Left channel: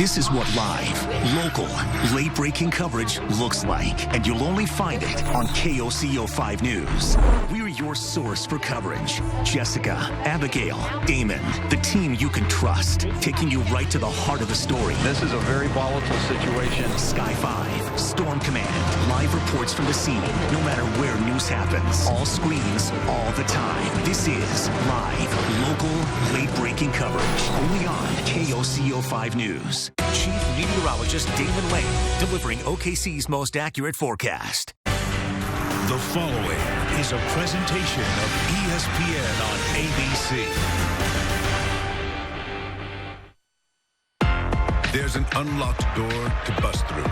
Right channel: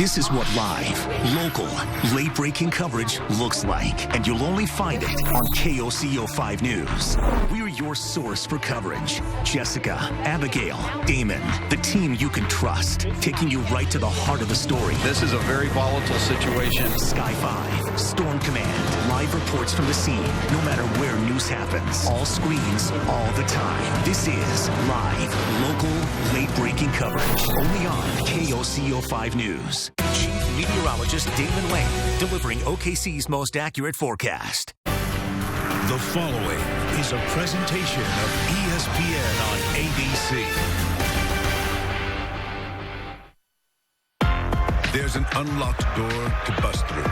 This is what live, local, late-breaking coverage looks like, and you'll only find it on KOCO 5 News. We're your source for coverage. Jessica, Abigail, Damon, the team you can trust, taking you right to the heart of the story. This is a very volatile situation. Sky 5, Storm Command, live reports from the scene, no matter where news happens. All screens, all the time. This is live, local, late-breaking coverage, only on KOCO 5 News. Chief Meteorologist Damon Lane, delivering OKC's most accurate forecast. The following is a presentation of ESPN on ABC. There's an unlocked door to bust through,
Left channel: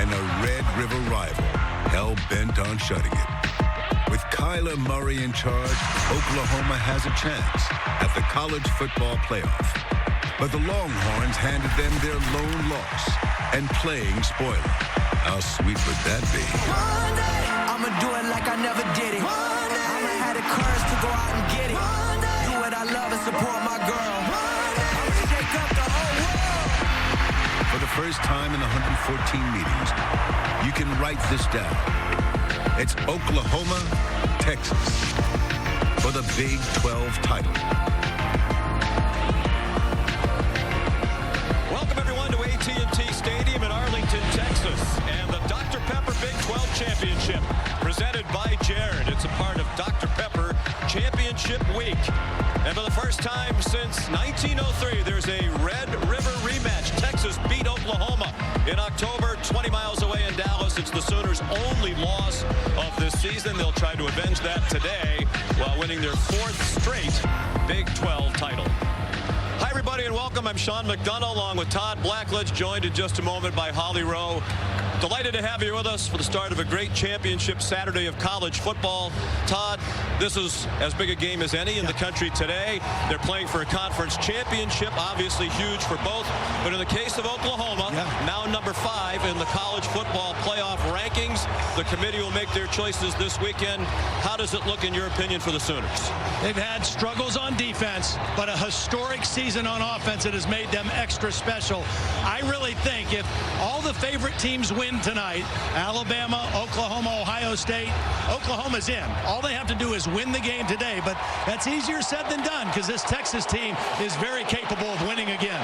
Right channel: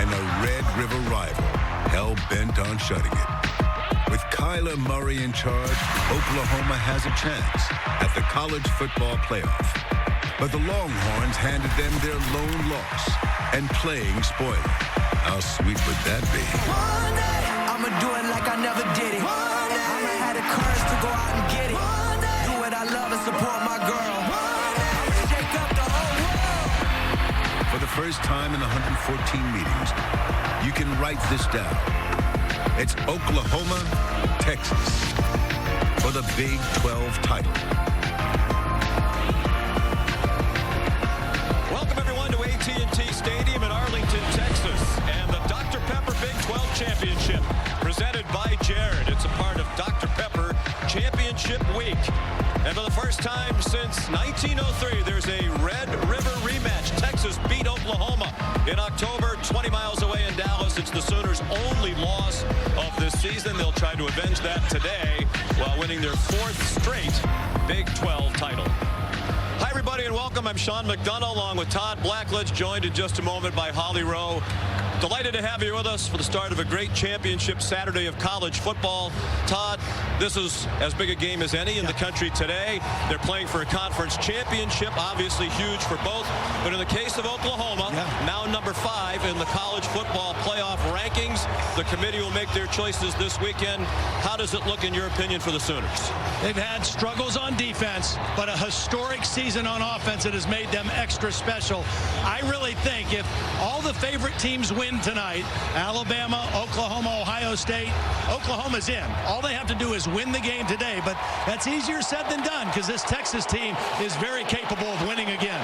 and a Red River rival hell-bent on shutting it. With Kyler Murray in charge, Oklahoma has a chance at the college football playoff. But the Longhorns handed them their lone loss and playing spoiler. How sweet would that be? One day, I'ma do it like I never did it. One day, I'ma have the courage to go out and get it. One day, do what I love and support my girl. One day, I'ma shake up the whole world. For the first time in 114 meetings, you can write this down. It's Oklahoma, Texas for the Big 12 title. AT&T Stadium in Arlington, Texas, and the Dr. Pepper Big 12 Championship presented by Jared. It's a part of Dr. Pepper Championship Week. And for the first time since 1903, there's a Red River rematch. Texas beat Oklahoma in October, 20 miles away in Dallas. It's the Sooners' only loss of this season. They'll try to avenge that today while winning their fourth straight Big 12 title. Hi, everybody, and welcome. I'm Sean McDonough, along with Todd Blackledge, joined in just a moment by Holly Rowe. Delighted to have you with us for the start of a great championship Saturday of college football. Todd, this is as big a game as any in the country today. They're playing for a conference championship, obviously huge for both. But in the case of Oklahoma, now number 5 in the college football playoff rankings, the committee will make their choices this weekend. How does it look, in your opinion, for the Sooners? They've had struggles on defense, but a historic season on offense that has made them extra special. I really think if all the favorite teams win tonight, Alabama, Oklahoma, Ohio State, Oklahoma's in. All they have to do is win the game today, but that's easier said than done because this Texas team is very capable of winning again.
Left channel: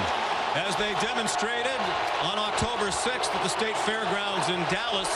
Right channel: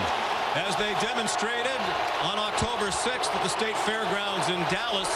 As they demonstrated on October 6th at the State Fairgrounds in Dallas,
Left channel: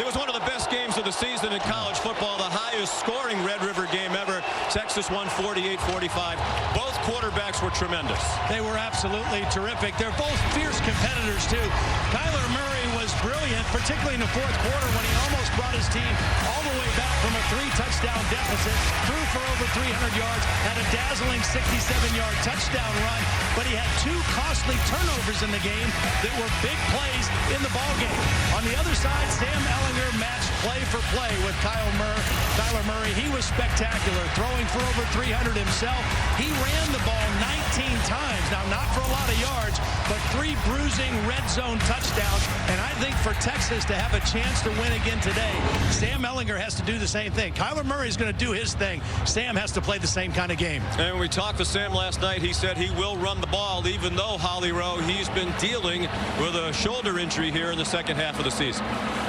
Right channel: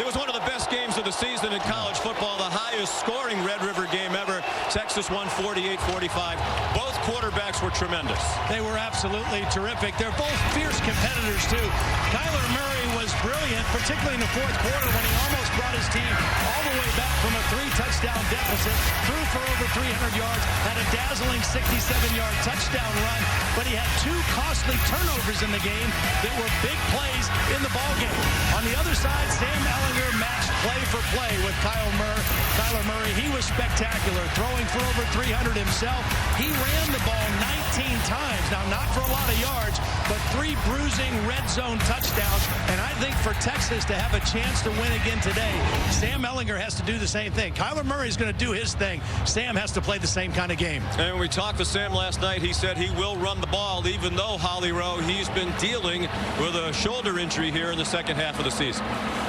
it was one of the best games of the season in college football, the highest scoring Red River game ever. Texas won 48-45. Both quarterbacks were tremendous. They were absolutely terrific. They're both fierce competitors, too. Kyler Murray was brilliant, particularly in the fourth quarter when he almost brought his team all the way back from a 3-touchdown deficit, threw for over 300 yards, had a dazzling 67-yard touchdown run, but he had 2 costly turnovers in the game that were big plays in the ballgame. On the other side, Sam Ehlinger matched play for play with Kyler Murray. He was spectacular, throwing for over 300 himself. He ran the ball 19 times. Now, not for a lot of yards, but 3 bruising red zone touchdowns. And I think for Texas to have a chance to win again today, Sam Ehlinger has to do the same thing. Kyler Murray is going to do his thing. Sam has to play the same kind of game. And when we talked to Sam last night, he said he will run the ball, even though, Holly Rowe, he's been dealing with a shoulder injury here in the second half of the season.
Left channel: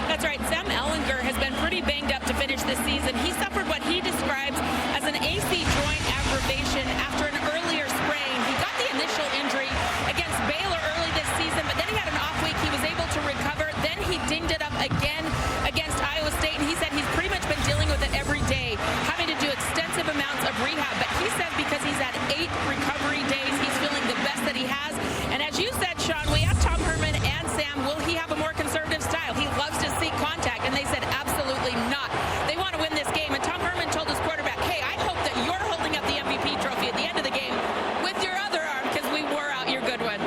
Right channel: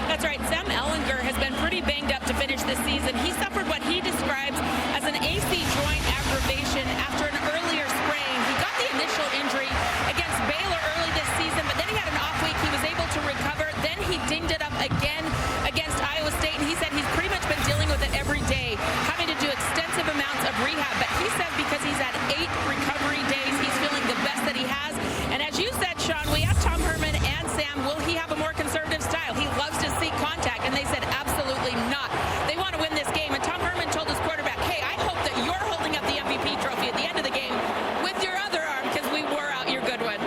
That's right. Sam Ehlinger has been pretty banged up to finish this season. He suffered what he describes as an AC joint aggravation after an earlier sprain. He got the initial injury against Baylor early this season, but then he had an off week. He was able to recover. Then he dinged it up again against Iowa State, and he said he's pretty much been dealing with it every day, having to do extensive amounts of rehab. But he says because he's had 8 recovery days, he's feeling the best that he has. And as you said, Sean, we asked Tom Herman and Sam, will he have a more conservative style? He loves to seek contact, and they said absolutely not. They want to win this game, and Tom Herman told his quarterback, hey, I hope that you're holding up the MVP trophy at the end of the game with your other arm because we wore out your good one.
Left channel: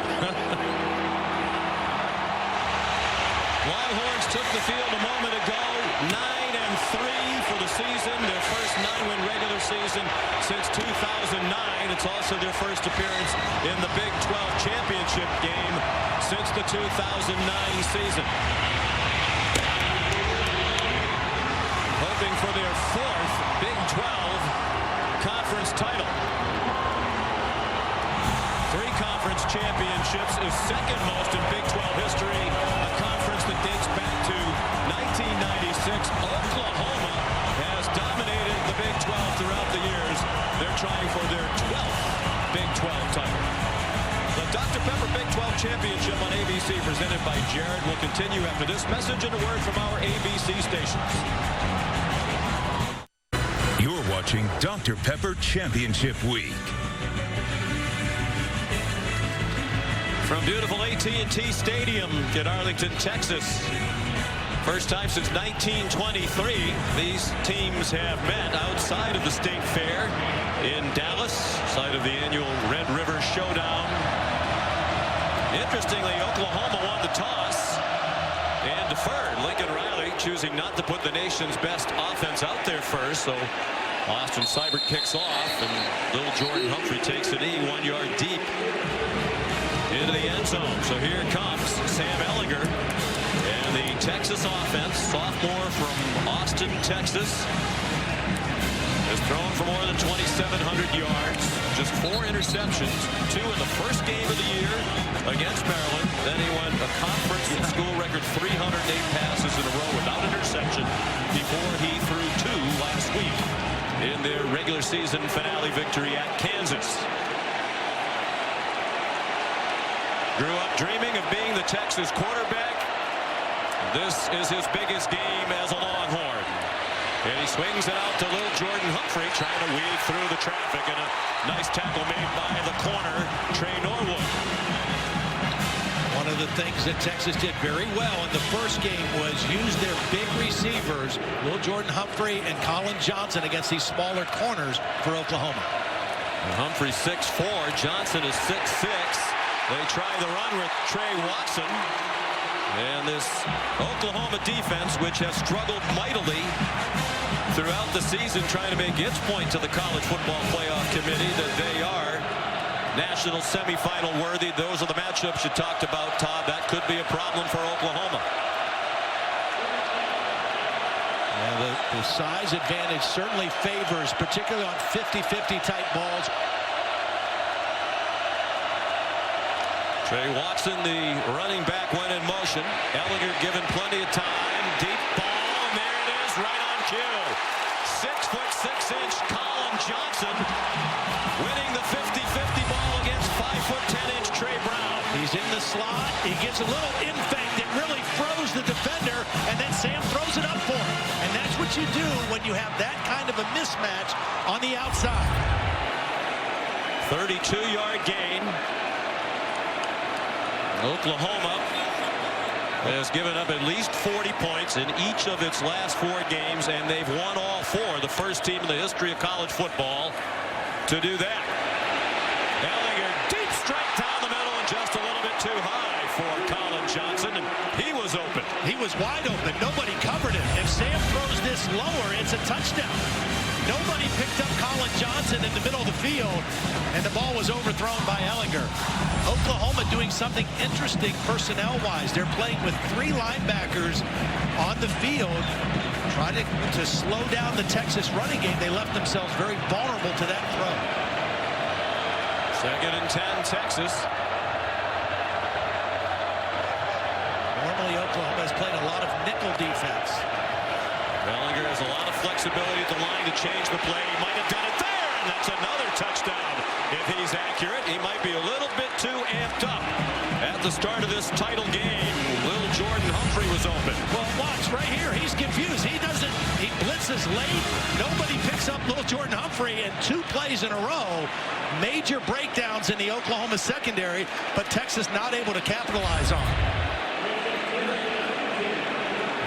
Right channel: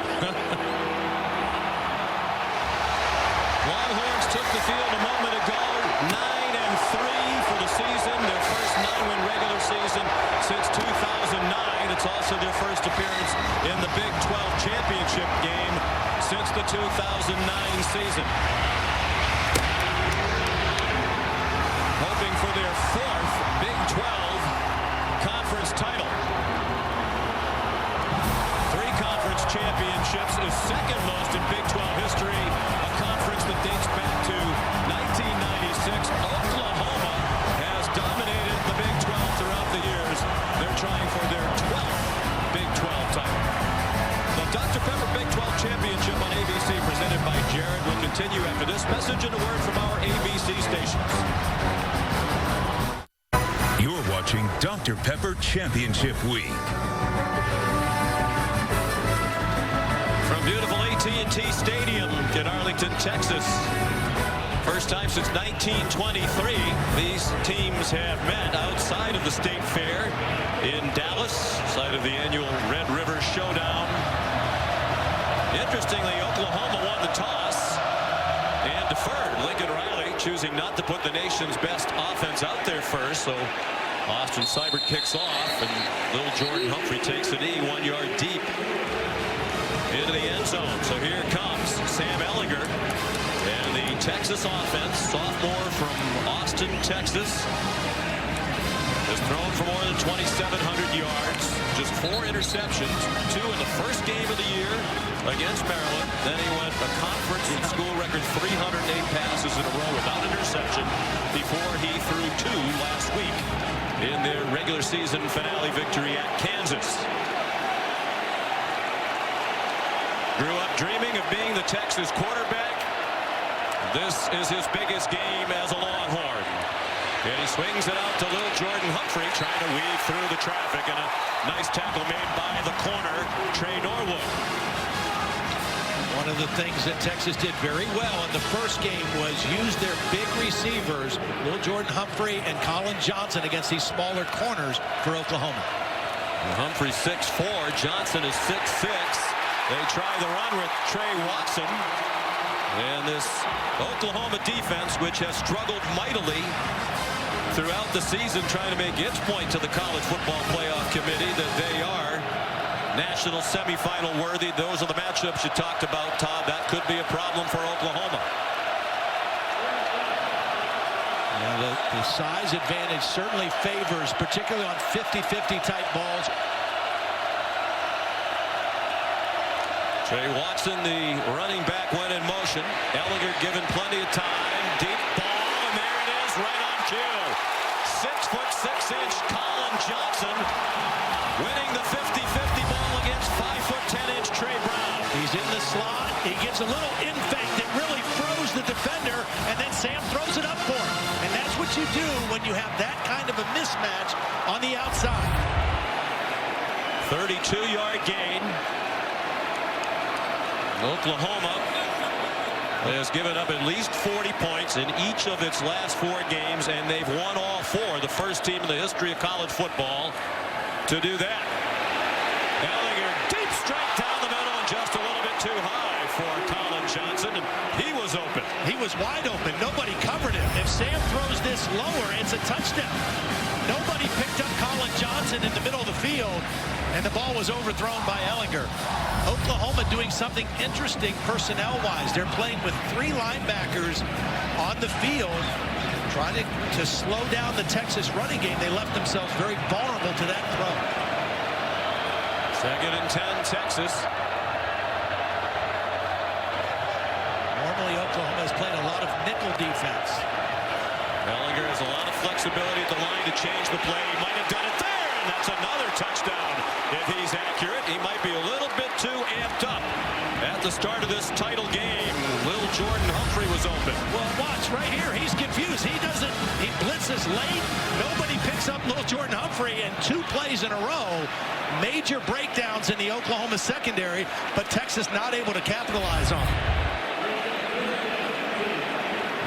Longhorns took the field a moment ago, 9-3 for the season, their first 9-win regular season since 2009. It's also their first appearance in the Big 12 championship game since the 2009 season. Hoping for their 4th Big 12 conference title. 3 conference Conference championships is second most in Big 12 history, a conference that dates back to 1996. Oklahoma has dominated the Big 12 throughout the years. They're trying for their 12th Big 12 title. The Dr. Pepper Big 12 Championship on ABC, presented by Jared, will continue after this message and a word from our ABC stations. You're watching Dr. Pepper Championship Week. From beautiful AT&T Stadium in Arlington, Texas. First time since 1923 these teams have met outside of the State Fair in Dallas, site of the annual Red River Showdown. Interestingly, Oklahoma won the toss and deferred. Lincoln Riley choosing not to put the nation's best offense out there first, so Austin Seibert kicks off, and little Jordan Humphrey takes a knee 1 yard deep into the end zone. So here comes Sam Ehlinger and the Texas offense, sophomore from Austin, Texas, has thrown for more than 2,700 yards, just 4 interceptions, 2 in the first game of the year against Maryland. Then he went a conference and school record 308 passes in a row without interception before he threw 2 last week in their regular season finale victory at Kansas. Grew up dreaming of being the Texas quarterback. This is his biggest game as a Longhorn. And he swings it out to little Jordan Humphrey, trying to weave through the traffic, and a nice tackle made by the corner, Trey Norwood. One of the things that Texas did very well in the first game was use their big receivers, little Jordan Humphrey and Colin Johnson, against these smaller corners for Oklahoma. And Humphrey's 6'4", Johnson is 6'6". They try the run with Trey Watson. And this Oklahoma defense, which has struggled mightily throughout the season, trying to make its point to the College Football Playoff Committee that they are national semifinal worthy. Those are the matchups you talked about, Todd. That could be a problem for Oklahoma. Yeah, the size advantage certainly favors, particularly on 50-50 type balls. Trey Watson, the running back, went in motion. Ehlinger given plenty of time. Deep ball, and there it is, right on cue. 6'6" Colin Johnson winning the 50-50 ball against 5'10" Trey Brown. He's in the slot. He gives a little in fake that really froze the defender, and then Sam throws it up for him. And that's what you do when you have that kind of a mismatch on the outside. 32-yard gain. Oklahoma has given up at least 40 points in each of its last 4 games, and they've won all 4. The first team in the history of college football to do that. Ehlinger, deep strike down the middle, and just a little bit too high for Colin Johnson, and he was open. He was wide open. Nobody covered him. If Sam throws this lower, it's a touchdown. Nobody picked up Colin Johnson in the middle of the field, and the ball was overthrown by Ehlinger. Oklahoma doing something interesting personnel-wise. They're playing with 3 linebackers on the field, trying to slow down the Texas running game. They left themselves very vulnerable to that throw. 2nd and 10, Texas. Normally, Oklahoma has played a lot of nickel defense. Ehlinger has a lot of flexibility at the line to change the play. He might have done it there, and that's another touchdown. If he's accurate, he might be a little bit too amped up. At the start of this title game, little Jordan Humphrey was open. Well, watch right here. He's confused. He blitzes late. Nobody picks up little Jordan Humphrey, and 2 plays in a row. Major breakdowns in the Oklahoma secondary, but Texas not able to capitalize on.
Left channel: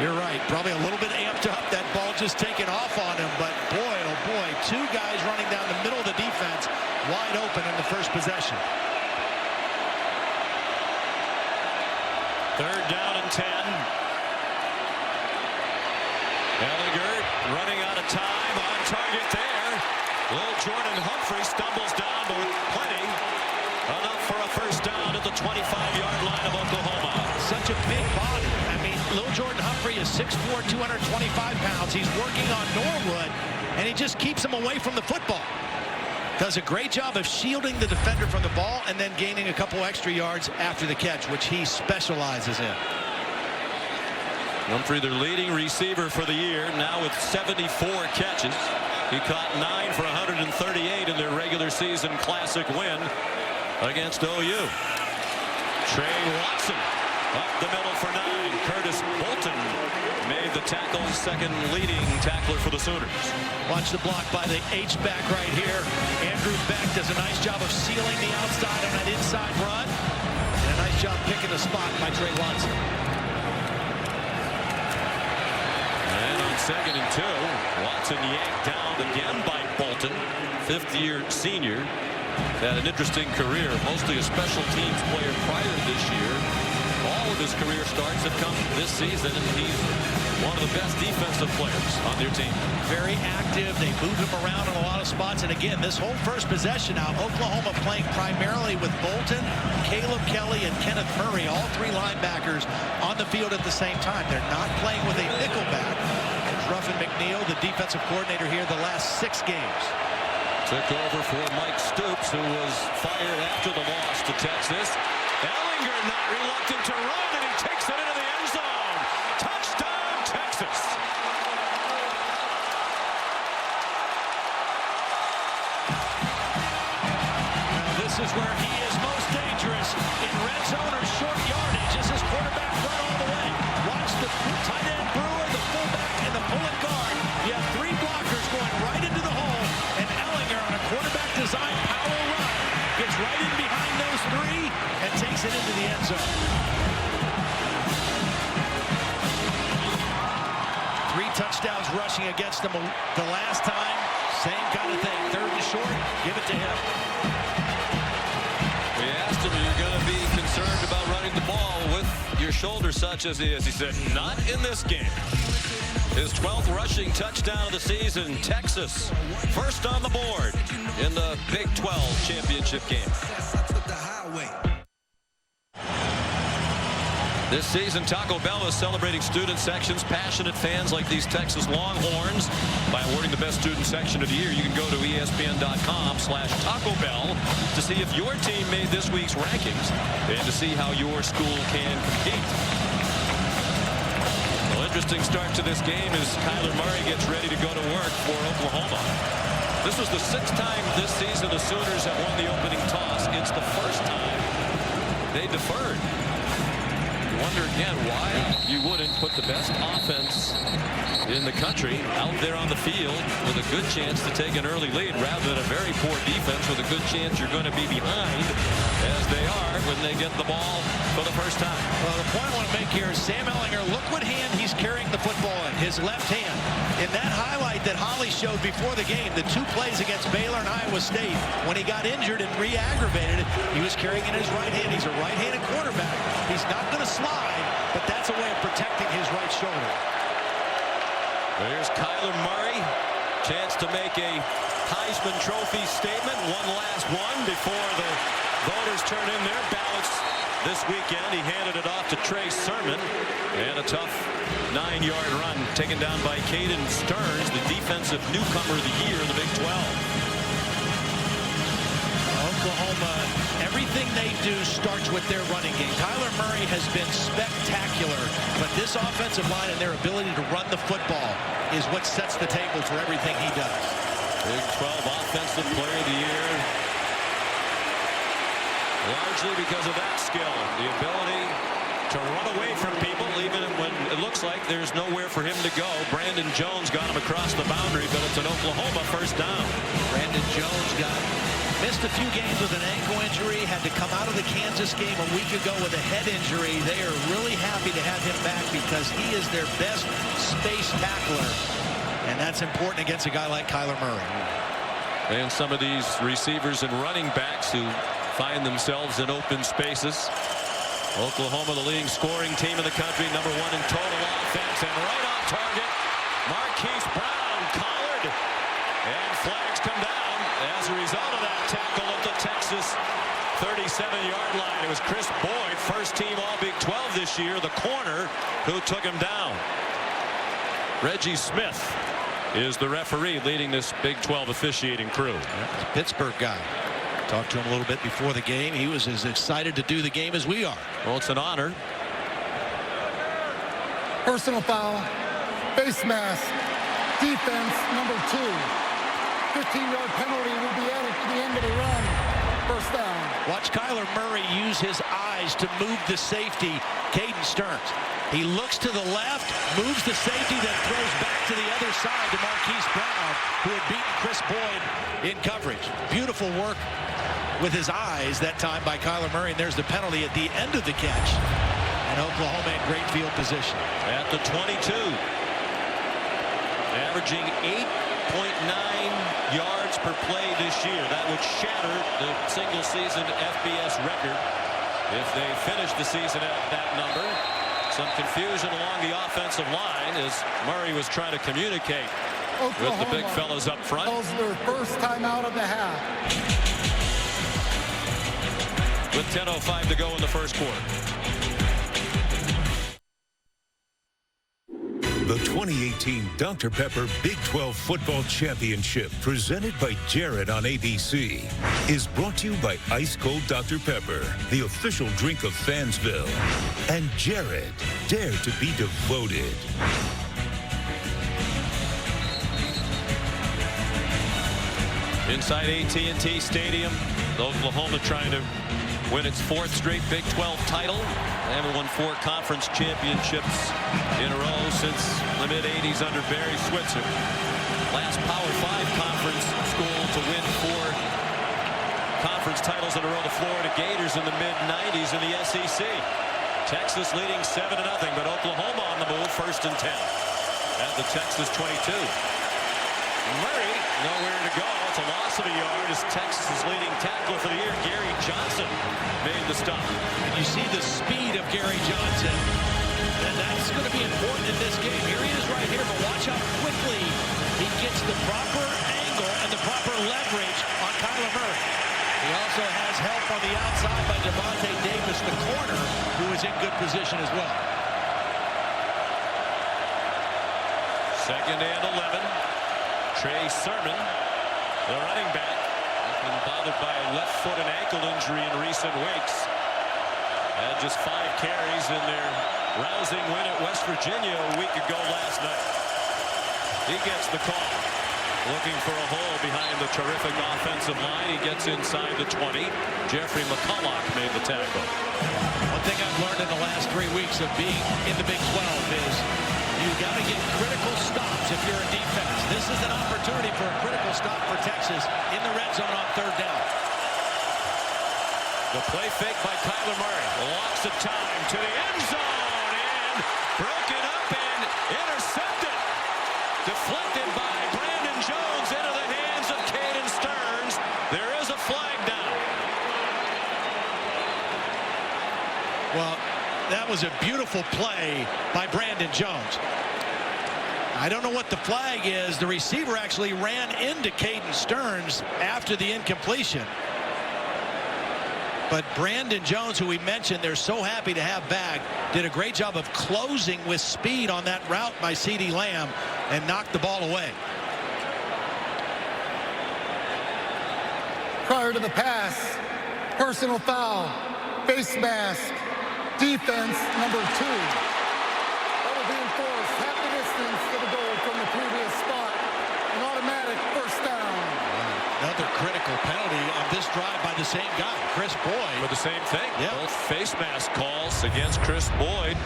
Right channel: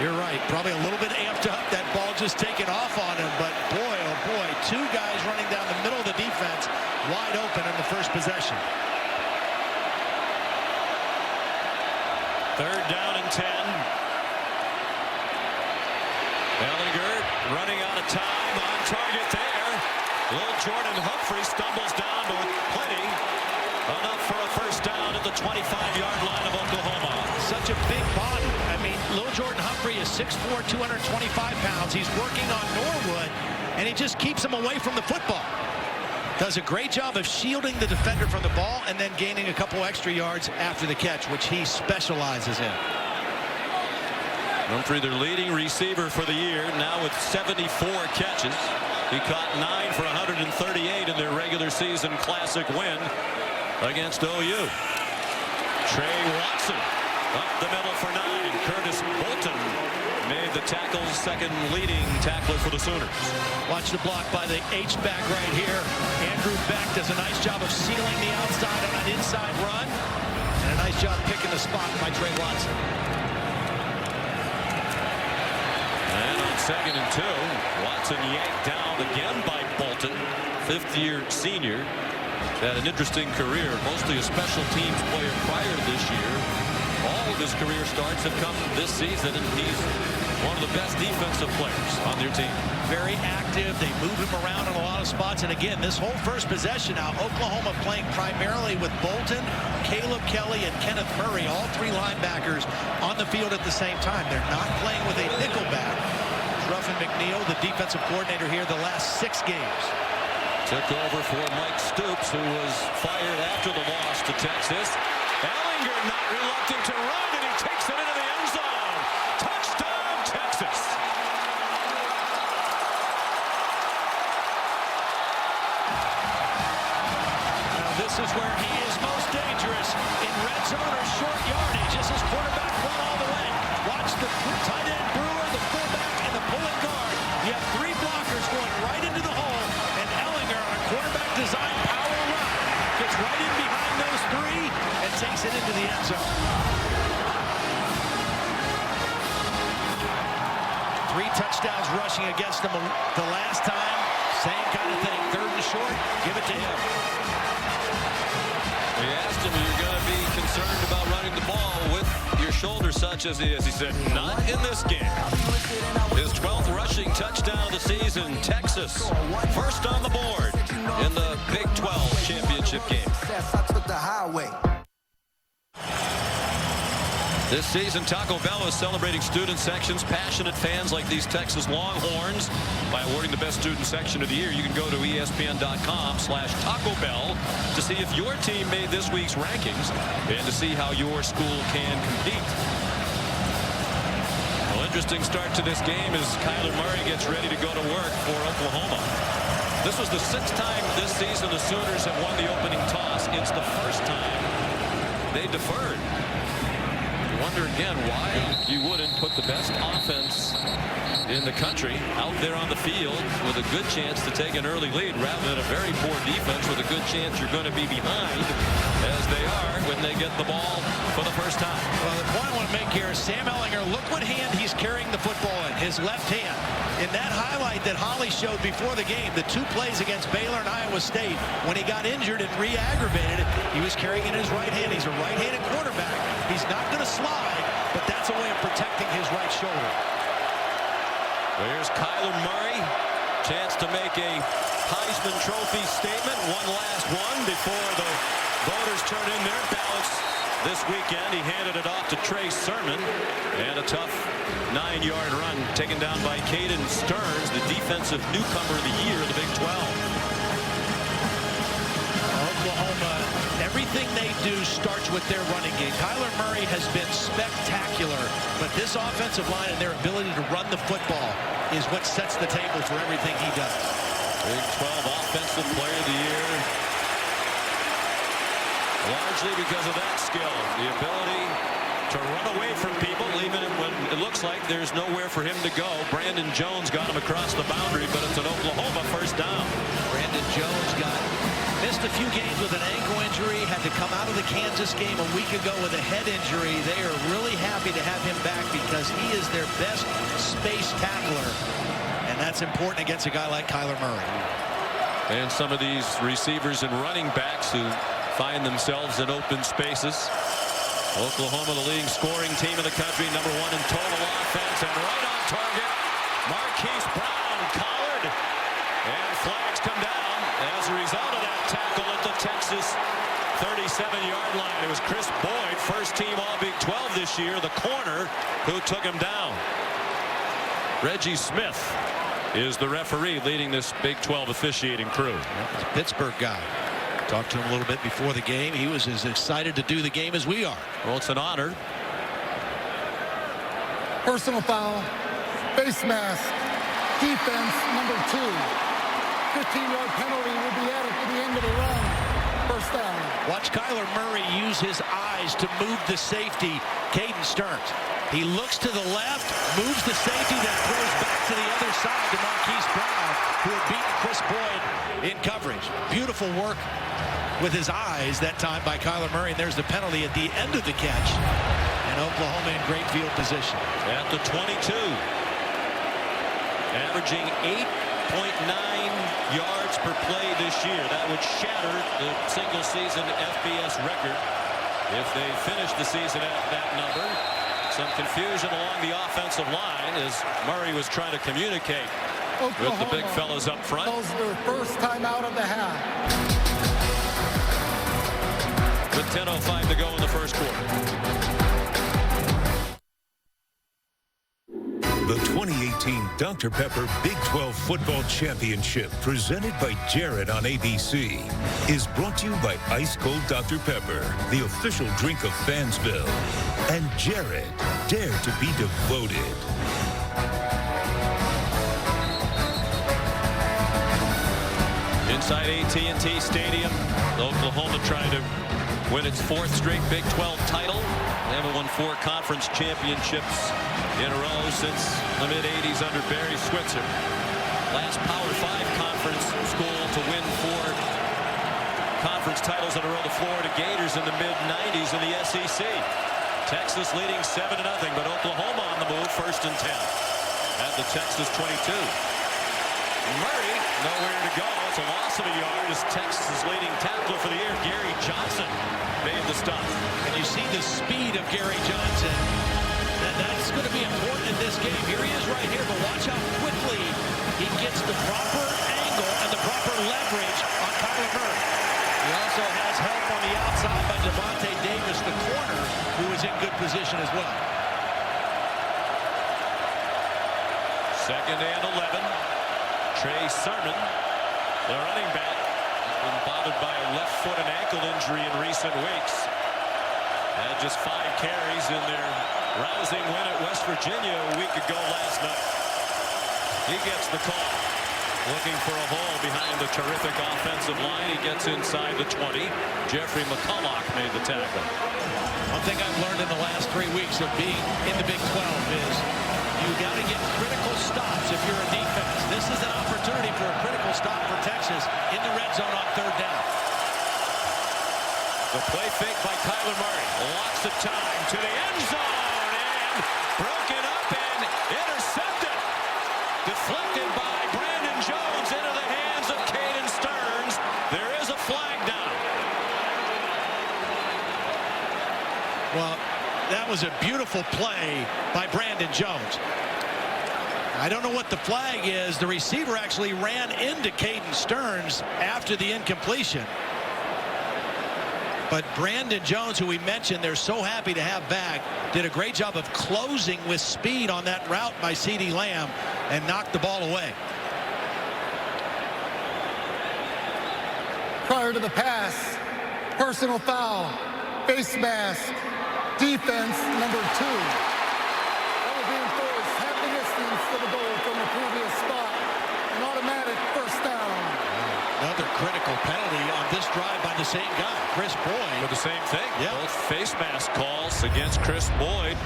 You're right. Probably a little bit amped up. That ball just taken off on him. But boy, oh boy, 2 guys running down the middle of the defense, wide open in the first possession. 3rd down and 10. Ehlinger running out of time, on target there. Little Jordan Humphrey stumbles down, but with plenty. Enough for a first down at the 25-yard line of Oklahoma. Such a big body. I mean, little Jordan Humphrey is 6'4", 225 pounds. He's working on Norwood, and he just keeps him away from the football. Does a great job of shielding the defender from the ball and then gaining a couple extra yards after the catch, which he specializes in. Humphrey, their leading receiver for the year, now with 74 catches. He caught 9 for 138 in their regular season classic win against OU. Trey Watson up the middle for 9. Curtis Bolton made the tackle, second leading tackler for the Sooners. Watch the block by the H-back right here. Andrew Beck does a nice job of sealing the outside on that inside run. And a nice job picking the spot by Trey Watson. And on 2nd and 2, Watson yanked down again by Bolton, fifth-year senior. Had an interesting career, mostly a special teams player prior to this year. All of his career starts have come this season, and he's one of the best defensive players on their team. Very active. They move him around in a lot of spots. And again, this whole first possession now, Oklahoma playing primarily with Bolton, Caleb Kelly, and Kenneth Murray, all three linebackers on the field at the same time. They're not playing with a nickel back. There's Ruffin McNeil, the defensive coordinator here the last 6 games. Took over for Mike Stoops, who was fired after the loss to Texas. Ellinger not reluctant to run, and he takes it into the end zone. Touchdown, Texas. Now this is where he is most dangerous, in red zone or short yardage. As his quarterback run all the way. Watch the tight end Brewer, the fullback, and the pulling guard. You have 3 blockers going right into the hole, and Ellinger on a quarterback design power run gets right in behind those 3 and takes it into the end zone. 3 touchdowns rushing against them the last time. Same kind of thing. 3rd and short, give it to him. We asked him, you're going to be concerned about running the ball with your shoulder such as he is. He said, not in this game. His 12th rushing touchdown of the season. Texas first on the board in the Big 12 championship game. This season, Taco Bell is celebrating student sections, passionate fans like these Texas Longhorns by awarding the best student section of the year. You can go to ESPN.com/Taco Bell to see if your team made this week's rankings and to see how your school can compete. Well, interesting start to this game as Kyler Murray gets ready to go to work for Oklahoma. This was the 6th time this season the Sooners have won the opening toss. It's the first time they deferred. You wonder again why you wouldn't put the best offense in the country out there on the field with a good chance to take an early lead rather than a very poor defense with a good chance you're going to be behind, as they are when they get the ball for the first time. Well, the point I want to make here is Sam Ellinger, look what hand he's carrying the football in, his left hand. In that highlight that Holly showed before the game, the 2 plays against Baylor and Iowa State, when he got injured and re-aggravated it, he was carrying in his right hand. He's a right-handed quarterback. He's not going to slide, but that's a way of protecting his right shoulder. There's Kyler Murray. Chance to make a Heisman Trophy statement. One last one before the voters turn in their ballots this weekend. He handed it off to Trey Sermon. And a tough 9-yard run taken down by Caden Stearns, the defensive newcomer of the year in the Big 12. Oklahoma, everything they do starts with their running game. Kyler Murray has been spectacular, but this offensive line and their ability to run the football is what sets the table for everything he does. Big 12 Offensive Player of the Year. Largely because of that skill, the ability to run away from people even when it looks like there's nowhere for him to go. Brandon Jones got him across the boundary, but it's an Oklahoma first down. Brandon Jones missed a few games with an ankle injury, had to come out of the Kansas game a week ago with a head injury. They are really happy to have him back because he is their best space tackler, and that's important against a guy like Kyler Murray. And some of these receivers and running backs who find themselves in open spaces. Oklahoma, the leading scoring team in the country, #1 in total offense, and right on target, Marquise Brown collared, and flags come down as a result of that tackle at the Texas 37-yard line. It was Chris Boyd, first team All Big 12 this year, the corner, who took him down. Reggie Smith is the referee leading this Big 12 officiating crew. Yeah, he's a Pittsburgh guy. Talked to him a little bit before the game. He was as excited to do the game as we are. Well, it's an honor. Personal foul, face mask, defense number 2. 15-yard penalty will be added to the end of the run. First down. Watch Kyler Murray use his eyes to move the safety, Caden Stearns. He looks to the left, moves the safety, then throws back to the other side to Marquise Brown, who had beaten Chris Boyd in coverage. Beautiful work with his eyes that time by Kyler Murray, and there's the penalty at the end of the catch. And Oklahoma in great field position. At the 22. Averaging 8.9 yards per play this year. That would shatter the single-season FBS record if they finish the season at that number. Some confusion along the offensive line as Murray was trying to communicate Oklahoma with the big fellas up front. calls their first time out of the half. With 10:05 to go in the first quarter. The 2018 Dr. Pepper Big 12 Football Championship, presented by Jared on ABC, is brought to you by Ice Cold Dr. Pepper, the official drink of Fansville, and Jared, dare to be devoted. Inside AT&T Stadium, Oklahoma trying to win its 4th straight Big 12 title. They haven't won 4 conference championships in a row since the mid-'80s under Barry Switzer. Last Power 5 conference school to win 4 conference titles in a row, the Florida Gators in the mid-'90s in the SEC. Texas leading 7-0, but Oklahoma on the move, 1st and 10 at the Texas 22. Murray nowhere to go. It's a loss of a yard as Texas' leading tackler for the year, Gary Johnson, made the stop. And you see the speed of Gary Johnson. That's going to be important in this game. Here he is right here, but watch how quickly he gets the proper angle and the proper leverage on Kyler Murray. He also has help on the outside by Devontae Davis, the corner, who is in good position as well. 2nd and 11. Trey Sermon, the running back, has been bothered by a left foot and ankle injury in recent weeks. Had just 5 carries in their rousing win at West Virginia a week ago last night. He gets the call. Looking for a hole behind the terrific offensive line. He gets inside the 20. Jeffrey McCulloch made the tackle. One thing I've learned in the last 3 weeks of being in the Big 12 is you got to get critical stops if you're a defense. This is an opportunity for a critical stop for Texas in the red zone on 3rd down. The play fake by Kyler Murray. Lots of time to the end zone and broken up and intercepted. Deflected by Brandon Jones into the hands of Caden Stearns. There is a flag down. Well, that was a beautiful play by Brandon Jones. I don't know what the flag is. The receiver actually ran into Caden Stearns after the incompletion. But Brandon Jones, who we mentioned they're so happy to have back, did a great job of closing with speed on that route by CeeDee Lamb and knocked the ball away. Prior to the pass, personal foul, face mask, defense number 2. That will be enforced half the distance to the goal from the previous spot. An automatic first down. Wow. Another critical penalty on this drive by the same guy, Chris Boyd. For the same thing. Yeah. Both face mask calls against Chris Boyd,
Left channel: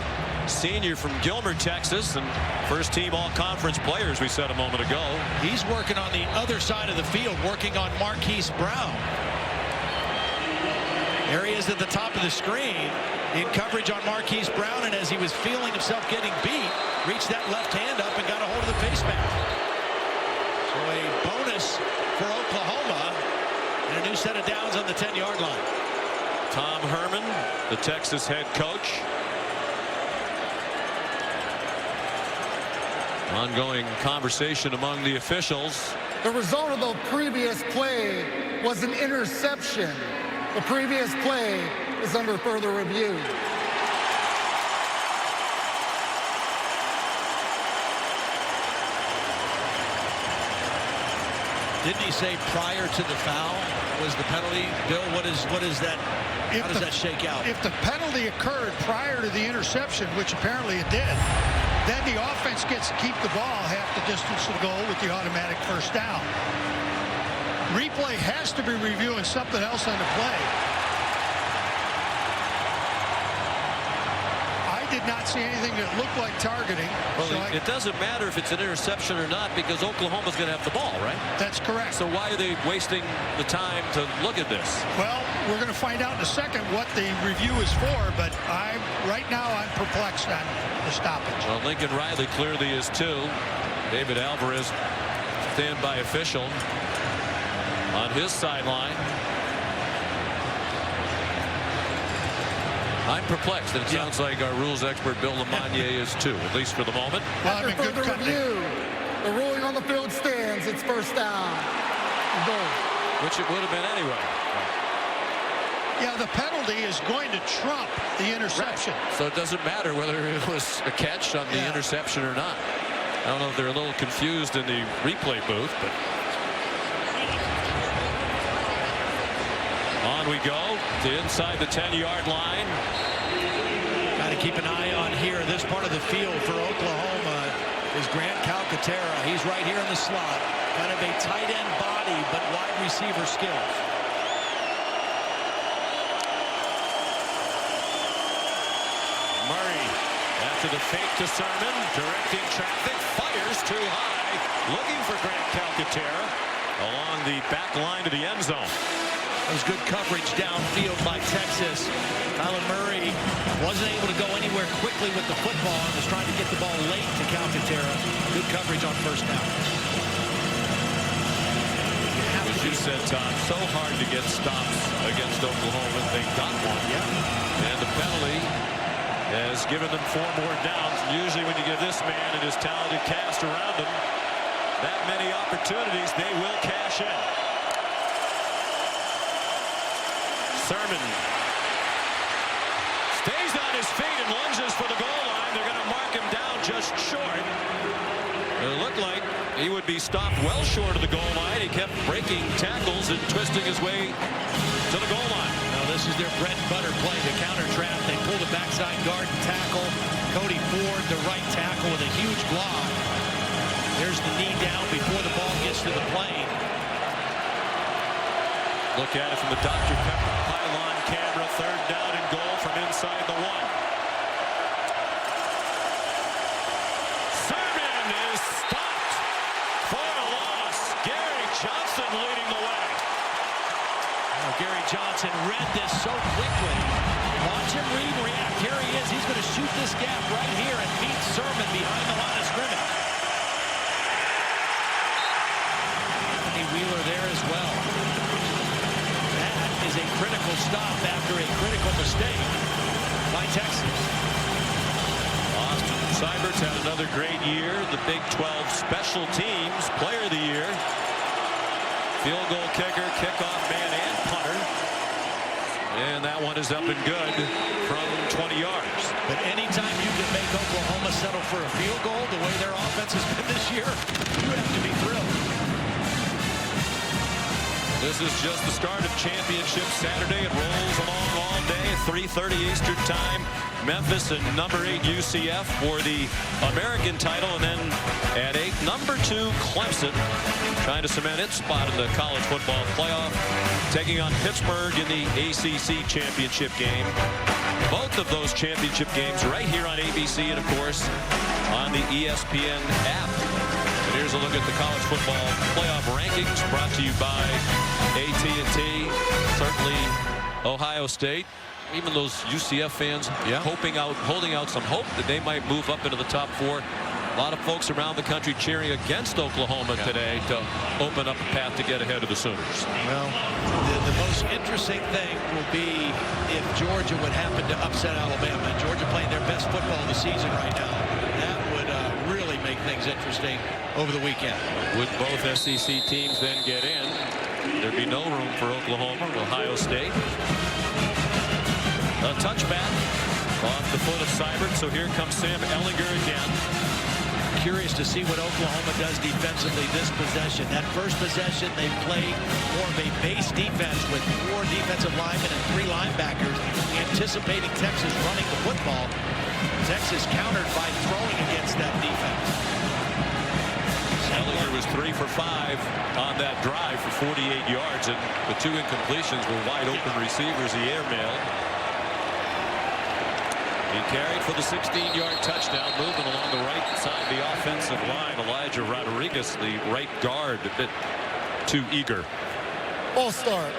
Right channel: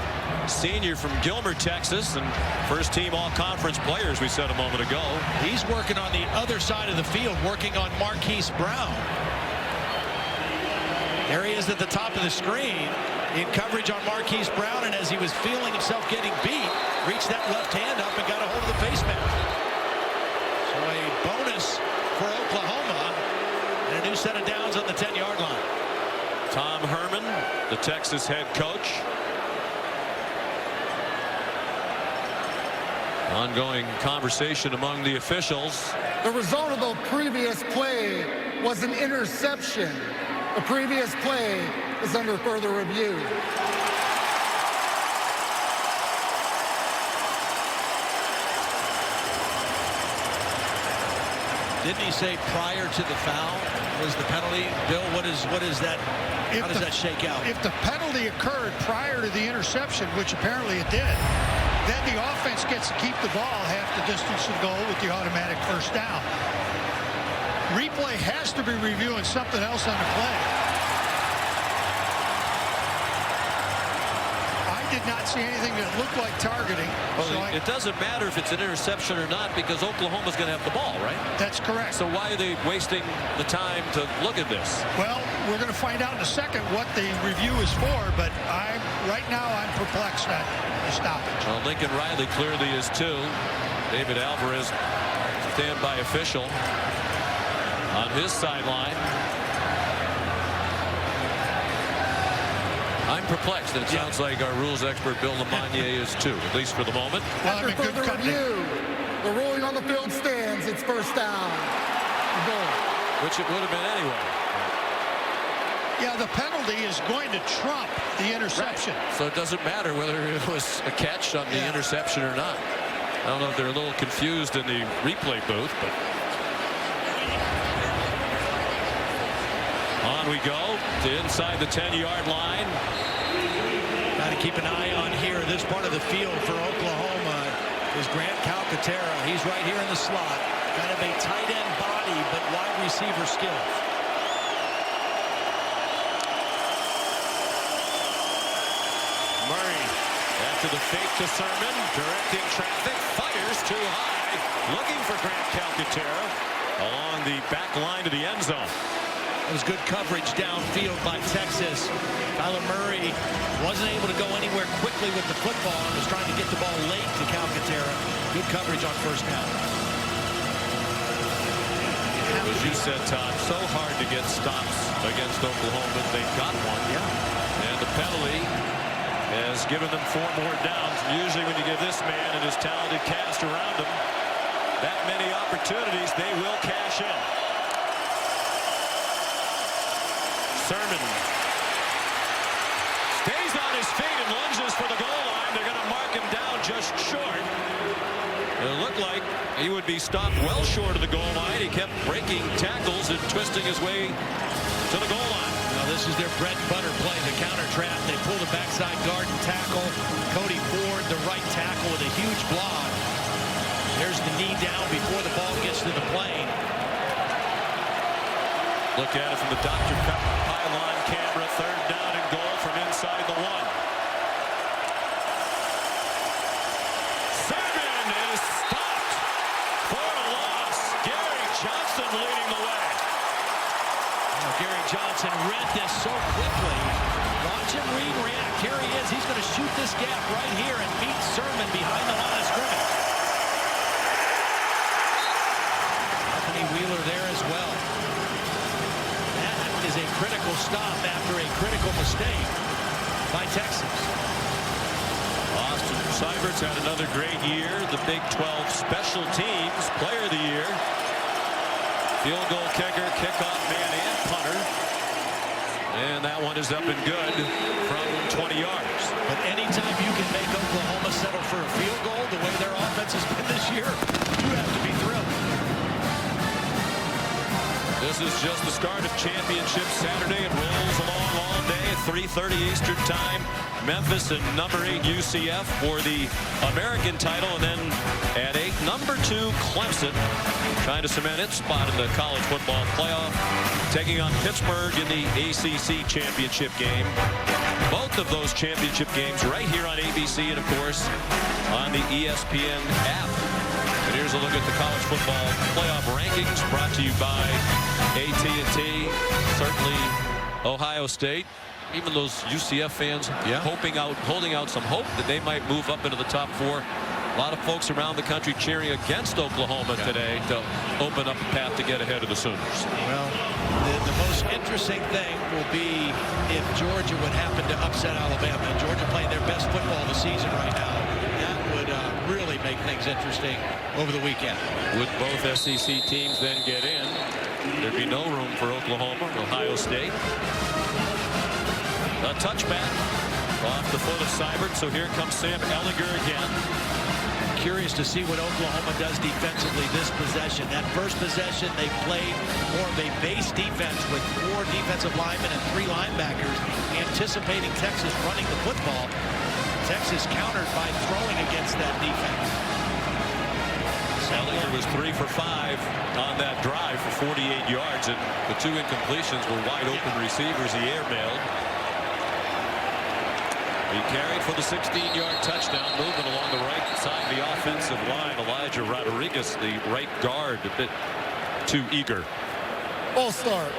senior from Gilmer, Texas, and first team all-conference players, we said a moment ago. He's working on the other side of the field, working on Marquise Brown. There he is at the top of the screen in coverage on Marquise Brown, and as he was feeling himself getting beat, reached that left hand up and got a hold of the face mask. So a bonus for Oklahoma and a new set of downs on the 10-yard line. Tom Herman, the Texas head coach. Ongoing conversation among the officials. The result of the previous play was an interception. The previous play is under further review. Didn't he say prior to the foul was the penalty? Bill, what is that? How does that shake out? If the penalty occurred prior to the interception, which apparently it did, then the offense gets to keep the ball half the distance to the goal with the automatic first down. Replay has to be reviewing something else on the play. I did not see anything that looked like targeting. Well, so it doesn't matter if it's an interception or not because Oklahoma's going to have the ball, right? That's correct. So why are they wasting the time to look at this? Well, we're going to find out in a second what the review is for, but right now I'm perplexed on the stoppage. Well, Lincoln Riley clearly is too. David Alvarez, standby official, on his sideline. I'm perplexed, and it sounds like our rules expert Bill Lamagna is too, at least for the moment. Well, After further review, the ruling on the field stands. It's first down. Goal. Which it would have been anyway. Yeah, the penalty is going to trump the interception. Right. So it doesn't matter whether it was a catch on the interception or not. I don't know if they're a little confused in the replay booth, but on we go to inside the 10-yard line. Got to keep an eye on here. This part of the field for Oklahoma is Grant Calcaterra. He's right here in the slot. Kind of a tight end body, but wide receiver skills. Murray after the fake to Sermon, directing traffic, fires too high, looking for Grant Calcaterra along the back line to the end zone. That was good coverage downfield by Texas. Kyler Murray wasn't able to go anywhere quickly with the football and was trying to get the ball late to Calcaterra. Good coverage on first down. As you said, Todd, so hard to get stops against Oklahoma. They got one. Yeah. And the penalty has given them 4 more downs. And usually when you give this man and his talented cast around him that many opportunities, they will cash in. Sermon stays on his feet and lunges for the goal line. They're going to mark him down just short. It looked like he would be stopped well short of the goal line. He kept breaking tackles and twisting his way to the goal line. Now this is their bread and butter play, the counter trap. They pull the backside guard and tackle. Cody Ford, the right tackle, with a huge block. There's the knee down before the ball gets to the plane. Look at it from the Dr. Pepper pylon camera. 3rd down and goal from inside the 1. Sermon is stopped for a loss. Gary Johnson leading the way. Gary Johnson read this so quickly. Watch him read and react. Here he is. He's going to shoot this gap right here and beat Sermon behind the line of scrimmage. Anthony Wheeler there as well. That is a critical stop after a critical mistake by Texas. Austin Seibert's had another great year. The Big 12 Special Teams Player of the Year. Field goal kicker, kickoff man, and punter. And that one is up and good from 20 yards. But anytime you can make Oklahoma settle for a field goal the way their offense has been this year, you have to be thrilled. This is just the start of Championship Saturday. It rolls along all day at 3:30 Eastern Time. Memphis and number 8 UCF for the American title. And then at 8, number 2 Clemson, trying to cement its spot in the college football playoff, taking on Pittsburgh in the ACC championship game. Both of those championship games right here on ABC and, of course, on the ESPN app. And here's a look at the college football playoff rankings brought to you by AT&T. Certainly Ohio State. Even those UCF fans holding out some hope that they might move up into the top 4. A lot of folks around the country cheering against Oklahoma today to open up a path to get ahead of the Sooners. Well, the most interesting thing will be if Georgia would happen to upset Alabama. And Georgia playing their best football of the season right now. That would really make things interesting over the weekend. Would both SEC teams then get in? There'd be no room for Oklahoma or Ohio State. A touchback off the foot of Seibert. So here comes Sam Ehlinger again. curious to see what Oklahoma does defensively this possession. That first possession, they played more of a base defense with 4 defensive linemen and 3 linebackers, anticipating Texas running the football. Texas countered by throwing against that defense. Ehlinger was 3 for 5 on that drive for 48 yards, and the 2 incompletions were wide open receivers he airmailed. He carried for the 16-yard touchdown, moving along the right side of the offensive line. Elijah Rodriguez, the right guard, a bit too eager. Ball start.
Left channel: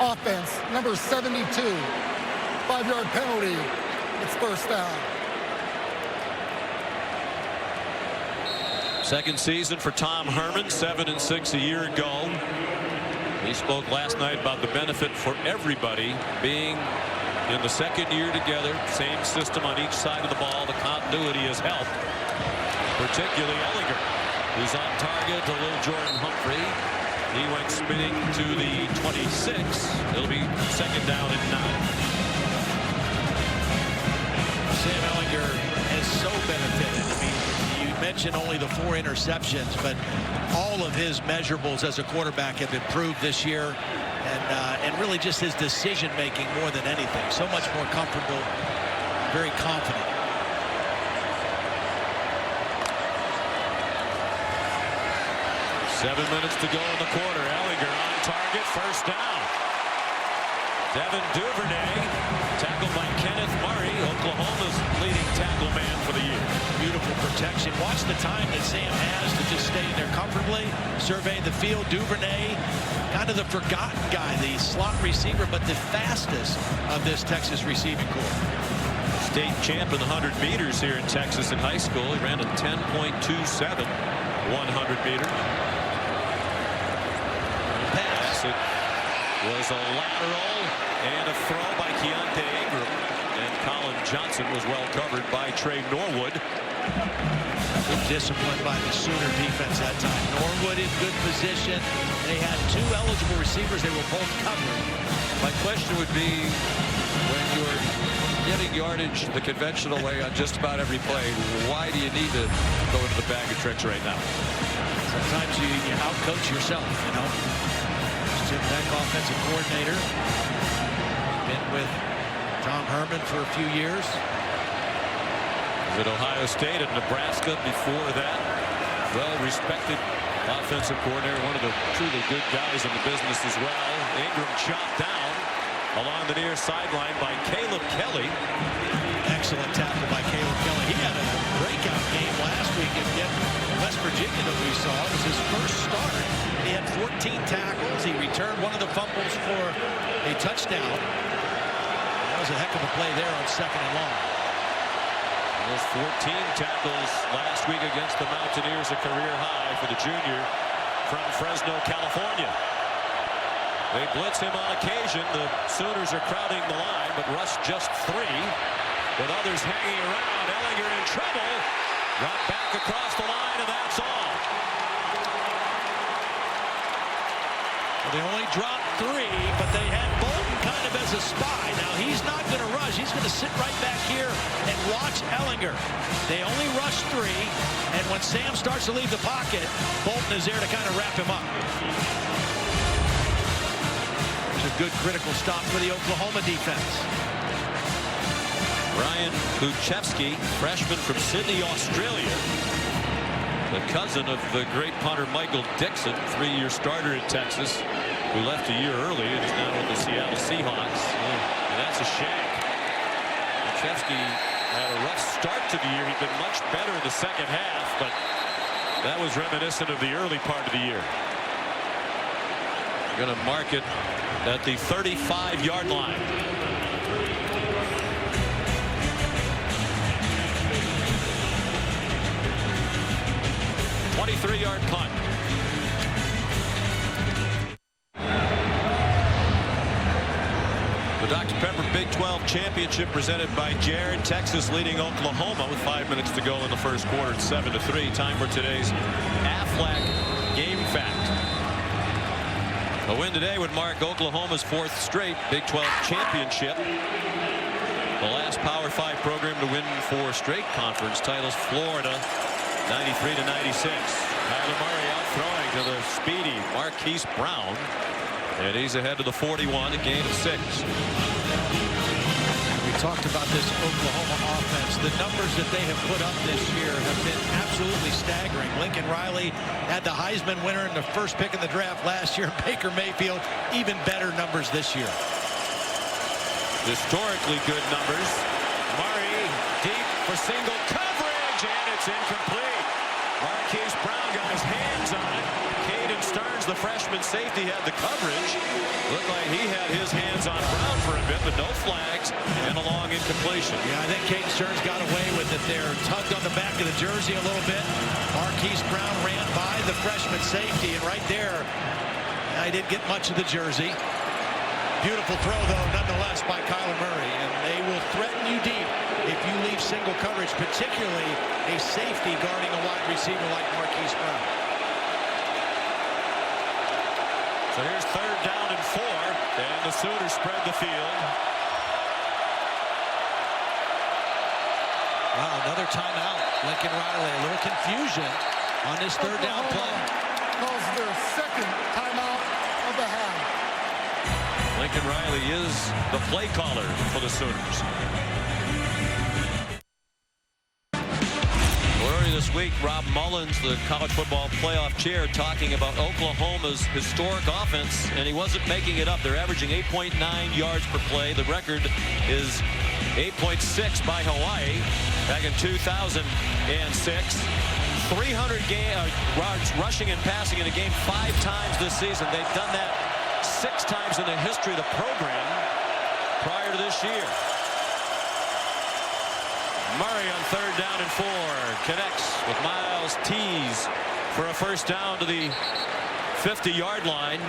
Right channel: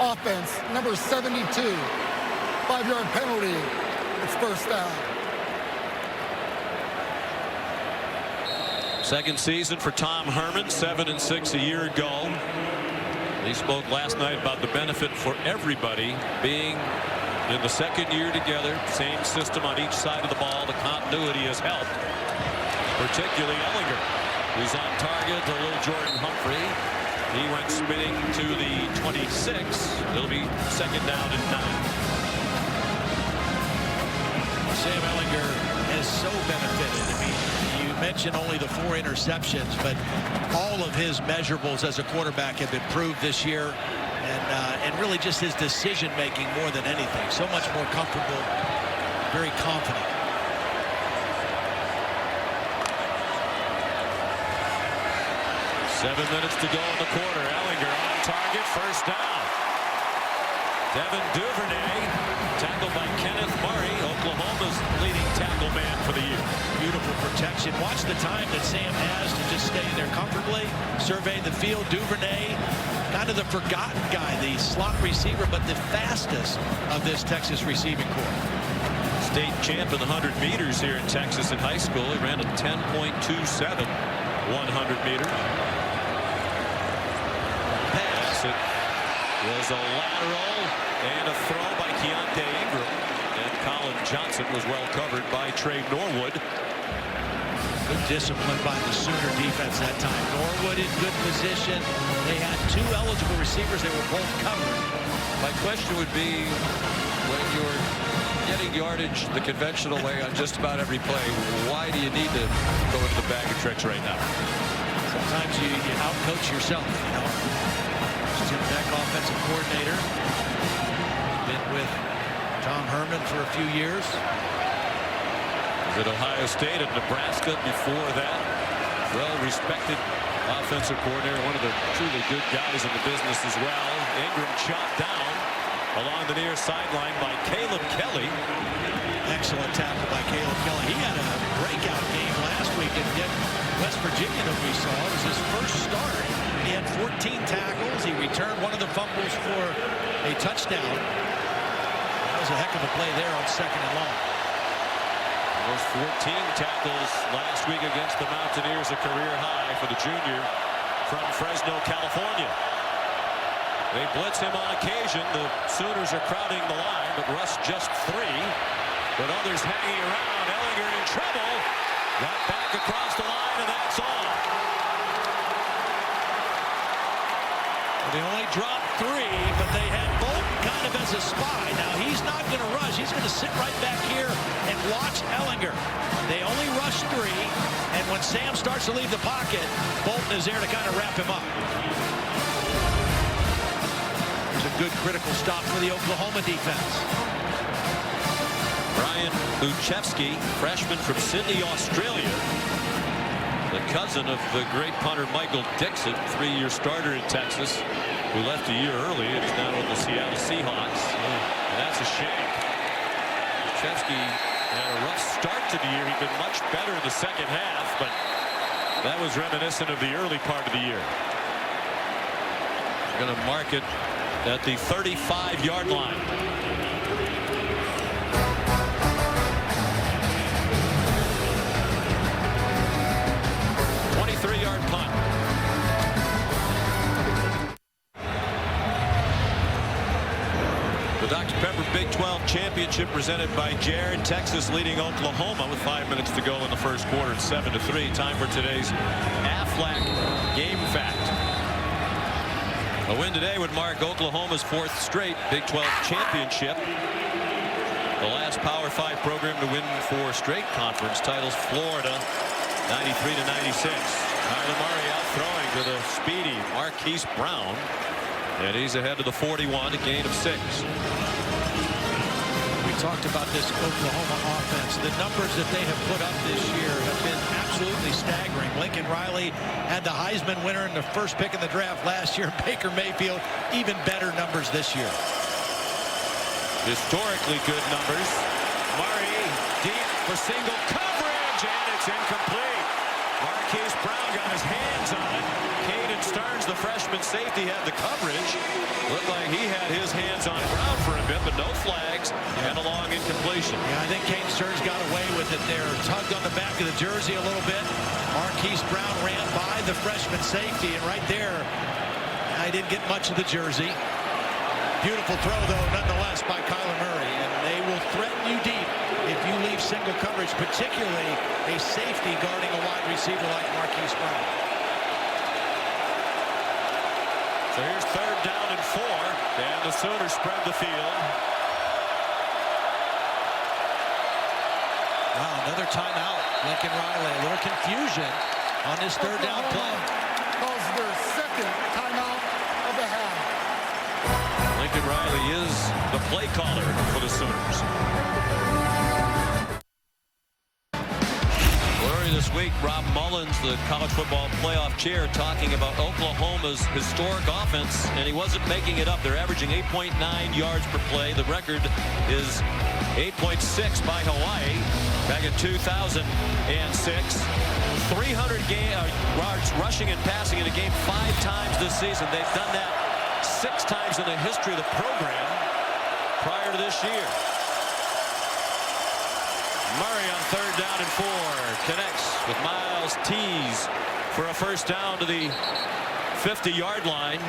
Offense, number 72. 5-yard penalty. It's first down. Second season for Tom Herman, 7-6 a year ago. He spoke last night about the benefit for everybody being in the second year together, same system on each side of the ball. The continuity has helped, particularly Ehlinger, who's on target to little Jordan Humphrey. He went spinning to the 26. It'll be second down and 9. Sam Ehlinger has so benefited. I mean, you mentioned only the 4 interceptions, but all of his measurables as a quarterback have improved this year. And really just his decision making more than anything. So much more comfortable, very confident. Seven minutes to go in the quarter. Ehlinger on target, first down. Devin Duvernay tackled by Kenneth Murray, Oklahoma's leading tackle man for the year. Beautiful protection. Watch the time that Sam has to just stay in there comfortably, survey the field. Duvernay, kind of the forgotten guy, the slot receiver, but the fastest of this Texas receiving corps. State champ in the 100 meters here in Texas in high school. He ran a 10.27 100 meters. Pass. It was a lateral and a throw by Keontae Ingram, and Colin Johnson was well covered by Trey Norwood. Good discipline by the Sooner defense that time. Norwood in good position. They had 2 eligible receivers. They were both covered. My question would be, when you're getting yardage the conventional way on just about every play, why do you need to go into the bag of tricks right now? Sometimes you outcoach yourself, you know. Tim Beck, offensive coordinator. He's been with Tom Herman for a few years. Was at Ohio State and Nebraska before that. Well-respected offensive coordinator, one of the truly good guys in the business as well. Ingram chopped down along the near sideline by Caleb Kelly. Excellent tackle by Caleb Kelly. He had a breakout game last week at West Virginia that we saw. It was his first start. He had 14 tackles. He returned one of the fumbles for a touchdown. That was a heck of a play there on 2nd and long. Those 14 tackles last week against the Mountaineers, a career high for the junior from Fresno, California. They blitz him on occasion. The Sooners are crowding the line, but Russ just 3. With others hanging around, Ehlinger in trouble. Got back across the line, and that's all. Well, they only dropped 3, but they had Bolton kind of as a spy. Now, he's not going to rush. He's going to sit right back here and watch Ehlinger. They only rush 3, and when Sam starts to leave the pocket, Bolton is there to kind of wrap him up. There's a good critical stop for the Oklahoma defense. Ryan Buchevsky, freshman from Sydney, Australia. The cousin of the great punter Michael Dixon, 3-year starter in Texas, who left a year early and is now with the Seattle Seahawks. And that's a shank. Buchevsky had a rough start to the year. He'd been much better in the second half, but that was reminiscent of the early part of the year. They're going to mark it at the 35-yard line. 23-yard punt. The Dr. Pepper Big 12 Championship presented by Jared. Texas leading Oklahoma with 5 minutes to go in the first quarter. It's 7-3. Time for today's Aflac Game Fact. A win today would mark Oklahoma's 4th straight Big 12 championship. The last Power 5 program to win 4 straight conference titles. Florida 93-96. Kyler Murray out throwing to the speedy Marquise Brown. And he's ahead to the 41, a gain of 6. We talked about this Oklahoma offense. The numbers that they have put up this year have been absolutely staggering. Lincoln Riley had the Heisman winner in the first pick in the draft last year. Baker Mayfield, even better numbers this year. Historically good numbers. Murray deep for single coverage, and it's incomplete. Marquise Brown got his hands on it. Caden Stearns, the freshman safety, had the coverage. Looked like he had his hands on Brown for a bit, but no flags and a long incompletion. Yeah, I think Caden Stearns got away with it there. Tugged on the back of the jersey a little bit. Marquise Brown ran by the freshman safety, and right there, I didn't get much of the jersey. Beautiful throw, though, nonetheless, by Kyler Murray. And they will threaten you deep if you leave single coverage, particularly a safety guarding a wide receiver like Marquise Brown. So here's 3rd down and 4, and the Sooners spread the field. Wow, another timeout. Lincoln Riley, a little confusion on this 3rd down play. Calls their 2nd timeout of the half. Lincoln Riley is the play caller for the Sooners. Earlier this week, Rob Mullins, the college football playoff chair, talking about Oklahoma's historic offense, and he wasn't making it up. They're averaging 8.9 yards per play. The record is 8.6 by Hawaii back in 2006. 300 yards rushing and passing in a game 5 times this season. They've done that 6 times in the history of the program prior to this year. Murray on 3rd down and 4 connects with Miles Tees for a first down to the 50-yard line.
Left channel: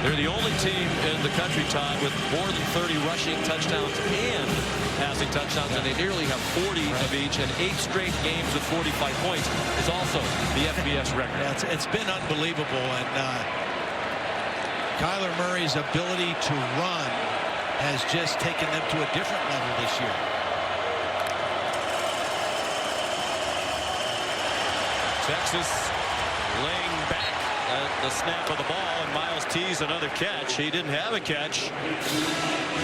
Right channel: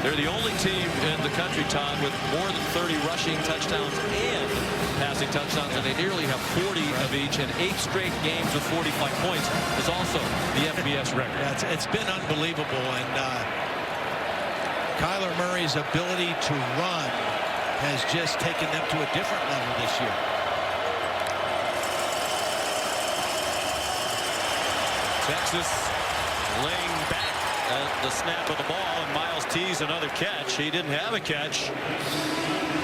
They're the only team in the country, Todd, with more than 30 rushing touchdowns and passing touchdowns, and they nearly have 40 of each, and 8 straight games with 45 points is also the FBS record. Yeah, it's been unbelievable, and Kyler Murray's ability to run has just taken them to a different level this year. Texas laying back at the snap of the ball, and Miles Tees another catch. He didn't have a catch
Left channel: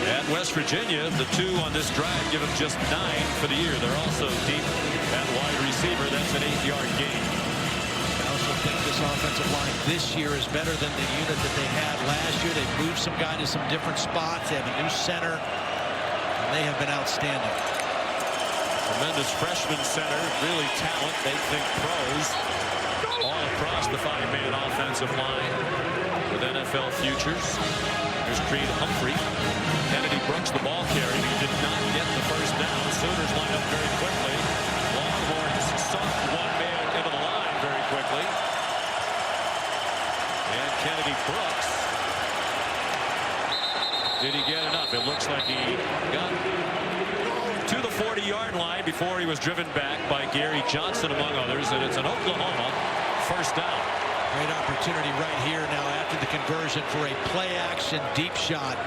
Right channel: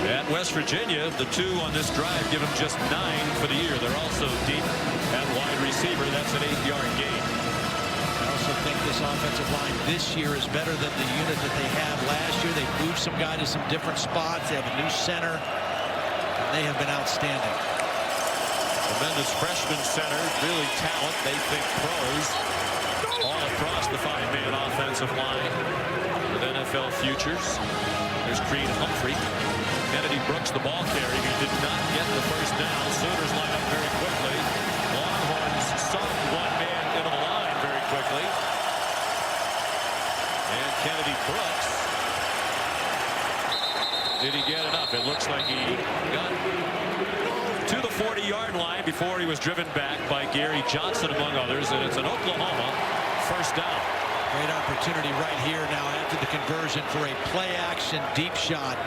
at West Virginia. The 2 on this drive give him just 9 for the year. They're also deep at wide receiver. That's an 8-yard gain. I also think this offensive line this year is better than the unit that they had last year. They've moved some guys to some different spots. They have a new center, and they have been outstanding. Tremendous freshman center, really talent. They think pros all across the 5-man offensive line with NFL futures. There's Creed Humphrey. Kennedy Brooks, the ball carrier. He did not get the first down. Sooners line up very quickly. Longhorns soft 1 man into the line very quickly. And Kennedy Brooks. Did he get enough? It looks like he got to the 40-yard line before he was driven back by Gary Johnson, among others, and it's an Oklahoma first down. Great opportunity right here now after the conversion for a play-action deep shot.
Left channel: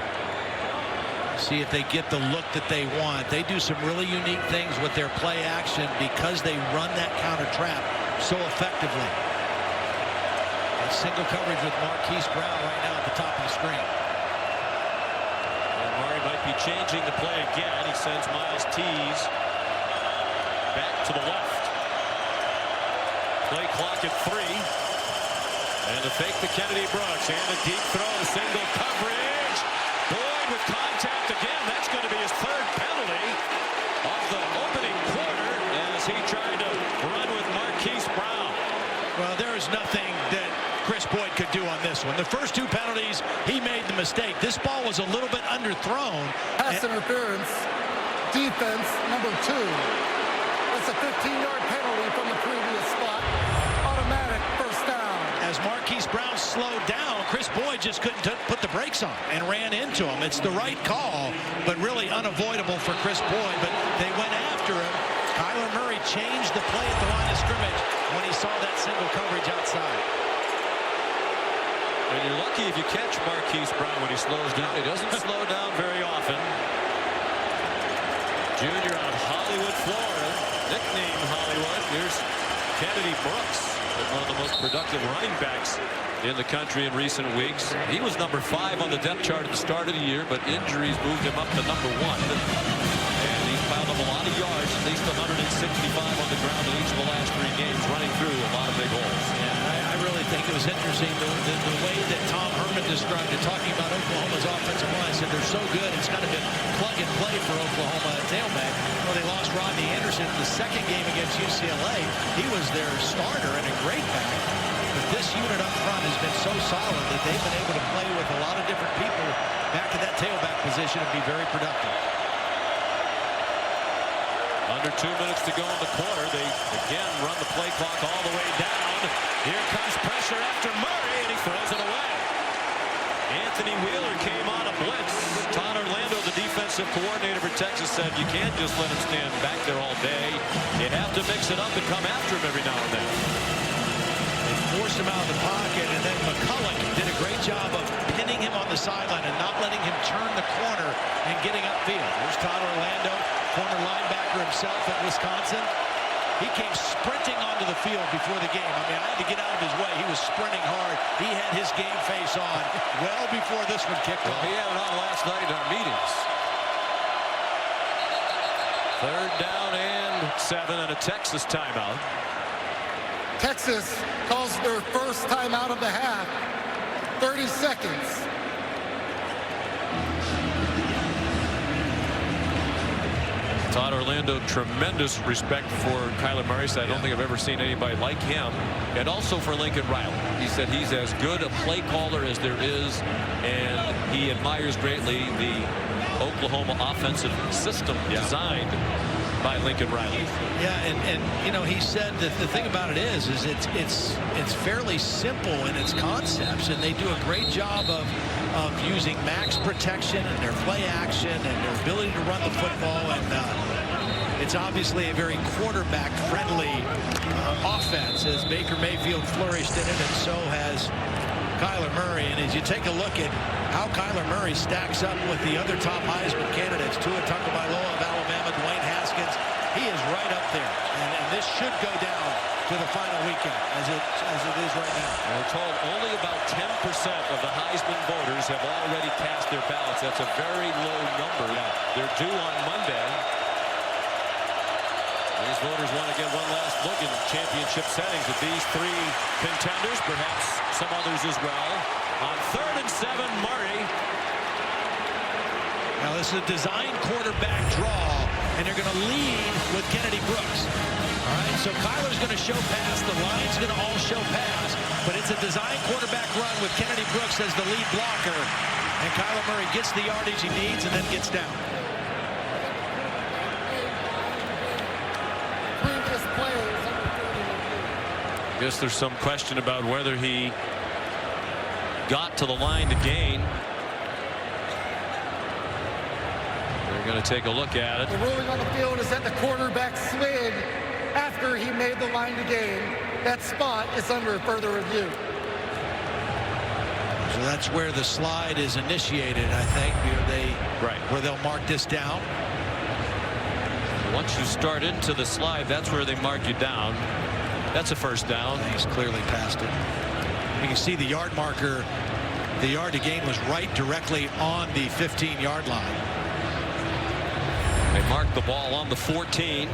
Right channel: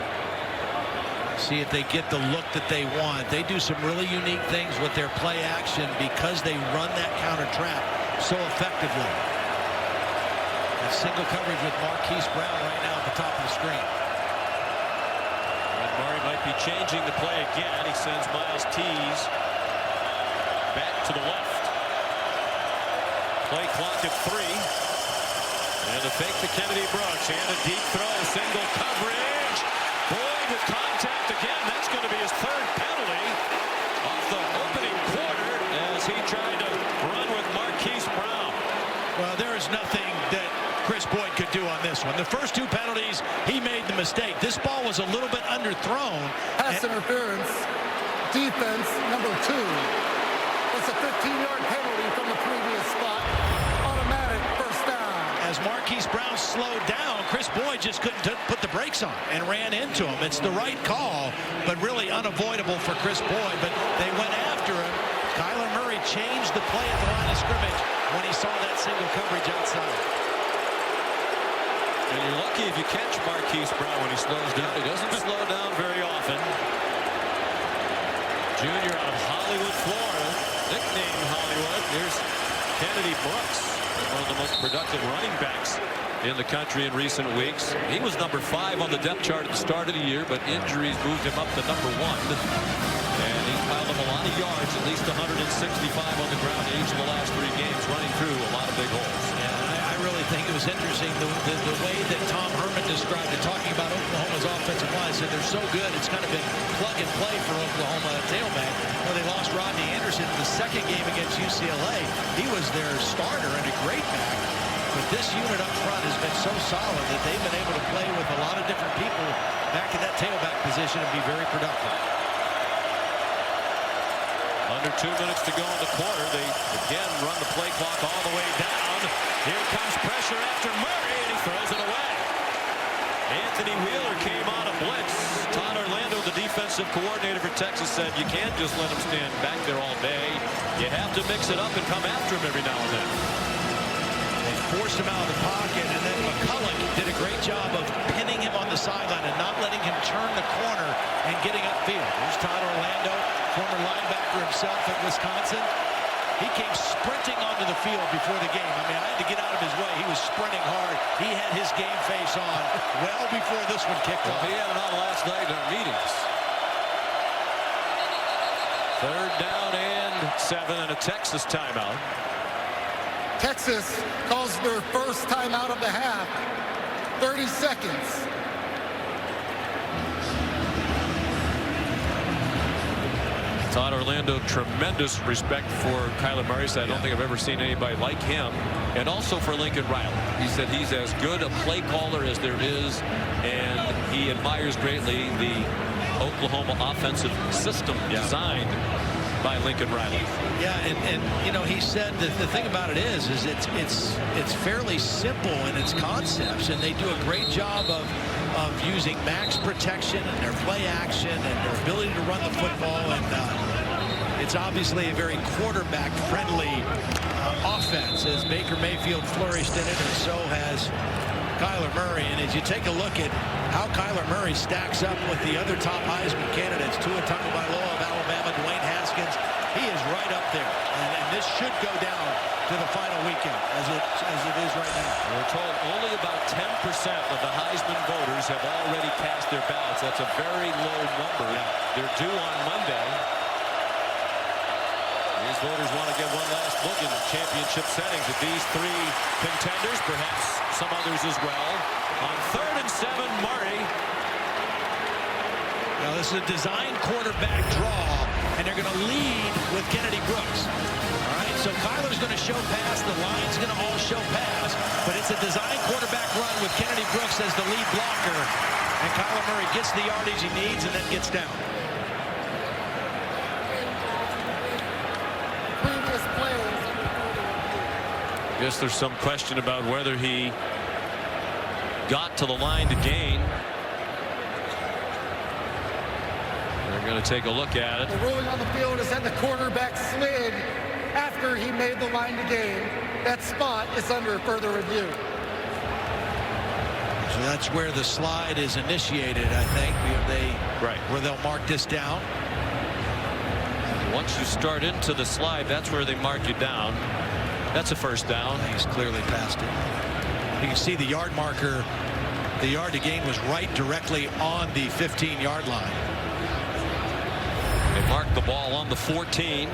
See if they get the look that they want. They do some really unique things with their play action because they run that counter trap so effectively. That single coverage with Marquise Brown right now at the top of the screen. And Murray might be changing the play again. He sends Miles Tees back to the left. Play clock at 3. And a fake to Kennedy Brooks. And a deep throw. Single coverage. Boyd with contact again. That's going to be his 3rd penalty of the opening quarter as he tried to run with Marquise Brown. Well, there is nothing that Chris Boyd could do on this one. The first 2 penalties, he made the mistake. This ball was a little bit underthrown. Pass interference, defense, number 2. That's a 15-yard penalty from the previous spot. Automatic first down. As Marquise Brown slowed down, Chris Boyd just couldn't put the brakes on and ran into him. It's the right call, but really unavoidable for Chris Boyd. But they went after him. Kyler Murray changed the play at the line of scrimmage when he saw that single coverage outside. And you're lucky if you catch Marquise Brown when he slows down. He doesn't slow down very often. junior out of Hollywood, Florida, nicknamed Hollywood. Here's Kennedy Brooks, one of the most productive running backs in the country in recent weeks. He was number 5 on the depth chart at the start of the year, but injuries moved him up to number 1. And he's piled up a lot of yards, at least 165 on the ground in each of the last 3 games, running through a lot of big holes. Yeah, and I really think it was interesting the way that Tom Herman described it, talking about Oklahoma's offensive line. Said they're so good, it's kind of been plug and play for Oklahoma at tailback. Well, they lost Rodney Anderson in the second game against UCLA. He was their starter and a great back. But this unit up front has been so solid that they've been able to play with a lot of different people back in that tailback position and be very productive. Under 2 minutes to go in the quarter. They again run the play clock all the way down. Here comes pressure after Murray, and he throws it away. Anthony Wheeler came on a blitz. Todd Orlando, the defensive coordinator for Texas, said you can't just let him stand back there all day. You have to mix it up and come after him every now and then. They forced him out of the pocket, and then McCulloch did a great job of pinning him on the sideline and not letting him turn the corner and getting upfield. There's Todd Orlando, former linebacker himself at Wisconsin. He came sprinting onto the field before the game. I mean, I had to get out of his way. He was sprinting hard. He had his game face on well before this one kicked off. He had it on last night in our meetings. 3rd down and 7 and a Texas timeout. Texas calls their first timeout of the half. 30 seconds. Todd Orlando, tremendous respect for Kyler Murray. Said, I don't think I've ever seen anybody like him. And also for Lincoln Riley. He said he's as good a play caller as there is, and he admires greatly the Oklahoma offensive system designed by Lincoln Riley. Yeah, and you know, he said that the thing about it is it's fairly simple in its concepts, and they do a great job of using max protection and their play action and their ability to run the football, and it's obviously a very quarterback friendly offense, as Baker Mayfield flourished in it, and so has Kyler Murray. And as you take a look at how Kyler Murray stacks up with the other top Heisman candidates, Tua Tagovailoa of Alabama, Dwayne Haskins, he is right up there, and this should go down to the final weekend as it is right now. And we're told only about 10% of the Heisman voters have already cast their ballots. That's a very low number. They're due on Monday. These voters want to get one last look in championship settings at these 3 contenders, perhaps some others as well. On 3rd and 7, Murray. Now this is a design quarterback draw, and they're going to lead with Kennedy Brooks. All right, so Kyler's going to show pass. The line's going to all show pass, but it's a design quarterback run with Kennedy Brooks as the lead blocker. And Kyler Murray gets the yardage he needs and then gets down. Previous plays under further review. I guess there's some question about whether he got to the line to gain. They're going to take a look at it. The ruling on the field is that the quarterback slid after he made the line to gain. That spot is under further review. So that's where the slide is initiated, I think. Where they'll mark this down. Once you start into the slide, that's where they mark you down. That's a first down. He's clearly past it. You can see the yard marker. The yard to gain was right directly on the 15-yard line. They marked the ball on the 14.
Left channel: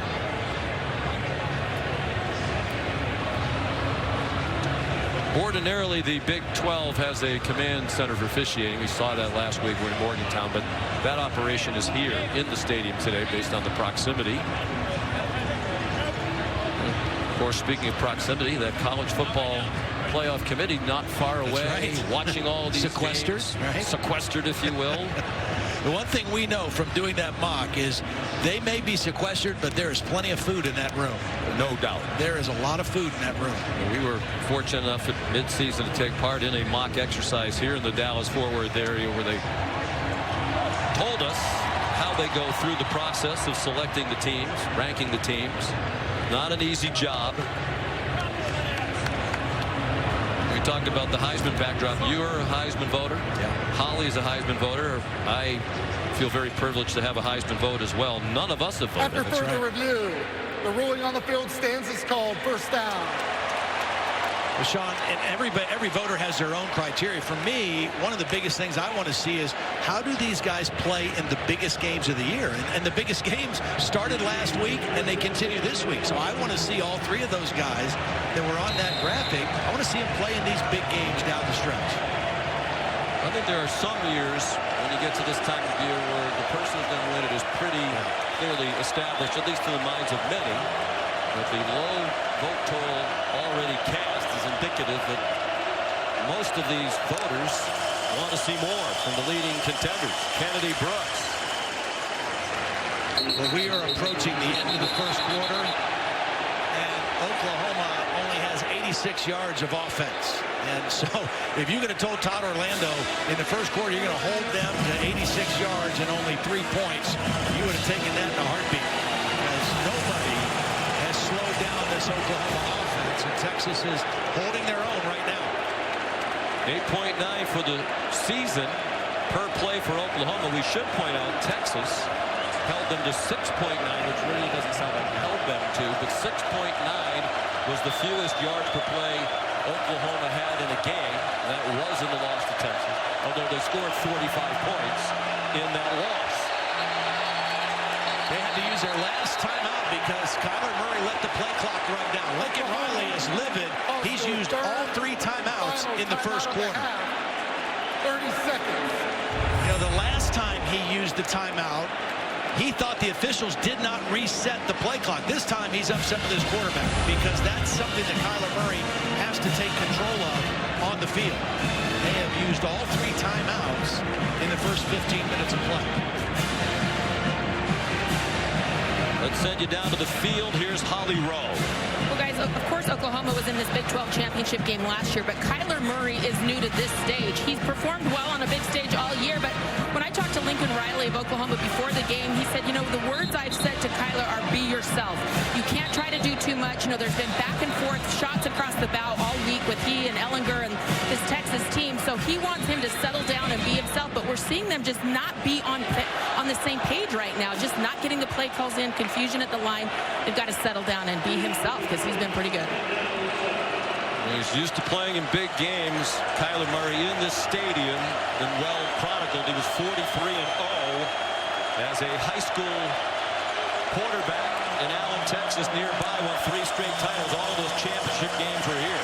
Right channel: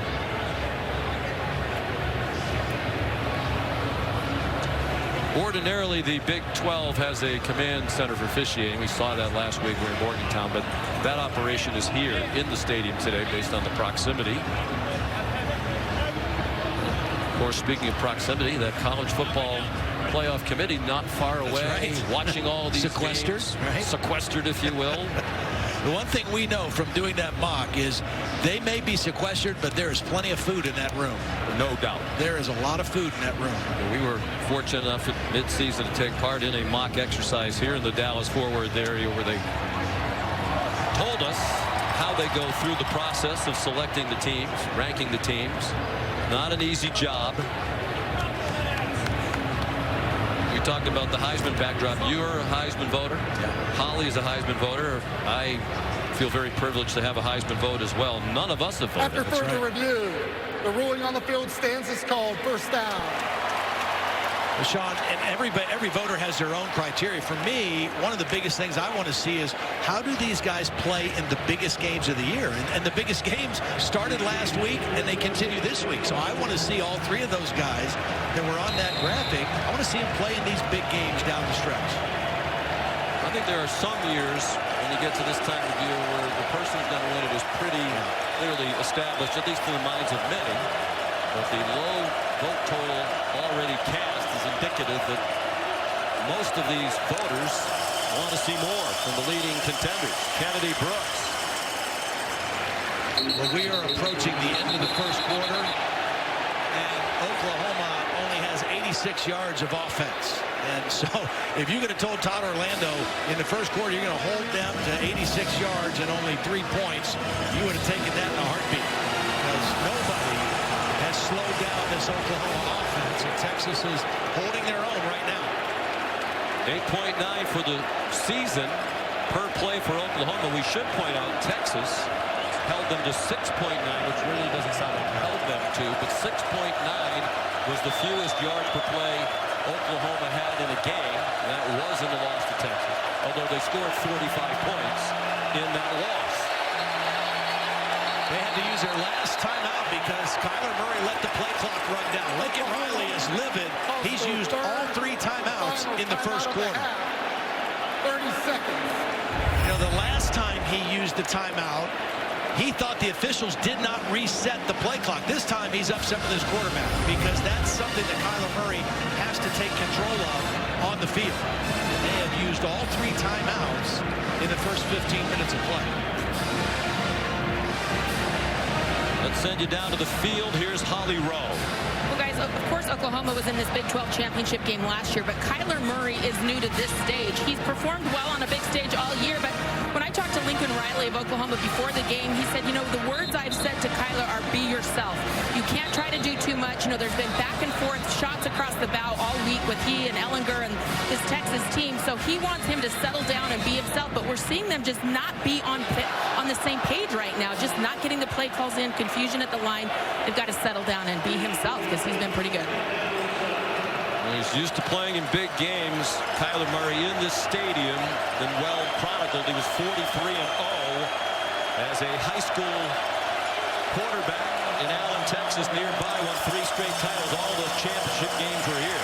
Ordinarily, the Big 12 has a command center for officiating. We saw that last week. We're in Morgantown, but that operation is here in the stadium today based on the proximity. Of course, speaking of proximity, that college football playoff committee not far away, watching all these games, sequestered, if you will. The one thing we know from doing that mock is they may be sequestered, but there is plenty of food in that room. No doubt. There is a lot of food in that room. We were fortunate enough at midseason to take part in a mock exercise here in the Dallas-Fort Worth area where they told us how they go through the process of selecting the teams, ranking the teams. Not an easy job. We talked about the Heisman backdrop. You're a Heisman voter. Yeah. Holly is a Heisman voter. I feel very privileged to have a Heisman vote as well. None of us have voted. After further review, the ruling on the field stands is called first down. Well, Sean, and every voter has their own criteria. For me, one of the biggest things I want to see is how do these guys play in the biggest games of the year? And the biggest games started last week, and they continue this week. So I want to see all three of those guys that were on that graphic. I want to see them play in these big games down the stretch. I think there are some years when you get to this time of year where the person who's going to win it is pretty clearly established, at least in the minds of many. But the low vote total already cast is indicative that most of these voters want to see more from the leading contenders. Kennedy Brooks. Well, we are approaching the end of the first quarter, and Oklahoma only has 86 yards of offense. And so if you could have told Todd Orlando in the first quarter you're going to hold them to 86 yards and only 3 points, you would have taken that in a heartbeat, because nobody has slowed down this Oklahoma offense, and Texas is holding their own right now. 8.9 for the season per play for Oklahoma. We should point out Texas held them to 6.9, which really doesn't sound like held them to, but 6.9 was the fewest yards per play Oklahoma had in a game. That was in the loss to Texas, although they scored 45 points in that loss. They had to use their last timeout because Kyler Murray let the play clock run down. Lincoln Riley is livid. He's used all 3 timeouts in the first quarter. 30 seconds. You know, the last time he used the timeout, he thought the officials did not reset the play clock. This time he's upset with his quarterback because that's something that Kyler Murray has to take control of on the field. They have used all 3 timeouts in the first 15 minutes of play. Let's send you down to the field. Here's Holly Rowe. Well, guys, of course, Oklahoma was in this Big 12 championship game last year, but Kyler Murray is new to this stage. He's performed well on a big stage all year, but when I talked to Lincoln Riley of Oklahoma before the game, he said, you know, the words I've said to Kyler are be yourself. You can't try to do too much. You know, there's been back and forth shots across the bow all week with he and Ehlinger and this Texas team, so he wants him to settle down and be himself, but we're seeing them just not be on the same page right now, just not getting the play calls in, confusion at the line. They've got to settle down and be himself because he's been pretty good. He's used to playing in big games. Kyler Murray in this stadium, been well chronicled. He was 43-0 as a high school quarterback in Allen, Texas, nearby. Won 3 straight titles. All those championship games were here.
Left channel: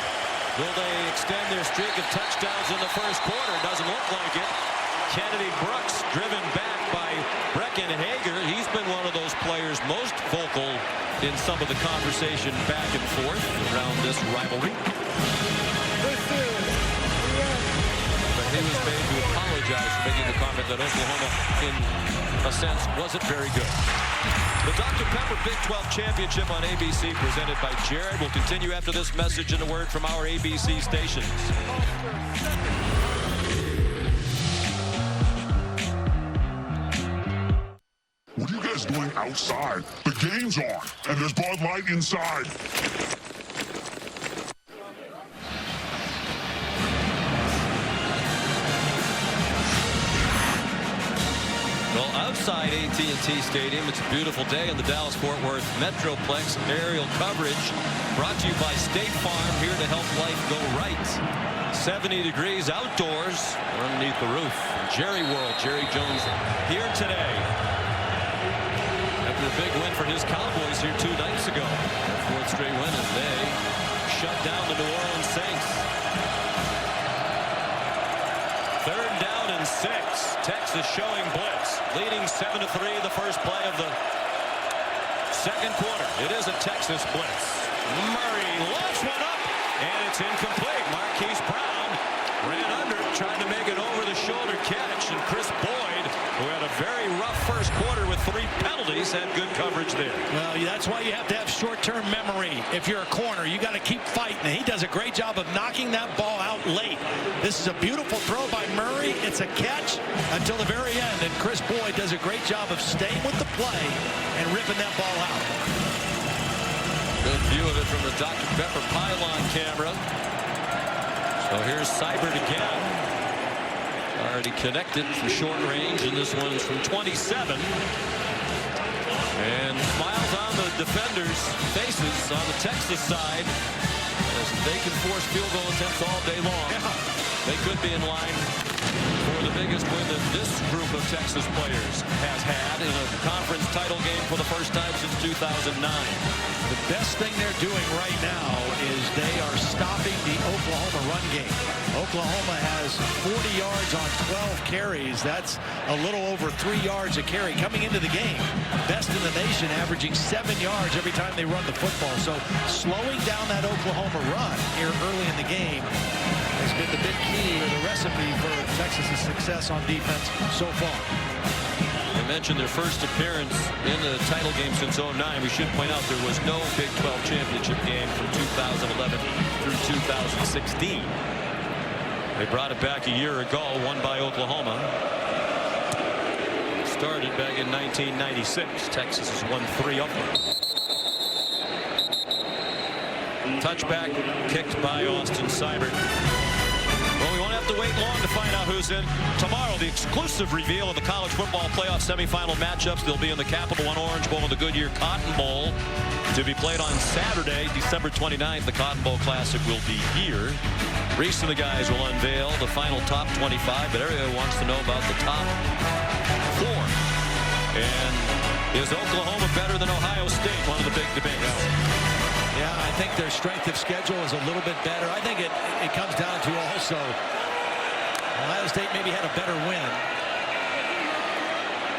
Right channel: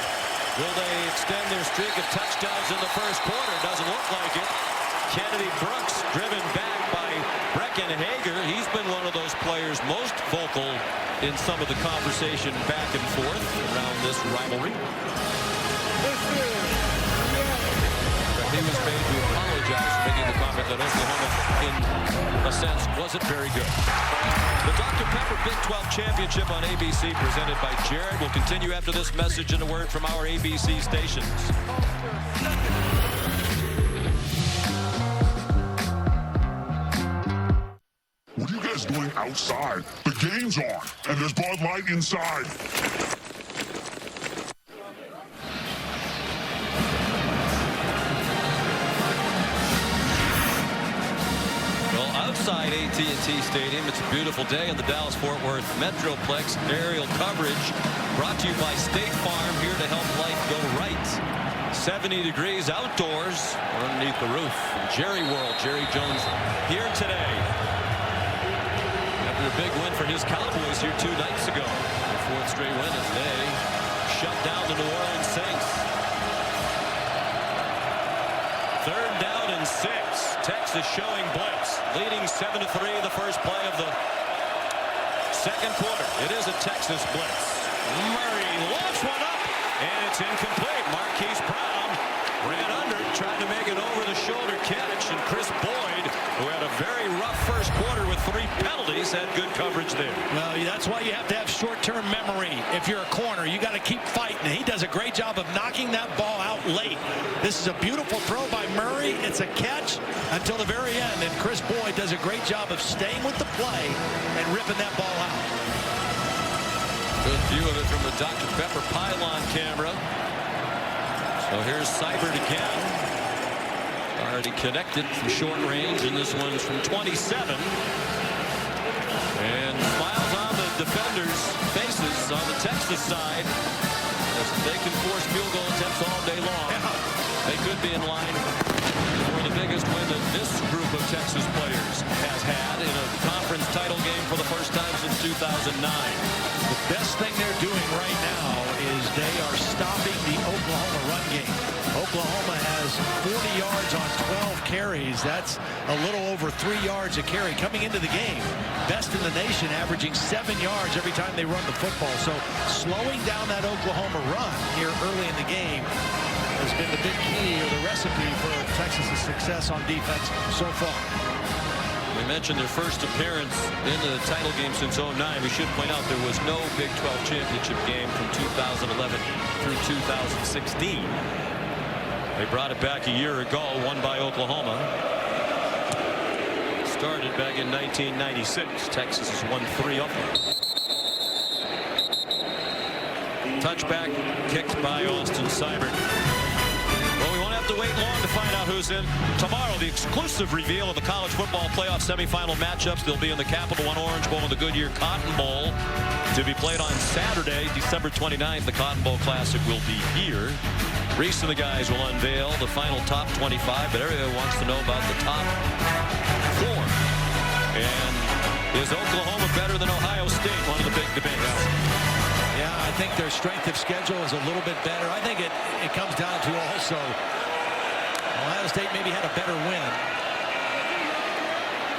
Will they extend their streak of touchdowns in the first quarter? Doesn't look like it. Kennedy Brooks driven back by Brecken Hager. He's been one of those players most vocal in some of the conversation back and forth around this rivalry. This is the end. But he was made to apologize for making the comment that Oklahoma, in a sense, wasn't very good. The Dr. Pepper Big 12 Championship on ABC, presented by Jared, will continue after this message and a word from our ABC stations. What are you guys doing outside? The game's on, and there's Bud Light inside. Well, outside AT&T Stadium, it's a beautiful day in the Dallas-Fort Worth Metroplex. Aerial coverage brought to you by State Farm, here to help life go right. 70 degrees outdoors. We're underneath the roof. And Jerry World, Jerry Jones here today. After a big win for his Cowboys here 2 nights ago. Their 4th straight win as they shut down the New Orleans Saints. 3rd down and 6. Texas showing blitz. Leading 7-3 the first play of the second quarter. It is a Texas blitz. Murray lofts one up, and it's incomplete. Marquise Brown ran under it, tried to make an over-the-shoulder catch, and Chris Boyd, who had a very rough first quarter with 3 penalties, had good coverage there. Well, that's why you have to have short-term memory. If you're a corner, you got to keep fighting. He does a great job of knocking that ball out late. This is a beautiful throw by Murray. It's a catch until the very end, and Chris Boyd does a great job of staying with the play and ripping that ball out. Good view of it from the Dr. Pepper pylon camera. So here's Seibert again. Already connected from short range, and this one's from 27. And smiles on the defenders' faces on the Texas side as they can force field goal attempts all day long. Yeah. They could be in line for the biggest win that this group of Texas players has had in a conference title game for the first time since 2009. The best thing they're doing right now is they are stopping the Oklahoma run game. Oklahoma has 40 yards on 12 carries. That's a little over 3 yards a carry coming into the game. Best in the nation, averaging 7 yards every time they run the football. So slowing down that Oklahoma run here early in the game has been the big key or the recipe for Texas's success on defense so far. We mentioned their first appearance in the title game since 2009. We should point out there was no Big 12 championship game from 2011 through 2016. They brought it back a year ago, won by Oklahoma. It started back in 1996. Texas has won 3 of them. Touchback kicked by Austin Seibert. Well, we won't have to wait long to find out who's in tomorrow. The exclusive reveal of the college football playoff semifinal matchups. They'll be in the Capital One Orange Bowl and the Goodyear Cotton Bowl to be played on Saturday, December 29th. The Cotton Bowl Classic will be here. Reese and the guys will unveil the final top 25, but everyone wants to know about the top 4. And is Oklahoma better than Ohio State? One of the big debates. Yeah, I think their strength of schedule is a little bit better. I think it comes down to also Ohio State maybe had a better win.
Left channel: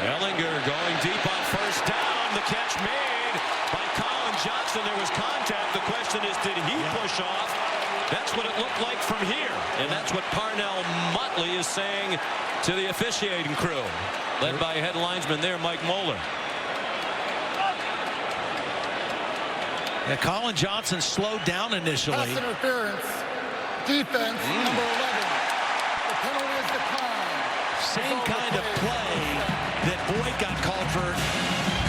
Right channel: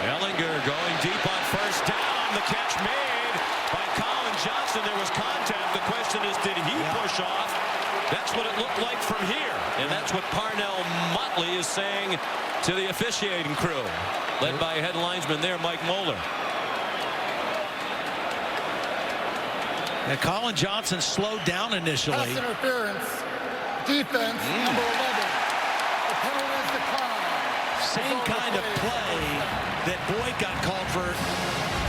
Ehlinger going deep on first down. The catch made by Colin Johnson. There was contact. The question is, did he push off? That's what it looked like from here. And that's what Parnell Motley is saying to the officiating crew, led by head linesman there, Mike Moeller. Yeah, Colin Johnson slowed down initially. Pass interference. Defense, number 11. The penalty is declined. Same kind of play that Boyd got called for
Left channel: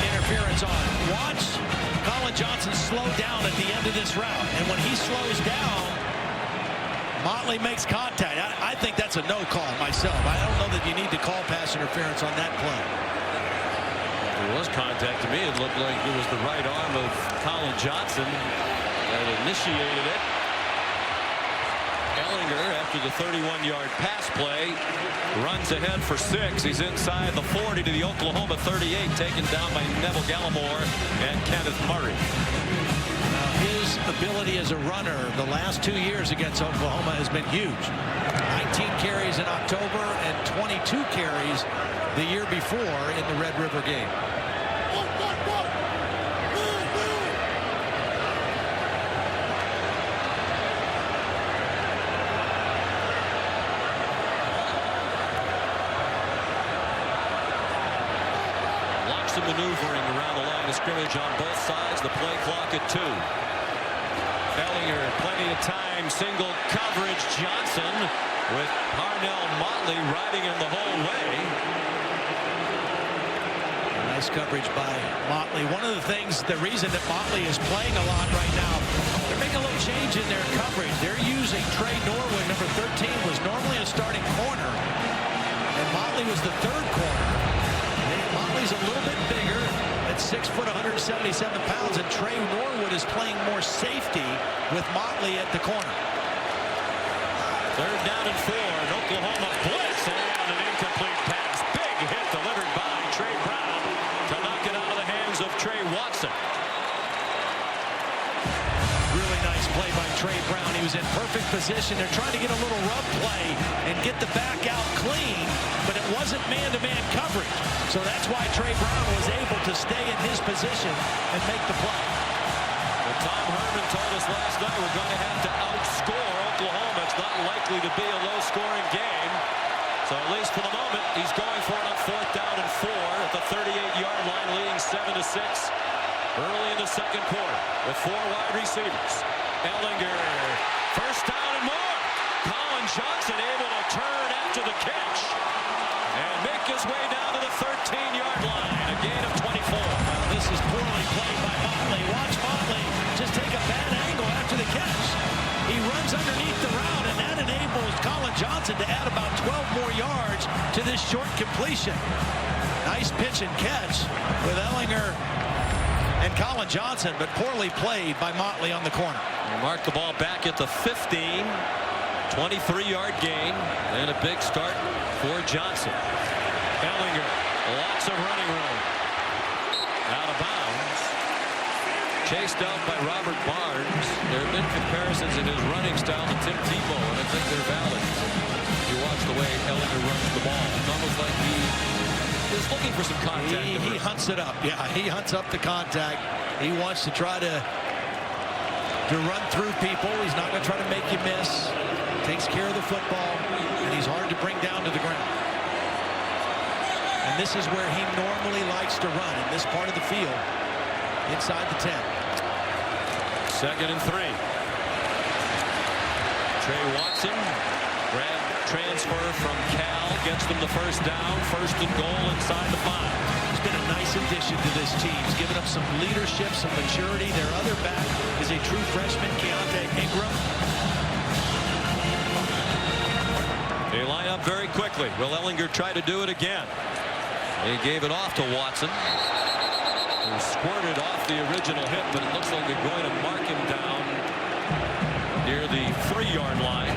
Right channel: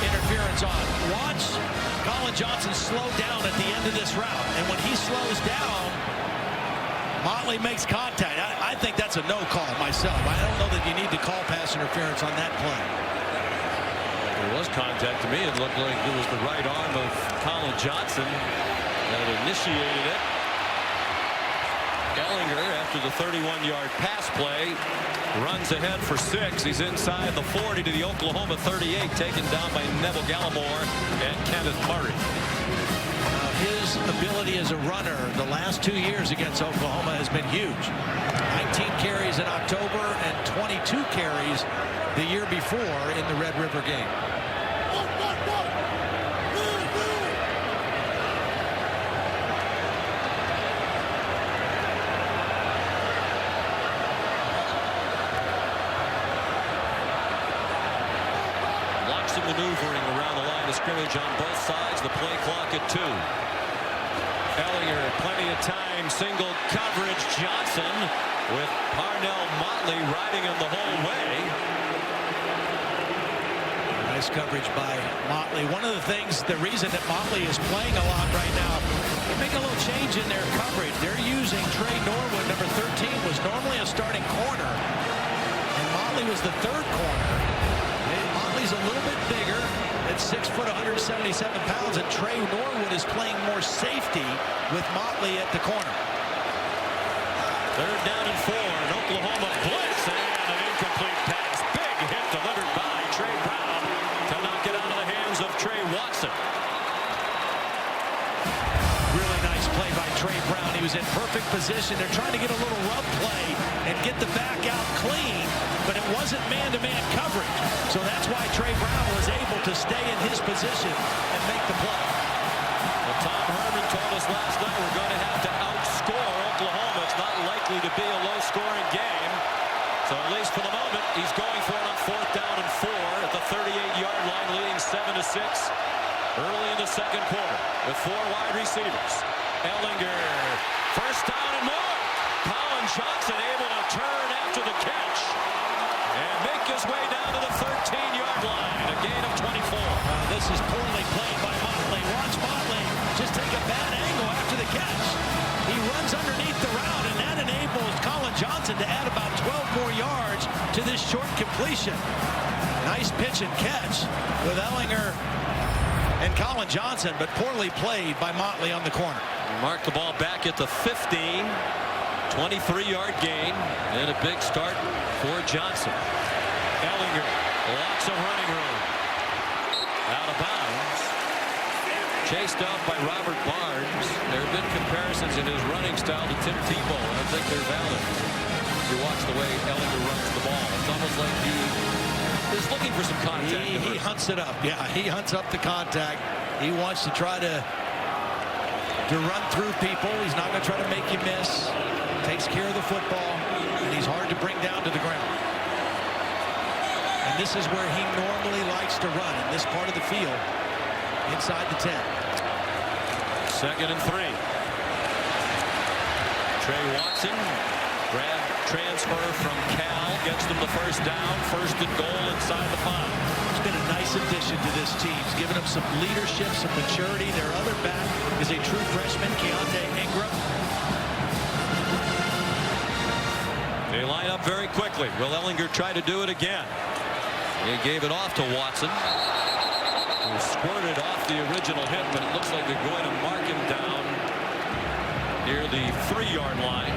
interference on. Watch Colin Johnson slow down at the end of this route. And when he slows down, Motley makes contact. I think that's a no call myself. I don't know that you need to call pass interference on that play. There was contact. To me, it looked like it was the right arm of Colin Johnson that initiated it. Ehlinger, after the 31-yard pass play, runs ahead for 6. He's inside the 40 to the Oklahoma 38, taken down by Neville Gallimore and Kenneth Murray. His ability as a runner the last 2 years against Oklahoma has been huge. 19 carries in October and 22 carries the year before in the Red River game. Lots of maneuvering around the line of scrimmage on both sides. The play clock at 2. Ehlinger, plenty of time, single coverage. Johnson with Parnell Motley riding him the whole way. Nice coverage by Motley. One of the things, the reason that Motley is playing a lot right now, they're making a little change in their coverage. They're using Trey Norwood, number 13, was normally a starting corner, and Motley was the 3rd corner. Motley's a little bit bigger at 6 foot, 177 pounds, and Trey Norwood is playing more safety with Motley at the corner. 3rd down and 4, and Oklahoma blitz, and an incomplete pass. Big hit delivered by Trey Brown to knock it out of the hands of Trey Watson. Really nice play by Trey Brown. He was in perfect position. They're trying to get a little rub play and get the back out clean, but it wasn't man-to-man coverage. So that's why Trey Brown was able to stay in his position and make the play. Well, Tom Herman told us last night we're going to have to outscore Oklahoma. It's not likely to be a low-scoring game. So at least for the moment, he's going for it on 4th down and 4 at the 38-yard line, leading 7-6 early in the 2nd quarter with 4 wide receivers. Ehlinger, first down and more. Colin Johnson able to turn after the catch and make his way down to the 13-yard line, a gain of 24. This is poorly played by Motley. Watch Motley just take a bad angle after the catch. He runs underneath the route, and that enables Colin Johnson to add about 12 more yards to this short completion. Nice pitch and catch with Ehlinger and Colin Johnson, but poorly played by Motley on the corner. He marked the ball back at the 15. 23-yard gain, and a big start for Johnson. Ehlinger, lots of running room. Out of bounds. Chased out by Robert Barnes. There have been comparisons in his running style to Tim Tebow, and I think they're valid. You watch the way Ehlinger runs the ball. It's almost like he is looking for some contact. He hunts it up. Yeah, he hunts up the contact. He wants to try to run through people. He's not going to try to make you miss. Takes care of the football, and he's hard to bring down to the ground. And this is where he normally likes to run, in this part of the field, inside the 10. 2nd and 3. Trey Watson, grab transfer from Cal, gets them the first down, 1st and goal inside the 5. He's been a nice addition to this team. He's given them some leadership, some maturity. Their other back is a true freshman, Keontae Ingram. They line up very quickly. Will Ehlinger try to do it again? He gave it off to Watson, who squirted off the original hit, but it looks like they're going to mark him down near the 3-yard line.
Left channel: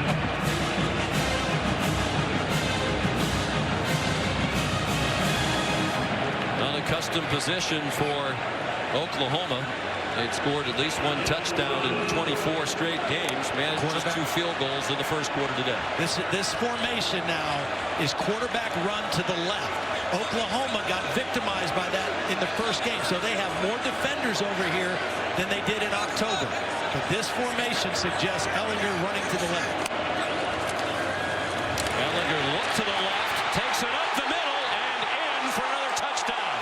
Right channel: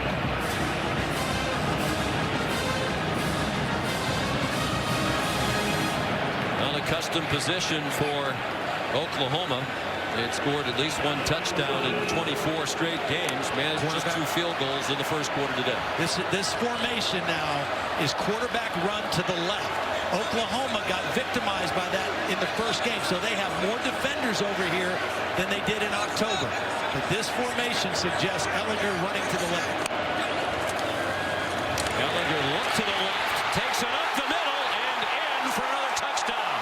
Unaccustomed position for Oklahoma. They'd scored at least 1 touchdown in 24 straight games, managed just 2 field goals in the first quarter today. This formation now is quarterback run to the left. Oklahoma got victimized by that in the first game, so they have more defenders over here than they did in October. But this formation suggests Ehlinger running to the left. Ehlinger looked to the left, takes it up the middle, and in for another touchdown.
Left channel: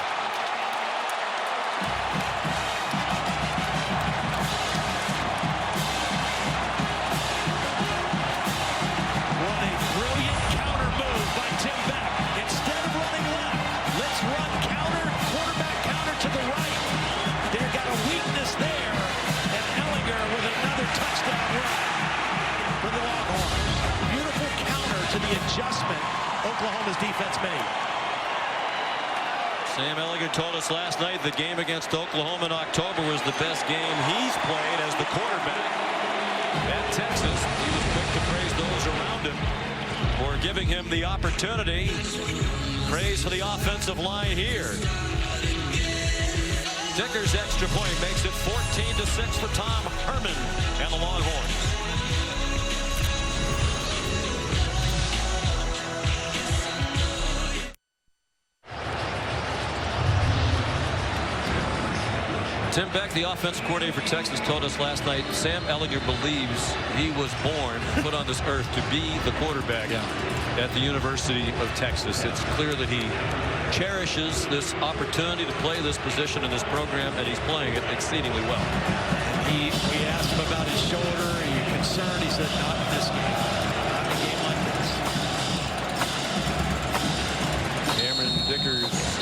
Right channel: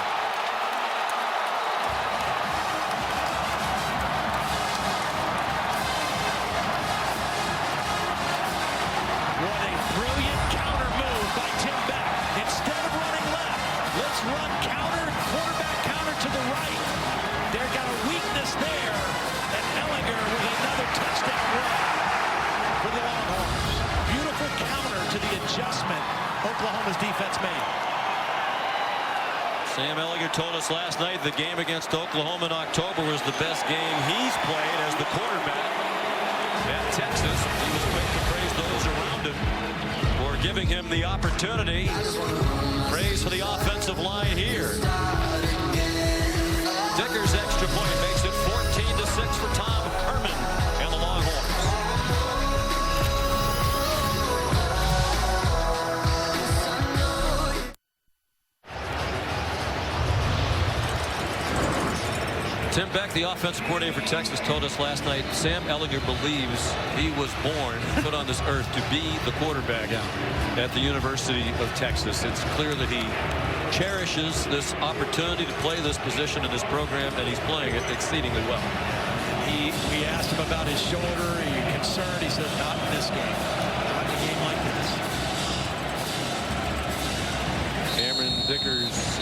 What a brilliant counter move by Tim Beck. Instead of running left, let's run counter, quarterback counter to the right. They've got a weakness there, and Ehlinger with another touchdown run for the Longhorns. Beautiful counter to the adjustment Oklahoma's defense made. Sam Ehlinger told us last night the game against Oklahoma in October was the best game he's played as the quarterback at Texas. He was quick to praise those around him for giving him the opportunity. Praise for the offensive line here. Dicker's extra point makes it 14-6 for Tom Herman and the Longhorns. Tim Beck, the offensive coordinator for Texas, told us last night Sam Ehlinger believes he was born and put on this earth to be the quarterback at the University of Texas. It's clear that he cherishes this opportunity to play this position in this program, and he's playing it exceedingly well. And we asked him about his shoulder. Are you concerned? He said, not in this game. Not in a game like this. Cameron Dicker's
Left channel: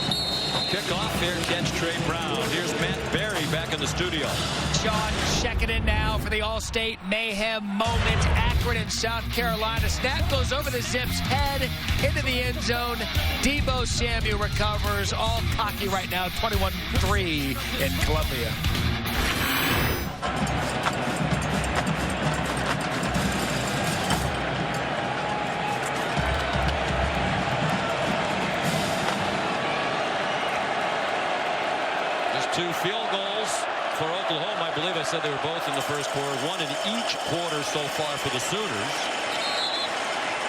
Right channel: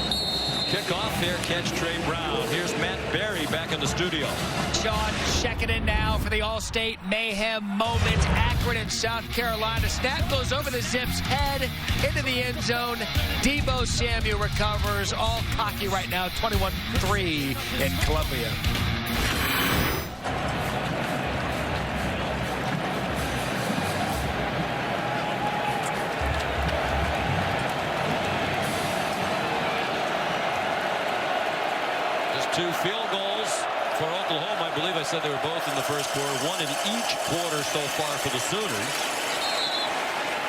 kickoff, fair catch, Trey Brown. Here's Matt Berry back in the studio. Sean checking in now for the All-State Mayhem moment. Akron in South Carolina. Snap goes over the Zips' head into the end zone. Deebo Samuel recovers. All cocky right now. 21-3 in Columbia. Just 2 field goals for Oklahoma. I believe I said they were both in the first quarter. 1 in each quarter so far for the Sooners.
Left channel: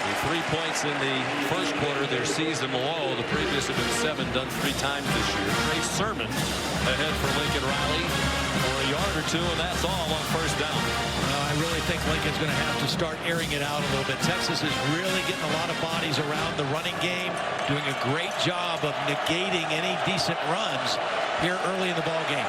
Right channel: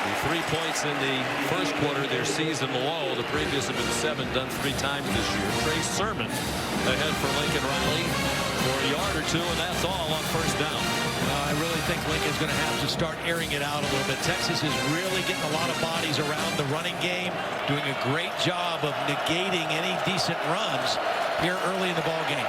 The 3 points in the first quarter, their season low. The previous have been 7, done 3 times this year. Trey Sermon ahead for Lincoln Riley for a yard or 2, and that's all on first down. Well, I really think Lincoln's going to have to start airing it out a little bit. Texas is really getting a lot of bodies around the running game, doing a great job of negating any decent runs here early in the ball game.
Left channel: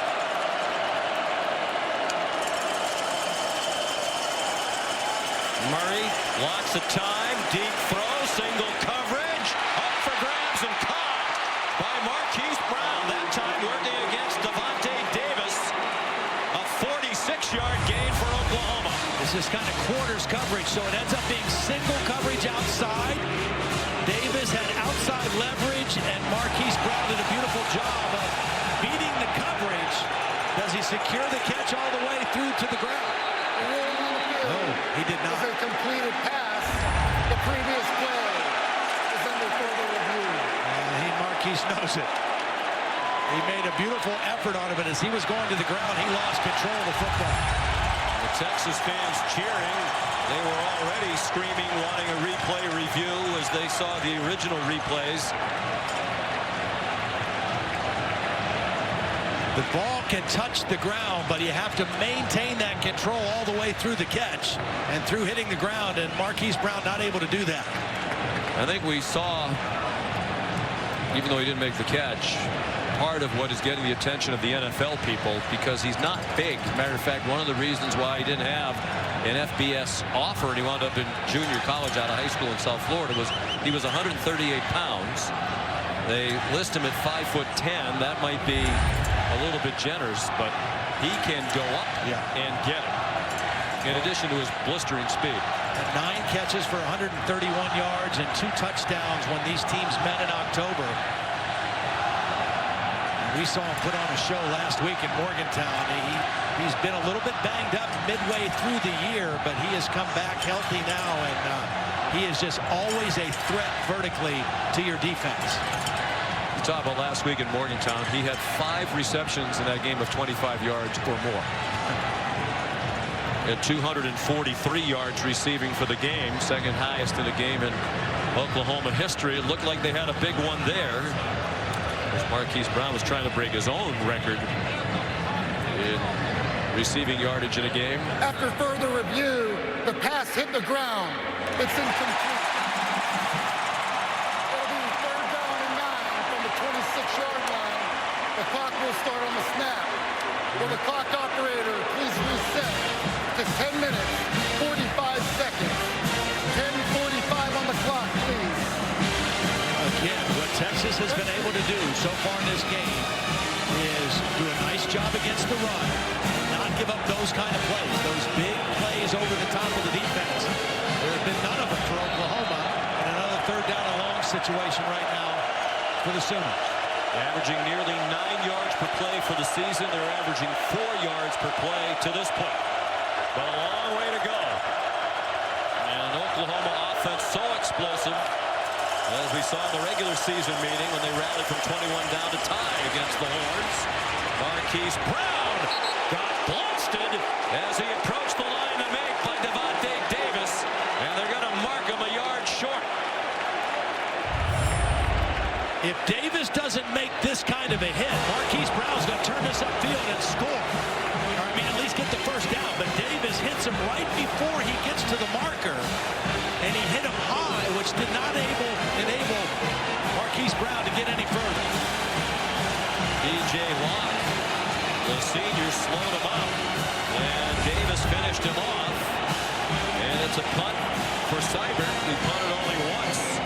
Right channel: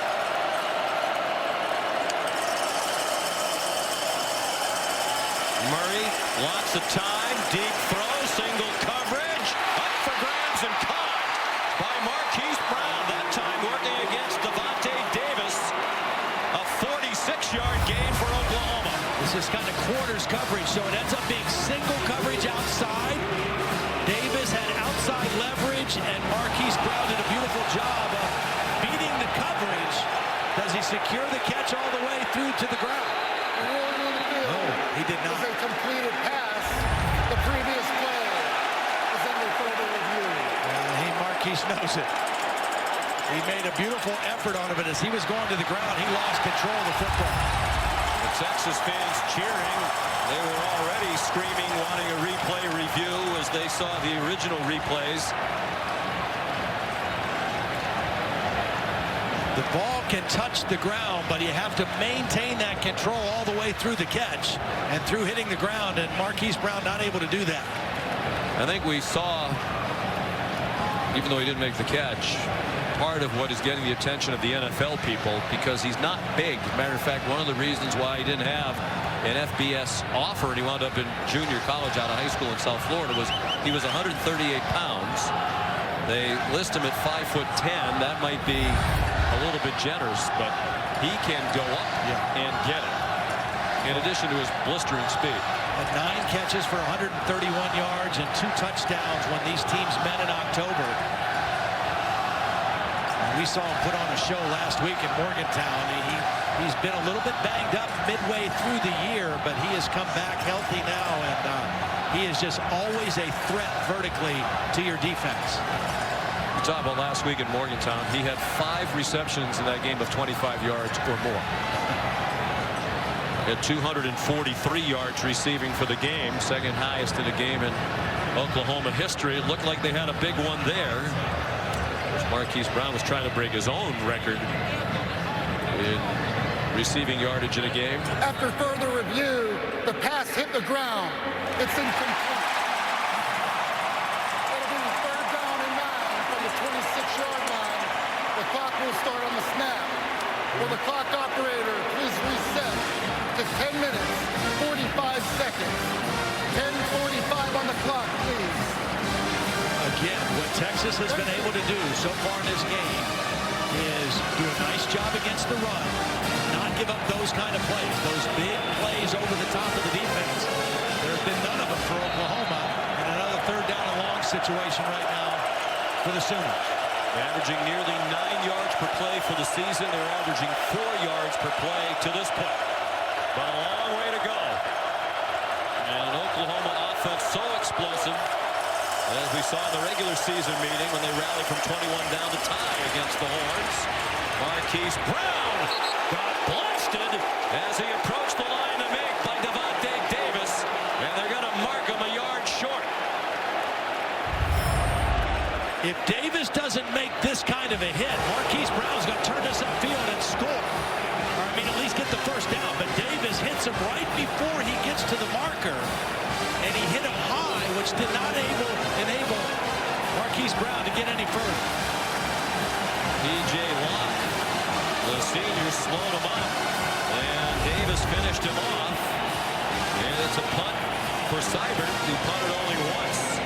Murray, lots of time, deep throw, single coverage, up for grabs and caught by Marquise Brown. That time working against Devontae Davis. A 46-yard gain for Oklahoma. This This is kind of quarters coverage, so it ends up being single coverage outside. Davis had outside leverage, and Marquise Brown did a beautiful job of beating the coverage. Does he secure the catch all the way through to the ground? The ruling on the field. Oh, he did not. Was a completed pass. The previous play is under further review. And Marquise knows it. He made a beautiful effort on it, but as he was going to the ground, he lost control of the football. The Texas fans cheering. They were already screaming, wanting a replay review as they saw the original replays. The ball can touch the ground, but you have to maintain that control all the way through the catch and through hitting the ground, and Marquise Brown not able to do that. I think we saw, even though he didn't make the catch, part of what is getting the attention of the NFL people, because he's not big. As a matter of fact, one of the reasons why he didn't have an FBS offer and he wound up in junior college out of high school in South Florida was he was 138 pounds. They list him at 5'10". That might be a little bit generous, but he can go up and get it, in addition to his blistering speed. And 9 catches for 131 yards and 2 touchdowns when these teams met in October. And we saw him put on a show last week in Morgantown. He's been a little bit banged up midway through the year, but he has come back healthy now, and he is just always a threat vertically to your defense. You talk about last week in Morgantown, he had 5 receptions in that game of 25 yards or more. At 243 yards receiving for the game, second highest in a game in Oklahoma history. It looked like they had a big one there. Of course, Marquise Brown was trying to break his own record in receiving yardage in a game. After further review, the pass hit the ground. It's incomplete. It'll be 3rd down and 9 from the 26-yard line. The clock will start on the snap. Will the clock operator please reset to 10 minutes, 45 seconds. 10:45 on the clock, please. Again, what Texas has been able to do so far in this game is do a nice job against the run and not give up those kind of plays, those big plays over the top of the defense. There have been none of them for Oklahoma, and another 3rd down and long situation right now for the Sooners. Averaging nearly 9 yards per play for the season. They're averaging 4 yards per play to this point. But a long way to go. And an Oklahoma offense so explosive, as we saw in the regular season meeting when they rallied from 21 down to tie against the Horns. Marquise Brown got blasted as he approached the line to make by Devontae Davis, and they're going to mark him a yard short. If Davis doesn't make this kind of a hit, Marquise Brown's going to turn this upfield and score. Or, I mean, at least get the first down. But Davis hits him right before he gets to the marker. And he hit him high, which did not enable Marquise Brown to get any further. P.J. Locke, the senior, slowed him up. And Davis finished him off. And it's a punt for Seibert, who punted only once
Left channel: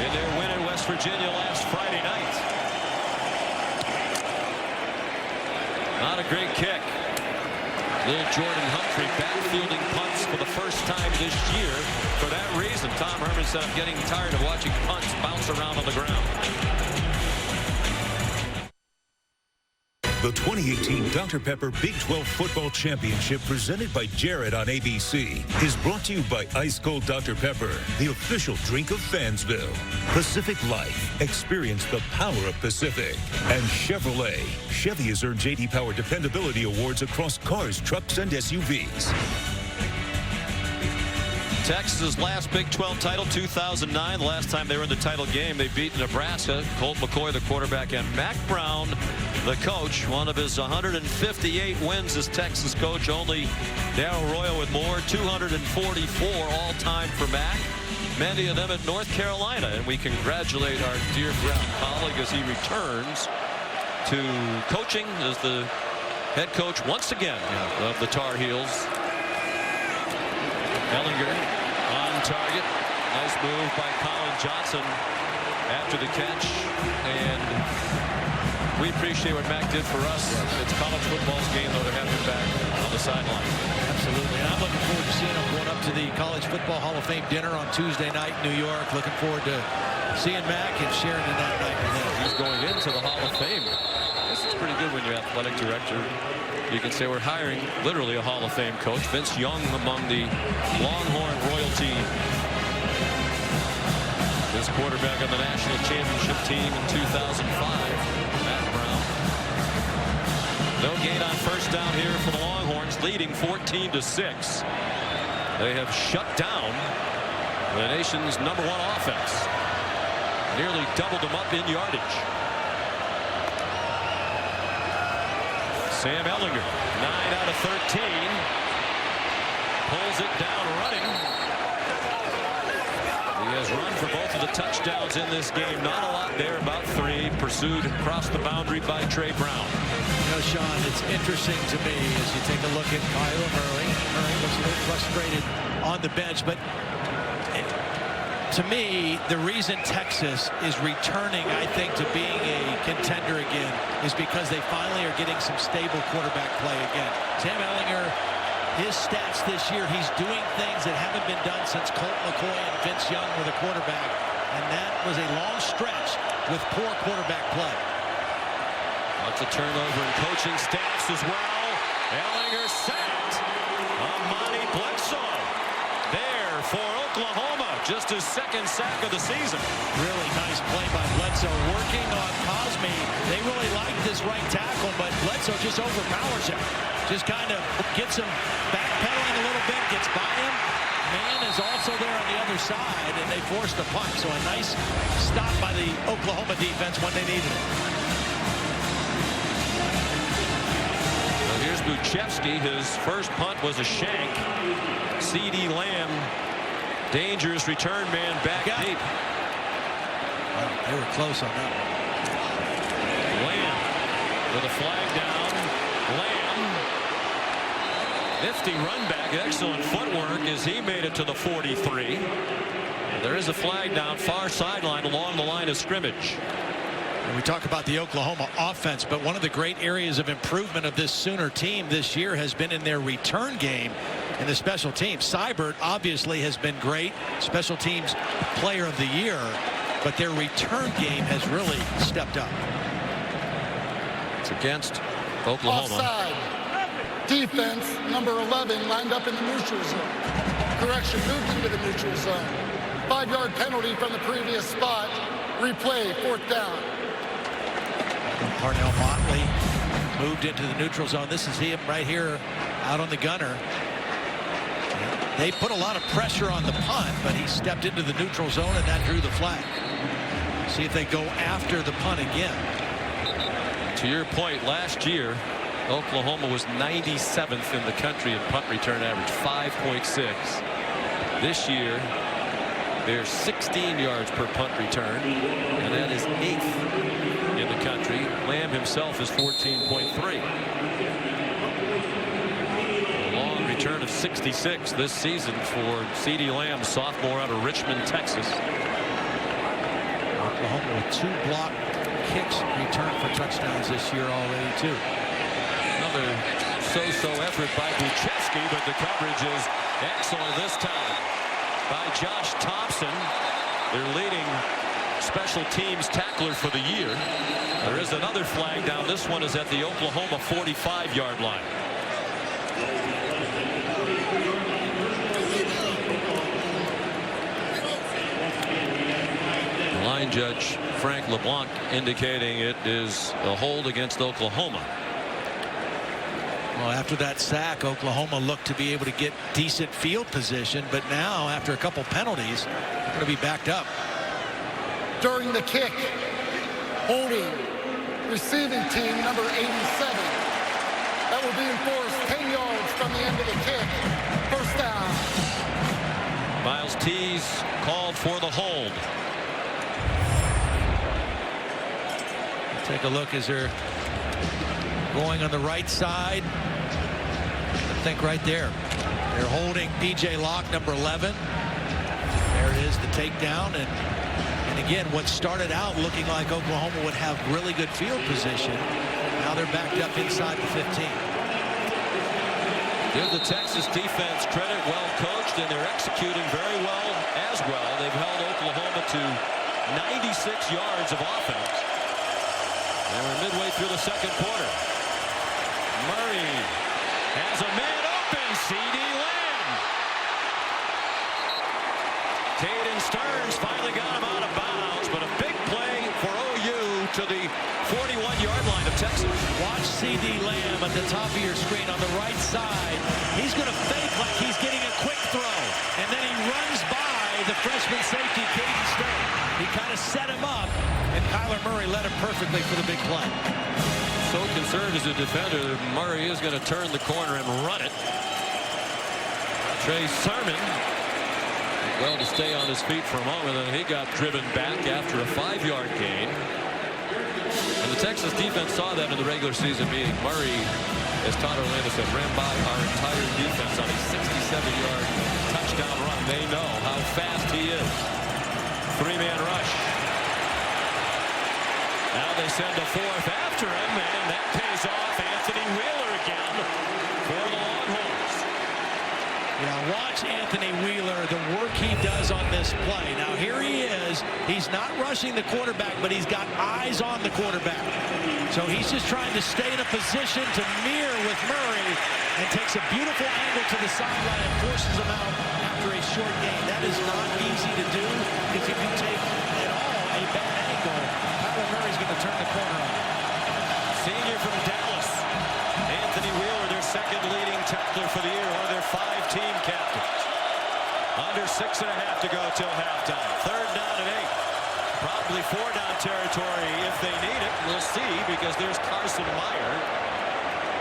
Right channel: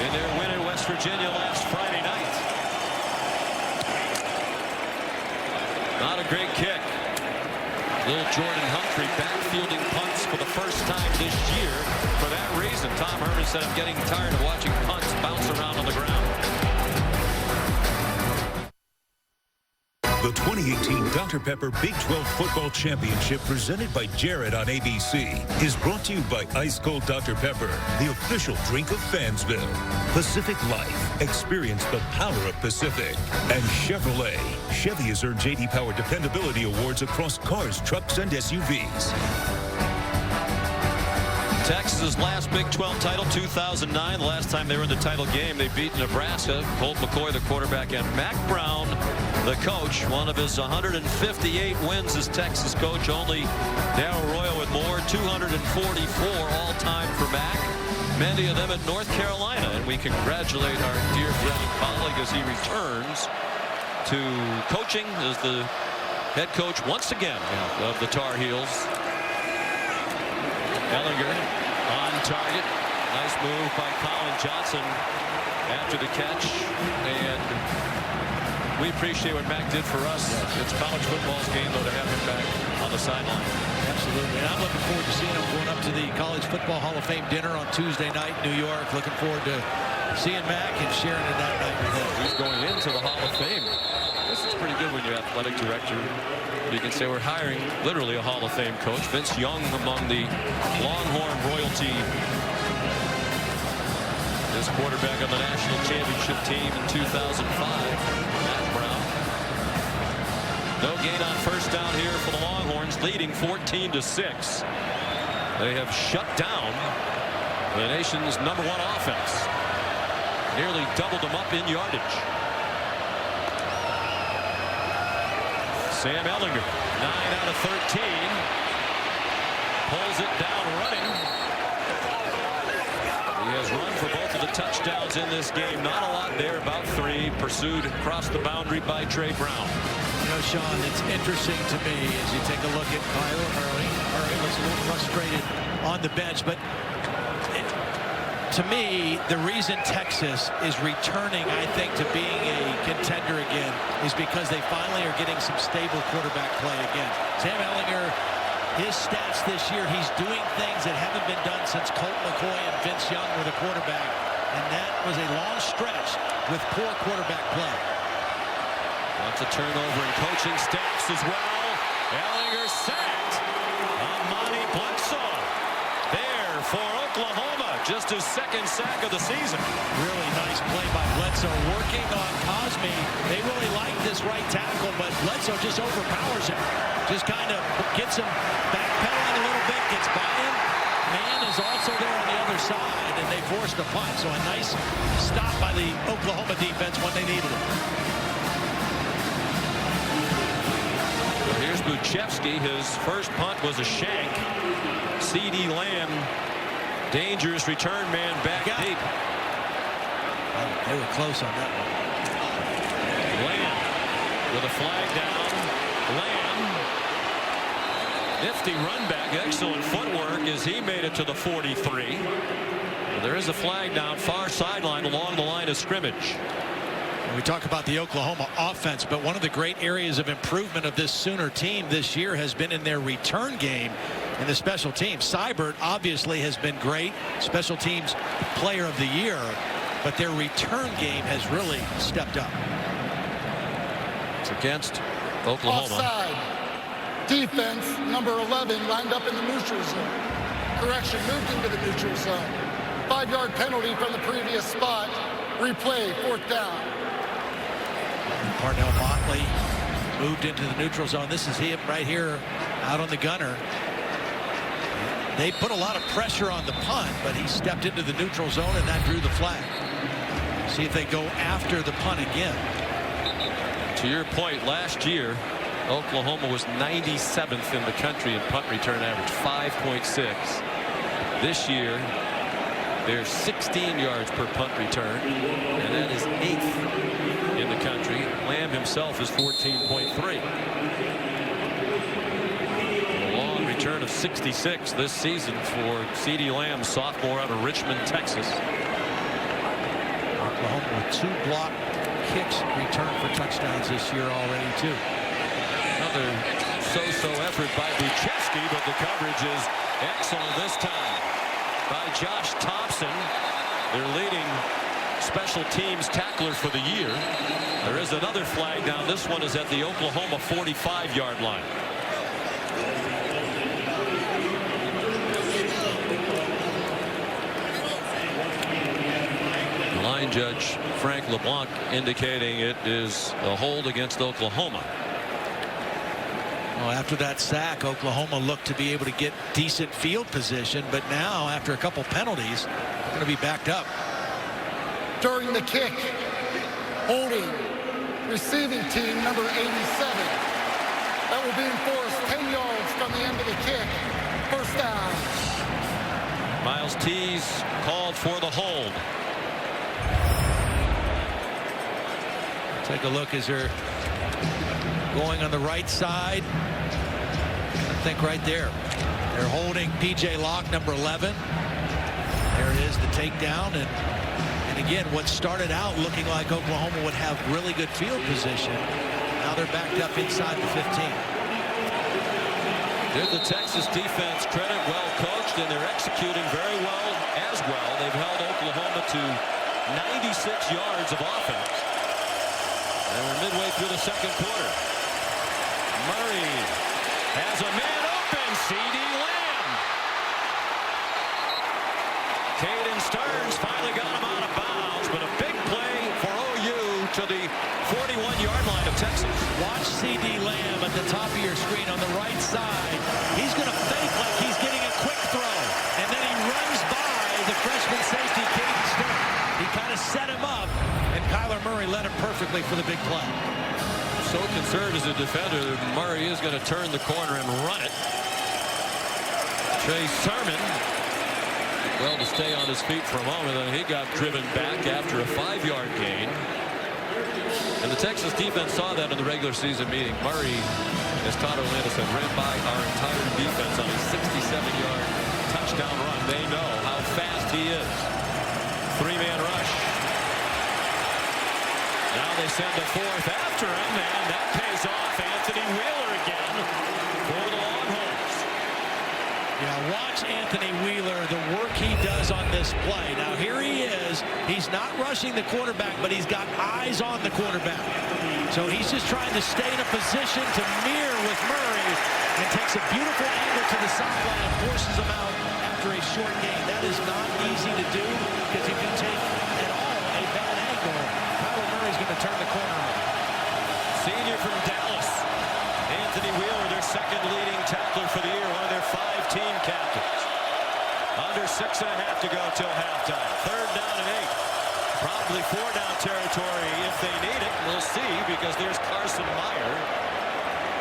in their win in West Virginia last Friday night. Not a great kick. Little Jordan Humphrey backfielding punts for the first time this year. For that reason, Tom Herman said, I'm getting tired of watching punts bounce around on the ground. The 2018 Dr. Pepper Big 12 Football Championship, presented by Jared on ABC, is brought to you by Ice Cold Dr. Pepper, the official drink of Fansville. Pacific Life. Experience the power of Pacific. And Chevrolet. Chevy has earned J.D. Power Dependability Awards across cars, trucks, and SUVs. Texas's last Big 12 title, 2009. The last time they were in the title game, they beat Nebraska. Colt McCoy, the quarterback, and Mack Brown, the coach. One of his 158 wins as Texas coach. Only Darrell Royal with more. 244 all-time for Mack. Many of them at North Carolina. And we congratulate our dear friend and colleague as he returns to coaching as the head coach once again of the Tar Heels. Ehlinger on target. Nice move by Colin Johnson after the catch. And we appreciate what Mac did for us. Yes. It's college football's game, though, to have him back on the sideline. Absolutely. And I'm looking forward to seeing him going up to the College Football Hall of Fame dinner on Tuesday night in New York. Looking forward to seeing Mac and sharing in that night with him. He's going into the Hall of Fame. This is pretty good when you're athletic director. You can say we're hiring literally a Hall of Fame coach. Vince Young among the Longhorn royalty. His quarterback on the national championship team in 2005, Matt Brown. No gain on first down here for the Longhorns, leading 14-6. They have shut down the nation's #1 offense. Nearly doubled them up in yardage. Sam Ehlinger, 9 out of 13. Pulls it down running. He has run for both of the touchdowns in this game. Not a lot there, about 3. Pursued across the boundary by Trey Brown. You know, Sean, it's interesting to me as you take a look at Kyler Murray. Murray looks a little frustrated on the bench, but to me, the reason Texas is returning, I think, to being a contender again is because they finally are getting some stable quarterback play again. Sam Ehlinger, his stats this year, he's doing things that haven't been done since Colt McCoy and Vince Young were the quarterback, and that was a long stretch with poor quarterback play. Lots of turnover in coaching staffs as well. Ehlinger sacked. Amani Bledsoe there for Oklahoma. Just his 2nd sack of the season. Really nice play by Bledsoe working on Cosme. They really like this right tackle, but Bledsoe just overpowers him. Just kind of gets him backpedaling a little bit, gets by him. Man is also there on the other side, and they forced a punt. So a nice stop by the Oklahoma defense when they needed it. So here's Buchevsky. His first punt was a shank. CeeDee Lamb, dangerous return man back deep. Wow, they were close on that one. Lamb with a flag down. Lamb, nifty run back, excellent footwork as he made it to the 43. Well, there is a flag down far sideline along the line of scrimmage. And we talk about the Oklahoma offense, but one of the great areas of improvement of this Sooner team this year has been in their return game and the special teams. Seibert obviously has been great, special teams player of the year, but their return game has really stepped up. It's against Oklahoma. Offside. Defense, number 11, lined up in the neutral zone. Correction, moved into the neutral zone. 5-yard penalty from the previous spot. Replay, 4th down. Parnell Motley moved into the neutral zone. This is him right here out on the gunner. They put a lot of pressure on the punt, but he stepped into the neutral zone, and that drew the flag. See if they go after the punt again. To your point, last year, Oklahoma was 97th in the country in punt return average, 5.6. This year, they're 16 yards per punt return, and that is 8th in the country. Lamb himself is 14.3. A long return of 66 this season for CeeDee Lamb, sophomore out of Richmond, Texas. Oklahoma with 2 block kicks returned for touchdowns this year already, too. Another so-so effort by Buchevsky, but the coverage is excellent this time by Josh Thompson, their leading special teams tackler for the year. There is another flag down. This one is at the Oklahoma 45-yard line. The line judge, Frank LeBlanc, indicating it is a hold against Oklahoma. Well, after that sack, Oklahoma looked to be able to get decent field position, but now, after a couple penalties, they're going to be backed up. During the kick, holding receiving team number 87. That will be enforced 10 yards from the end of the kick. 1st down. Miles Tees called for the hold. Take a look as they're going on the right side. I think right there. They're holding P.J. Locke, number 11. There it is, the takedown, and And again, what started out looking like Oklahoma would have really good field position, now they're backed up inside the 15. Give the Texas defense credit, well coached, and they're executing very well as well. They've held Oklahoma to 96 yards of offense. And we're midway through the second quarter. Murray has a man open, C.D. Lamb. Caden Stearns finally got him out of bounds, but a big play for OU to the 41-yard line of Texas. Watch C.D. Lamb at the top of your screen on the right side. He's going to fake like he's getting a quick throw, and then he runs by the freshman safety, Caden Stearns. He kind of set him up, and Kyler Murray led him perfectly for the big play. So concerned as a defender that Murray is going to turn the corner and run it. Trey Sermon did well to stay on his feet for a moment, and he got driven back after a 5-yard gain. And the Texas defense saw that in the regular season meeting. Murray, as Todd Orlando said, ran by our entire defense on a 67-yard touchdown run. They know how fast he is. 3-man rush. Now they send a fourth after him, and that pays off. Anthony Wheeler again for the Longhorns. Yeah, watch Anthony Wheeler, the work he does on this play. Now here he is. He's not rushing the quarterback, but he's got eyes on the quarterback. So he's just trying to stay in a position to mirror with Murray and takes a beautiful angle to the sideline and forces him out after a short gain. That is not easy to do, because if you take at all a bad angle, Kyler Murray's going to turn the corner on you. Senior from Dallas, Anthony Wheeler, their second leading tackler for the year, one of their 5 team captains. Under 6.5 to go till halftime. 3rd down and 8. Probably 4-down territory if they need it. We'll see, because there's Carson Meyer.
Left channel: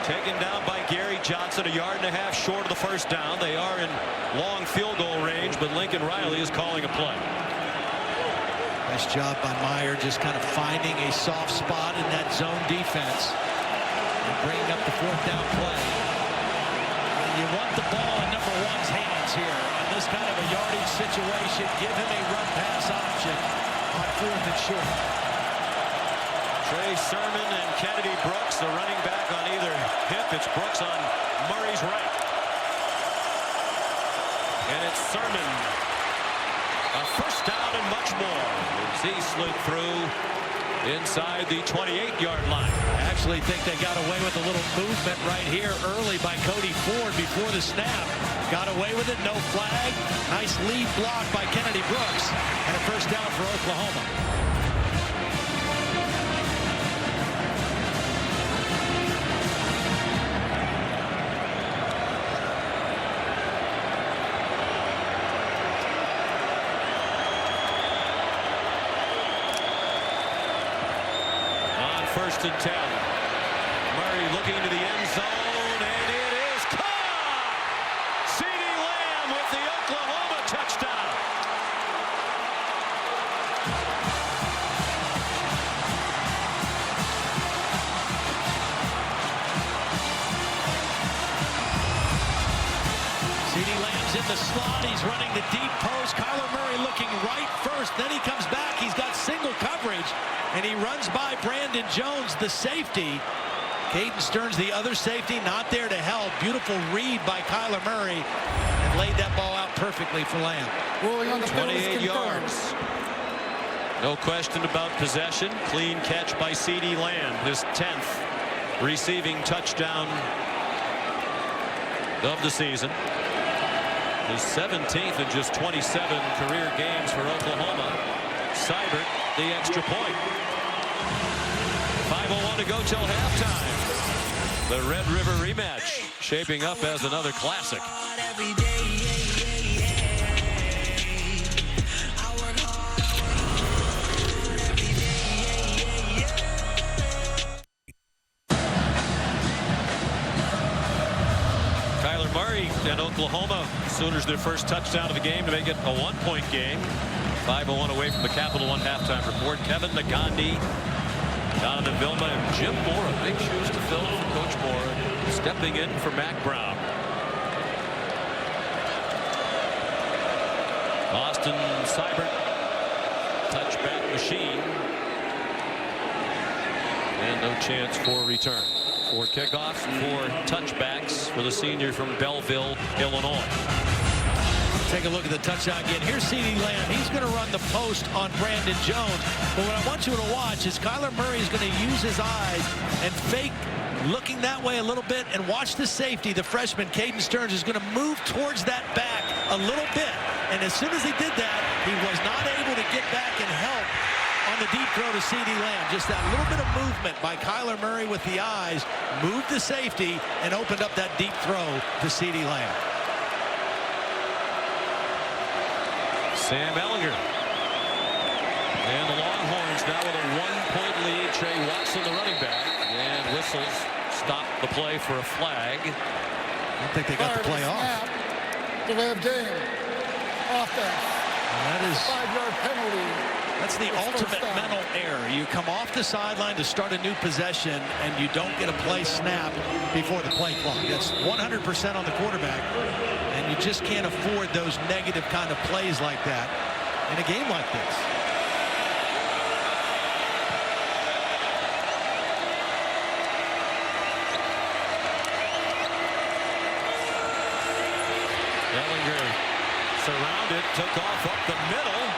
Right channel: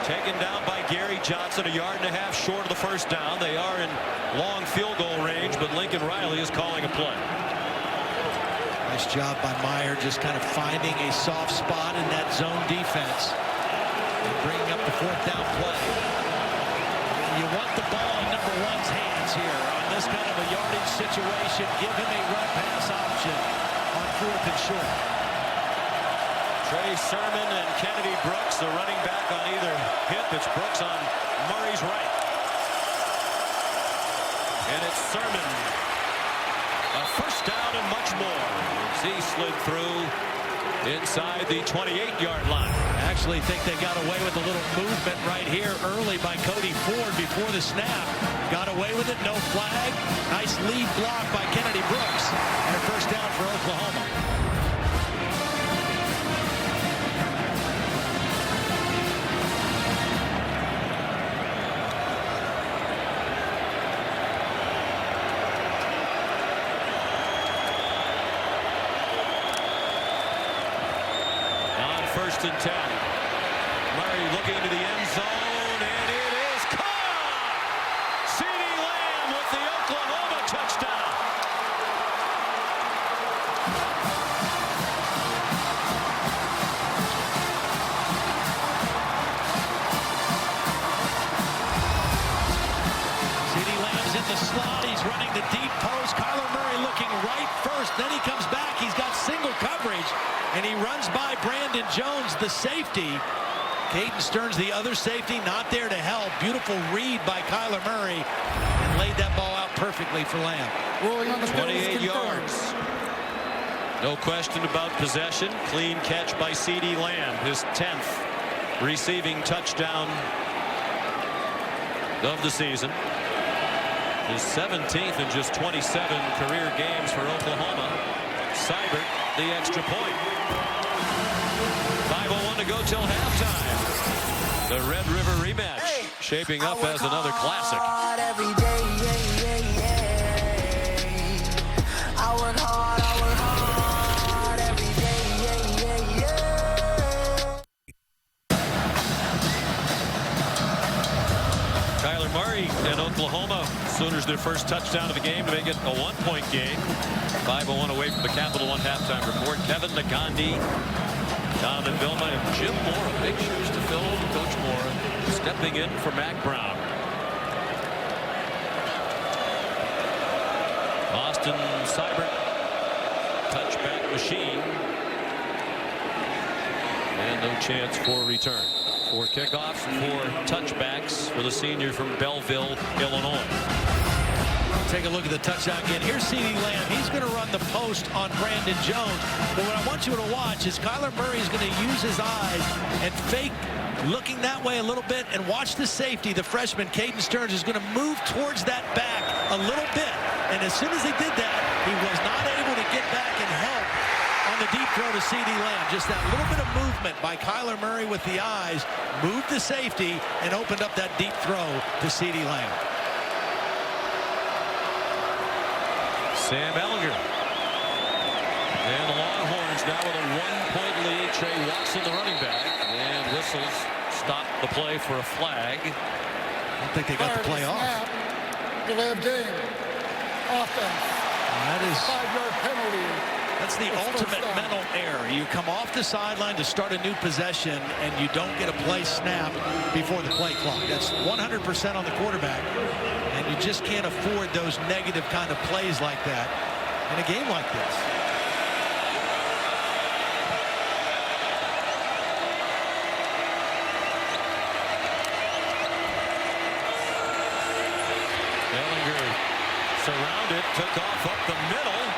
Taken down by Gary Johnson, 1.5 yards short of the first down. They are in long field goal range, but Lincoln Riley is calling a play. Nice job by Meyer, just kind of finding a soft spot in that zone defense and bringing up the 4th down play. You want the ball in number 1's hands here on this kind of a yardage situation. Give him a run pass option on 4th and short. Trey Sermon and Kennedy Brooks, the running back on either hip. It's Brooks on Murray's right. And it's Sermon. A first down and much more as he slid through inside the 28-yard line. I actually think they got away with a little movement right here early by Cody Ford before the snap. Got away with it, no flag. Nice lead block by Kennedy Brooks, and a first down for Oklahoma. On 1st and 10. Murray looking to the end zone, and it is caught! C.D. Lamb with the Oklahoma touchdown. C.D. Lamb's in the slot. He's running the deep post. Kyler Murray looking right first. Then he comes back. He's got single coverage, and he runs by Brandon Jones, the safety. Caden Stearns, the other safety, not there to help. Beautiful read by Kyler Murray, and laid that ball out perfectly for Lamb. Ruling on the 28 yards. No question about possession. Clean catch by C.D. Lamb, his 10th receiving touchdown of the season. His 17th in just 27 career games for Oklahoma. Seibert, the extra point. 5:01 to go till halftime. The Red River rematch shaping up as another classic. Kyler Murray and Oklahoma. Sooners their first touchdown of the game to make it a 1-point game. 5:01 away from the Capital One halftime report. Kevin Nagandi, Jonathan Vilma, and Jim Mora. Big shoes to fill for Coach Mora, stepping in for Mack Brown. Austin Seibert touchback machine. And no chance for a return. 4 kickoffs and 4 touchbacks for the senior from Belleville, Illinois. Take a look at the touchdown again. Here's CeeDee Lamb. He's going to run the post on Brandon Jones. But what I want you to watch is Kyler Murray is going to use his eyes and fake looking that way a little bit, and watch the safety. The freshman, Caden Stearns, is going to move towards that back a little bit. And as soon as he did that, he was not able to get back and help on the deep throw to CeeDee Lamb. Just that little bit of movement by Kyler Murray with the eyes moved the safety and opened up that deep throw to CeeDee Lamb. Sam Ehlinger. And the Longhorns now with a 1-point lead. Trey Watson, the running back, and whistles stop the play for a flag. I don't think they got the play off. Delay of game. Offense. That is 5-yard penalty. That's the ultimate mental error. You come off the sideline to start a new possession, and you don't get a play snapped before the play clock. That's 100% on the quarterback, and you just can't afford those negative kind of plays like that in a game like this. Ehlinger surrounded, took off up the middle,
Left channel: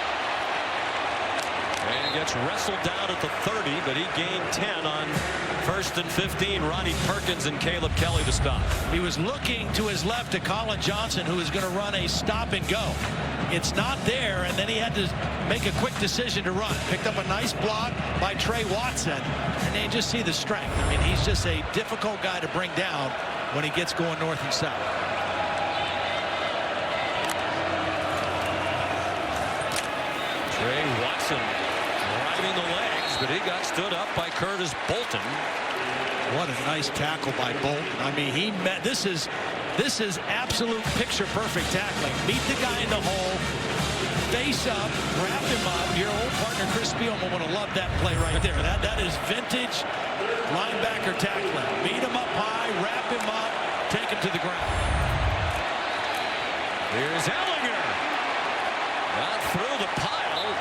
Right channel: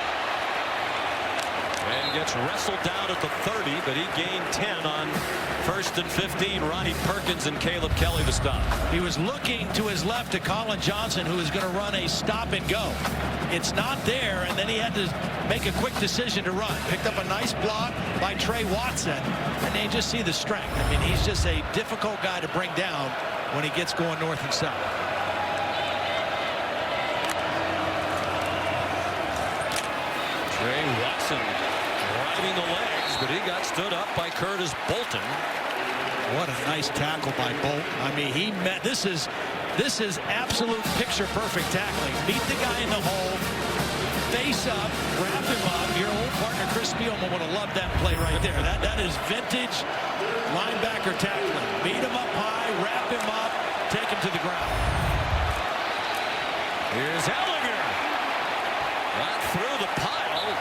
and gets wrestled down at the 30, but he gained 10 on 1st and 15. Ronnie Perkins and Caleb Kelly to stop. He was looking to his left to Colin Johnson, who is going to run a stop and go. It's not there, and then he had to make a quick decision to run. Picked up a nice block by Trey Watson, and they just see the strength. I mean, he's just a difficult guy to bring down when he gets going north and south. Trey Watson driving the legs, but he got stood up by Curtis Bolton. What a nice tackle by Bolton. I mean, he met. This is absolute picture perfect tackling. Meet the guy in the hole, face up, wrap him up. Your old partner Chris Spielman would have loved that play right there. That is vintage linebacker tackling. Meet him up high, wrap him up, take him to the ground. Here's Ehlinger. Got through the pile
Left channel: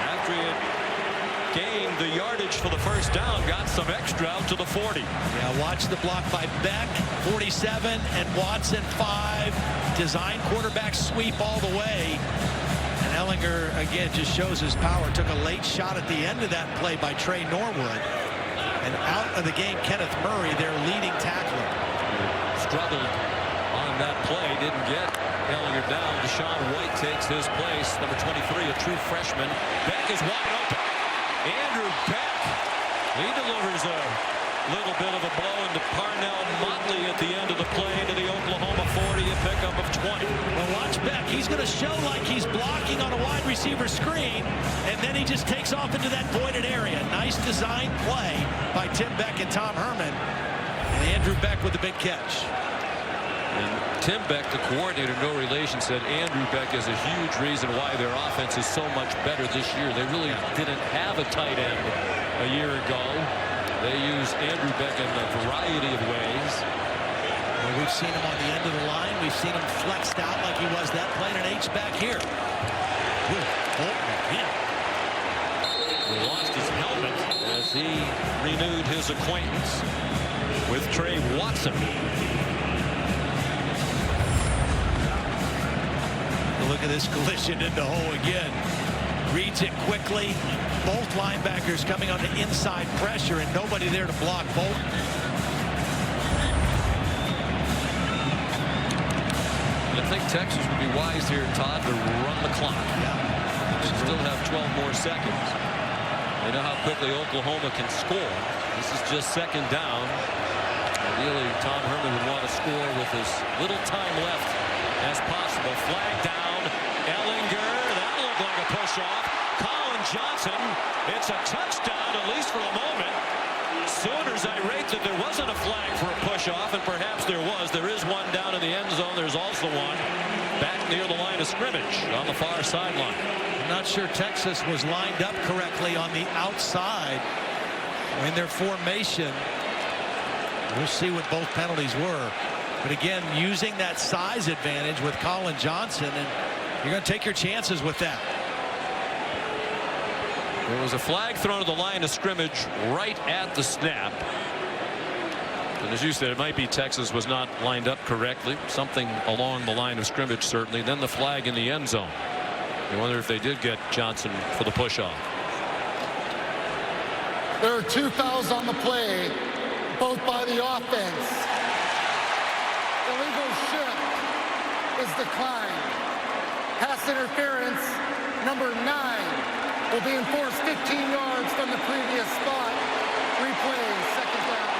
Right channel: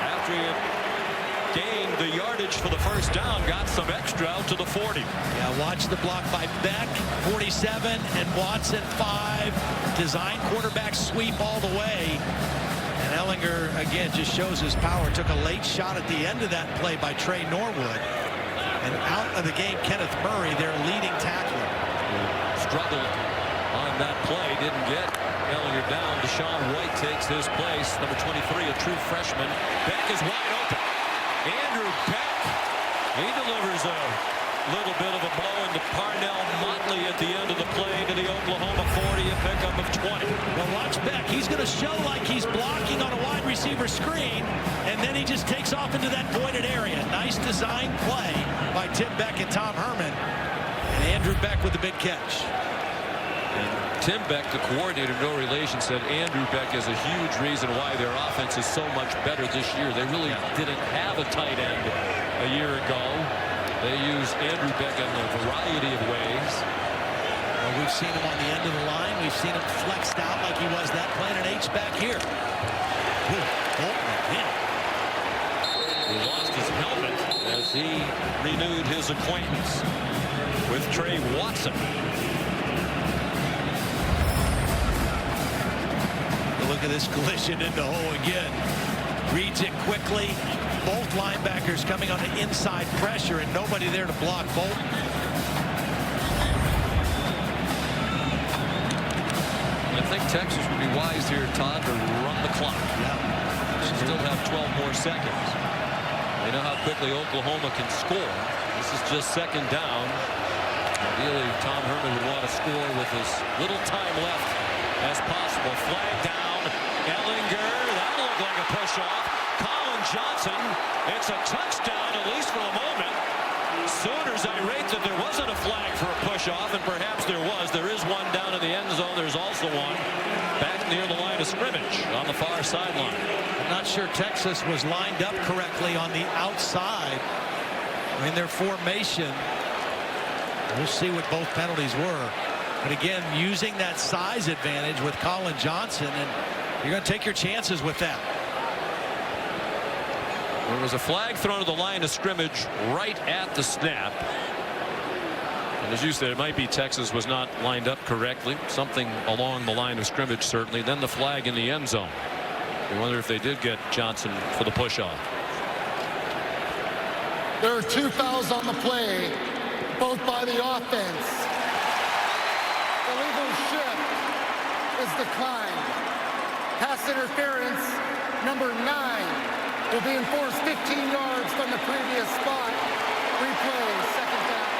after he had gained the yardage for the first down, got some extra out to the 40. Yeah, watch the block by Beck, 47, and Watson, 5. Design quarterback sweep all the way. And Ehlinger, again, just shows his power. Took a late shot at the end of that play by Trey Norwood. And out of the game, Kenneth Murray, their leading tackler. Struggled on that play, didn't get Ehlinger down. Deshaun White takes his place. Number 23, a true freshman. Beck is wide open. Andrew Beck, he delivers a little bit of a blow into Parnell Motley at the end of the play to the Oklahoma 40, a pickup of 20. Well, watch Beck. He's going to show like he's blocking on a wide receiver screen, and then he just takes off into that voided area. Nice design play by Tim Beck and Tom Herman. And Andrew Beck with the big catch. And Tim Beck, the coordinator, no relation, said Andrew Beck is a huge reason why their offense is so much better this year. They really didn't have a tight end a year ago. They use Andrew Beck in a variety of ways. Well, we've seen him on the end of the line. We've seen him flexed out like he was that play, and an H-back here. Ooh, Bolton again. He lost his helmet as he renewed his acquaintance with Trey Watson. Look at this collision in the hole again. Reads it quickly. Both linebackers coming on the inside pressure, and nobody there to block Bolton. I think Texas would be wise here, Todd, to run the clock. Yeah. They still have 12 more seconds. They know how quickly Oklahoma can score. This is just second down. Ideally, Tom Herman would want to score with as little time left as possible. Flag down. Ehlinger, that looked like a push-off. Colin Johnson, it's a touchdown, at least for the moment. Sooners irate that there wasn't a flag for a push-off, and perhaps there was. There is one down in the end zone. There's also one back near the line of scrimmage on the far sideline. I'm not sure Texas was lined up correctly on the outside in their formation. We'll see what both penalties were. But again, using that size advantage with Colin Johnson, and you're going to take your chances with that. There was a flag thrown at the line of scrimmage right at the snap. And as you said, it might be Texas was not lined up correctly. Something along the line of scrimmage, certainly. Then the flag in the end zone. You wonder if they did get Johnson for the push-off. There are 2 fouls on the play, both by the offense. Illegal shift is declined. Pass interference, number 9, will be enforced 15 yards from the previous spot. Replay, second down.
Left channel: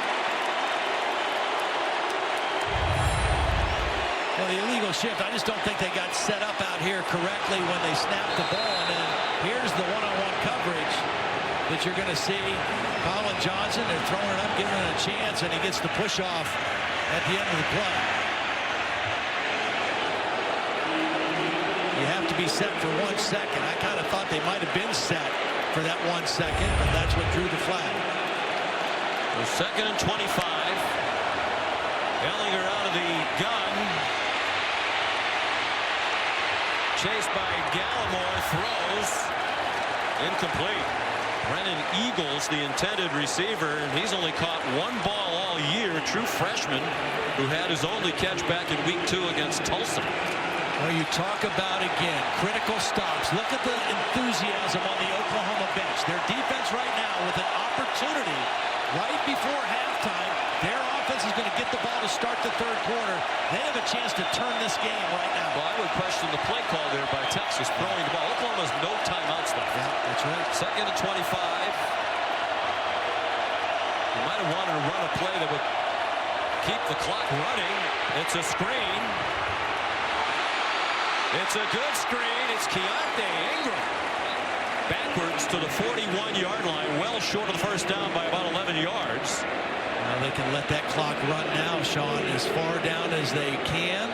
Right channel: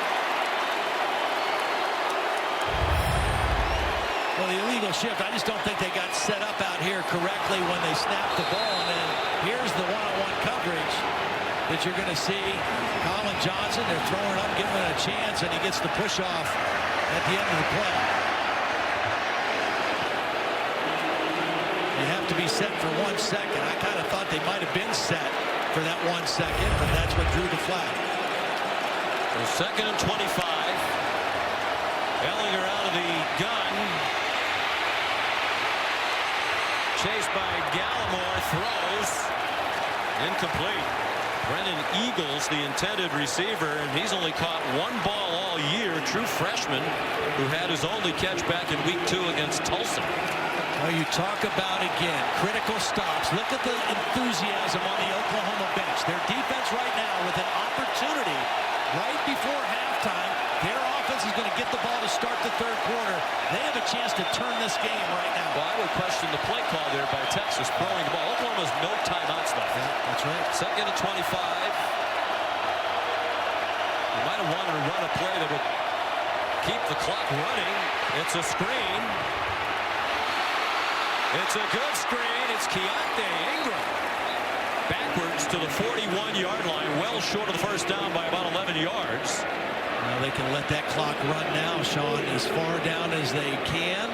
Well, the illegal shift, I just don't think they got set up out here correctly when they snapped the ball. And then here's the one-on-one coverage that you're going to see. Colin Johnson, they're throwing it up, giving it a chance, and he gets the push off at the end of the play. You have to be set for 1 second. I kind of thought they might have been set for that 1 second, but that's what drew the flag. So 2nd and 25. Ehlinger out of the gun. Chased by Gallimore, throws. Incomplete. Brennan Eagles, the intended receiver, and he's only caught 1 ball all year. True freshman who had his only catch back in week 2 against Tulsa. Well, you talk about, again, critical stops. Look at the enthusiasm on the Oklahoma bench. Their defense right now with an opportunity right before halftime. Their offense is going to get the ball to start the 3rd quarter. They have a chance to turn this game right now. Well, I would question the play call there by Texas throwing the ball. Oklahoma has no timeouts left. Yeah, that's right. 2nd and 25. You might have wanted to run a play that would keep the clock running. It's a screen. It's a good screen. It's Keontae Ingram. Backwards to the 41-yard line, well short of the first down by about 11 yards. Now they can let that clock run now, Sean, as far down as they can.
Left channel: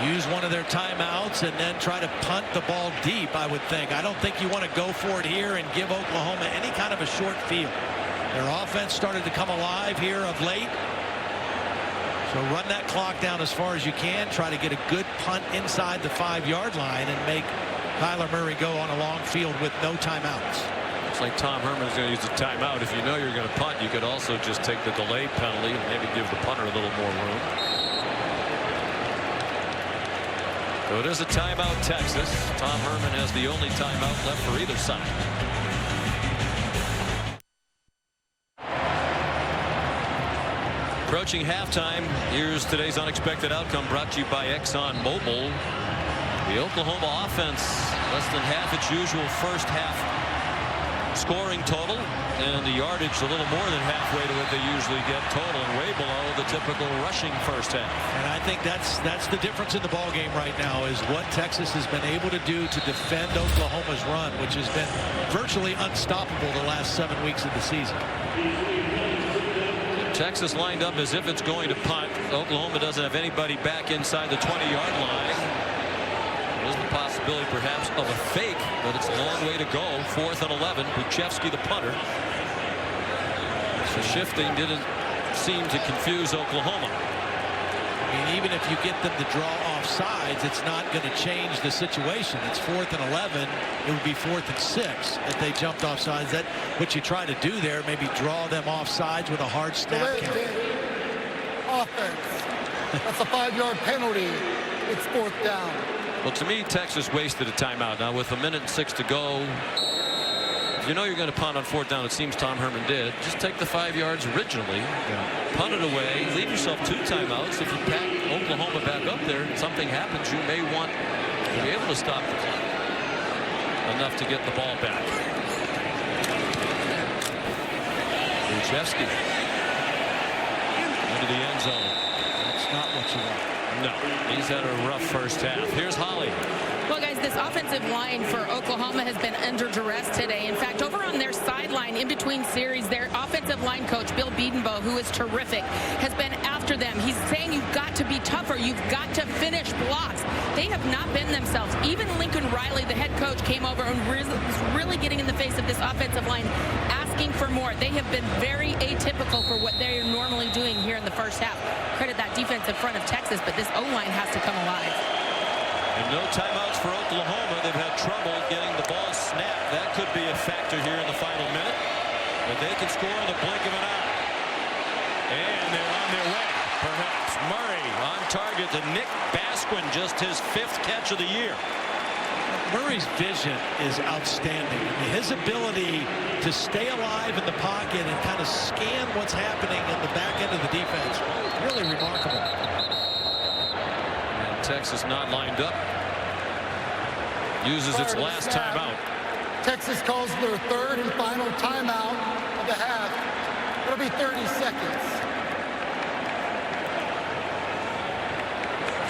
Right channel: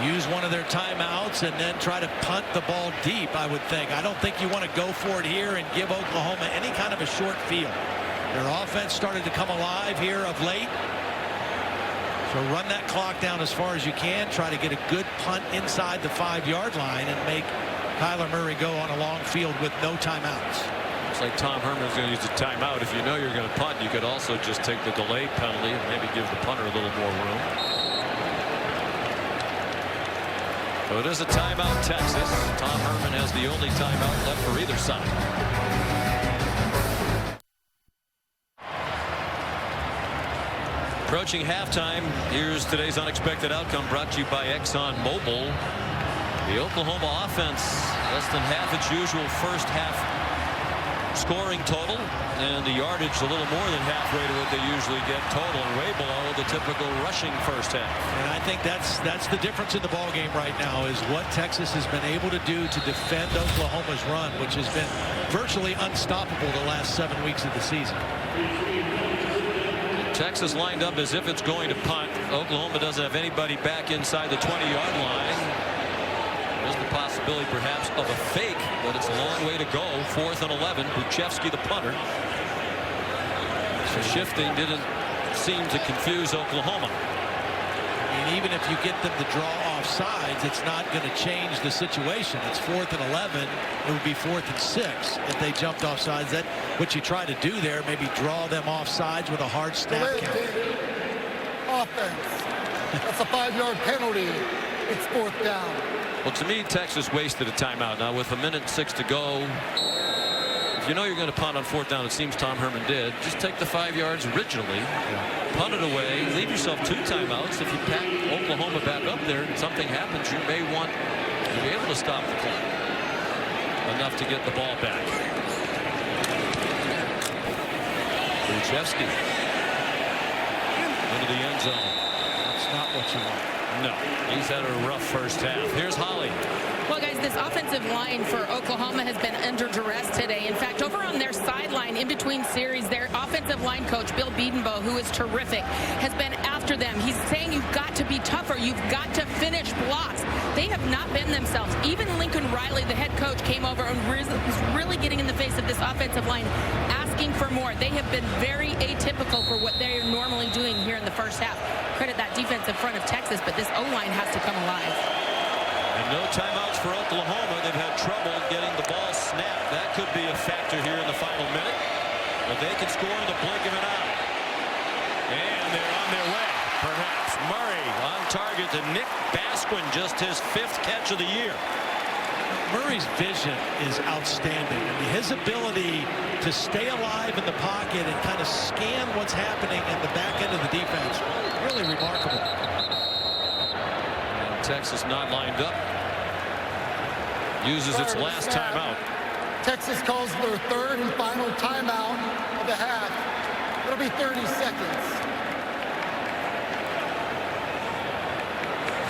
Use one of their timeouts and then try to punt the ball deep, I would think. I don't think you want to go for it here and give Oklahoma any kind of a short field. Their offense started to come alive here of late. So run that clock down as far as you can. Try to get a good punt inside the 5-yard line and make Kyler Murray go on a long field with no timeouts. Looks like Tom Herman is going to use the timeout. If you know you're going to punt, you could also just take the delay penalty and maybe give the punter a little more room. So it is a timeout, Texas. Tom Herman has the only timeout left for either side. Approaching halftime, here's today's unexpected outcome brought to you by ExxonMobil. The Oklahoma offense less than half its usual first half scoring total, and the yardage a little more than halfway to what they usually get total, and way below the typical rushing first half. And I think that's the difference in the ball game right now, is what Texas has been able to do to defend Oklahoma's run, which has been virtually unstoppable the last 7 weeks of the season. Texas lined up as if it's going to punt. Oklahoma doesn't have anybody back inside the 20-yard line. There's the possibility perhaps of a fake, but it's a long way to go. 4th and 11. Buchevsky the punter. The shifting didn't seem to confuse Oklahoma. I mean, even if you get them to draw off sides, it's not going to change the situation. It's 4th and 11. It would be 4th and 6 if they jumped off sides. That what you try to do there, maybe draw them off sides with a hard snap count. Offense. That's a 5-yard penalty. It's 4th down. Well, to me, Texas wasted a timeout. Now, with 1:06 to go, if you know you're going to punt on 4th down, it seems Tom Herman did, just take the 5 yards originally, punt it away, leave yourself 2 timeouts. If you pack Oklahoma back up there and something happens, you may want to be able to stop the clock enough to get the ball back. Buchevsky into the end zone. That's not what you want. No, he's had a rough first half. Here's Holly. Well, guys, this offensive line for Oklahoma has been under duress today. In fact, over on their sideline, in between series, their offensive line coach, Bill Bedenbaugh, who is terrific, has been after them. He's saying you've got to be tougher. You've got to finish blocks. They have not been themselves. Even Lincoln Riley, the head coach, came over and was really getting in the face of this offensive line, asking for more. They have been very atypical for what they're normally doing here in the first half. Credit that defensive front of Texas, but this O-line has to come alive. And no timeouts for Oklahoma. They've had trouble getting the ball snapped. That could be a factor here in the final minute. But they can score in the blink of an eye. And they're on their way, perhaps. Murray on target to Nick Basquin, just his 5th catch of the year. Murray's vision is outstanding. I mean, his ability to stay alive in the pocket and kind of scan what's happening in the back end of the defense, really remarkable. And Texas not lined up. Uses its last timeout. Texas calls their 3rd and final timeout of the half. It'll be 30 seconds.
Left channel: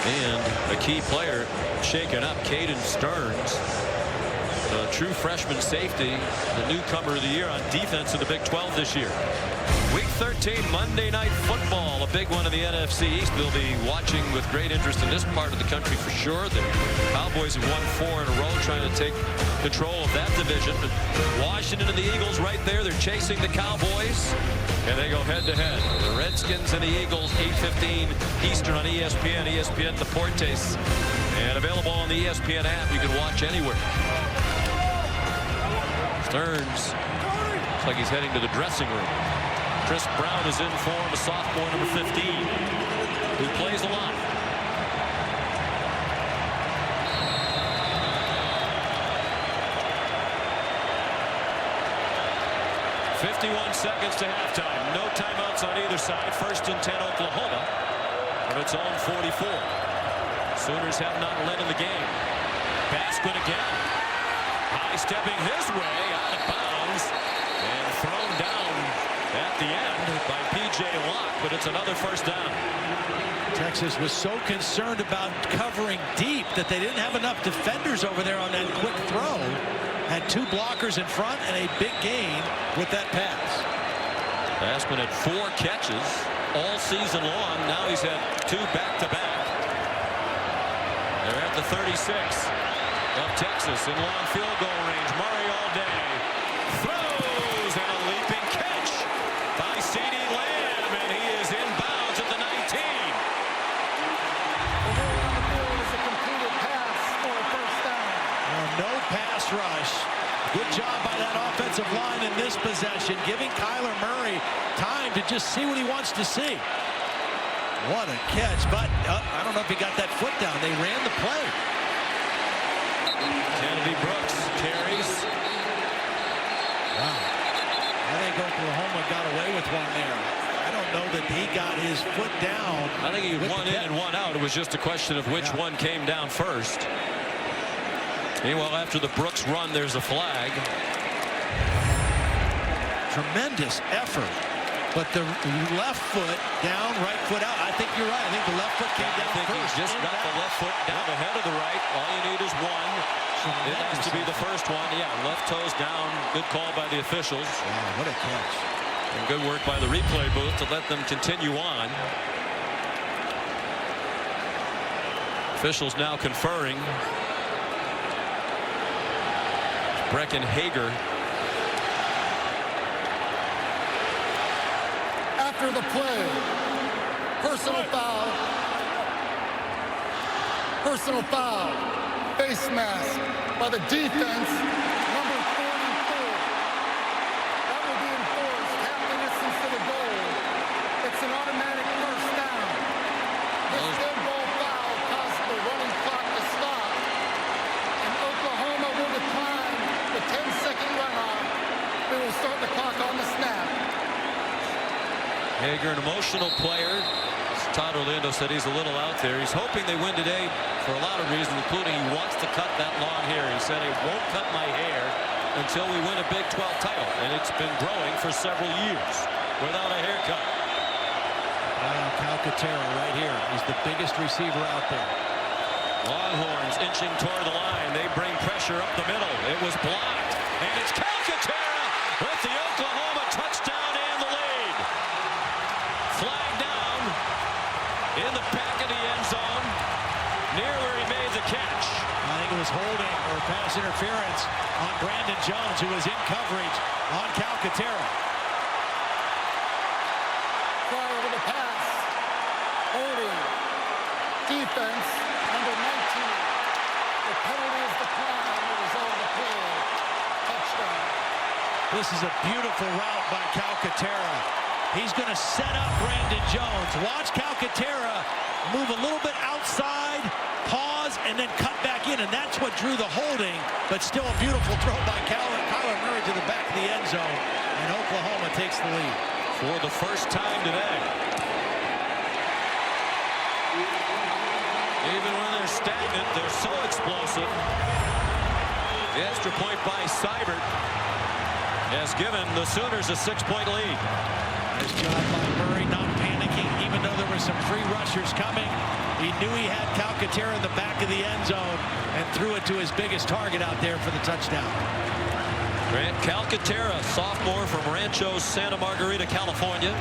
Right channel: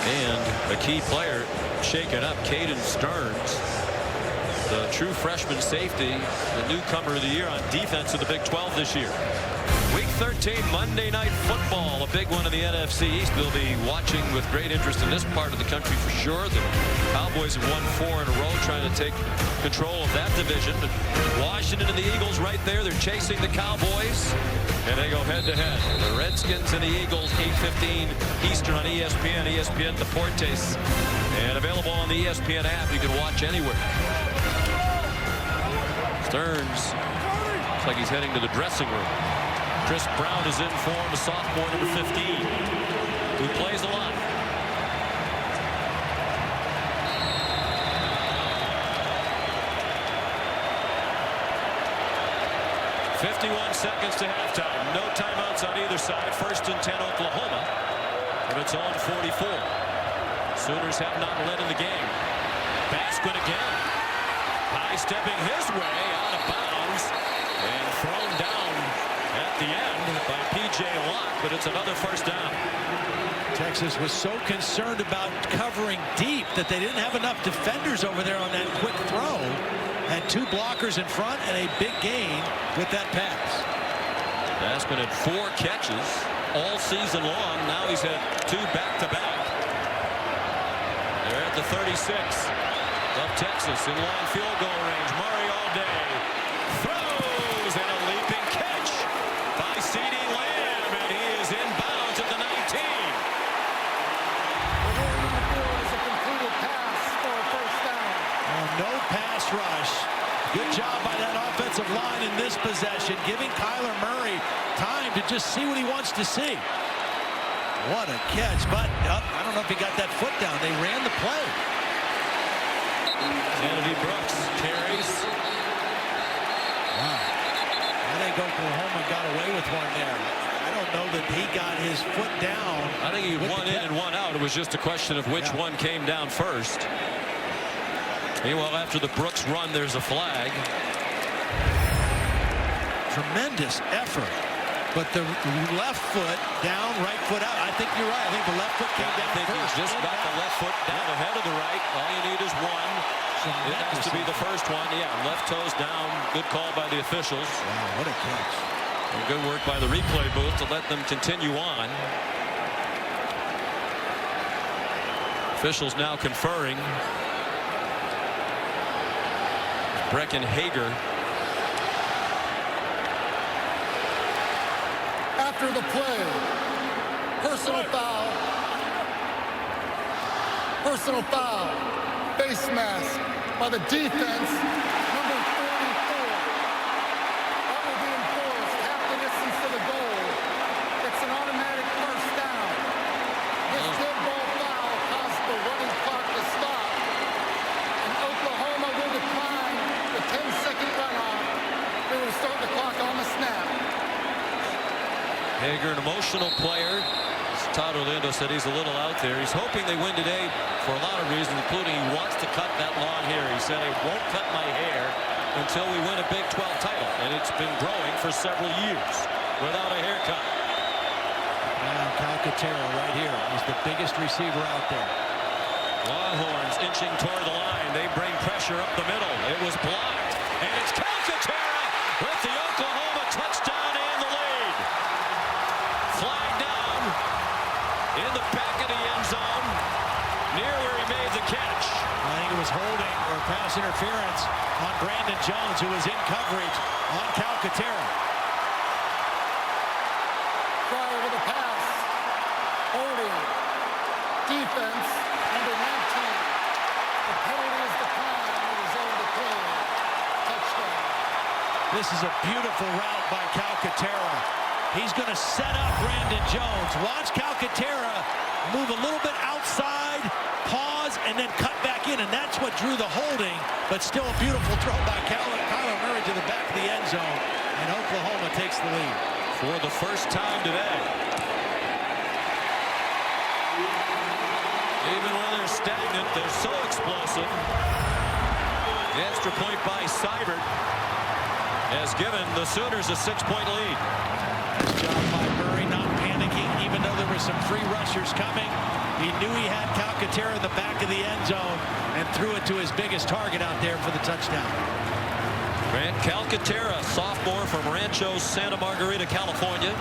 And a key player shaken up, Caden Stearns, the true freshman safety, the newcomer of the year on defense in the Big 12 this year. Week 13 Monday Night Football, a big one in the NFC East. We'll be watching with great interest in this part of the country for sure. The Cowboys have won 4 in a row, trying to take control of that division. But Washington and the Eagles right there. They're chasing the Cowboys, and they go head-to-head. The Redskins and the Eagles, 8:15 Eastern on ESPN, ESPN Deportes, and available on the ESPN app. You can watch anywhere. Stearns looks like he's heading to the dressing room. Chris Brown is in form, a sophomore, number 15, who plays the line. .51 seconds to halftime. No timeouts on either side. 1st and 10 Oklahoma from its own 44. Sooners have not led in the game. Basquin again. High stepping his way out of bounds and thrown down at the end by P.J. Locke, but it's another 1st down. Texas was so concerned about covering deep that they didn't have enough defenders over there on that quick throw. Had 2 blockers in front and a big gain with that pass. Basquin had 4 catches all season long. Now he's had 2 back-to-back. They're at the 36 of Texas in long field goal range. Murray all day. Throws and a leaping catch by CeeDee Lamb, and he is inbounds at the 19. The ruling on the field is a completed pass for a 1st down. No pass rush. Good job by that offensive line in this possession, giving Kyler Murray time to just see what he wants to see. What a catch, but I don't know if he got that foot down. They ran the play. Kennedy Brooks carries. Wow. I think Oklahoma got away with one there. I don't know that he got his foot down. I think he had 1 in and 1 out. It was just a question of which one came down first. Meanwhile, after the Brooks run, there's a flag. Tremendous effort. But the left foot down, right foot out. I think you're right. I think the left foot came down first. I think he just got the left foot down ahead of the right. All you need is one. It has to be the first one. Yeah, left toes down. Good call by the officials. Wow, what a catch. And good work by the replay booth to let them continue on. Officials now conferring. Brecken Hager. After the play, personal foul, face mask by the defense, number 44. That will be enforced half the distance to the goal. It's an automatic 1st down. This dead ball foul caused the running clock to stop, and Oklahoma will decline the 10-second runoff. They will start the clock on the snap. Hager, an emotional player. As Todd Orlando said, he's a little out there. He's hoping they win today for a lot of reasons, including he wants to cut that long hair. He said, "I won't cut my hair until we win a Big 12 title." And it's been growing for several years without a haircut. Now Calcaterra right here. He's the biggest receiver out there. Longhorns inching toward the line. They bring pressure up the middle. It was blocked. And it's Calcaterra with the Oklahoma touchdown and the lead. Flag down in the back of the end zone near where he made the catch. I think it was holding or pass interference on Brandon Jones, who was in coverage on Calcaterra. Prior to the pass, holding, defense, number 19. The penalty is declined. It is over the play. Touchdown. This is a beautiful route by Calcaterra. He's going to set up Brandon Jones. Watch Calcaterra move a little bit outside, pause, and then cut back in, and that's what drew the holding, but still a beautiful throw by Kyler Murray to the back of the end zone, and Oklahoma takes the lead. For the first time today. Even when they're stagnant, they're so explosive. The extra point by Seibert has given the Sooners a 6-point lead. Nice job by Murray, not panicking, even though there were some free rushers coming. He knew he had Calcaterra in the back of the end zone and threw it to his biggest target out there for the touchdown. Grant Calcaterra, sophomore from Rancho Santa Margarita, California.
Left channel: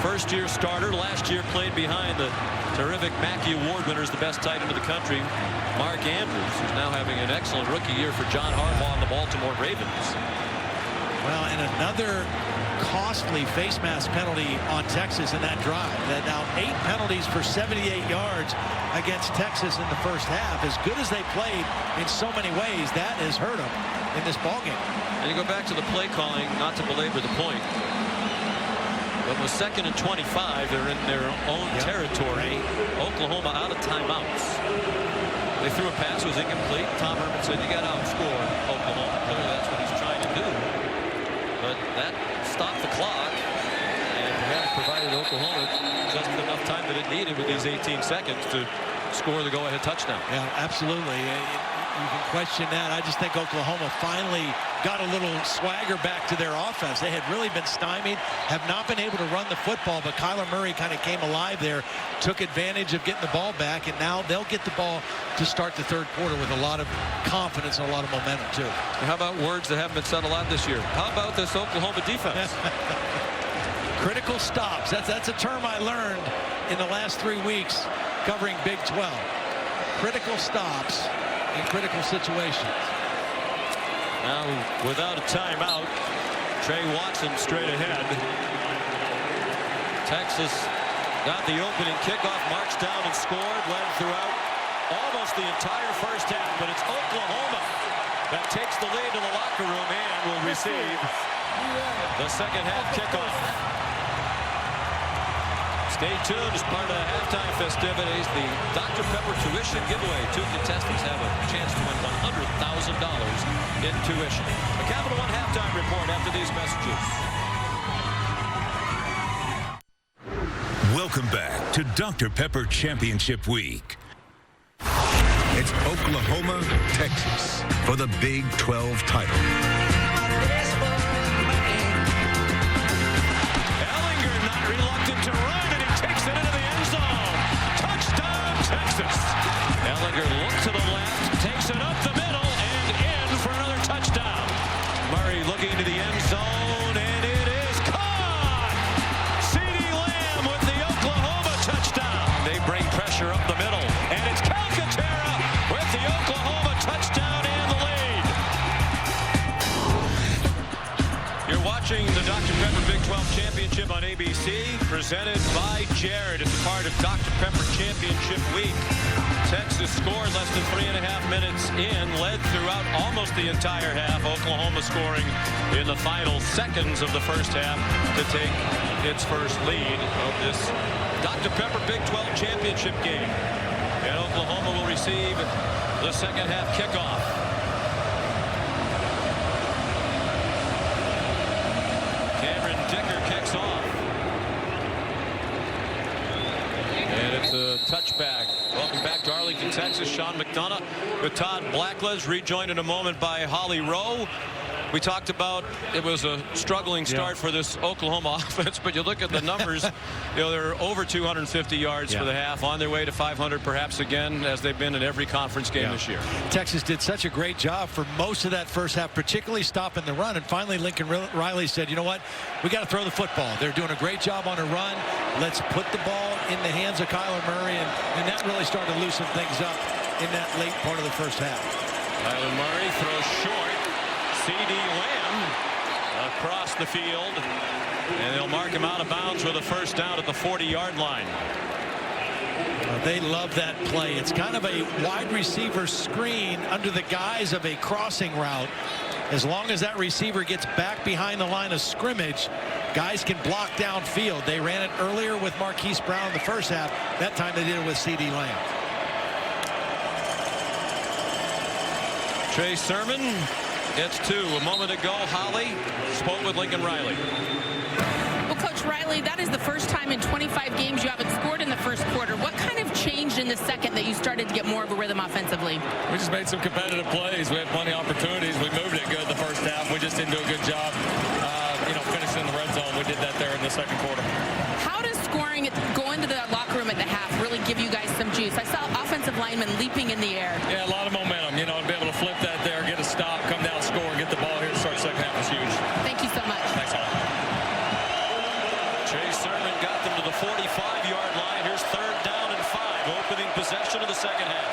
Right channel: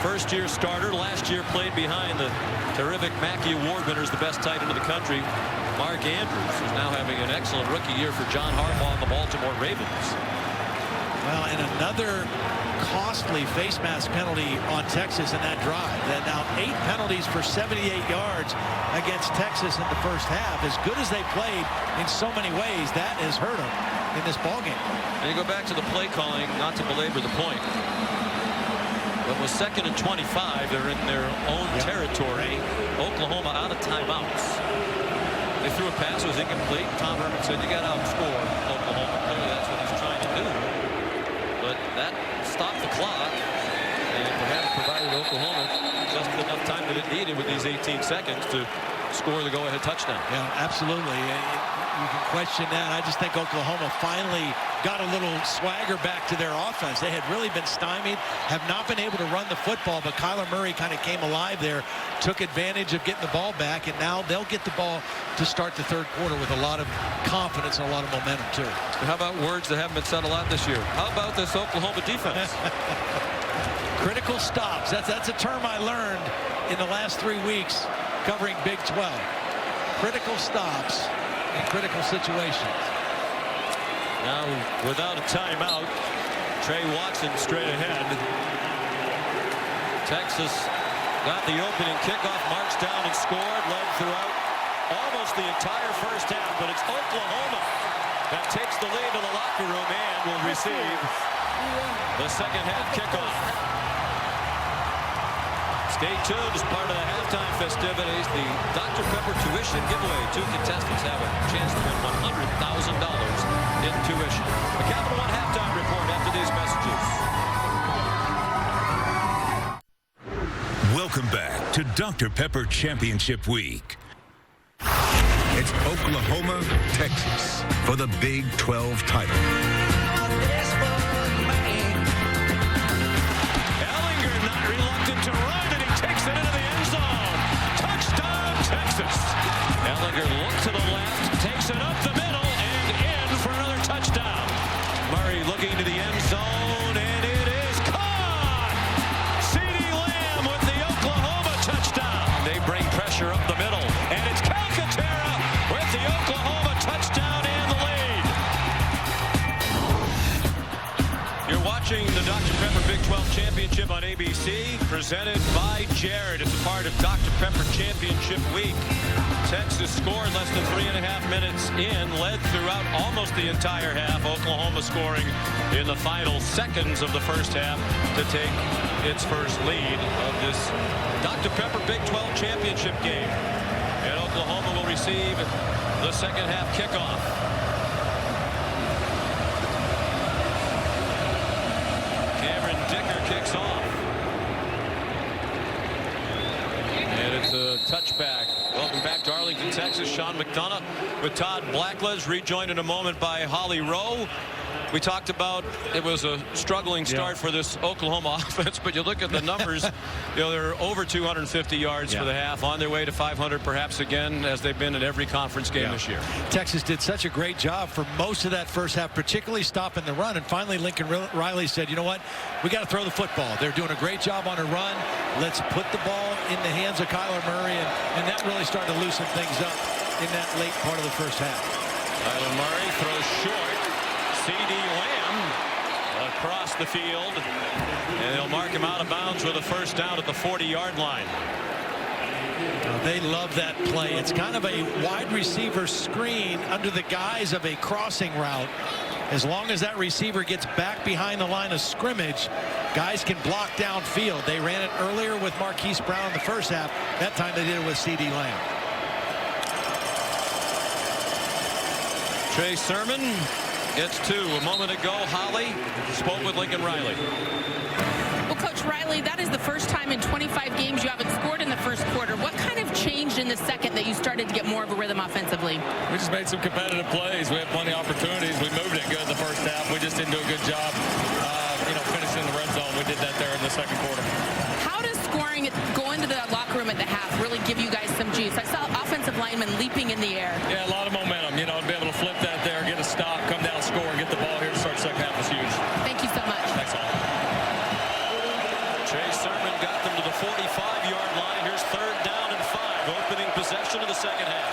First-year starter. Last year played behind the terrific Mackey Award winners, the best tight end of the country, Mark Andrews, who's now having an excellent rookie year for John Harbaugh and the Baltimore Ravens. Well, and another costly face mask penalty on Texas in that drive. That now 8 penalties for 78 yards against Texas in the first half. As good as they played in so many ways, that has hurt them in this ballgame. And you go back to the play calling, not to belabor the point. But with 2nd and 25, they're in their own territory. Oklahoma out of timeouts. They threw a pass, it was incomplete. Tom Herman said, you got to outscore Oklahoma. Clearly that's what he's trying to do. But that stopped the clock and perhaps provided Oklahoma just enough time that it needed with these 18 seconds to score the go-ahead touchdown. Yeah, absolutely. You can question that. I just think Oklahoma finally got a little swagger back to their offense. They had really been stymied, have not been able to run the football, but Kyler Murray kind of came alive there, took advantage of getting the ball back, and now they'll get the ball to start the third quarter with a lot of confidence and a lot of momentum, too. How about words that haven't been said a lot this year? How about this Oklahoma defense? Critical stops. That's a term I learned in the last 3 weeks covering Big 12. Critical stops in critical situations. Now, without a timeout, Trey Watson straight ahead. Texas got the opening kickoff, marched down and scored, led throughout almost the entire first half, but it's Oklahoma that takes the lead to the locker room and will receive the second half kickoff. Stay tuned as part of the halftime festivities. The Dr. Pepper tuition giveaway. 2 contestants have a chance to win $100,000 in tuition. A Capital One halftime report after these messages. Welcome back to Dr. Pepper Championship Week. It's Oklahoma, Texas for the Big 12 title. Ehlinger not reluctant to run, and he takes it into the end zone. Touchdown, Texas. Ehlinger looks to the left, takes it up the middle, and in for another touchdown. Murray looking to the end zone, and it is caught. CeeDee Lamb with the Oklahoma touchdown. They bring pressure up the middle, and it's Calcaterra with the Oklahoma touchdown and the lead. You're watching the Dr. Pepper Big 12 Championship on ABC, presented by Jared. It's a part of Dr. Pepper Championship Week. Texas scored less than 3.5 minutes in, led throughout almost the entire half. Oklahoma scoring in the final seconds of the first half to take its first lead of this Dr. Pepper Big 12 Championship game. And Oklahoma will receive the second half kickoff. Cameron Dicker kicks off. And it's a touchback. Welcome back to Arlington, Texas. Sean McDonough with Todd Blackledge, rejoined in a moment by Holly Rowe. We talked about it was a struggling start for this Oklahoma offense, but you look at the numbers, they're over 250 yards for the half, on their way to 500 perhaps again, as they've been in every conference game this year. Texas did such a great job for most of that first half, particularly stopping the run, and finally Lincoln Riley said, you know what, we got to throw the football. They're doing a great job on a run. Let's put the ball in the hands of Kyler Murray, and that really started to loosen things up in that late part of the first half. Kyler Murray throws short. CeeDee Lamb across the field, and they'll mark him out of bounds with a first down at the 40-yard line. They love that play. It's kind of a wide receiver screen under the guise of a crossing route. As long as that receiver gets back behind the line of scrimmage, guys can block downfield. They ran it earlier with Marquise Brown in the first half. That time they did it with C.D. Lamb. Trey Sermon gets 2. A moment ago, Holly spoke with Lincoln Riley. Well, Coach Riley, that is the first time in 25 games you haven't scored in the first quarter. What kind of changed in the second that you started to get more of a rhythm offensively? We just made some competitive plays. We had plenty of opportunities. We moved it good the first half. We just didn't do a good job, finishing in the red zone. We did that there in the second quarter. How does scoring go into the locker room at the half really give you guys some juice? I saw offensive linemen leaping in the air. Yeah, a lot of momentum. To be able to flip that there, get a stop, come down, score, and get the ball here to start the second half is huge. Thank you so much. Thanks, Holly. Trey Sermon got them to the 45-yard line. Here's 3rd down and 5, opening possession of the second half.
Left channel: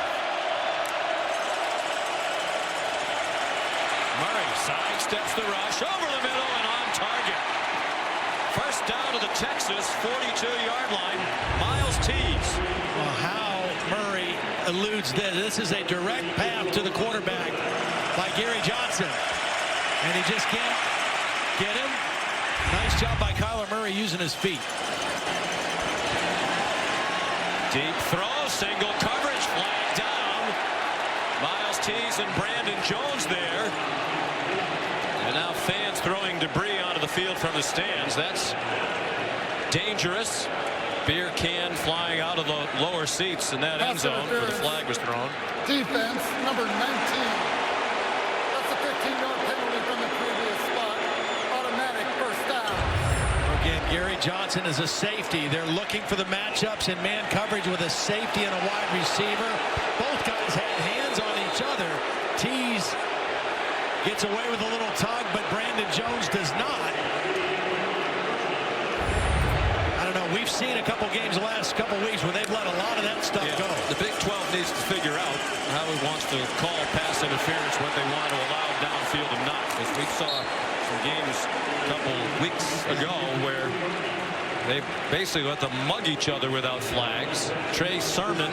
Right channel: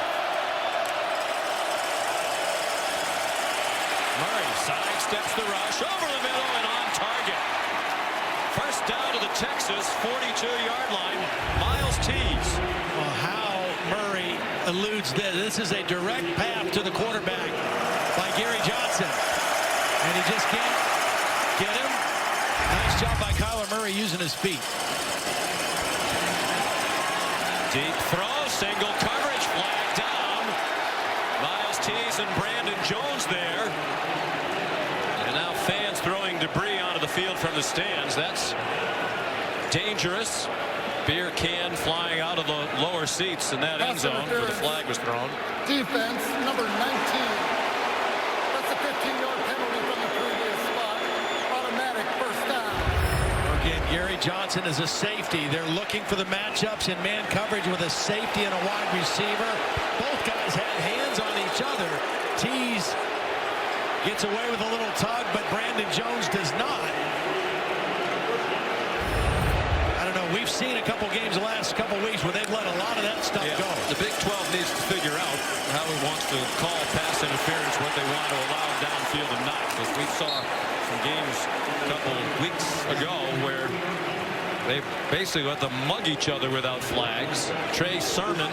Murray sidesteps the rush over the middle and on target. First down to the Texas 42-yard line. Miles Tees. Well, how Murray eludes this. This is a direct path to the quarterback by Gary Johnson. And he just can't get him. Nice job by Kyler Murray using his feet. Deep throw, single coverage, flag down. Miles Tees and Brandon Jones there. And now fans throwing debris onto the field from the stands. That's dangerous. Beer can flying out of the lower seats in that end zone where the flag was thrown. Defense, number 19. That's a 15-yard penalty from the previous spot. Automatic first down. Again, Gary Johnson is a safety. They're looking for the matchups in man coverage with a safety and a wide receiver. Both guys had hands on each other. Tees gets away with a little tug, but Brandon Jones does not. I don't know. We've seen a couple games the last couple weeks where they've let a lot of that stuff go. The Big 12 needs to figure out how it wants to call pass interference, what they want to allow downfield and not. Because we saw some games a couple weeks ago where they basically let them mug each other without flags. Trey Sermon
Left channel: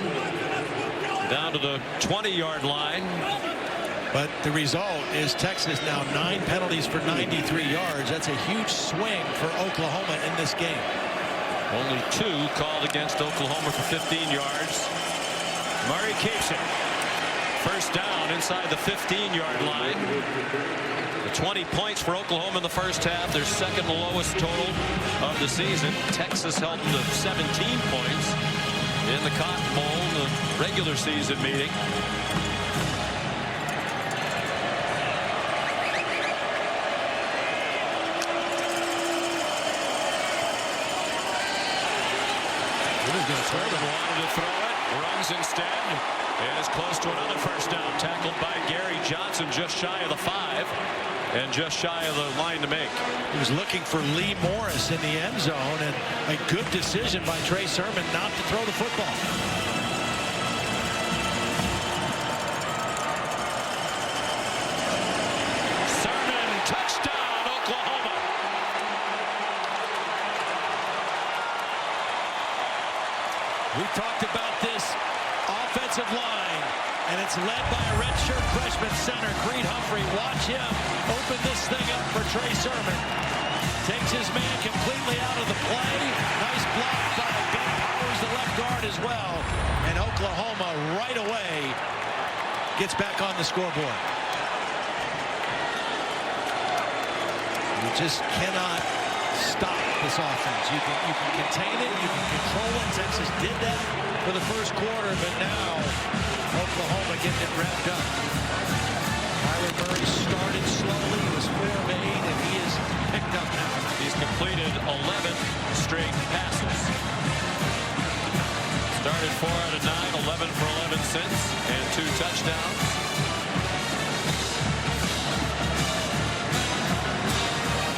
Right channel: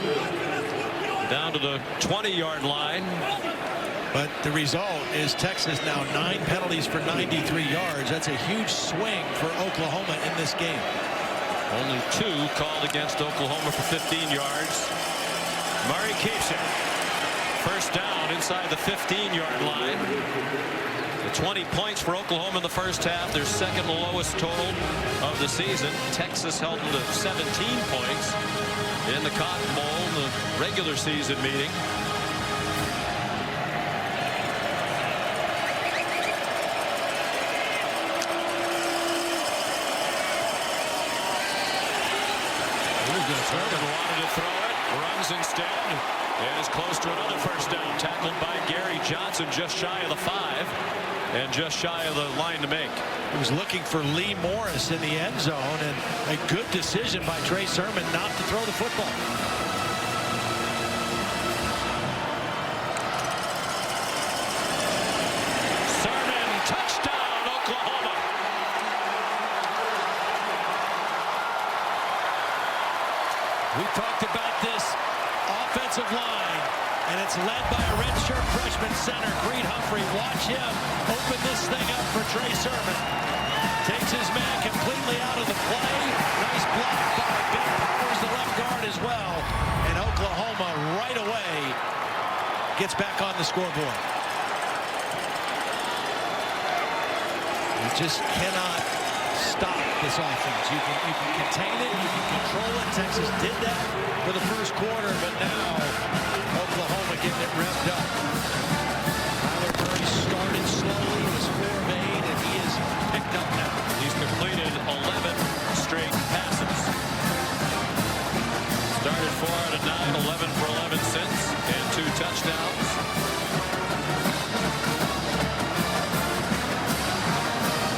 down to the 20-yard line. But the result is Texas now 9 penalties for 93 yards. That's a huge swing for Oklahoma in this game. Only 2 called against Oklahoma for 15 yards. Murray keeps it. First down inside the 15-yard line. The 20 points for Oklahoma in the first half. Their second lowest total of the season. Texas held them to 17 points in the Cotton Bowl in the regular season meeting. Sermon wanted to throw it, runs instead, and is close to another first down. Tackled by Gary Johnson just shy of the 5 and just shy of the line to make. He was looking for Lee Morris in the end zone, and a good decision by Trey Sermon not to throw the football. Sermon, touchdown, Oklahoma. We talked about this offensive line, and it's led by a redshirt freshman center, Creed Humphrey. Watch him open this thing up for Trey Sermon. Takes his man completely out of the play. Nice block by Ben Powers, the left guard as well. And Oklahoma right away gets back on the scoreboard. You just cannot stop this offense. You can contain it, you can control it. Texas did that for the first quarter, but now Oklahoma getting it revved up. Kyler Murray started slowly. He was 4 of 8, and he is picked up now. He's completed 11 straight passes. Started 4 out of 9, 11 for 11 since, and 2 touchdowns.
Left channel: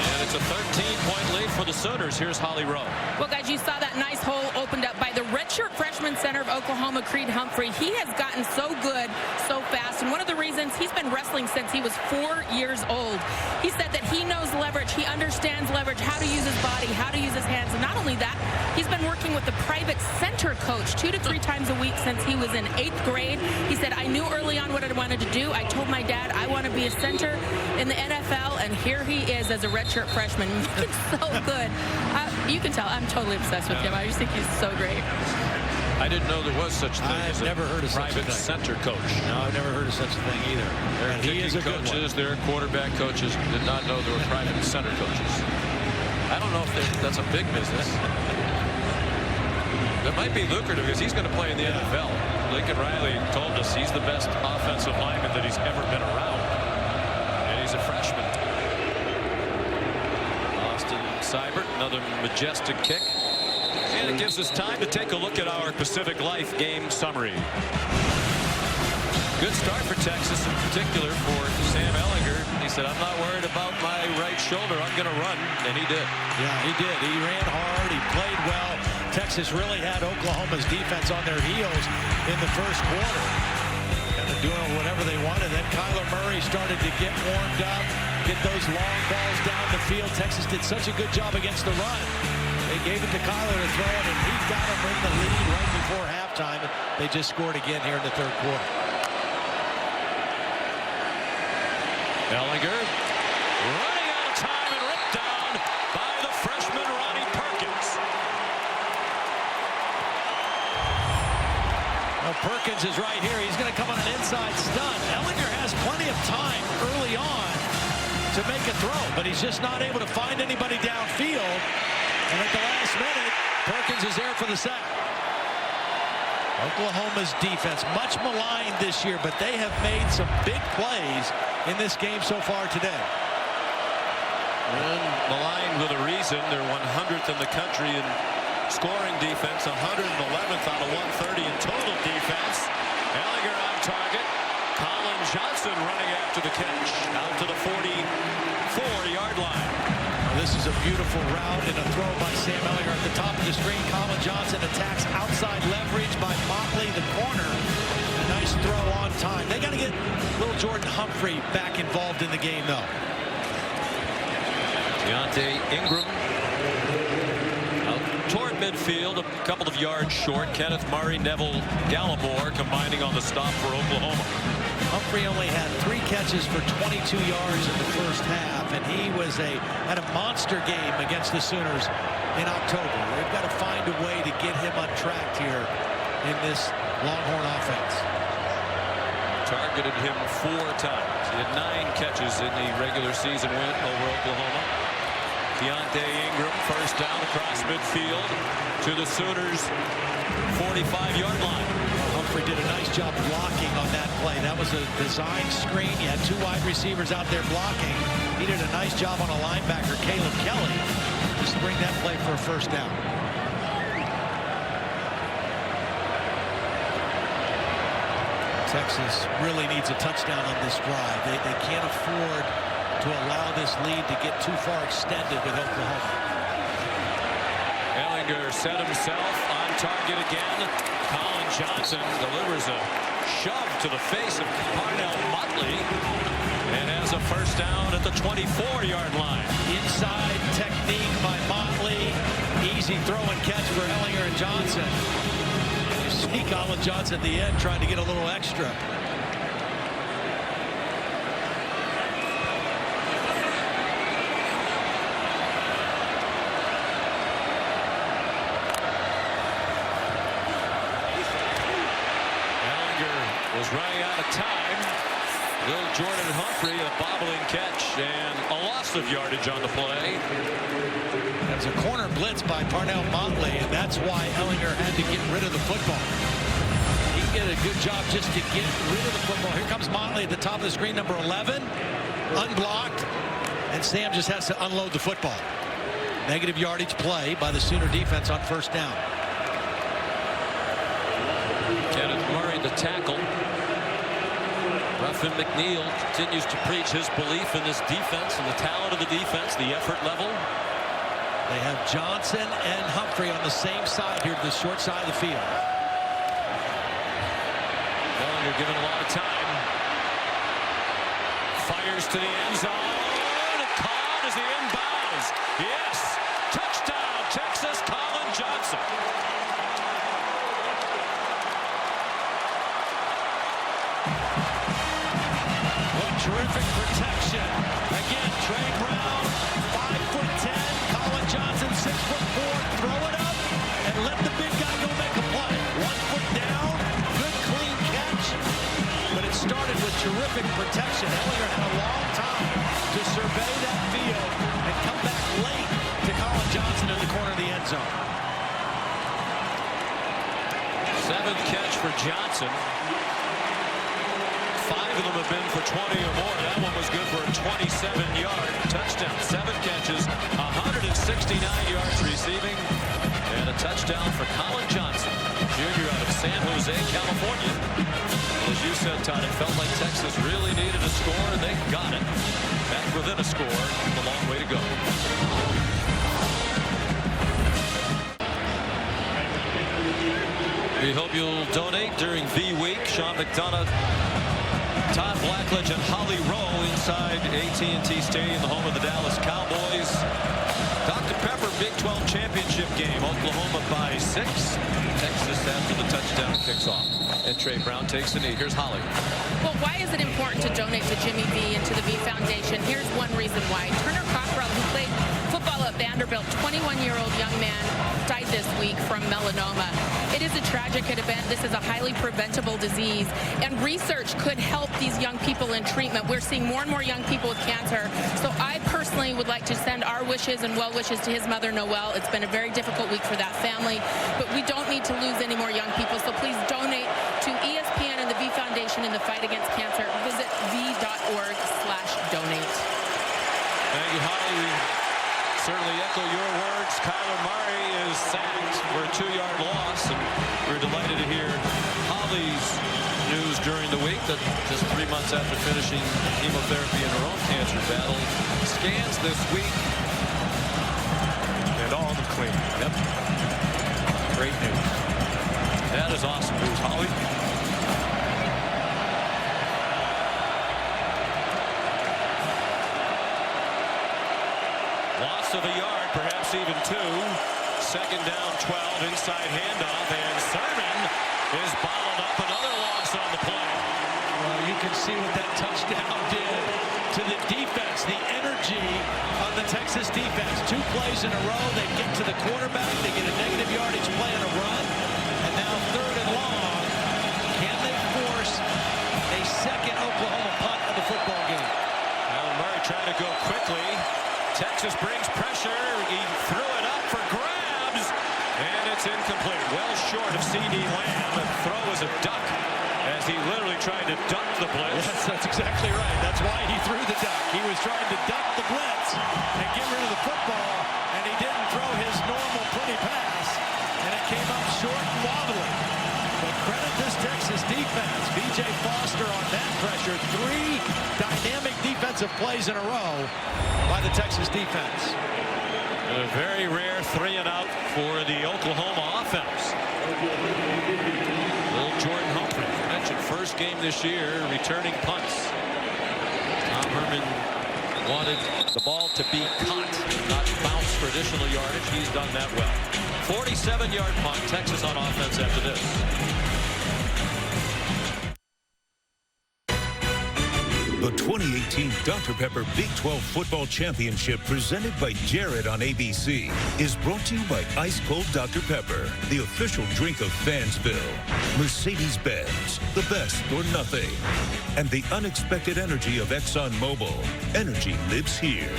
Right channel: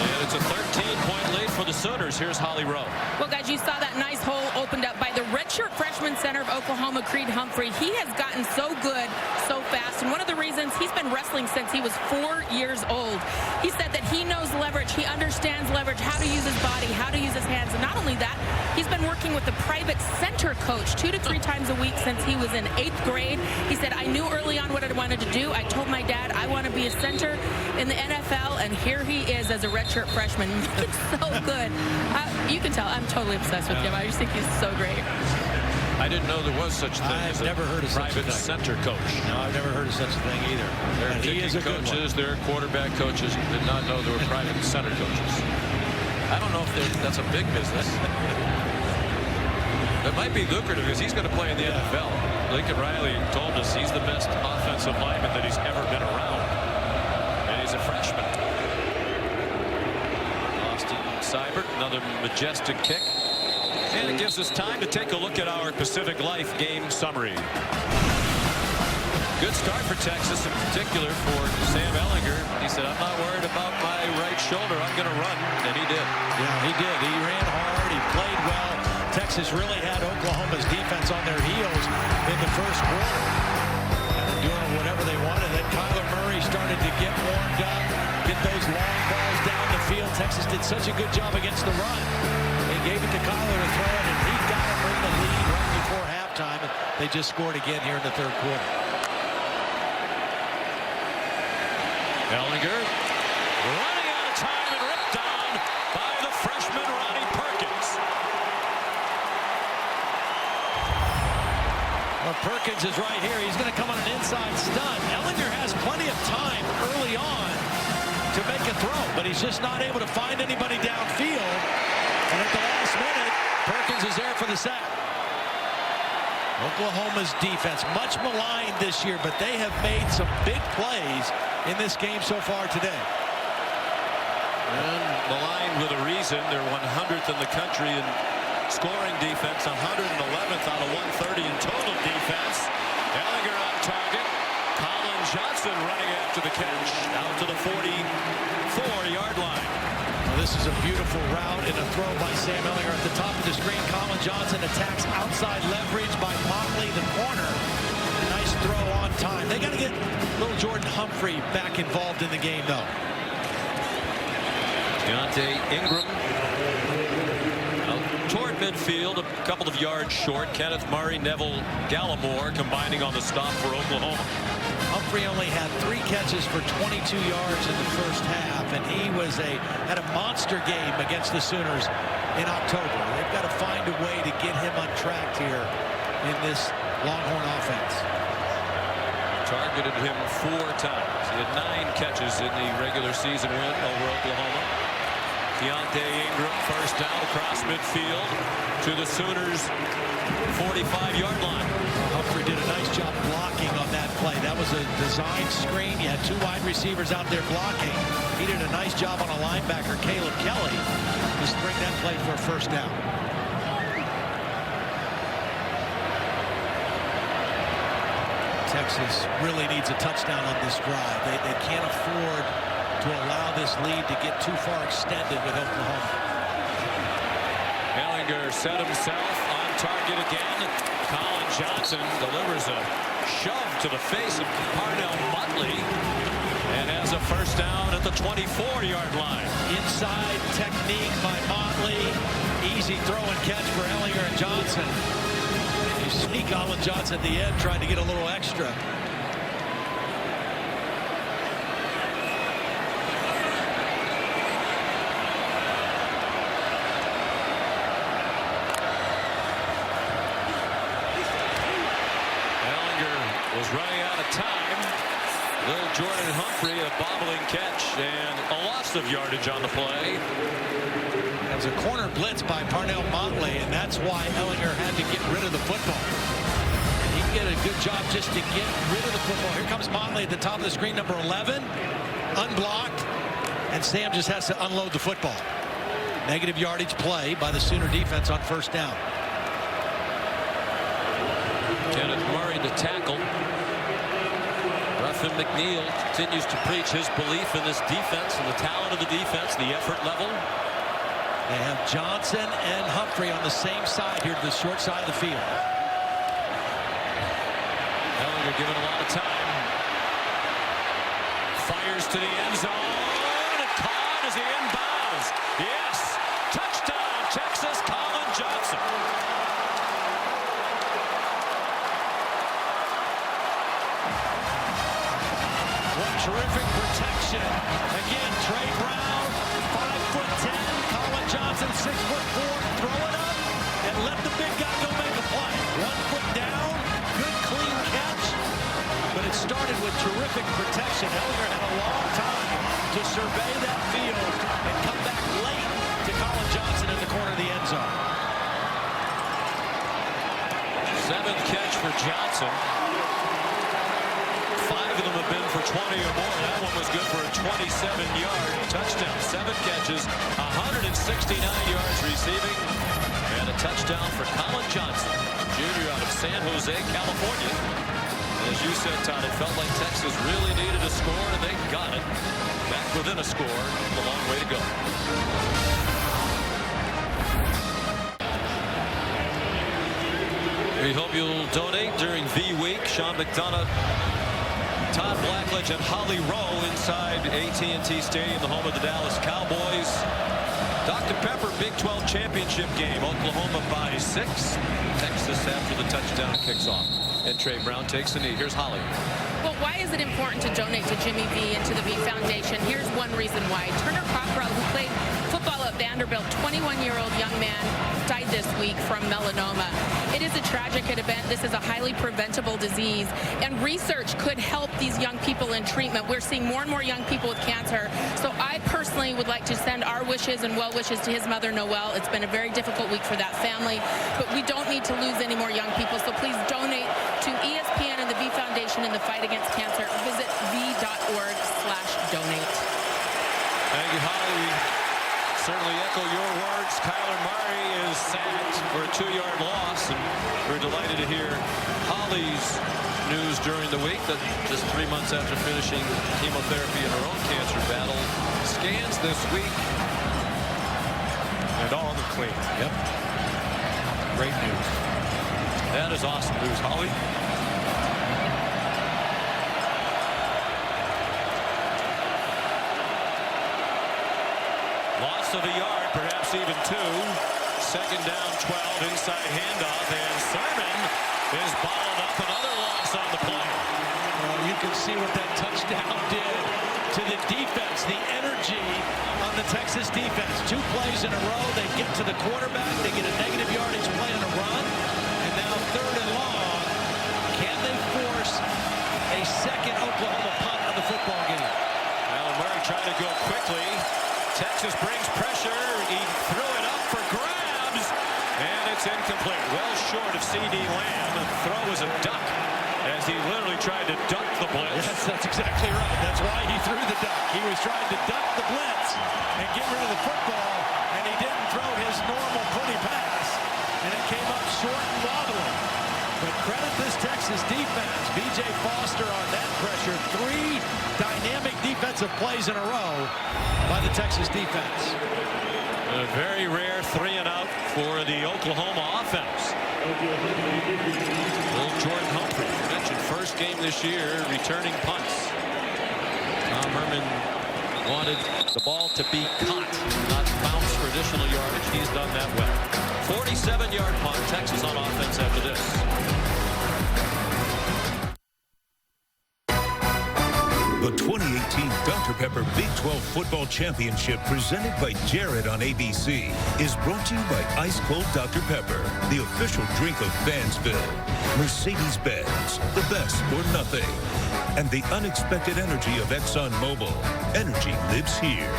And it's a 13-point lead for the Sooners. Here's Holly Rowe. Well, guys, you saw that nice hole opened up by the redshirt freshman center of Oklahoma, Creed Humphrey. He has gotten so good so fast, and one of the reasons he's been wrestling since he was 4 years old. He said that he knows leverage, he understands leverage, how to use his body, how to use his hands. And not only that, he's been working with a private center coach 2 to 3 times a week since he was in 8th grade. He said, I knew early on what I wanted to do. I told my dad I want to be a center in the NFL, and here he is as a redshirt freshman. Looking so good. You can tell I'm totally obsessed with him. I just think he's so great. I didn't know there was such a thing as never heard of such a private thing. center coach. No, I've never heard of such a thing either. There are And he is a good coaches, there are quarterback coaches. Did not know there were private center coaches. I don't know if that's a big business. That might be lucrative because he's going to play in the NFL. Lincoln Riley told us he's the best offensive lineman that he's ever been around. And he's a freshman. Austin Seibert, another majestic kick. And it gives us time to take a look at our Pacific Life game summary. Good start for Texas, in particular for Sam Ehlinger. He said, I'm not worried about my right shoulder. I'm going to run. And he did. Yeah, he did. He ran hard. He played well. Texas really had Oklahoma's defense on their heels in the first quarter. Kind of doing whatever they wanted. Then Kyler Murray started to get warmed up, get those long balls down the field. Texas did such a good job against the run. They gave it to Kyler to throw it, and he got them in the lead right before halftime. And they just scored again here in the third quarter. Ehlinger running out of time and ripped down by the freshman Ronnie Perkins. Well, Perkins is right here. He's going to come on an inside stunt. Ehlinger has plenty of time early on to make a throw, but he's just not able to find anybody downfield. And at the last minute, Perkins is there for the sack. Oklahoma's defense, much maligned this year, but they have made some big plays in this game so far today. And maligned with a reason. They're 100th in the country in scoring defense, 111th out of 130 in total defense. Ehlinger on target. Colin Johnson running after the catch out to the 44-yard line. Oh, this is a beautiful route and a throw by Sam Ehlinger at the top of the screen. Colin Johnson attacks outside leverage by Motley, the corner. And a nice throw on time. They got to get little Jordan Humphrey back involved in the game, though. Deontay Ingram out toward midfield, a couple of yards short. Kenneth Murray, Neville Gallimore combining on the stop for Oklahoma. Humphrey only had 3 catches for 22 yards in the first half, and he had a monster game against the Sooners in October. They've got to find a way to get him untracked here in this Longhorn offense. Targeted him 4 times. He had 9 catches in the regular season win over Oklahoma. Deontay Ingram, first down across midfield to the Sooners' 45-yard line. Well, Humphrey did a nice job blocking on that play. That was a designed screen. You had 2 wide receivers out there blocking. He did a nice job on a linebacker, Caleb Kelly, to spring that play for a first down. Texas really needs a touchdown on this drive. They can't afford to allow this lead to get too far extended with Oklahoma. Ehlinger set himself on target again. Colin Johnson delivers a shove to the face of Parnell Motley and has a first down at the 24-yard line. Inside technique by Motley. Easy throw and catch for Ehlinger and Johnson. You see Colin Johnson at the end trying to get a little extra. Ehlinger was running out of time. Little Jordan Humphrey, a bobbling catch and a loss of yardage on the play. That was a corner blitz by Parnell Motley, and that's why Ehlinger had to get rid of the football. He did a good job just to get rid of the football. Here comes Motley at the top of the screen, number 11, unblocked, and Sam just has to unload the football. Negative yardage play by the Sooner defense on first down. Kenneth Murray, the tackle. Ruffin McNeil continues to preach his belief in this defense and the talent of the defense, the effort level. They have Johnson and Humphrey on the same side here to the short side of the field. Ehlinger given a lot of time. Fires to the end zone. Caught as he inbounds. Yes. Touchdown, Texas. Colin Johnson. What terrific protection. Again, Trey Brown, 5'10". Colin Johnson, 6'4". Throw it up and let the big guy go make a play. 1 foot down, good clean catch. But it started with terrific protection. Ehlinger had a long time to survey that field and come back late to Colin Johnson in the corner of the end zone. 7th catch for Johnson. 5 of them have been for 20 or more. That one was good for a 27-yard touchdown. 7 catches, 169 yards receiving, and a touchdown for Colin Johnson, junior out of San Jose, California. And as you said, Todd, it felt like Texas really needed a score, and they got it. Back within a score, with a long way to go. We hope you'll donate during the week. Sean McDonough, Todd Blackledge, and Holly Rowe inside AT&T Stadium, the home of the Dallas Cowboys. Dr. Pepper Big 12 championship game. Oklahoma by 6. Texas after the touchdown kicks off. And Trey Brown takes the knee. Here's Holly. Well, why is it important to donate to Jimmy V and to the V Foundation? Here's one reason why. Turner Cockrell, who played football at Vanderbilt, 21-year-old young man, died this week from melanoma. It is a tragic event. This is a highly preventable disease, and research could help these young people in treatment. We're seeing more and more young people with cancer. So I personally would like to send our wishes and well wishes to his mother, Noelle. It's been a very difficult week for that family, but we don't need to lose any more young people. So please donate to ESPN and the V Foundation in the fight against cancer. Visit v.org/donate. Thank you, Holly. We certainly echo your words. Kyler Murray is sacked for a 2-yard loss, and we're delighted to hear Holly's news during the week that just 3 months after finishing chemotherapy in her own cancer battle, scans this week, and all of them clean. Yep. Great news. That is awesome news, Holly. Loss of a yard, perhaps even 2. 2nd down, 12, inside handoff, and Sermon is bottled up. Another loss on the play. Well, you can see what that touchdown did to the defense, the energy on the Texas defense. 2 plays in a row, they get to the quarterback, they get a negative yardage play on a run, and now 3rd and long. Can they force a second Oklahoma punt of the football game? Kyler Murray trying to go quickly. Texas brings pressure. He threw it up for grabs, and it's incomplete. Well short of C.D. Lamb. The throw was a duck as he literally tried to duck the blitz. Yes, that's exactly right. That's why he threw the duck. He was trying to duck the blitz and get rid of the football, and he didn't throw his normal pretty pass, and it came up short and wobbly. But credit this Texas defense. B.J. Foster on that pressure. 3 dynamic defensive plays in a row by the Texas defense. A very rare 3-and-out for the Oklahoma offense. Little Jordan Humphrey, mentioned first game this year, returning punts. Tom Herman wanted the ball to be caught, not bounce for additional yardage. He's done that well. 47-yard punt, Texas on offense after this. The 2018 Dr. Pepper Big 12 Football Championship, presented by Jared on ABC, is brought to you by Ice Cold Dr. Pepper, the official drink of Fansville, Mercedes-Benz, the best or nothing, and the unexpected energy of ExxonMobil. Energy lives here.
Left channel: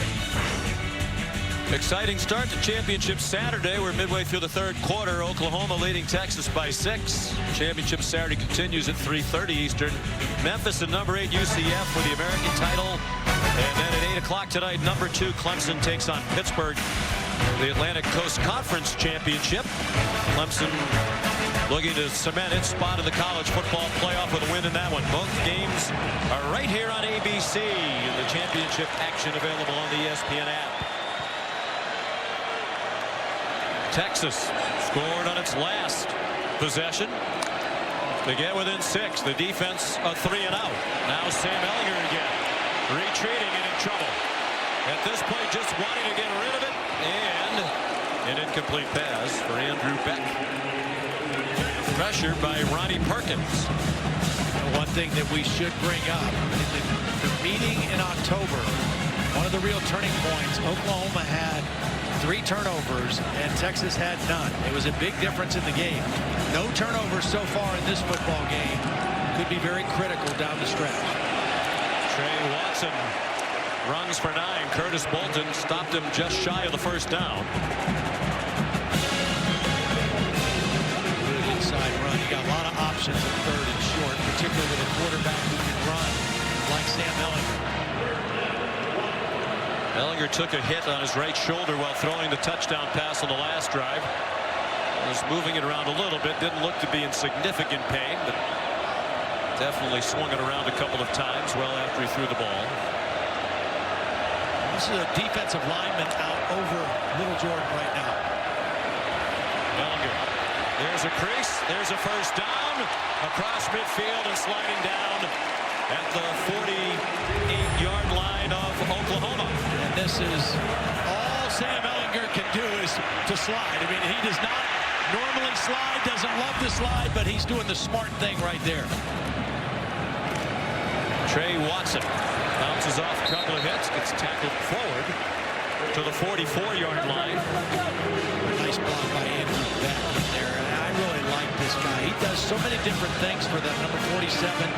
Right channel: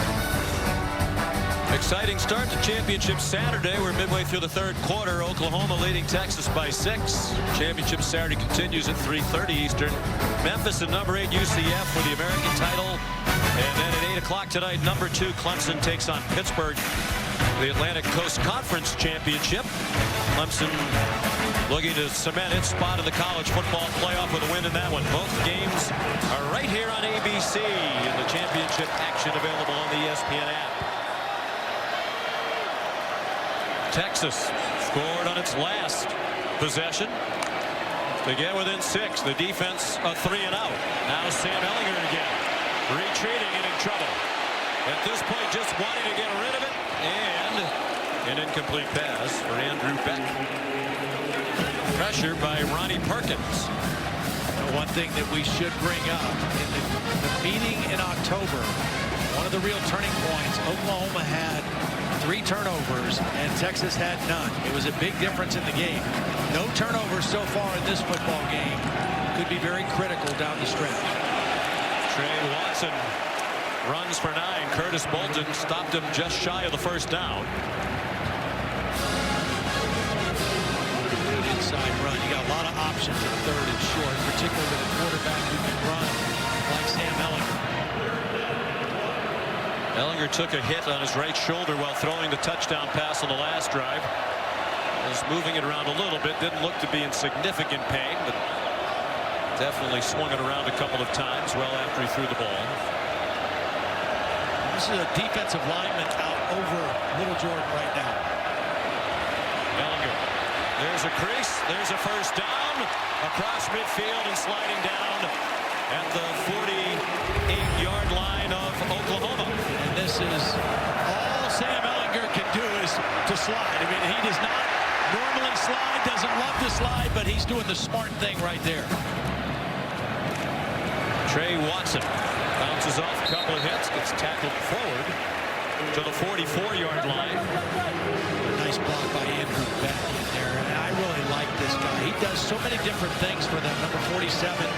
Exciting start to championship Saturday. We're midway through the 3rd quarter. Oklahoma leading Texas by 6. Championship Saturday continues at 3:30 Eastern. Memphis and number 8 UCF for the American title. And then at 8 o'clock tonight, number 2 Clemson takes on Pittsburgh, the Atlantic Coast Conference Championship. Clemson looking to cement its spot in the college football playoff with a win in that one. Both games are right here on ABC, and the championship action available on the ESPN app. Texas scored on its last possession to get within 6. The defense a 3-and-out. Now Sam Ehlinger again. retreating and in trouble. At this point, just wanting to get rid of it, and an incomplete pass for Andrew Beck. Pressure by Ronnie Perkins. One thing that we should bring up in the meeting in October, one of the real turning points, Oklahoma had 3 turnovers and Texas had none. It was a big difference in the game. No turnovers so far in this football game. Could be very critical down the stretch. Trey Watson runs for 9. Curtis Bolton stopped him just shy of the first down. Good inside run. You got a lot of options at 3rd and short, particularly with a quarterback who can run like Sam Ehlinger. Ehlinger took a hit on his right shoulder while throwing the touchdown pass on the last drive. Was moving it around a little bit. Didn't look to be in significant pain, but definitely swung it around a couple of times well after he threw the ball. This is a defensive lineman out over Little Jordan right now. Ehlinger. There's a crease. There's a first down across midfield and sliding down at the 48-yard line of Oklahoma. And this is all Sam Ehlinger can do is to slide. I mean, he does not normally slide, doesn't love to slide, but he's doing the smart thing right there. Trey Watson bounces off a couple of hits, gets tackled forward to the 44-yard line. A nice block by Andrew Beck in there. And I really like this guy. He does so many different things for them. Number 47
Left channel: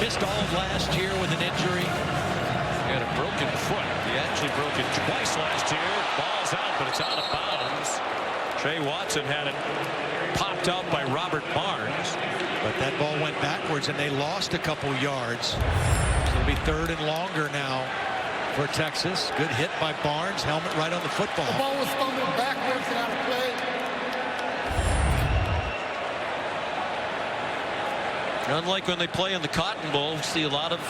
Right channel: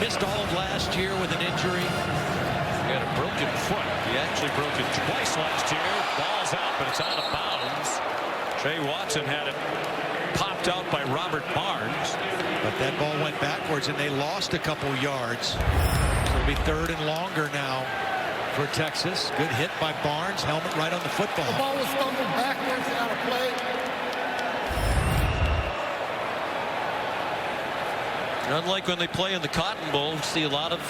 missed all of last year with an injury. He had a broken foot. He actually broke it twice last year. Ball's out, but it's out of bounds. Trey Watson had it popped out by Robert Barnes. But that ball went backwards and they lost a couple yards. So it'll be 3rd and longer now for Texas. Good hit by Barnes. Helmet right on the football. The ball was fumbled backwards and out of play. Unlike when they play in the Cotton Bowl, we see a lot of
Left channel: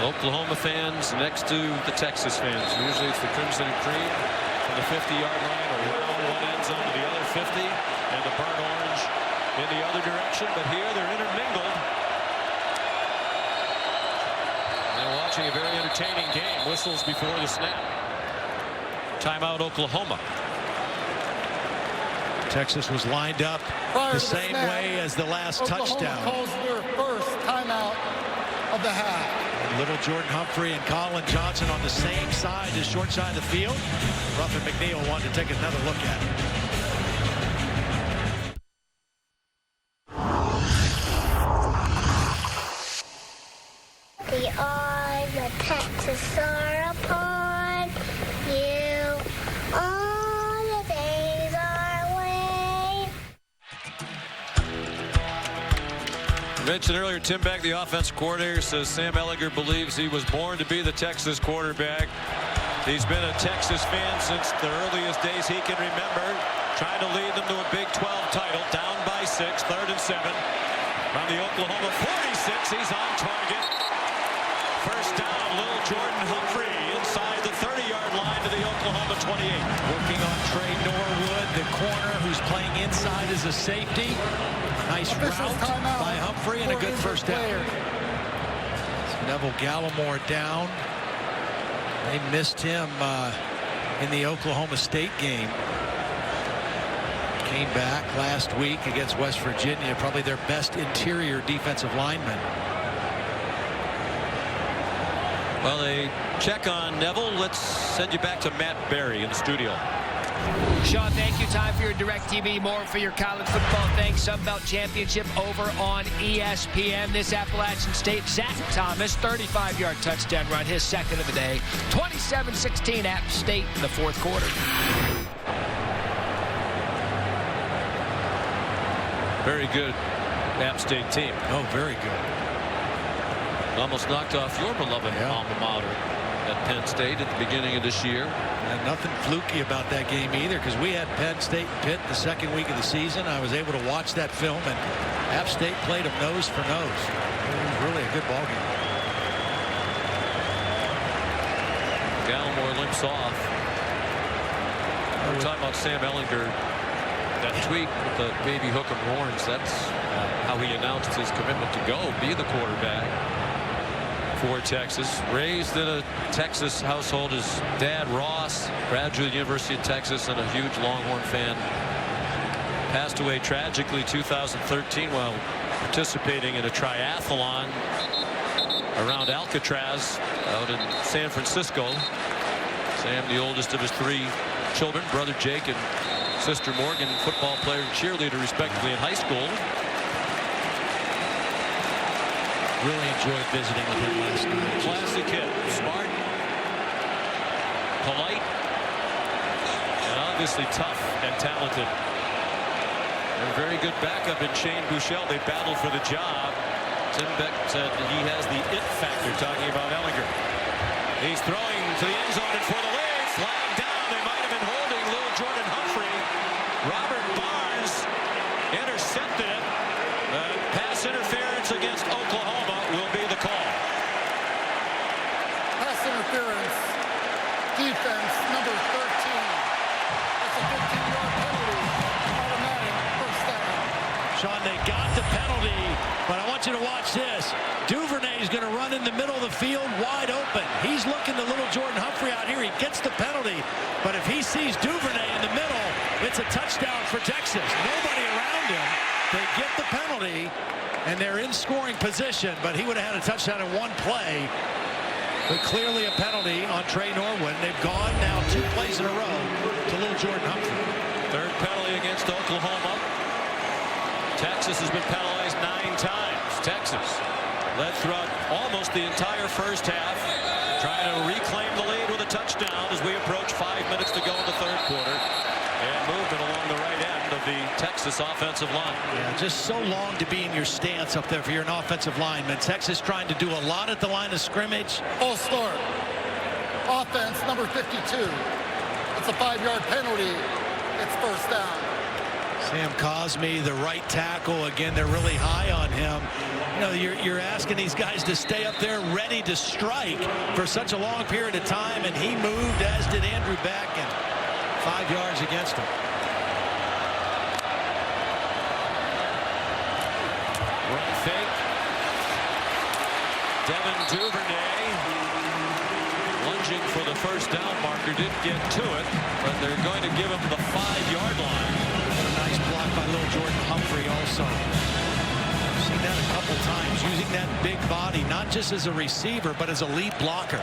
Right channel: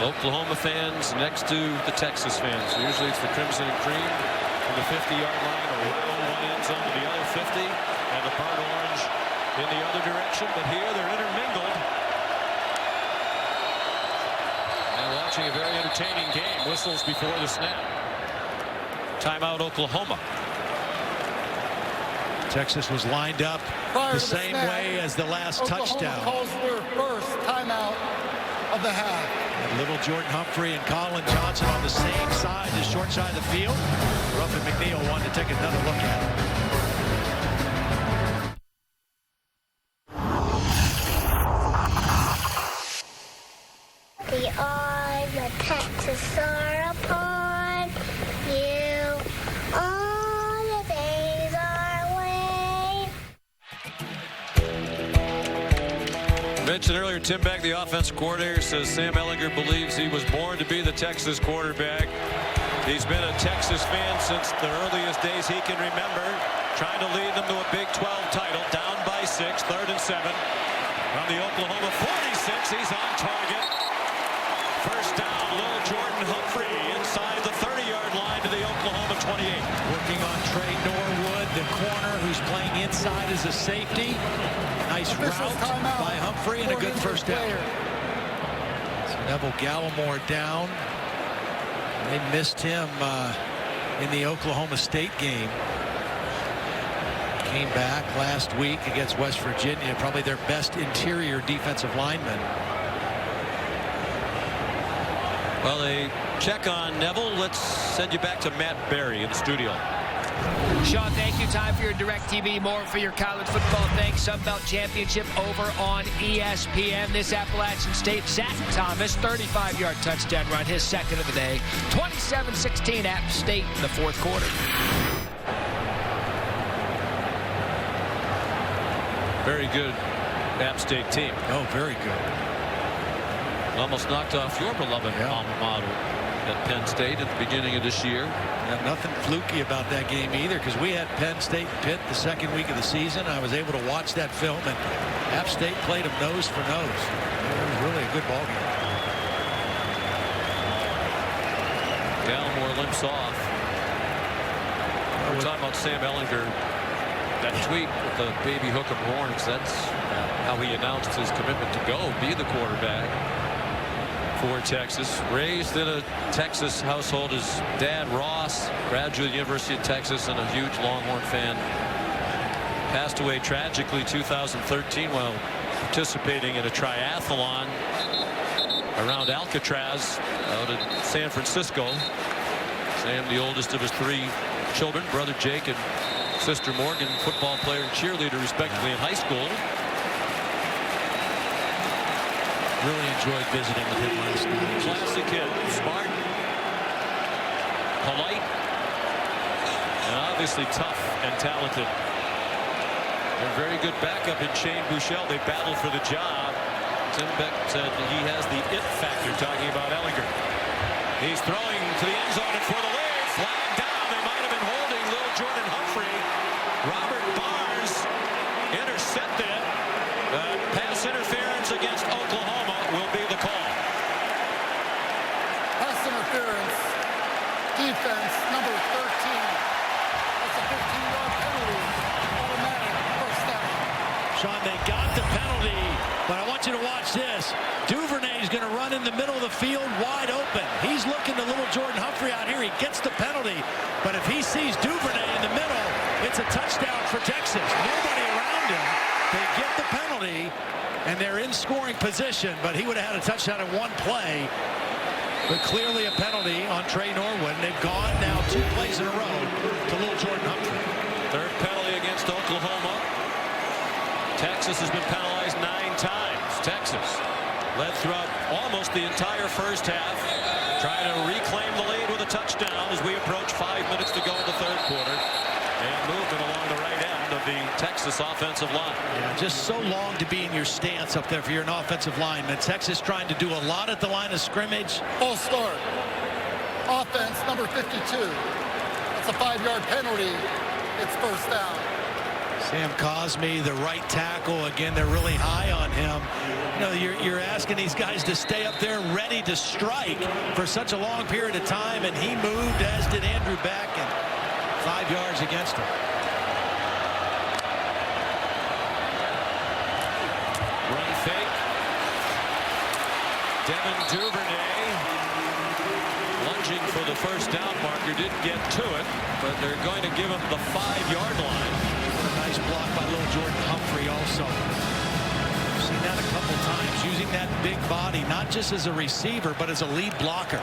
Oklahoma fans next to the Texas fans. Usually it's the Crimson and Cream from the 50-yard line around one end zone to the other 50, and the burnt orange in the other direction. But here they're intermingled. And watching a very entertaining game. Whistles before the snap. Timeout, Oklahoma. Texas was lined up the same way as the last touchdown. Oklahoma calls their first timeout of the half. And little Jordan Humphrey and Colin Johnson on the same side, the short side of the field. Ruffin McNeil wanted to take another look at it. The eyes of Texas are upon you. All the days are away. Mentioned earlier, Tim Beck, the offensive coordinator, says Sam Ehlinger believes he was born to be the Texas quarterback. He's been a Texas fan since the earliest days he can remember, trying to lead them to a Big 12 title. Down by 6, 3rd and 7. From the Oklahoma 46, he's on target. First down, little Jordan Humphrey inside the 30-yard line to the Oklahoma 28. Working on Trey Norwood, the corner who's playing inside as a safety. Nice route by Humphrey and a good first down. So Neville Gallimore down. They missed him in the Oklahoma State game. Came back last week against West Virginia, probably their best interior defensive lineman. Well, they check on Neville. Let's send you back to Matt Berry in the studio. Sean, thank you. Time for your DirecTV. More for your college football. Thanks. Sunbelt Championship over on ESPN. This Appalachian State, Zach Thomas, 35-yard touchdown run, his second of the day. 27-16 App State in the 4th quarter. Very good App State team. Oh, very good. Almost knocked off your beloved alma mater at Penn State at the beginning of this year. Yeah, nothing fluky about that game either, because we had Penn State and Pitt the second week of the season. I was able to watch that film, and App State played them nose for nose. It was really a good ball game. Gallimore limps off. We're talking about Sam Ehlinger. That tweet with the baby hook 'em horns, that's how he announced his commitment to be the quarterback. for Texas. Raised in a Texas household. His dad, Ross, graduate University of Texas and a huge Longhorn fan. Passed away tragically 2013 while participating in a triathlon around Alcatraz out in San Francisco. Sam, the oldest of his 3 children, brother Jake and sister Morgan, football player and cheerleader respectively in high school. Really enjoyed visiting with him last night. Classic kid, smart, polite, and obviously tough and talented. A very good backup in Shane Buechele. They battled for the job. Tim Beck said he has the it factor, talking about Ehlinger. He's throwing to the end zone and for the lead. Flag down. They might have been holding Lil Jordan Humphrey. Robert Barnes intercepted it. But pass interference against Oklahoma will be the call. Pass interference. Defense number 13. That's a 15-yard penalty. Automatic first down. Sean, they got the penalty, but I want you to watch this. Duvernay is going to run in the middle of the field wide open. He's looking to little Jordan Humphrey out here. He gets the penalty, but if he sees Duvernay in the middle, it's a touchdown for Texas. Nobody around him. They get the penalty, and they're in scoring position, but he would have had a touchdown in one play. But clearly a penalty on Trey Norwood. And they've gone now 2 plays in a row to little Jordan Humphrey. Third penalty against Oklahoma. Texas has been penalized 9 times. Texas led throughout almost the entire first half, trying to reclaim the lead with a touchdown as we approach 5 minutes to go in the third quarter. And movement along the right end of the Texas offensive line. Yeah, just so long to be in your stance up there if you're an offensive lineman. Texas trying to do a lot at the line of scrimmage. Full start. Offense number 52. That's a 5-yard penalty. It's first down. Sam Cosme, the right tackle. Again, they're really high on him. You know, you're asking these guys to stay up there ready to strike for such a long period of time, and he moved, as did Andrew Beck, and 5 yards against him. Run fake. Devin Duvernay lunging for the first down marker. Didn't get to it, but they're going to give him the 5-yard line. What a nice block by little Jordan Humphrey also. Seen that a couple times, using that big body, not just as a receiver, but as a lead blocker.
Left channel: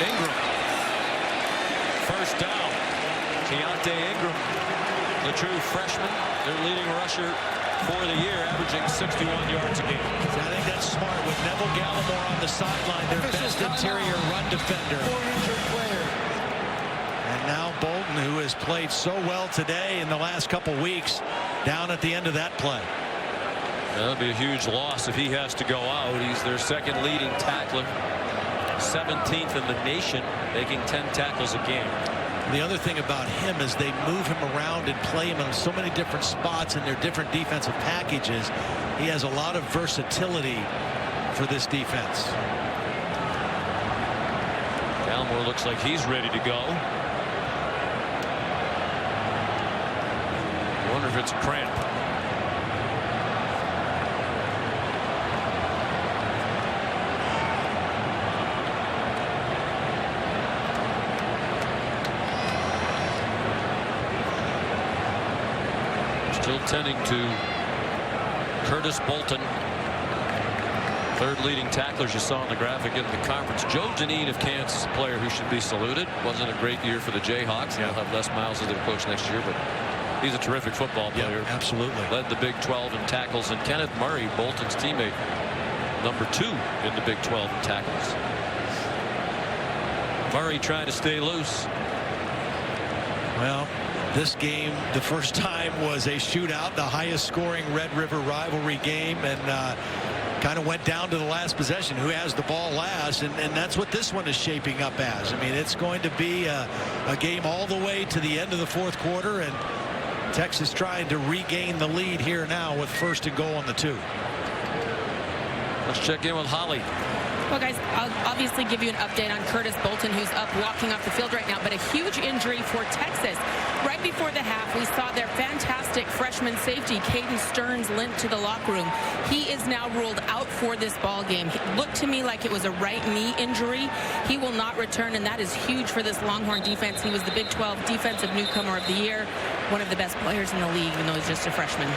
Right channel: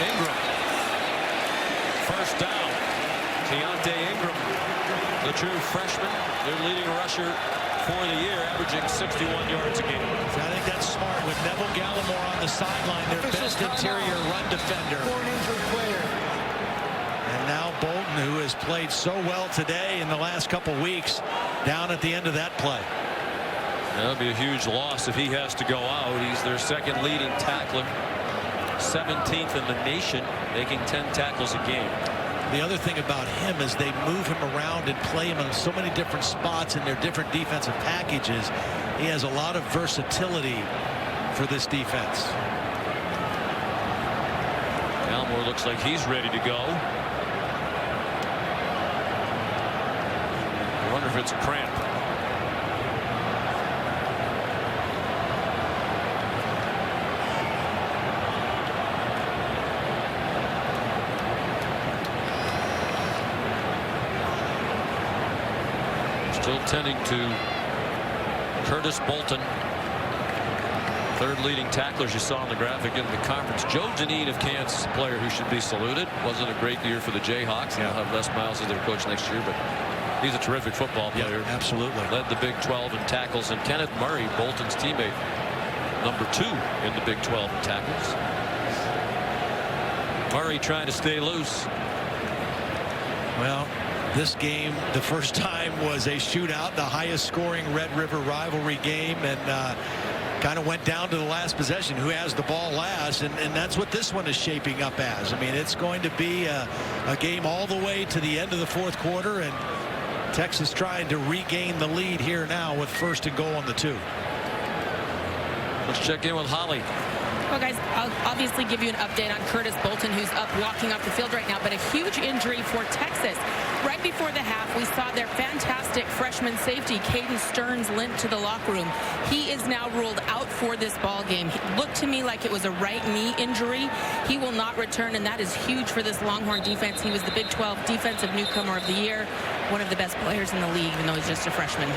Ingram. First down. Keontae Ingram, the true freshman, their leading rusher for the year, averaging 61 yards a game. So I think that's smart with Neville Gallimore on the sideline, their best interior run defender. For an injured player. And now Bolton, who has played so well today in the last couple weeks, down at the end of that play. That'll be a huge loss if he has to go out. He's their second leading tackler, 17th in the nation, making 10 tackles a game. The other thing about him is they move him around and play him in so many different spots in their different defensive packages. He has a lot of versatility for this defense. Gallimore looks like he's ready to go. I wonder if it's a cramp. Still tending to Curtis Bolton, third leading tackler, as you saw in the graphic in the conference. Joe Dineen of Kansas, a player who should be saluted. Wasn't a great year for the Jayhawks. They'll have Les Miles as their coach next year, but he's a terrific football player. Yeah, absolutely. Led the Big 12 in tackles. And Kenneth Murray, Bolton's teammate, number 2 in the Big 12 in tackles. Murray trying to stay loose. Well, this game, the first time, was a shootout, the highest scoring Red River rivalry game, and kind of went down to the last possession, who has the ball last, and that's what this one is shaping up as. I mean, it's going to be a game all the way to the end of the fourth quarter, and Texas trying to regain the lead here now with first and goal on the 2. Let's check in with Holly. Well, guys, I'll obviously give you an update on Curtis Bolton, who's up walking off the field right now, but a huge injury for Texas. Right before the half, we saw their fantastic freshman safety, Caden Stearns, limped to the locker room. He is now ruled out for this ball game. It looked to me like it was a right knee injury. He will not return, and that is huge for this Longhorn defense. He was the Big 12 Defensive Newcomer of the Year, one of the best players in the league, even though he's just a freshman.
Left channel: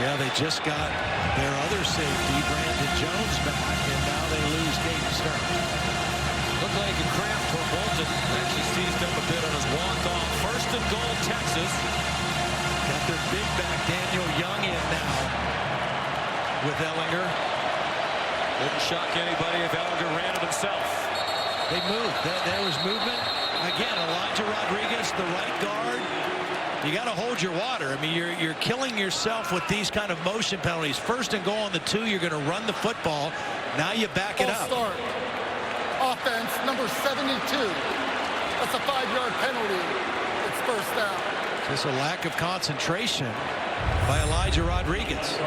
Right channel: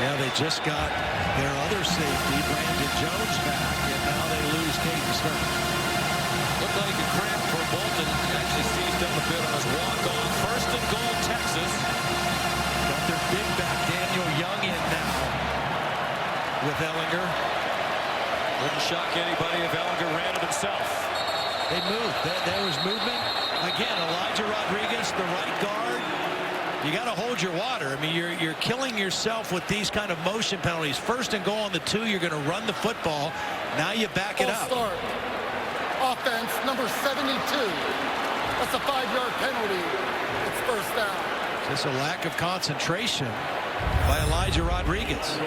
Yeah, they just got their other safety, Brandon Jones, back, and now they lose Caden Stearns. Looked like a cramp for Bolton. Actually seized up a bit on his walk-off. First and goal, Texas. Got their big back, Daniel Young, in now with Ehlinger. Wouldn't shock anybody if Ehlinger ran it himself. They moved. There was movement. Again, Elijah Rodriguez, the right guard. You got to hold your water. I mean, you're killing yourself with these kind of motion penalties. First and goal on the 2, you're going to run the football. Now you back it up. Start. Offense, number 72. That's a 5-yard penalty. It's first down. Just a lack of concentration by Elijah Rodriguez.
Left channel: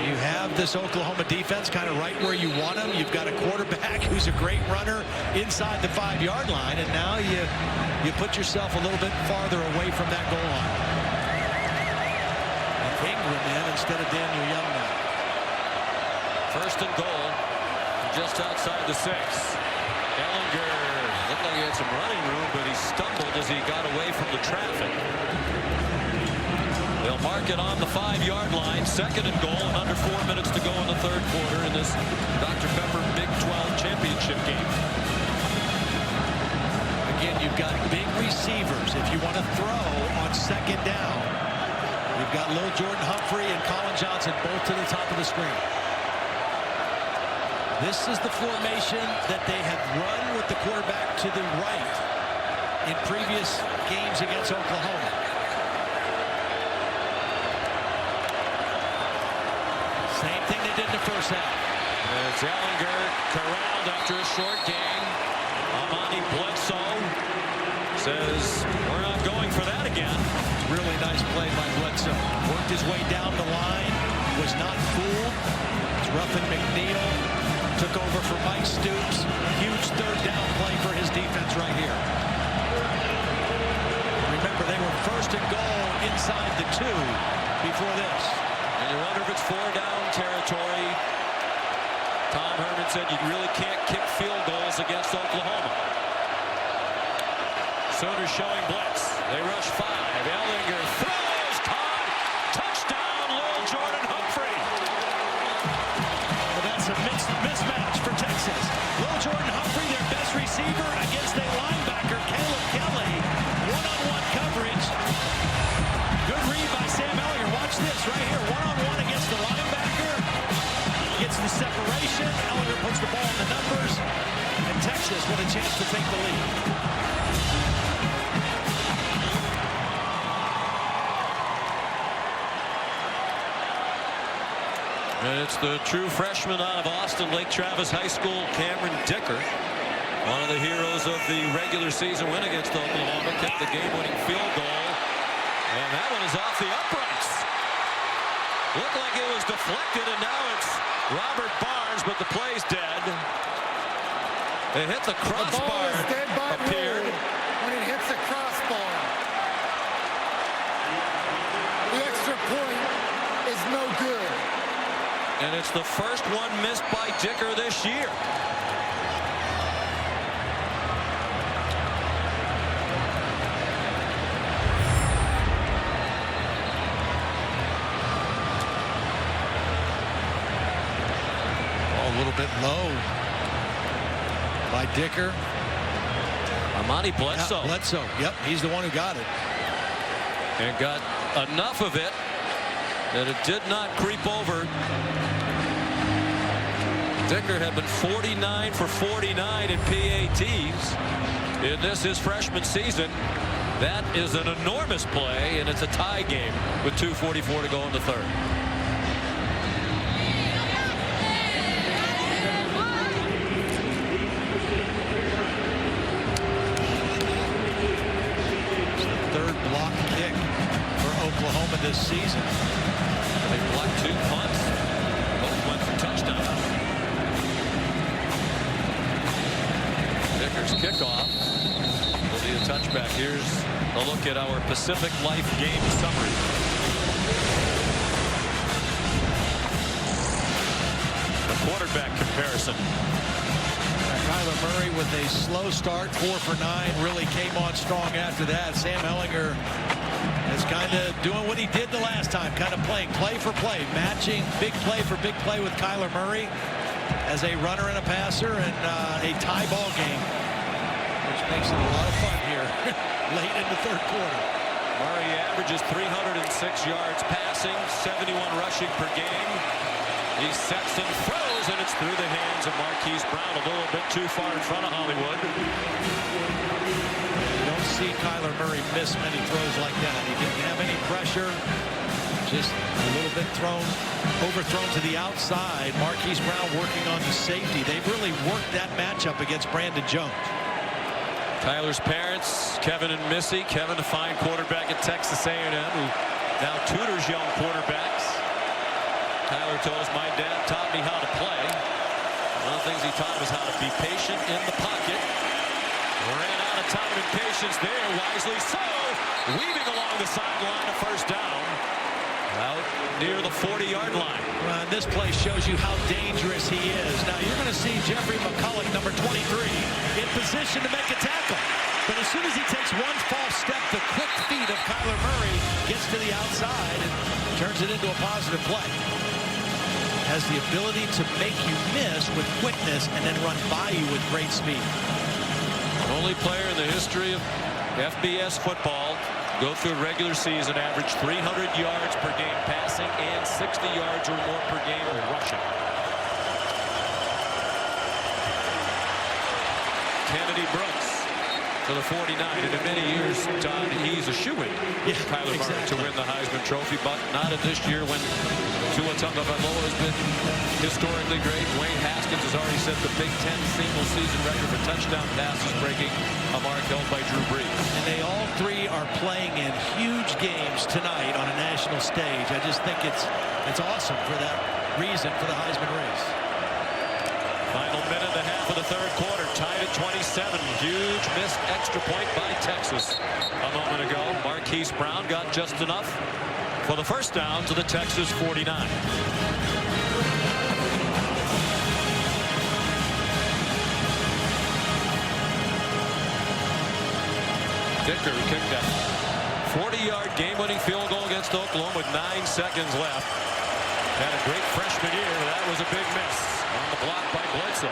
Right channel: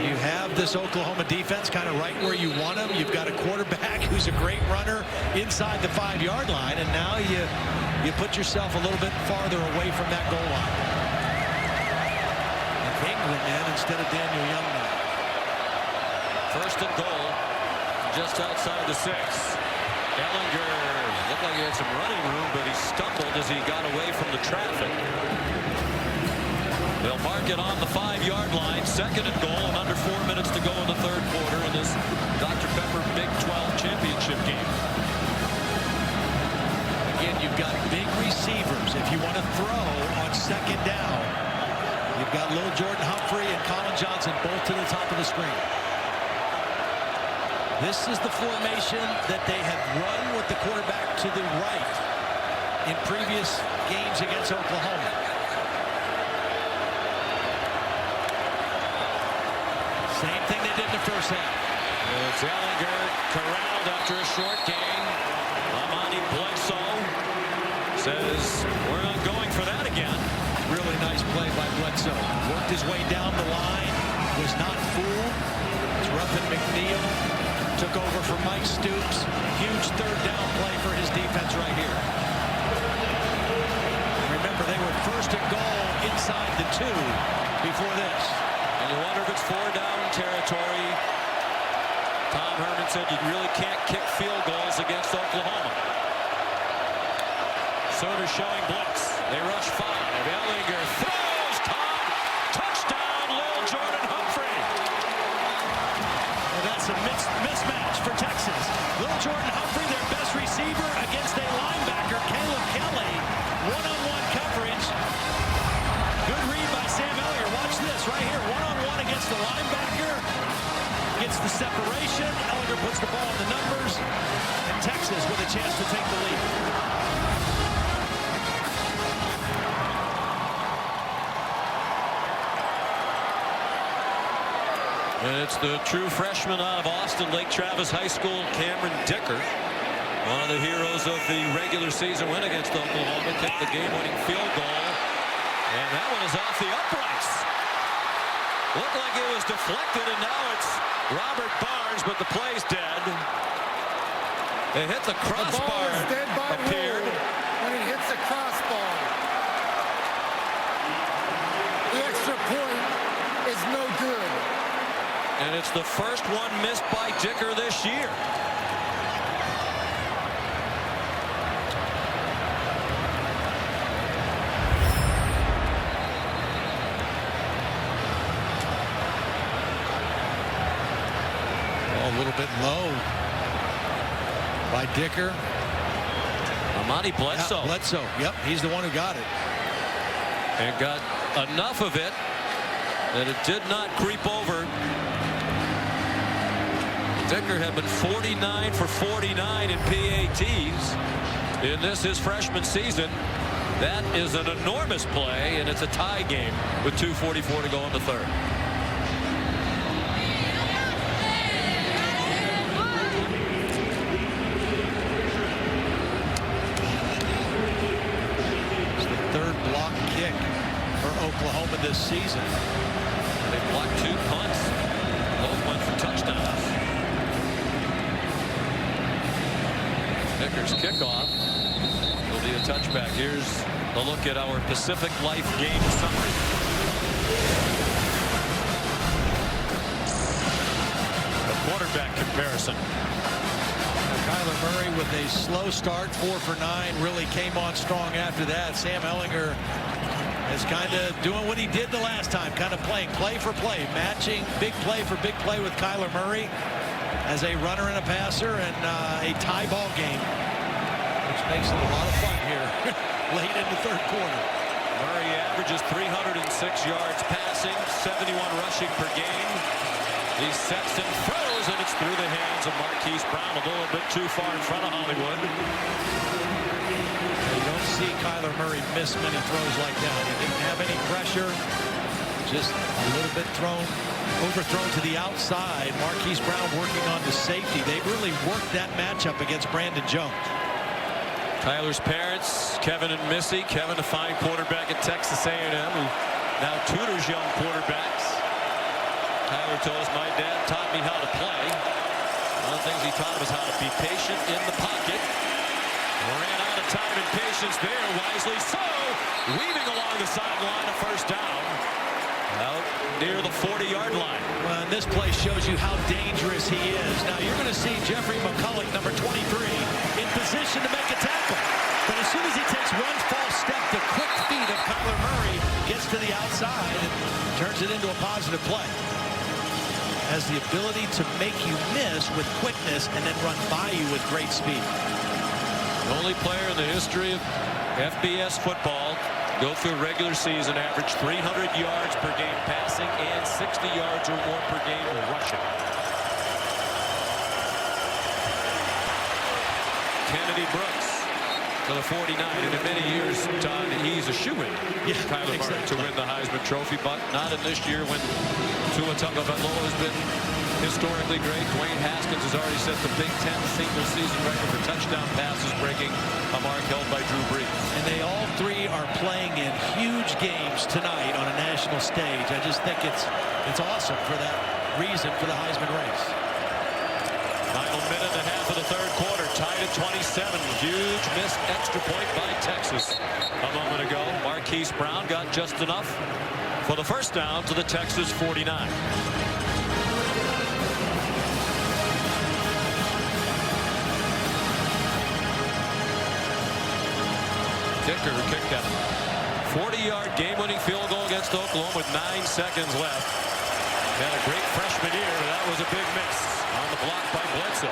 You have this Oklahoma defense kind of right where you want them. You've got a quarterback who's a great runner inside the 5-yard line, and now you put yourself a little bit farther away from that goal line. And Ingram in instead of Daniel Young now. First and goal, just outside the 6. Ehlinger looked like he had some running room, but he stumbled as he got away from the traffic. They'll mark it on the 5-yard line. Second and goal, and under 4 minutes to go in the third quarter in this Dr. Pepper Big 12 championship game. Again, you've got big receivers. If you want to throw on second down, you've got Lil Jordan Humphrey and Colin Johnson both to the top of the screen. This is the formation that they have run with the quarterback to the right in previous games against Oklahoma. Same thing they did in the first half. It's Ehlinger corralled after a short gain. Amani Bledsoe says, we're not going for that again. Really nice play by Bledsoe. Worked his way down the line, was not fooled. It's Ruffin McNeil. Took over for Mike Stoops. Huge third down play for his defense right here. And remember, they were first and goal inside the 2 before this. And you wonder if it's 4-down territory. Tom Herman said you really can't kick field goals against Oklahoma. Sooners showing blitz. They rush 5. Ehlinger throws, caught, touchdown, Lil Jordan Humphrey. Well, that's a mismatch for Texas. Lil Jordan Humphrey, their best receiver, against a linebacker, Caleb Kelly. One-on-one coverage. Good read by Sam Ehlinger. Watch this right here. One-on-one against the linebacker. Gets the separation. Ehlinger puts the ball in the numbers. And Texas with a chance to take the lead. And it's the true freshman out of Austin, Lake Travis High School, Cameron Dicker. One of the heroes of the regular season win against Oklahoma. Kicked the game-winning field goal. And that one is off the uprights. Looked like it was deflected, and now it's Robert Barnes, but the play's dead. It hit the crossbar. The ball is dead by appeared. rule when it hits the crossbar. The extra point is no good. And it's the first one missed by Dicker this year. A little bit low by Dicker. Amani Bledsoe. Yeah, Bledsoe. Yep, he's the one who got it. And got enough of it that it did not creep over. Dicker had been 49 for 49 in PATs in this his freshman season. That is an enormous play, and it's a tie game with 2:44 to go in the third. Third block kick for Oklahoma this season. And they blocked 2 punts. Both went for touchdowns. Dicker's kickoff will be a touchback. Here's a look at our Pacific Life game summary. A quarterback comparison. Kyler Murray with a slow start, 4 for 9, really came on strong after that. Sam Ehlinger is kind of doing what he did the last time, kind of playing play for play, matching big play for big play with Kyler Murray as a runner and a passer, and a tie ball game, which makes it a lot of fun here late in the third quarter. Murray averages 306 yards passing, 71 rushing per game. He sets and throws, and it's through the hands of Marquise Brown, a little bit too far in front of Hollywood. Yeah, you don't see Kyler Murray miss many throws like that. He didn't have any pressure, just a little bit overthrown to the outside. Marquise Brown working on the safety. They've really worked that matchup against Brandon Jones. Kyler's parents, Kevin and Missy. Kevin, a fine quarterback at Texas A&M, who now tutors young quarterbacks. Kyler told us, my dad taught me how to play. One of the things he taught him is how to be patient in the pocket. Ran out of time and patience there, wisely so. Weaving along the sideline, a first down. Out near the 40-yard line. Well, and this play shows you how dangerous he is. Now, you're going to see Jeffrey McCulloch, number 23, in position to make a tackle. But as soon as he takes one false step, the quick feet of Kyler Murray gets to the outside and turns it into a positive play. Has the ability to make you miss with quickness and then run by you with great speed. The only player in the history of FBS football go through a regular season, average 300 yards per game passing and 60 yards or more per game rushing. Kennedy Brooks to the 49, and in many years, Todd, he's a shoo-in, Kyler Murray, to win the Heisman Trophy, but not in this year when Tua Tagovailoa has been historically great. Dwayne Haskins has already set the Big Ten single-season record for touchdown passes, breaking a mark held by Drew Brees. And they all three are playing in huge games tonight on a national stage. I just think it's awesome for that reason for the Heisman race. Final minute and a half of the third quarter, tied at 27. Huge missed extra point by Texas a moment ago. Marquise Brown got just enough for the first down to the Texas 49. Dicker, who kicked that 40-yard game-winning field goal against Oklahoma with 9 seconds left. Had a great freshman year, but that was a big miss on the block by Bledsoe.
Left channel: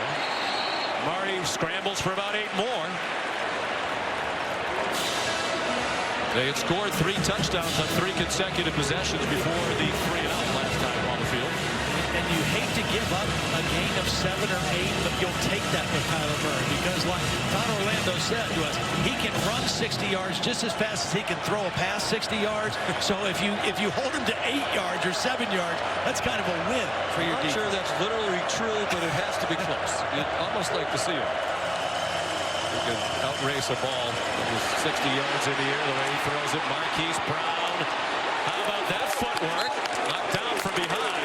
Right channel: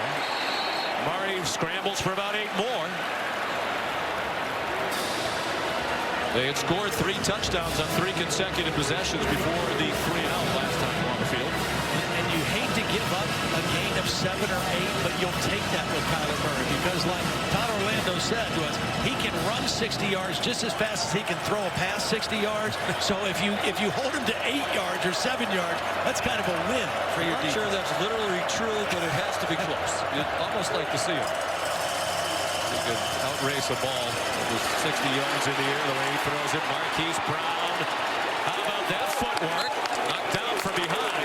Murray scrambles for about 8 more. They had scored 3 touchdowns on 3 consecutive possessions before the 3-and-out last time on the field. And you hate to give up a gain of 7 or 8, but you'll take that with Kyler Murray because, like Todd Orlando said to us, he can run 60 yards just as fast as he can throw a pass 60 yards. So if you hold him to 8 yards or 7 yards, that's kind of a win for your defense. I'm not sure that's literally true, but it has to be close. You'd almost like to see him. He could outrace a ball that was 60 yards in the air the way he throws it. Marquise Brown. How about that footwork? Knocked down from behind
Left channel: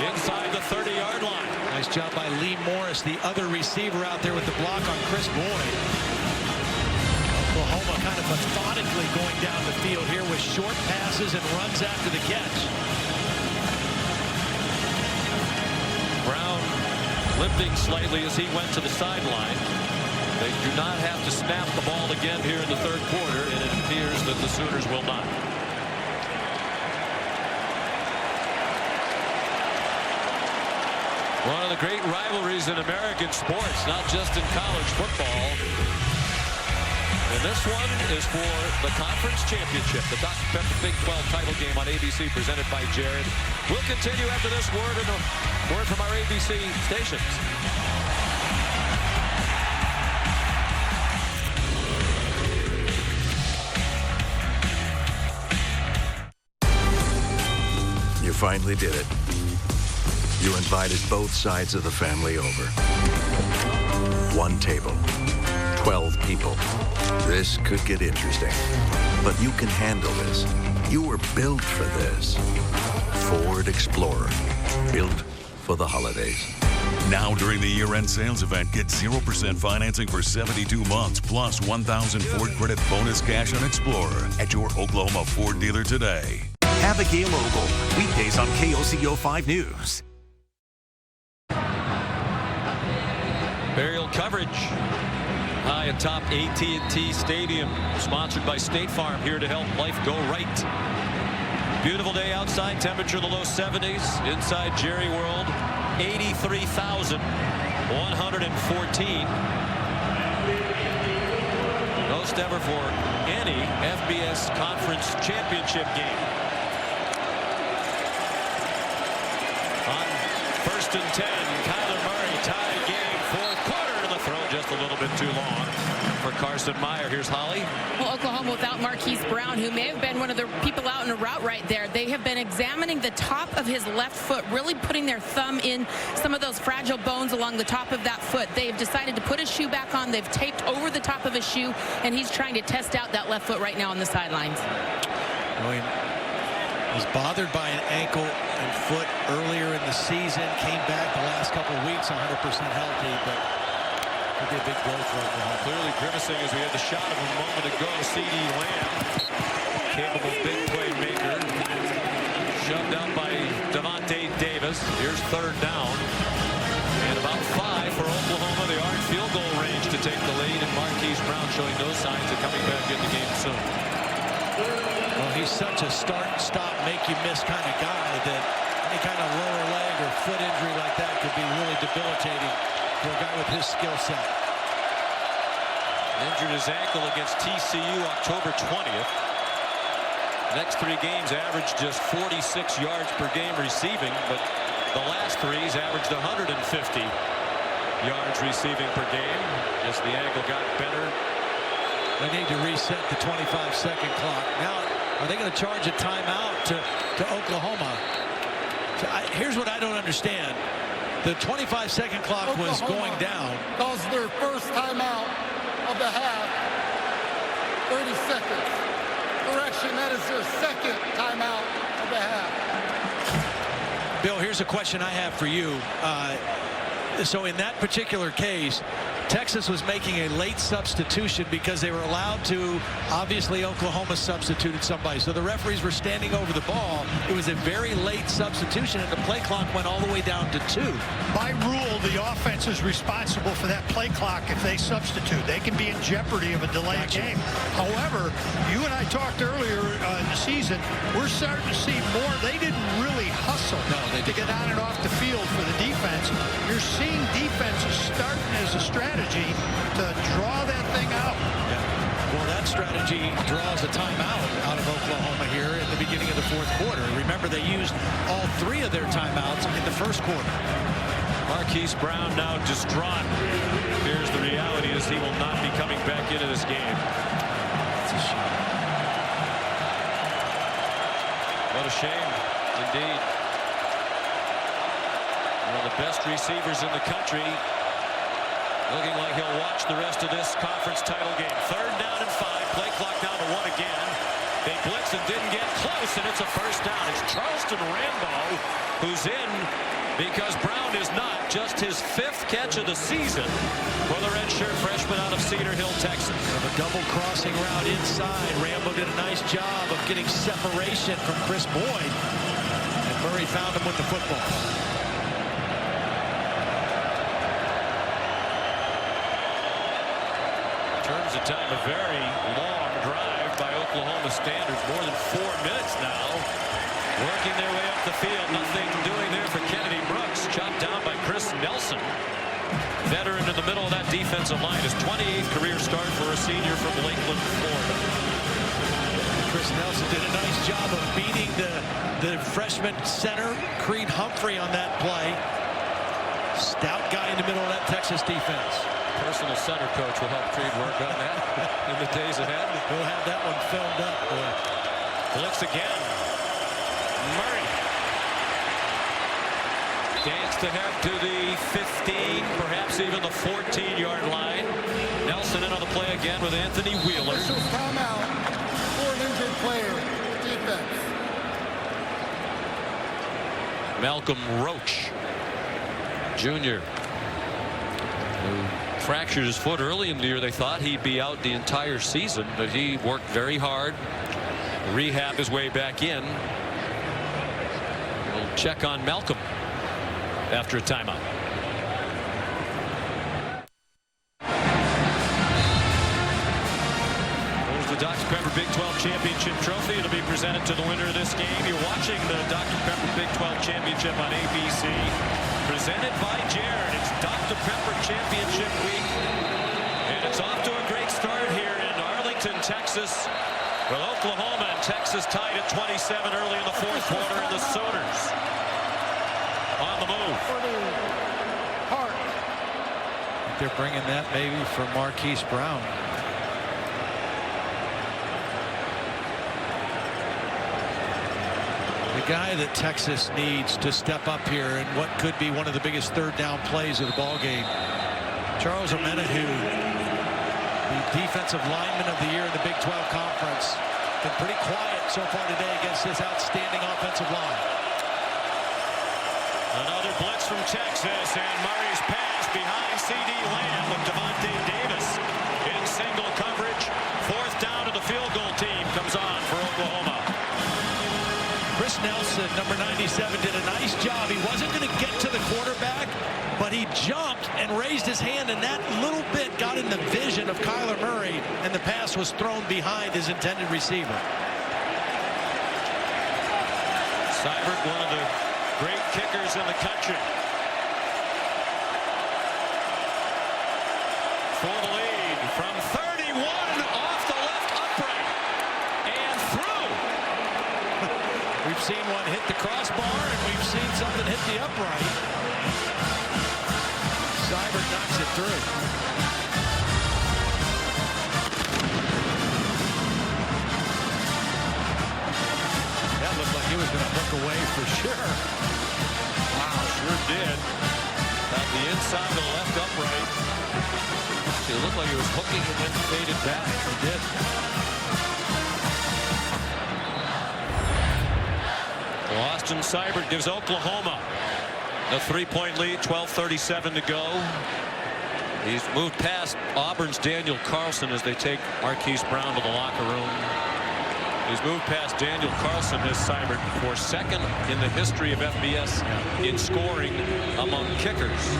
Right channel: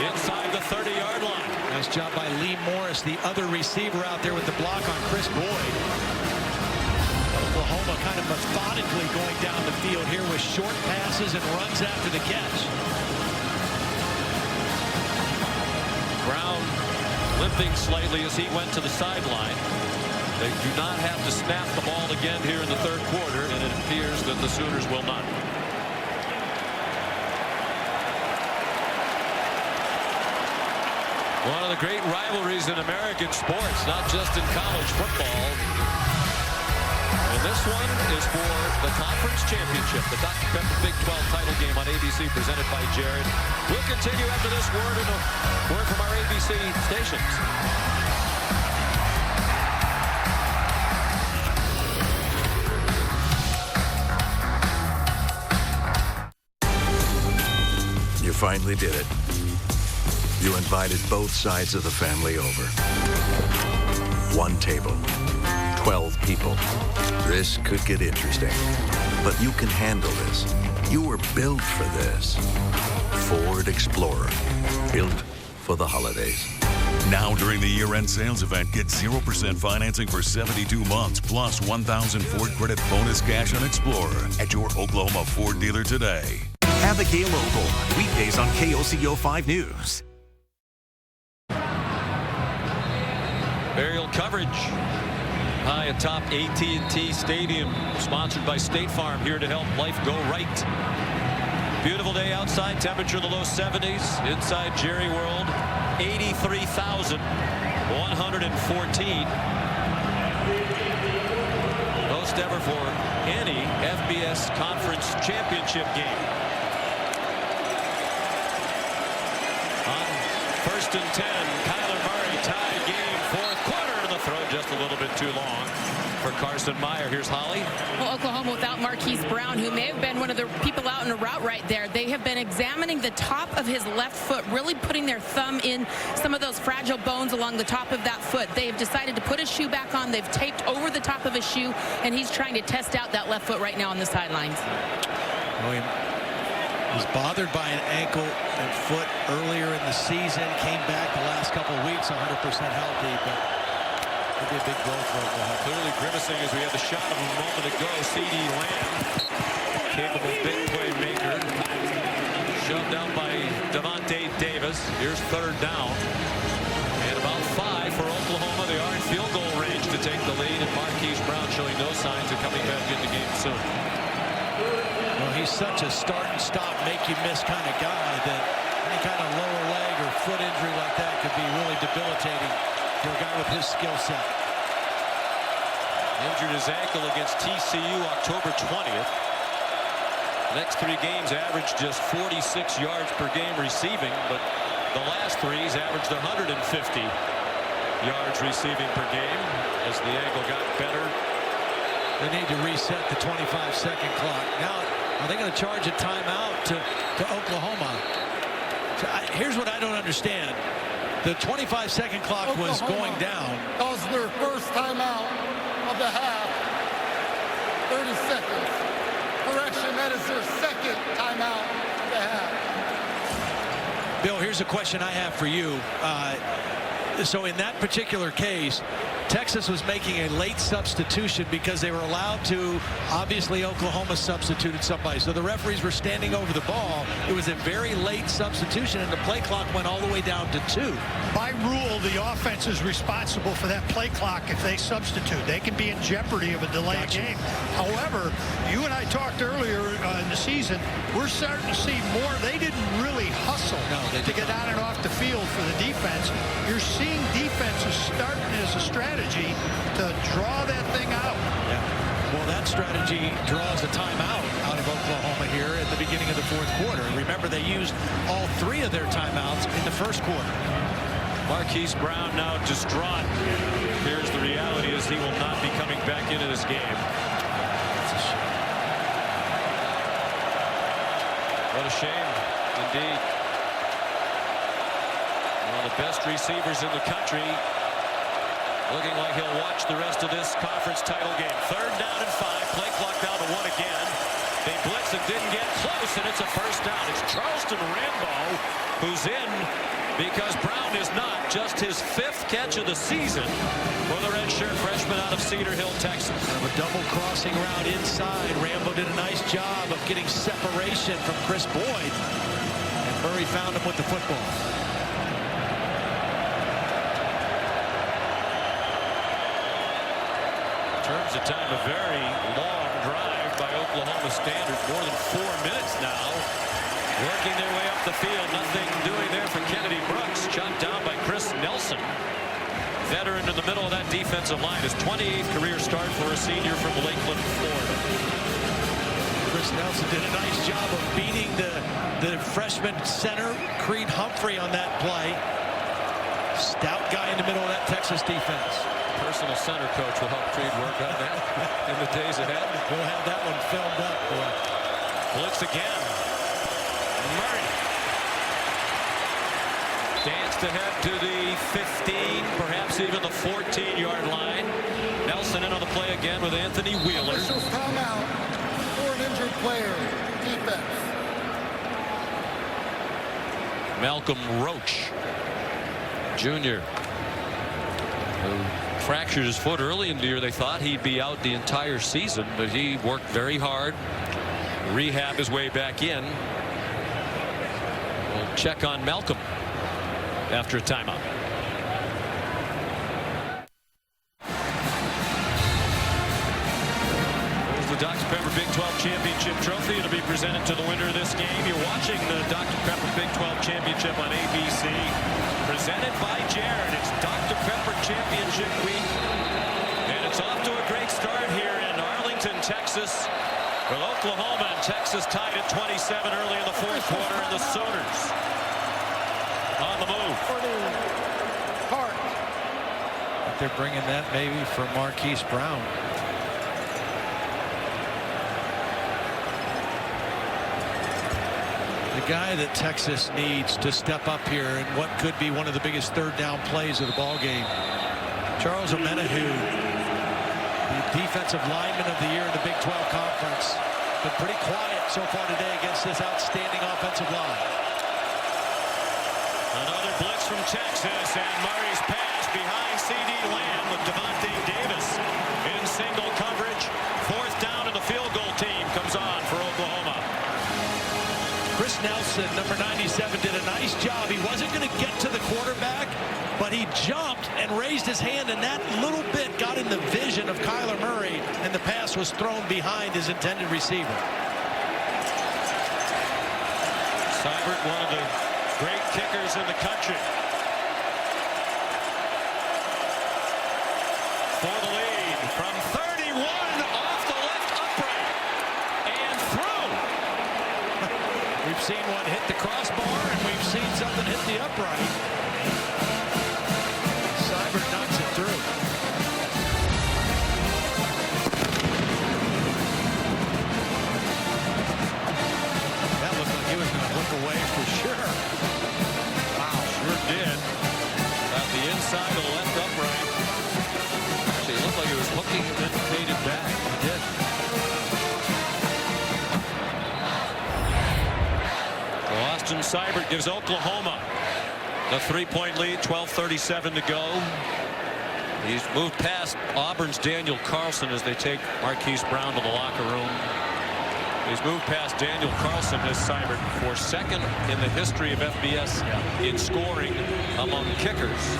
inside the 30-yard line. Nice job by Lee Morris, the other receiver out there with the block on Chris Boyd. Oklahoma kind of methodically going down the field here with short passes and runs after the catch. Brown limping slightly as he went to the sideline. They do not have to snap the ball again here in the third quarter, and it appears that the Sooners will not. One of the great rivalries in American sports, not just in college football. And this one is for the conference championship, the Dr. Pepper Big 12 title game on ABC, presented by Jared. We'll continue after this word and a word from our ABC stations. You finally did it. You invited both sides of the family over. One table, 12 people. This could get interesting, but you can handle this. You were built for this. Ford Explorer, built for the holidays. Now during the year-end sales event, get 0% financing for 72 months plus 1,000 Ford credit bonus cash on Explorer at your Oklahoma Ford dealer today. Abigail Ogle, weekdays on KOCO 5 News. Aerial coverage high atop AT&T Stadium, sponsored by State Farm, here to help life go right. Beautiful day outside, temperature in the low 70s. Inside Jerry World, 83,114. Most ever for any FBS Conference Championship game. On 1st and 10, Kyler Murray tied game, fourth quarter, and the throw just a little bit too long for Carson Meyer. Here's Holly. Well, Oklahoma without Marquise Brown, who may have been one of the people out in a route right there. They have been examining the top of his left foot, really putting their thumb in some of those fragile bones along the top of that foot. They've decided to put his shoe back on. They've taped over the top of his shoe, and he's trying to test out that left foot right now on the sidelines. William was bothered by an ankle and foot earlier in the season, came back the last couple of weeks 100% healthy, but it'll be a big blow for Oklahoma. Clearly grimacing as we had the shot of him a moment ago. CeeDee Lamb, capable big playmaker, shoved out by Devontae Davis. Here's third down. And about 5 for Oklahoma. They are in field goal range to take the lead, and Marquise Brown showing no signs of coming back in the game soon. Well, he's such a start and stop, make you miss kind of guy that any kind of lower leg or foot injury like that could be really debilitating for a guy with his skill set. Injured his ankle against TCU October 20th. The next 3 games averaged just 46 yards per game receiving, but the last 3 he's averaged 150 yards receiving per game as the ankle got better. They need to reset the 25-second clock. Now, are they going to charge a timeout to Oklahoma? So here's what I don't understand. The 25-second clock Oklahoma was going down. Calls their first timeout of the half. 30 seconds. Correction, that is their second timeout of the half. Bill, here's a question I have for you. So in that particular case, Texas was making a late substitution because they were allowed to. Obviously, Oklahoma substituted somebody. So the referees were standing over the ball. It was a very late substitution, and the play clock went all the way down to 2. By rule, the offense is responsible for that play clock if they substitute. They can be in jeopardy of a delayed game. However, you and I talked earlier in the season, we're starting to see more. They didn't really hustle to get on and off the field for the defense. You're seeing defenses starting as a strategy to draw that thing out. Yeah. Well, that strategy draws a timeout out of Oklahoma here at the beginning of the fourth quarter. Remember, they used all 3 of their timeouts in the first quarter. Marquise Brown now distraught. Here's the reality is he will not be coming back into this game. That's a shame. What a shame, indeed. One of the best receivers in the country. Looking like he'll watch the rest of this conference title game. 3rd down and 5. Play clock down to 1 again. They blitz and didn't get close, and it's a first down. It's Charleston Rambo who's in because Brown is not. Just his 5th catch of the season for the redshirt freshman out of Cedar Hill, Texas. Kind of a double crossing route inside. Rambo did a nice job of getting separation from Chris Boyd, and Murray found him with the football. In terms of time, a very long drive by Oklahoma standards, more than 4 minutes now. Working their way up the field, nothing doing there for Kennedy Brooks. Chopped down by Chris Nelson. Veteran in the middle of that defensive line. His 28th career start for a senior from Lakeland, Florida. Chris Nelson did a nice job of beating the freshman center, Creed Humphrey, on that play. Stout guy in the middle of that Texas defense. Personal center coach will help Creed work on that in the days ahead. We'll have that one filmed up, boy. Blitz again. Murray danced ahead to the 15, perhaps even the 14-yard line. Nelson in on the play again with Anthony Wheeler. Officials timeout for an injured player. Defense. Malcolm Roach junior, who fractured his foot early in the year. They thought he'd be out the entire season, but he worked very hard, rehab his way back in. We'll check on Malcolm after a timeout. There's the Dr. Pepper Big 12 Championship Trophy. It'll be presented to the winner of this game. You're watching the Dr. Pepper Big 12 Championship on ABC. Presented by Jared. It's Dr. Pepper Championship Week. And it's off to a great start here in Arlington, Texas, with Oklahoma and Texas tied at 27 early in the fourth quarter, and the Sooners on the move. I think they're bringing that maybe for Marquise Brown. The guy that Texas needs to step up here in what could be one of the biggest third down plays of the ball game. Charles Omenihu, the defensive lineman of the year in the Big 12 Conference, been pretty quiet so far today against this outstanding offensive line. Another blitz from Texas, and Murray's pass behind C.D. Lamb with Devontae Davis in single coverage. Fourth down, and the field goal team comes on for Oklahoma. Chris Nelson, number 97, did a nice job. He wasn't going to get to the quarterback, but he jumped and raised his hand, and that little bit got in the vision of Kyler Murray, and the pass was thrown behind his intended receiver. Seibert, one of the great kickers in the country. For the lead from 31 off the left upright and through. We've seen one hit the crossbar, and we've seen something hit the upright. Seibert knocks it through. That looked like he was going to hook away for sure. Wow, sure did. At the inside of the left upright. Actually, it looked like he was hooking and then faded back. He did. So Austin Seibert gives Oklahoma a 3-point lead, 12:37 to go. He's moved past Auburn's Daniel Carlson as they take Marquise Brown to the locker room. He's moved past Daniel Carlson as Seibert for second in the history of FBS in scoring among kickers.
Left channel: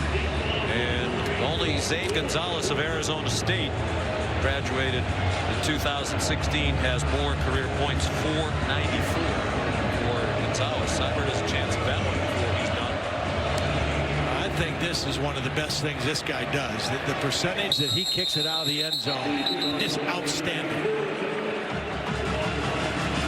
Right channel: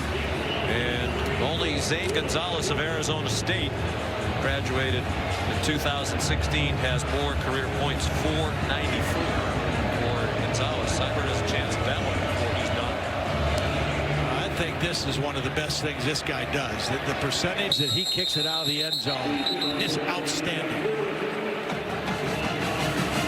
And only Zane Gonzalez of Arizona State, who graduated in 2016, has more career points, 494 for Gonzalez. Seibert has a chance at that one before he's done. I think this is one of the best things this guy does. The percentage that he kicks it out of the end zone is outstanding.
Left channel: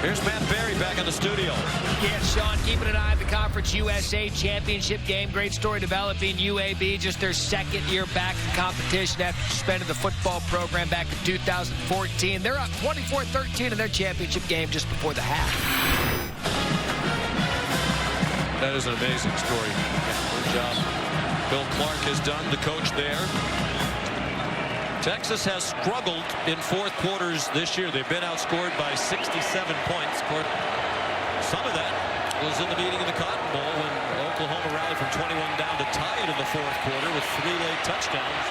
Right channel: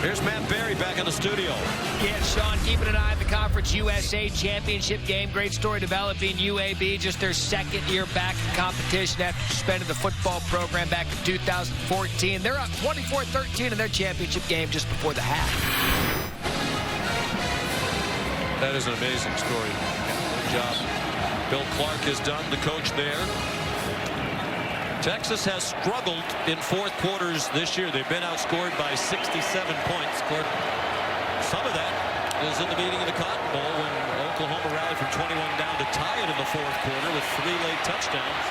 Here's Matt Berry back in the studio. Yeah, Sean, keeping an eye on the Conference USA Championship game. Great story developing. UAB, just their second year back in competition after suspending the football program back in 2014. They're up 24-13 in their championship game just before the half. That is an amazing story. Yeah, good job Bill Clark has done, the coach there. Texas has struggled in fourth quarters this year. They've been outscored by 67 points. Of course, some of that was in the meeting of the Cotton Bowl when Oklahoma rallied from 21 down to tie it in the fourth quarter with 3 late touchdowns.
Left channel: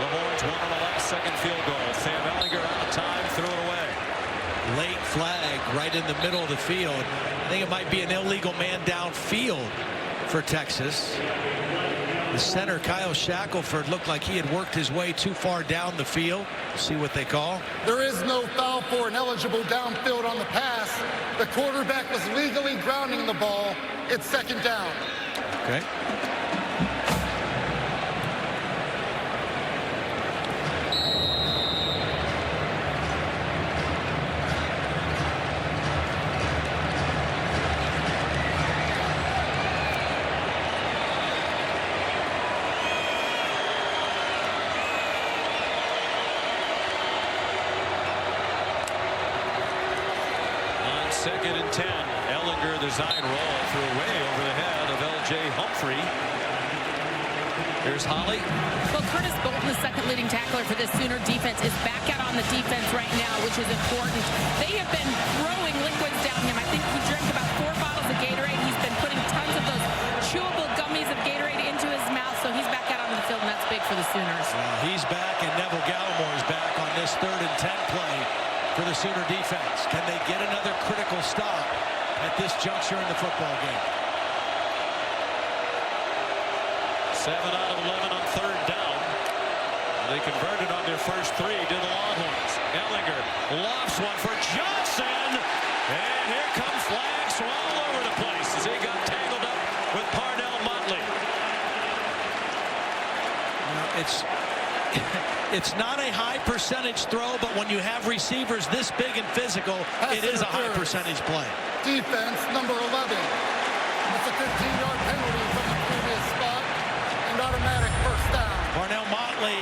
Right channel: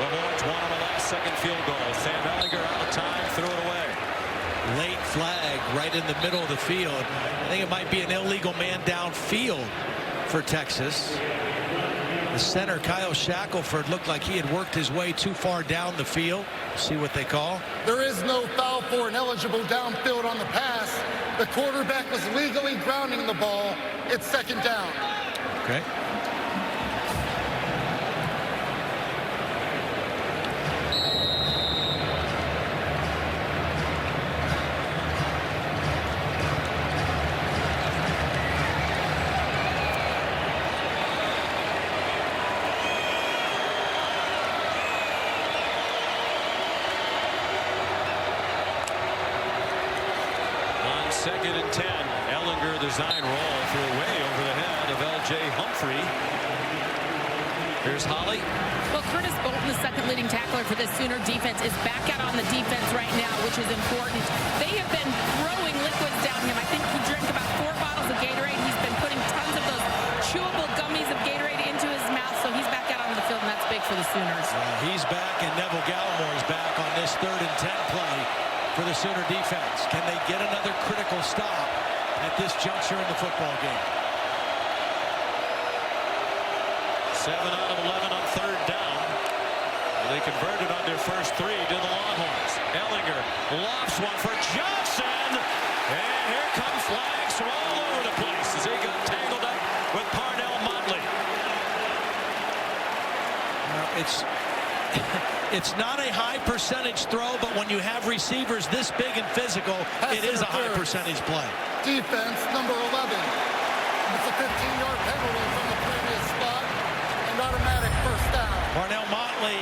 The Horns won on a last-second field goal. Sam Ehlinger out of time, threw it away. Late flag right in the middle of the field. I think it might be an illegal man downfield for Texas. The center, Kyle Shackelford, looked like he had worked his way too far down the field. See what they call. There is no foul for an eligible downfield on the pass. The quarterback was legally grounding the ball. It's second down. Okay. Second and 10. Ehlinger, the design roll, threw way over the head of L.J. Humphrey. Here's Holly. Well, Curtis Bolton, the second leading tackler for this Sooner defense, is back out on the defense right now, which is important. They have been throwing liquids down him. I think he drank about 4 bottles of Gatorade. He's been putting tons of those chewable gummies of Gatorade into his mouth. Sooners. He's back, and Neville Gallimore is back on this 3rd and 10 play for the Sooner defense. Can they get another critical stop at this juncture in the football game? 7 out of 11 on 3rd down. They converted on their first 3 to the Longhorns. Ehlinger lofts one for Johnson. And here come flags from all over the place as he got tangled up with Parnell Motley. Now, it's not a high percentage throw, but when you have receivers this big and physical, it is a high percentage play. Defense number 11. It's a 15-yard penalty from the previous spot and automatic first down. Parnell Motley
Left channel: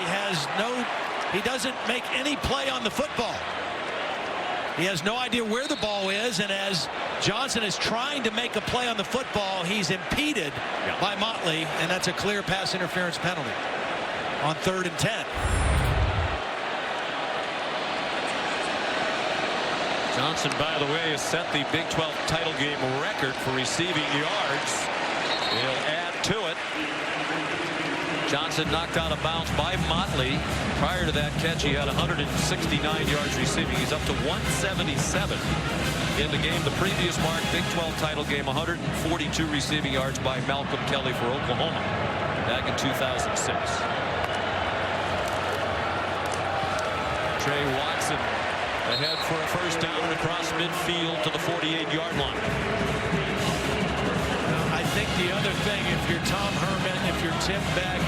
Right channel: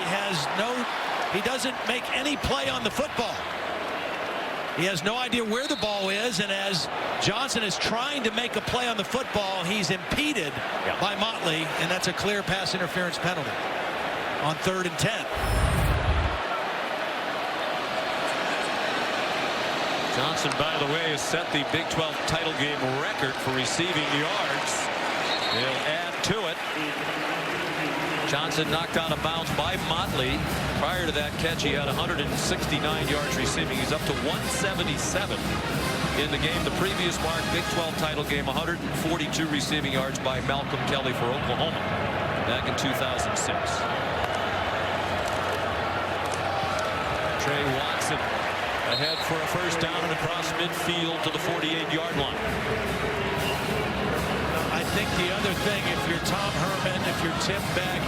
he doesn't make any play on the football. He has no idea where the ball is, and as Johnson is trying to make a play on the football, he's impeded by Motley, and that's a clear pass interference penalty on 3rd and 10. Johnson, by the way, has set the Big 12 title game record for receiving yards. He'll add to it. Johnson knocked out of bounds by Motley. Prior to that catch, he had 169 yards receiving. He's up to 177 in the game. The previous mark, Big 12 title game, 142 receiving yards by Malcolm Kelly for Oklahoma back in 2006. Trey Watson ahead for a first down and across midfield to the 48-yard line. I think the other thing, if you're Tom Herman, if you're Tim Beck,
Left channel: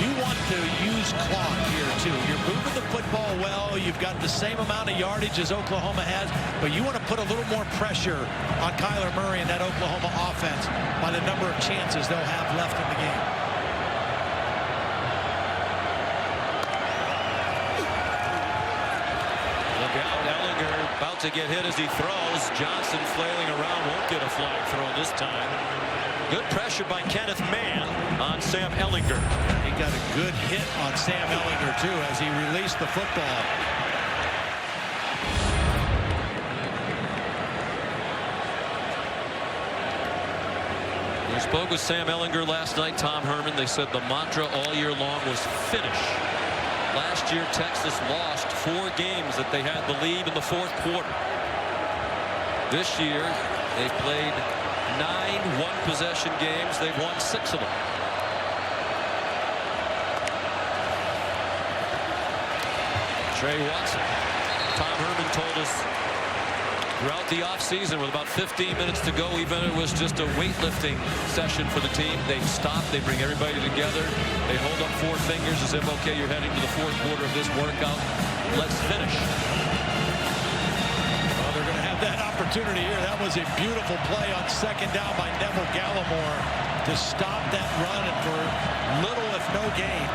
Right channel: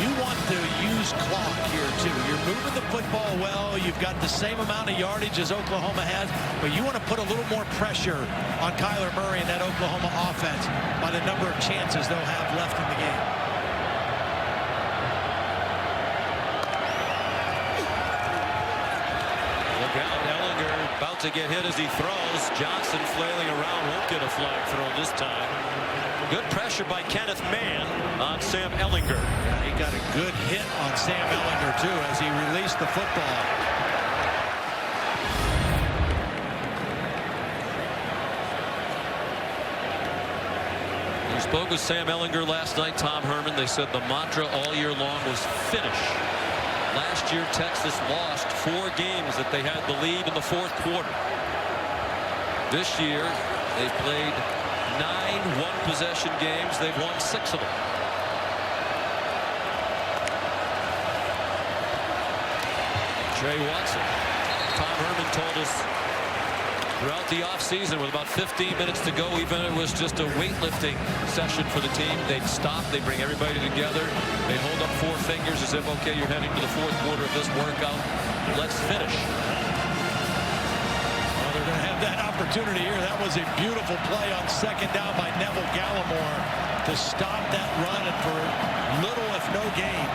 you want to use clock here too. You're moving the football well. You've got the same amount of yardage as Oklahoma has, but you want to put a little more pressure on Kyler Murray and that Oklahoma offense by the number of chances they'll have left in the game. Look out, Ehlinger about to get hit as he throws. Johnson flailing around, won't get a flag thrown this time. Good pressure by Kenneth Mann on Sam Ehlinger. Yeah, he got a good hit on Sam Ehlinger too as he released the football. We spoke with Sam Ehlinger last night, Tom Herman. They said the mantra all year long was finish. Last year, Texas lost 4 games that they had the lead in the 4th quarter. This year, they've played 9 one-possession games. They've won 6 of them. Trey Watson. Tom Herman told us throughout the offseason, with about 15 minutes to go, even if it was just a weightlifting session for the team, they'd stop, they'd bring everybody together, they'd hold up 4 fingers as if, okay, you're heading to the 4th quarter of this workout, let's finish. Well, they're going to have that opportunity here. That was a beautiful play on 2nd down by Neville Gallimore to stop that run and for little if no gain.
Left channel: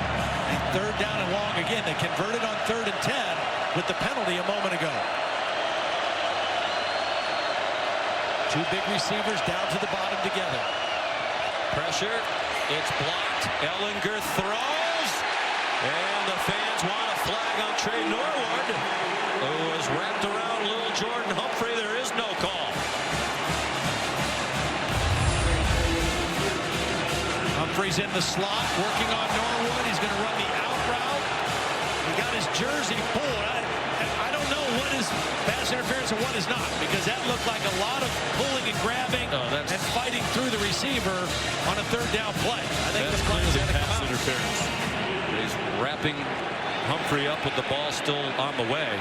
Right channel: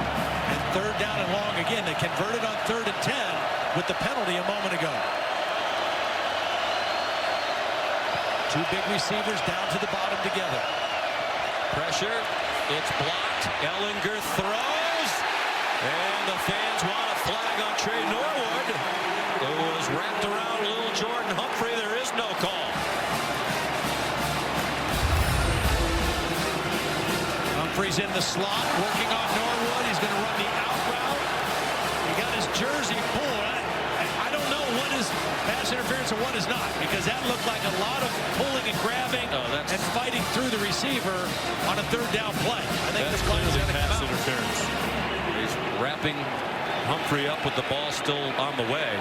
And 3rd down and long again. They converted on 3rd and 10 with the penalty a moment ago. 2 big receivers down to the bottom together. Pressure. It's blocked. Ehlinger throws. And the fans want a flag on Trey Norwood, who was wrapped around little Jordan Humphrey. There is no call. Humphrey's in the slot, working on Norwood. He's going to run the out route. He got his jersey pulled. I don't know what is pass interference and what is not, because that looked like a lot of pulling and grabbing and fighting through the receiver on a 3rd down play. I think that's the flag's clearly going to come pass out. interference. He's wrapping Humphrey up with the ball still on the way.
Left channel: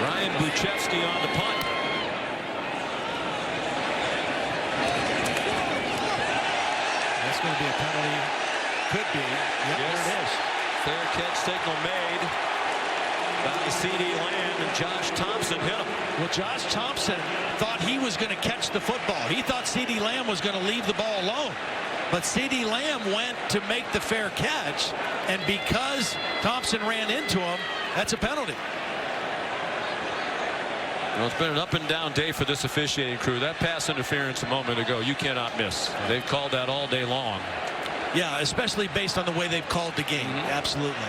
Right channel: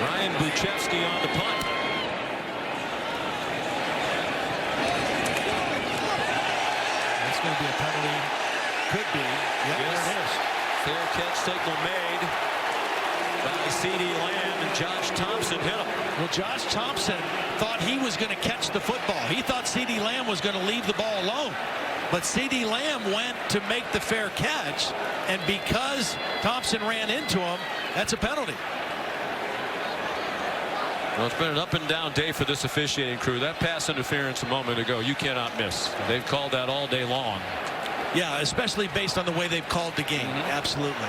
Ryan Buchevsky on the punt. That's going to be a penalty. Could be. Yep, yes. There it is. Fair catch signal made by C.D. Lamb, and Josh Thompson hit him. Well, Josh Thompson thought he was going to catch the football. He thought C.D. Lamb was going to leave the ball alone. But C.D. Lamb went to make the fair catch, and because Thompson ran into him, that's a penalty. Well, it's been an up and down day for this officiating crew. That pass interference a moment ago, you cannot miss. They've called that all day long. Yeah, especially based on the way they've called the game. Absolutely.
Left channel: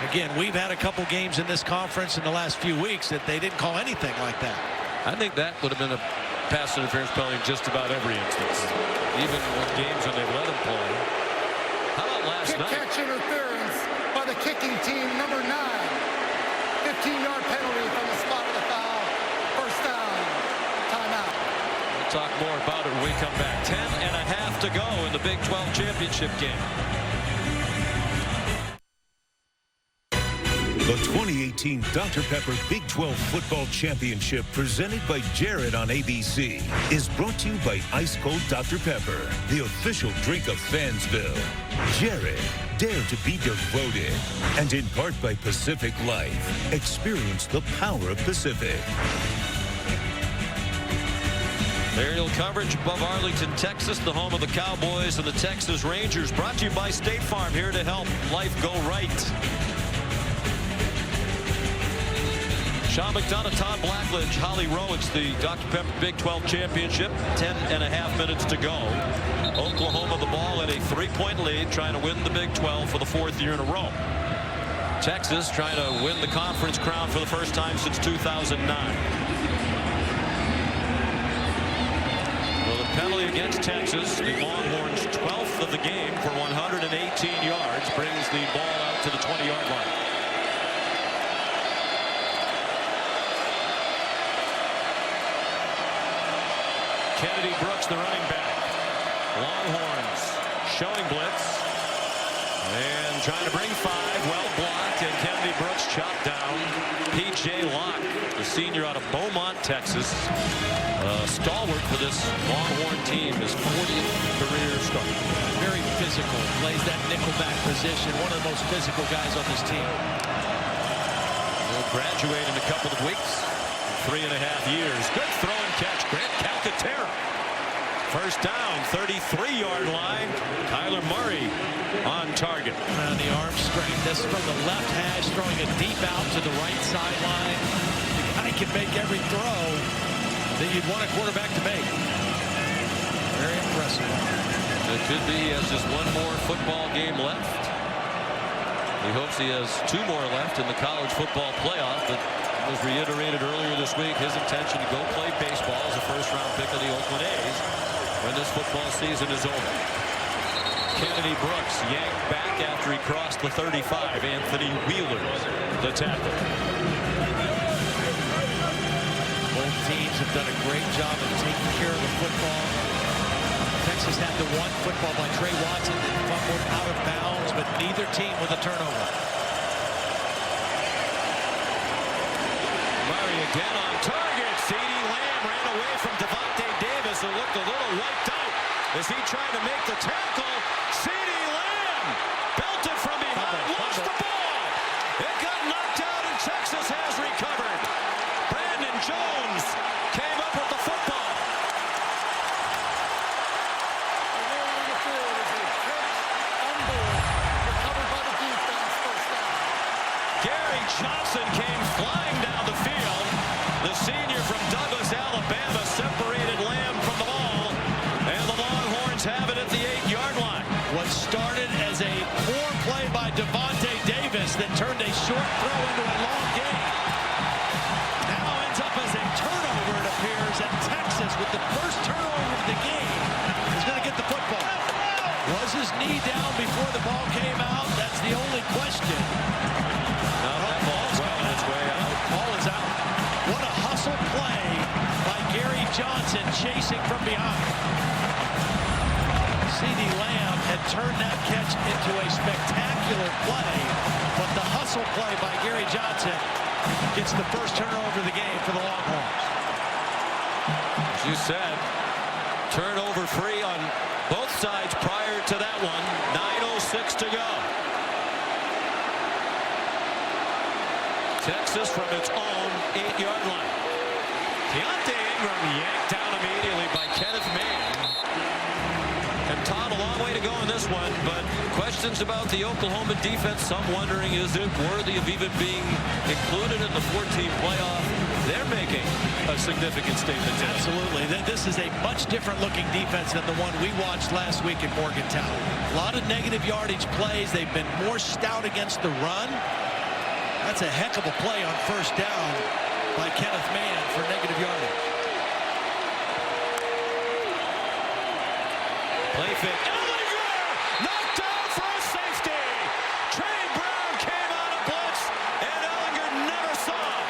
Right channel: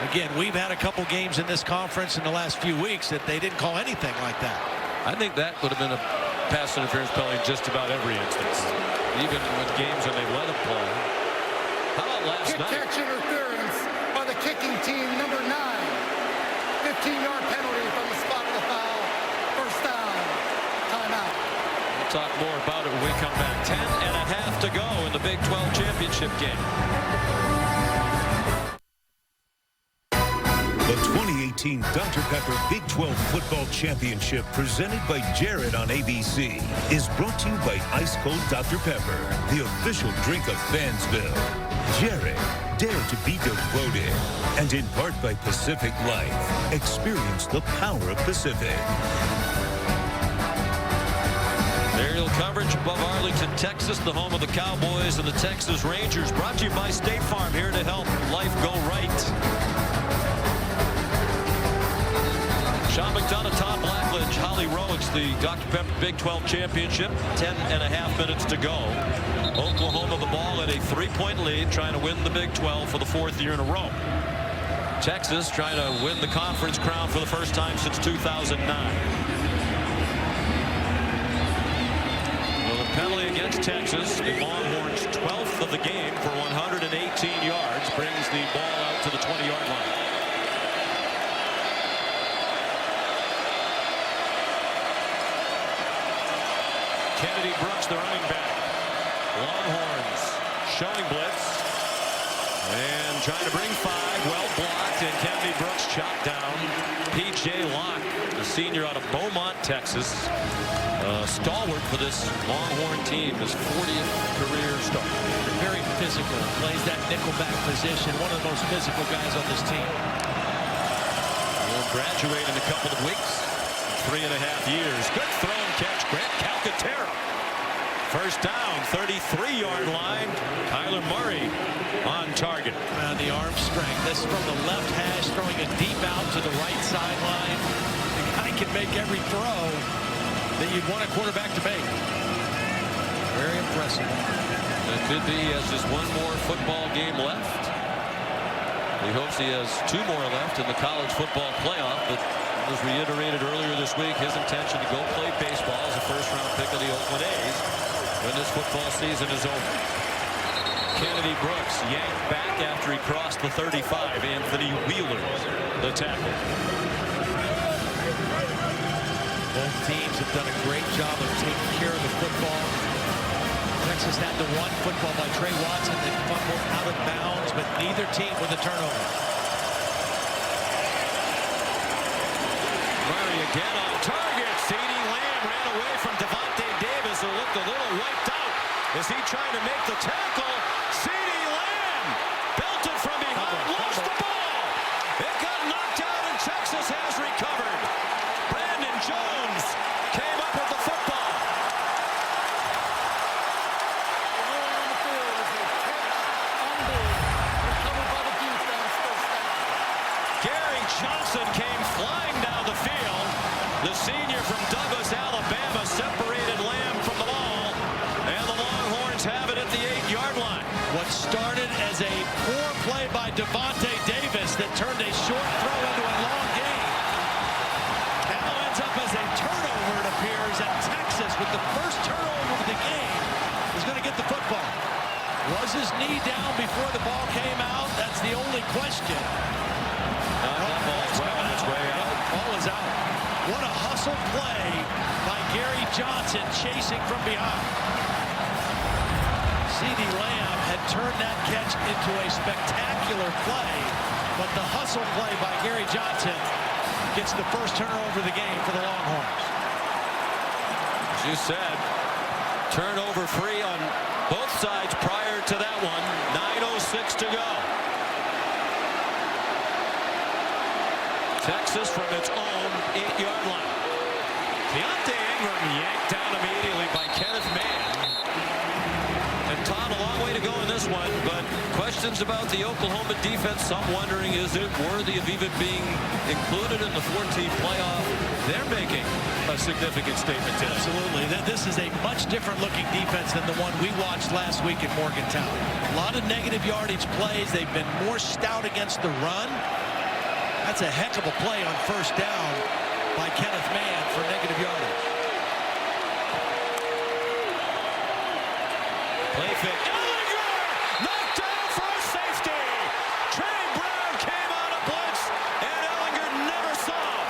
Again, we've had a couple games in this conference in the last few weeks that they didn't call anything like that. I think that would have been pass interference penalty in just about every instance, even when games when they've let them play. How about last night? Catch interference by the kicking team, number 9. 15-yard penalty from the spot of the foul. First down. Timeout. We'll talk more about it when we come back. 10.5 to go in the Big 12 championship game. The 2018 Dr. Pepper Big 12 Football Championship, presented by Jared on ABC, is brought to you by Ice Cold Dr. Pepper, the official drink of Fansville. Jared, dare to be devoted. And in part by Pacific Life. Experience the power of Pacific. Aerial coverage above Arlington, Texas, the home of the Cowboys and the Texas Rangers. Brought to you by State Farm, here to help life go right. Sean McDonough, Todd Blackledge, Holly Rowe. It's the Dr. Pepper Big 12 Championship. 10.5 minutes to go. Oklahoma the ball at a 3-point lead, trying to win the Big 12 for the 4th year in a row. Texas trying to win the conference crown for the first time since 2009. Well, the penalty against Texas, the Longhorns' 12th of the game for 118 yards, brings the ball out to the 20-yard line. Kennedy Brooks, the running back. Longhorns showing blitz and trying to bring 5. Well blocked, and Kennedy Brooks chopped down. P.J. Locke, the senior out of Beaumont, Texas. Stalwart for this Longhorn team, his 40th career start. Very physical, plays that nickelback position. One of the most physical guys on this team. Will graduate in a couple of weeks. 3.5 years. Good throw and catch. Grant Calcaterra. First down, 33-yard line. Kyler Murray on target. And the arm strength. This is from the left hash, throwing it deep out to the right sideline. The guy can make every throw that you'd want a quarterback to make. Very impressive arm. It could be he has just one more football game left. He hopes he has 2 more left in the college football playoff, but it was reiterated earlier this week his intention to go play baseball as a first-round pick of the Oakland A's when this football season is over. Kennedy Brooks yanked back after he crossed the 35. Anthony Wheeler, the tackle. Both teams have done a great job of taking care of the football. Texas had the one football by Trey Watson that fumbled out of bounds, but neither team with a turnover. Murray again on target. CeeDee Lamb ran away from Devontae Davis, who looked a little wiped out. Is he trying to make the tackle? CeeDee Lamb belted from behind, lost the ball. It got knocked out, and Texas has recovered. Brandon Jones came up with the football. The ruling on the field is a catch on ball, recovered by the defense, first down. Gary Johnson came flying down the field. The senior from Douglas, Alabama, separated Lamb from the ball, and the Longhorns have it at the 8-yard line. What started as a poor play by Devontae Davis that turned a short throw into a long gain now ends up as a turnover, it appears, and Texas, with the first turnover of the game, is going to get the football. Was his knee down before the ball came out? That's the only question. No, that ball's well on its way out. Ball is out. What a hustle play by Gary Johnson, chasing from behind. CeeDee Lamb had turned that catch into a spectacular play, but the hustle play by Gary Johnson gets the first turnover of the game for the Longhorns. As you said, turnover free on both sides prior to that one. 9:06 to go. Texas from its own 8-yard line. Keontae Ingram yanked down immediately by Kenneth Mann. And Todd, a long way to go in this one, but questions about the Oklahoma defense. Some wondering, is it worthy of even being included in the 14 playoff? They're making a significant statement today. Absolutely. This is a much different looking defense than the one we watched last week in Morgantown. A lot of negative yardage plays. They've been more stout against the run. That's a heck of a play on first down by Kenneth Mann for negative yardage. Play fake. Ellinger knocked down for a safety. Trey Brown came out of blitz, and Ellinger never saw him.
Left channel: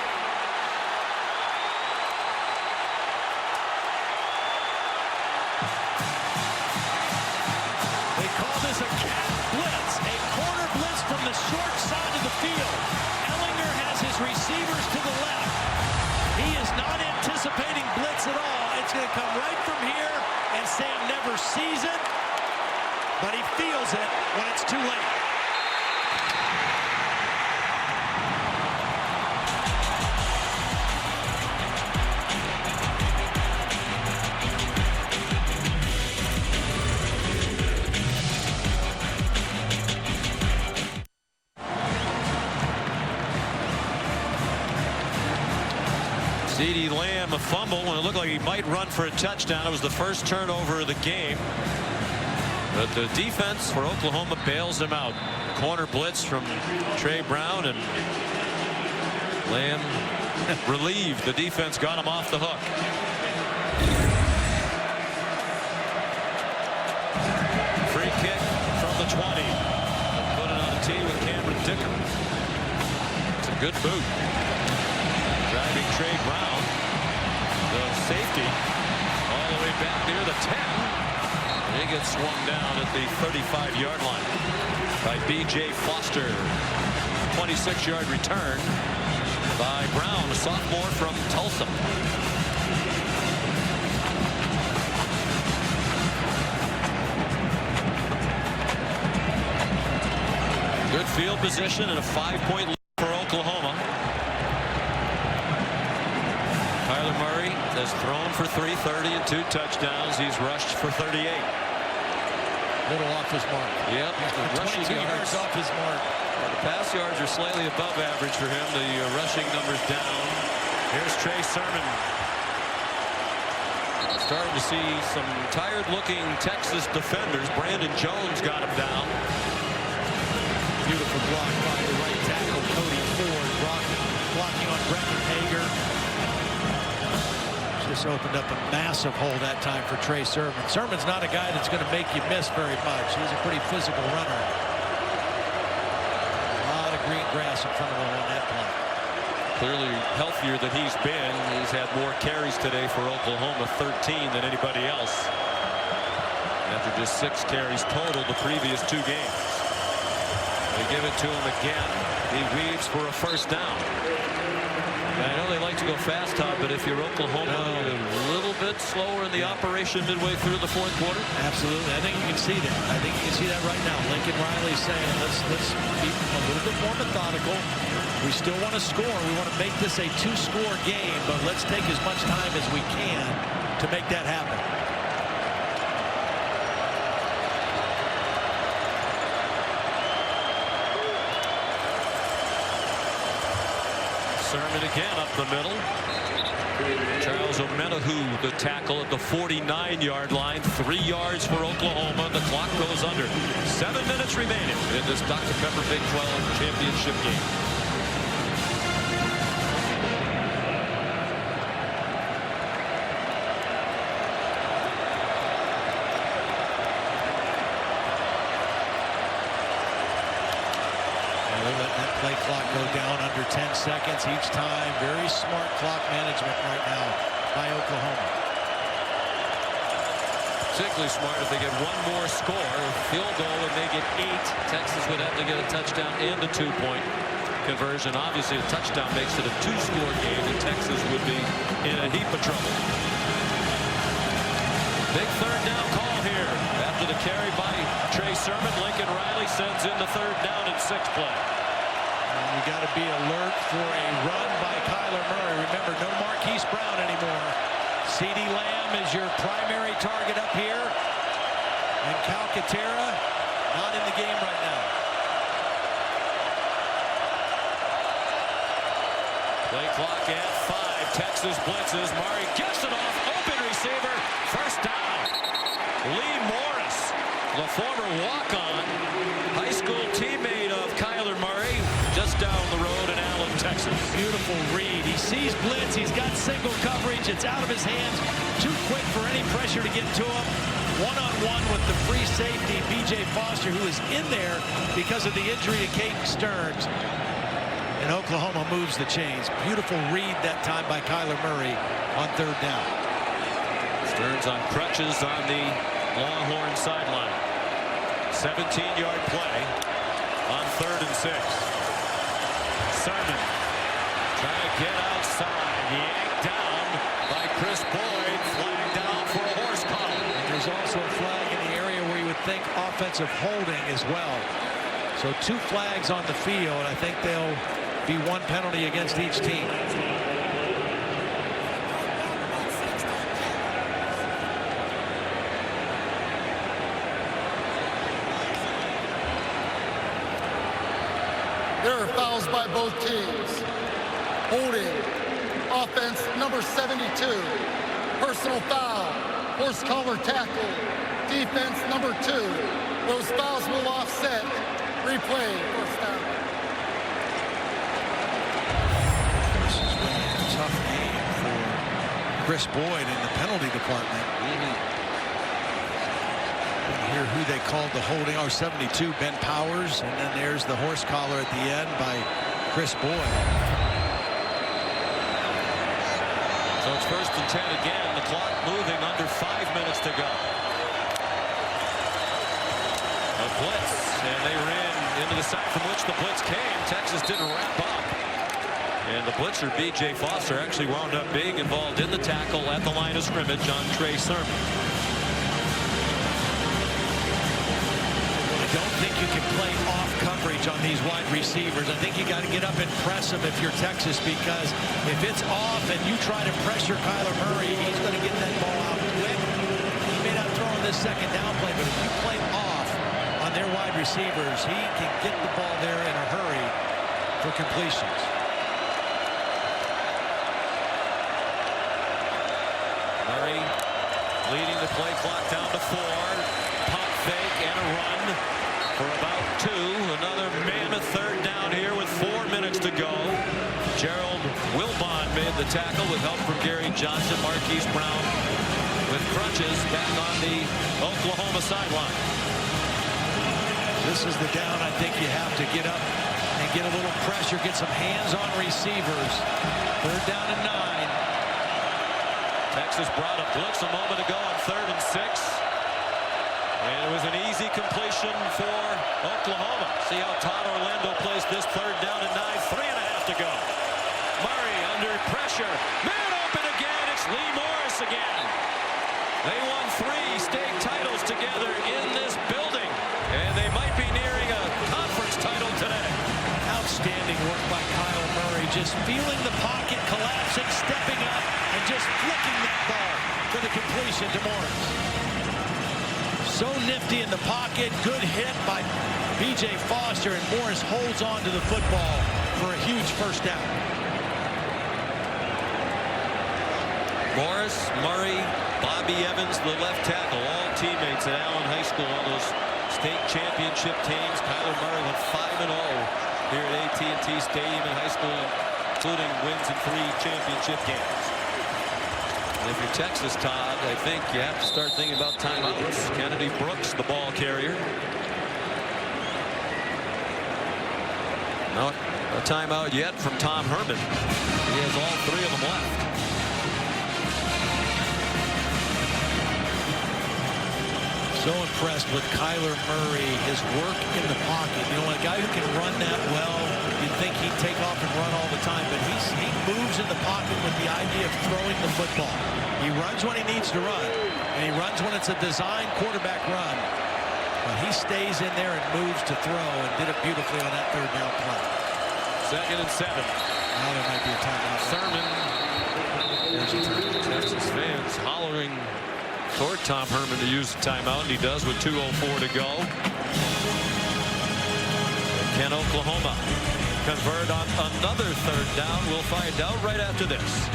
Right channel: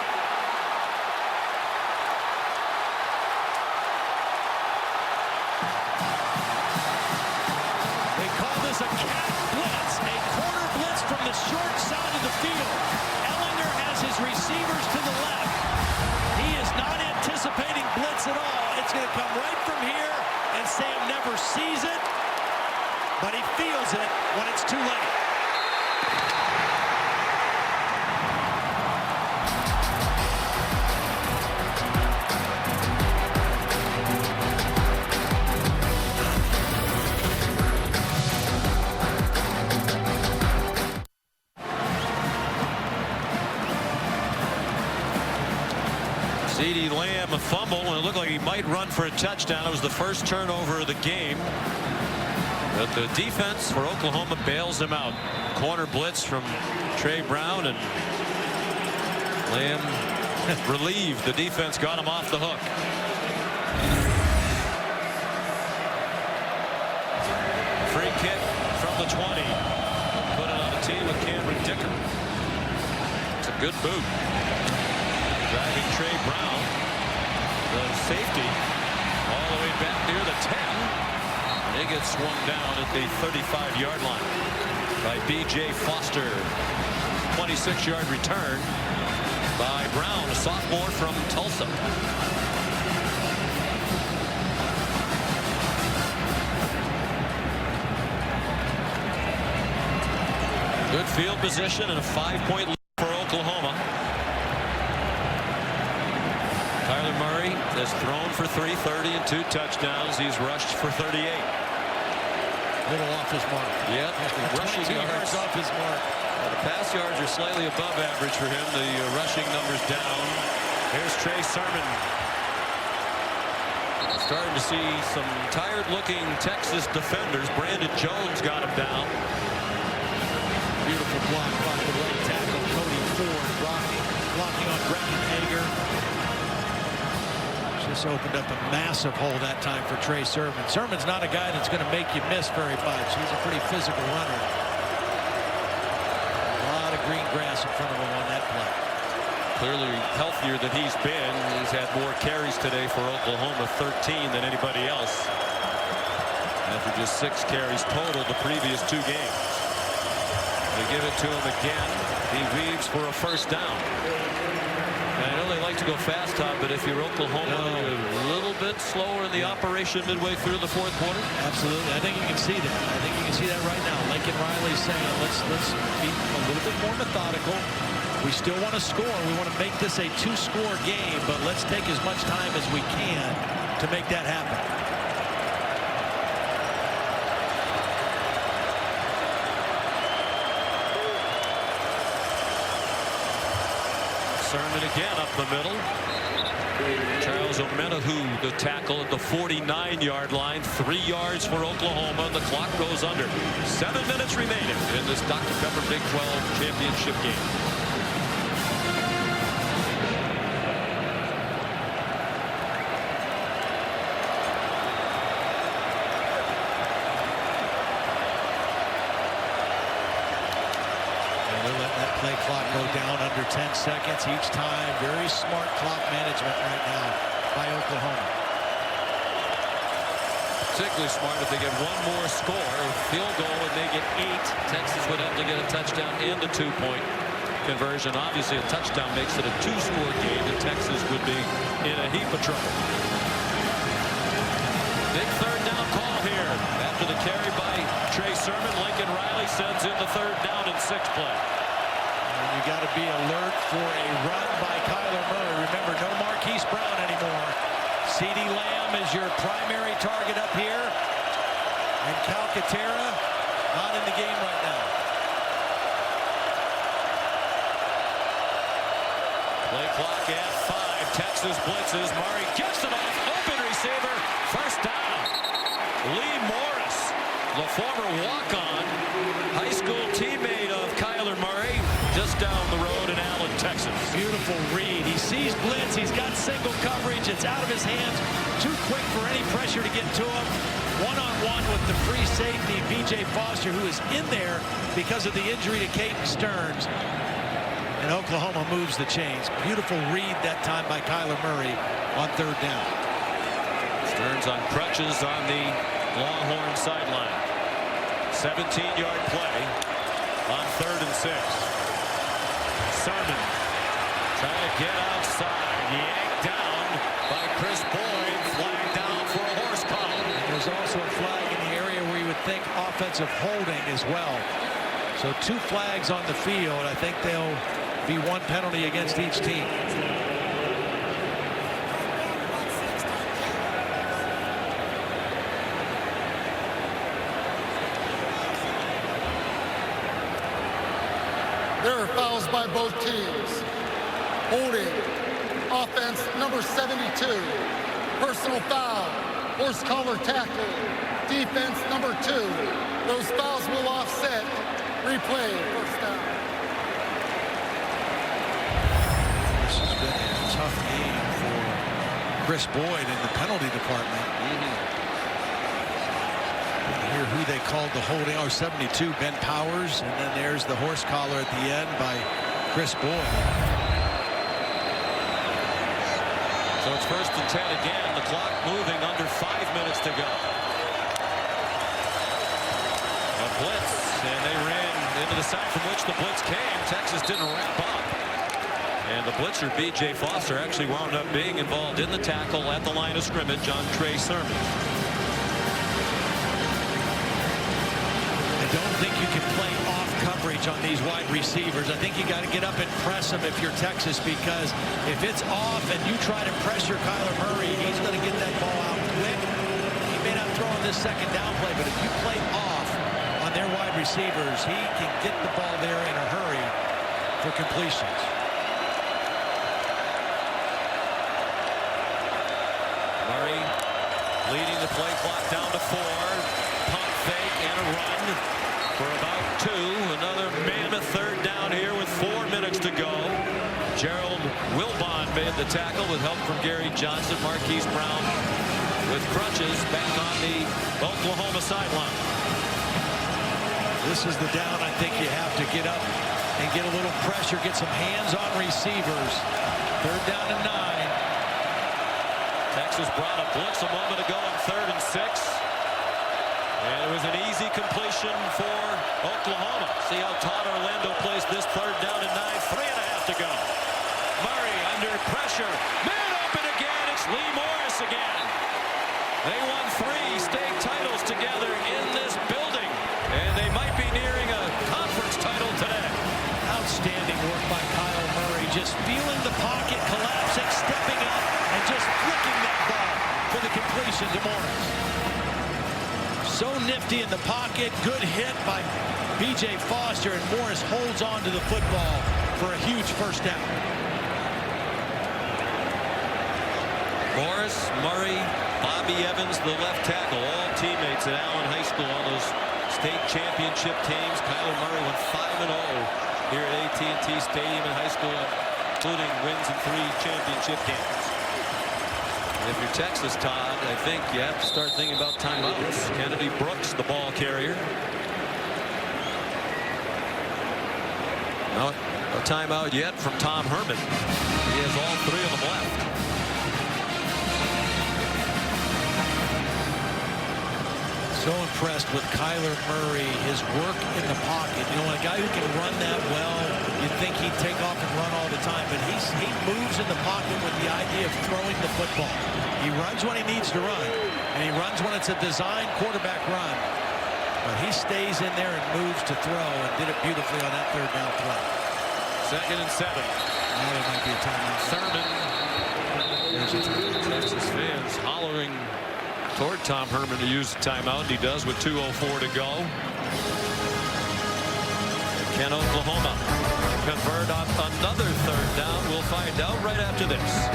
They call this a cat blitz, a corner blitz from the short side of the field. Ellinger has his receivers to the left. He is not anticipating blitz at all. It's going to come right from here, and Sam never sees it, but he feels it when it's too late. CeeDee Lamb a fumble when it looked like he might run for a touchdown. It was the first turnover of the game. But the defense for Oklahoma bails him out. Corner blitz from Trey Brown, and Lamb relieved. The defense got him off the hook. Free kick from the 20. They'll put it on a tee with Cameron Dicker. It's a good boot. Driving Trey Brown, the safety, all the way back near the 10. And he gets swung down at the 35-yard line by B.J. Foster. 26-yard return by Brown, a sophomore from Tulsa. Good field position and a 5-point lead for Oklahoma. Kyler Murray has thrown for 330 and 2 touchdowns. He's rushed for 38. Little off his mark. Yep. The rushing yards off his mark. The pass yards are slightly above average for him. The rushing numbers down. Here's Trey Sermon. Starting to see some tired-looking Texas defenders. Brandon Jones got him down. Beautiful block by the right tackle, Cody Ford, blocking on Brecken Hager. Just opened up a massive hole that time for Trey Sermon. Sermon's not a guy that's going to make you miss very much. He's a pretty physical runner. A lot of green grass in front of him on that play. Clearly healthier than he's been. He's had more carries today for Oklahoma, 13 than anybody else. After just 6 carries total the previous 2 games. They give it to him again. He weaves for a first down. I know they like to go fast, Todd, but if you're Oklahoma, you're a little bit slower in the operation midway through the 4th quarter. Absolutely. I think you can see that. I think you can see that right now. Lincoln Riley's saying, let's be a little bit more methodical. We still want to score. We want to make this a 2-score game, but let's take as much time as we can to make that happen. Sermon again up the middle. Charles Omenihu, the tackle at the 49-yard line. 3 yards for Oklahoma, and the clock goes under. 7 minutes remaining in this Dr. Pepper Big 12 championship game. They're letting that play clock go down under 10 seconds each time. Very smart clock management right now by Oklahoma. Particularly smart if they get one more score, field goal, and they get 8. Texas would have to get a touchdown and a 2-point conversion. Obviously, a touchdown makes it a 2-score game, and Texas would be in a heap of trouble. Big 3rd down call here. After the carry by Trey Sermon, Lincoln Riley sends in the 3rd down and 6 play. And you got to be alert for a run by Kyler Murray. Remember, no Marquise Brown anymore. CeeDee Lamb is your primary target up here. And Calcaterra not in the game right now. Play clock at 5. Texas blitzes. Murray gets it off. Open receiver. First down. Lee Morris, the former walk-on, high school teammate of Kyler Murray, just down the road in Allen, Texas. Beautiful read. He sees blitz. He's got single coverage. It's out of his hands. Too quick for any pressure to get to him. one-on-one with the free safety, B.J. Foster, who is in there because of the injury to Caden Stearns. And Oklahoma moves the chains. Beautiful read that time by Kyler Murray on third down. Stearns on crutches on the Longhorn sideline. 17-yard play on 3rd and 6. Sermon trying to get outside. Yanked down by Chris Boyd. Flag down for a horse collar. And there's also a flag in the area where you would think offensive holding as well. So 2 flags on the field. I think they'll be 1 penalty against each team. There are fouls by both teams. Holding, offense number 72. Personal foul, horse collar tackle. Defense number 2. Those fouls will offset. Replay, first down. This has been a tough game for Chris Boyd in the penalty department. Didn't hear who they called the holding. 72, Ben Powers, and then there's the horse collar at the end by Chris Boyd. So it's 1st and 10 again. The clock moving, under 5 minutes to go. A blitz, and they ran into the side from which the blitz came. Texas didn't wrap up. And the blitzer, B.J. Foster, actually wound up being involved in the tackle at the line of scrimmage on Trey Sermon. I don't think you can play off coverage on these wide receivers. I think you got to get up and press them if you're Texas, because if it's off and you try to pressure Kyler Murray, he's going to get that ball out quick. He may not throw in this second down play, but if you play off on their wide receivers, he can get the ball there in a hurry for completions. Murray leading the play clock down to 4. Pump fake and a run for about 2. Another mammoth third down here with 4 minutes to go. Gerald Wilbon made the tackle with help from Gary Johnson. Marquise Brown with crutches back on the Oklahoma sideline. This is the down I think you have to get up and get a little pressure, get some hands on receivers. 3rd down and 9. Texas brought a blitz a moment ago on 3rd and 6. And it was an easy completion for Oklahoma. See how Todd Orlando plays this 3rd down and 9. 3.5 to go. Murray under pressure. Man open again. It's Lee Morris again. They won 3 state titles together in this building. And they might be nearing a conference title today. Outstanding work by Kyle Murray. Just feeling the pocket, collapsing, stepping up, and just flicking that ball for the completion to Morris. So nifty in the pocket. Good hit by B.J. Foster, and Morris holds on to the football for a huge first down. Morris, Murray, Bobby Evans, the left tackle, all teammates at Allen High School on those state championship teams. Kyler Murray went 5-0 here at AT&T Stadium in high school, including wins in 3 championship games. And if you're Texas, Todd, I think you have to start thinking about timeouts. Kennedy Brooks, the ball carrier. Not a timeout yet from Tom Herman. He has all 3 of them left. So impressed with Kyler Murray, his work in the pocket. You know, a guy who can run that well, you'd think he'd take off and run all the time, but he moves in the pocket with the idea of throwing the football. He runs when he needs to run, and he runs when it's a designed quarterback run. But he stays in there and moves to throw, and did it beautifully on that 3rd down play. 2nd and 7. Now there might be a timeout. Sermon. There's a timeout. Texas fans hollering toward Tom Herman to use the timeout, and he does with 2:04 to go. And can Oklahoma convert on another 3rd down? We'll find out right after this.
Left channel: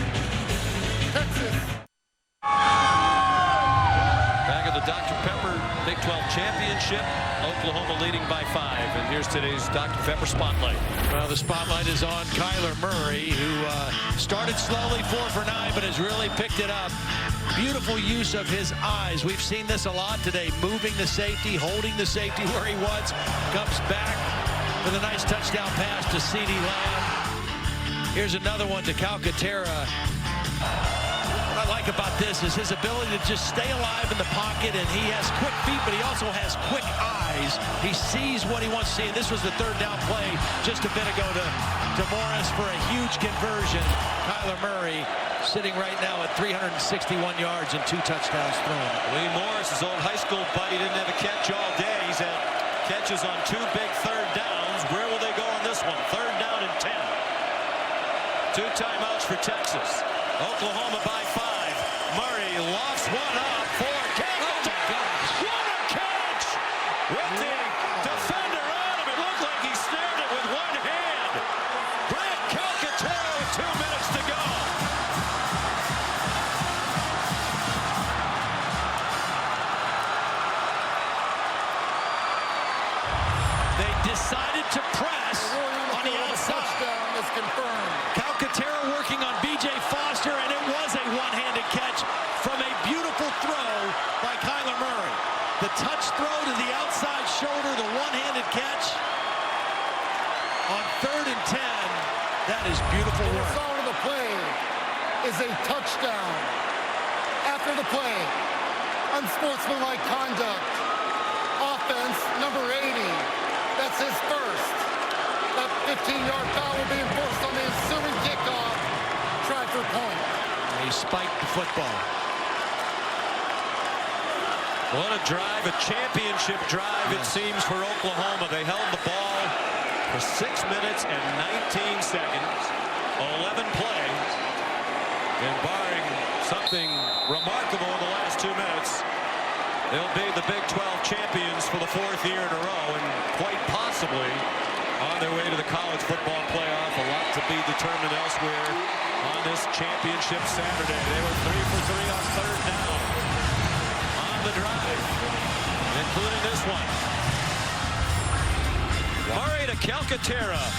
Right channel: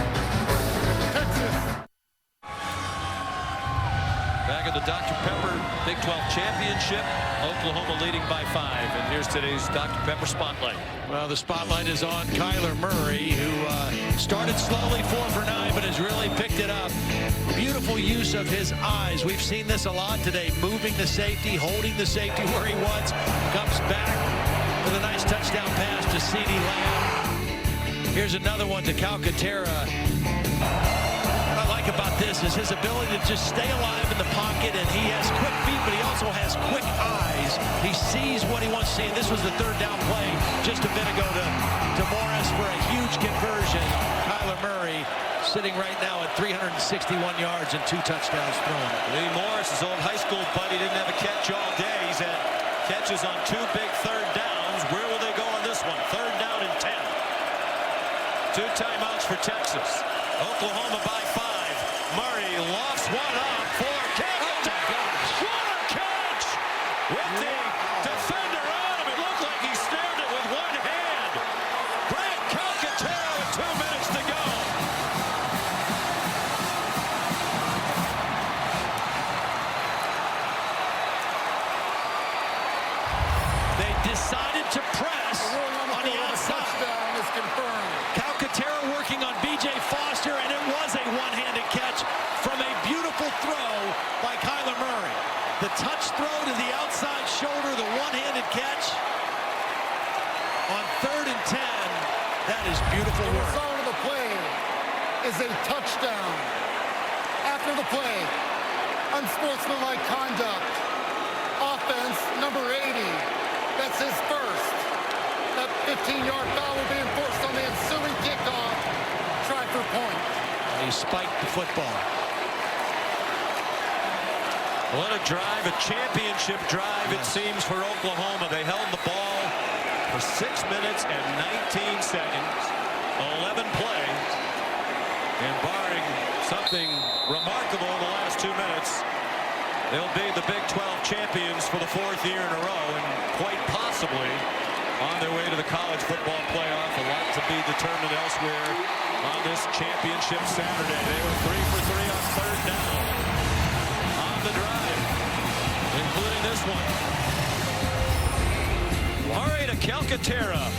Texas. Back at the Dr. Pepper Big 12 Championship. Oklahoma leading by 5. And here's today's Dr. Pepper Spotlight. Well, the spotlight is on Kyler Murray, who started slowly 4 for 9, but has really picked it up. Beautiful use of his eyes. We've seen this a lot today. Moving the safety, holding the safety where he was. Comes back with a nice touchdown pass to CeeDee Lamb. Here's another one to Calcaterra. What I like about this is his ability to just stay alive in the pocket, and he has quick feet, but he also has quick eyes. He sees what he wants to see, and this was the 3rd down play just a bit ago to Morris for a huge conversion. Kyler Murray sitting right now at 361 yards and 2 touchdowns thrown. Lee Morris, his old high school buddy, didn't have a catch all day. He's had catches on 2 big 3rd downs. Where will they go on this one? 3rd down and 10. 2 timeouts for Texas. Oklahoma by 5. Murray lofts one up for Calcaterra. Oh, what a catch! With the defender on him, it looked like he snared it with one hand. Grant Calcaterra with 2 minutes to go. They decided to press on the outside. Touchdown is confirmed. Calcaterra working on B.J. Foster, and it was a one-handed catch from a beautiful throw by Kyler Murray. The touch throw to the outside shoulder, the one-handed catch on 3rd and 10. That is beautiful work. The result of the play is a touchdown. After the play, unsportsmanlike conduct. Offense, number 80. That's his first. That 15-yard foul will be enforced on the ensuing kickoff. Try for point. He spiked the football. What a drive, a championship drive, yes. It seems, for Oklahoma. They held the ball for 6 minutes and 19 seconds, 11 plays, and barring something remarkable in the last 2 minutes, they'll be the Big 12 champions for the 4th year in a row, and quite possibly on their way to the college football playoff. A lot to be determined elsewhere on this championship Saturday. They were 3 for 3 on 3rd down on the drive, including this one. Murray to Calcaterra.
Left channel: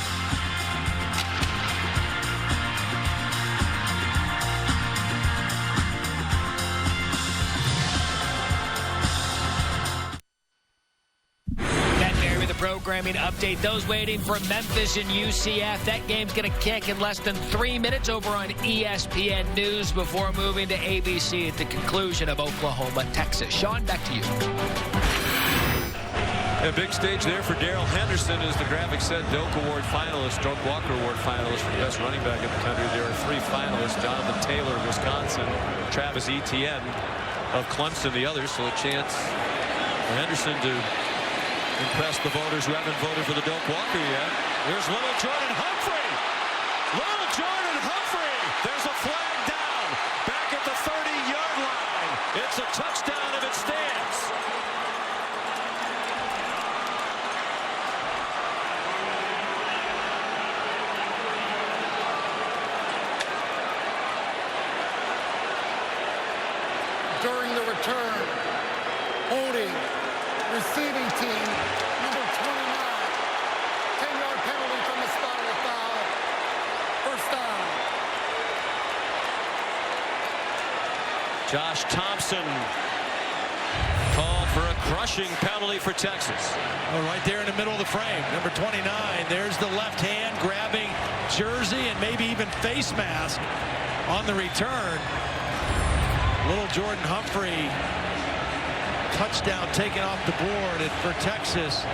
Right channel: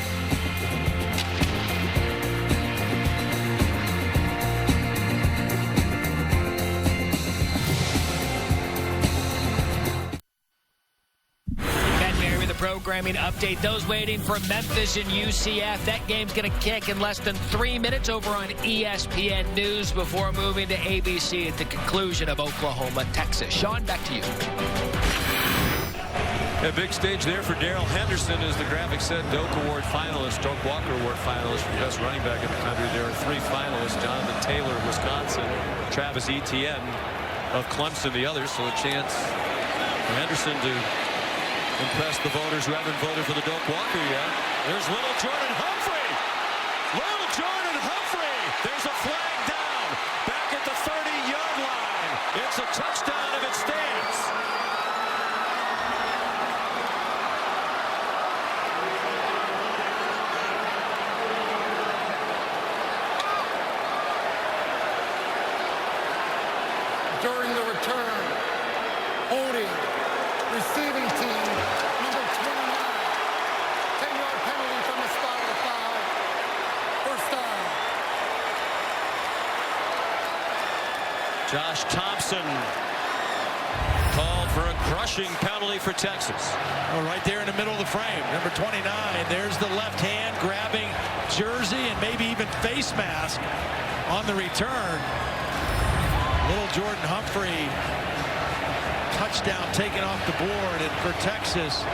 Programming update. Those waiting for Memphis and UCF. That game's going to kick in less than 3 minutes over on ESPN News before moving to ABC at the conclusion of Oklahoma, Texas. Sean, back to you. A big stage there for Darrell Henderson, as the graphic said. Doak Award finalist, Doak Walker Award finalist for the best running back in the country. There are 3 finalists: Jonathan Taylor of Wisconsin, Travis Etienne of Clemson, the others. So a chance for Henderson to impress the voters who haven't voted for the Doak Walker yet. There's little Jordan Humphrey. Little Jordan Humphrey. There's a flag down back at the 30-yard line. It's a touchdown if it stands. During the return, holding receiving team, number 29. 10-yard penalty from the spot of the foul. First down. Josh Thompson called for a crushing penalty for Texas. Oh, right there in the middle of the frame. Number 29. There's the left hand grabbing jersey and maybe even face mask on the return. Little Jordan Humphrey. Touchdown taken off the board, and for Texas,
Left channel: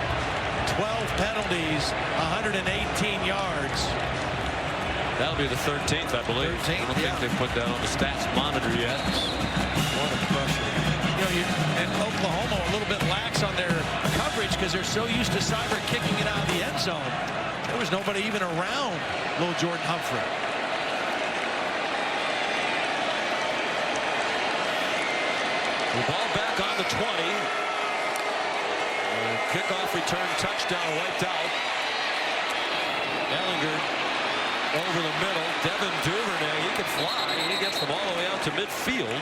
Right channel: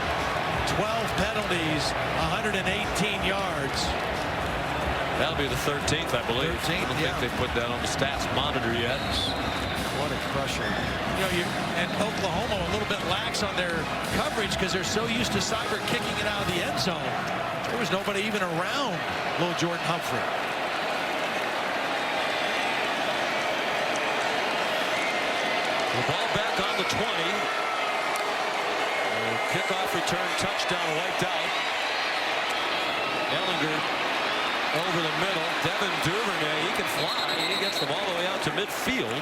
12 penalties, 118 yards. That'll be the 13th, I believe. 13th, I don't think they've put that on the stats monitor yet. What a crusher. You know, and Oklahoma a little bit lax on their coverage because they're so used to Cyber kicking it out of the end zone. There was nobody even around little Jordan Humphrey. The ball back on the 20. Kickoff return touchdown wiped out. Ehlinger over the middle. Devin Duvernay, he can fly. He gets them all the way out to midfield.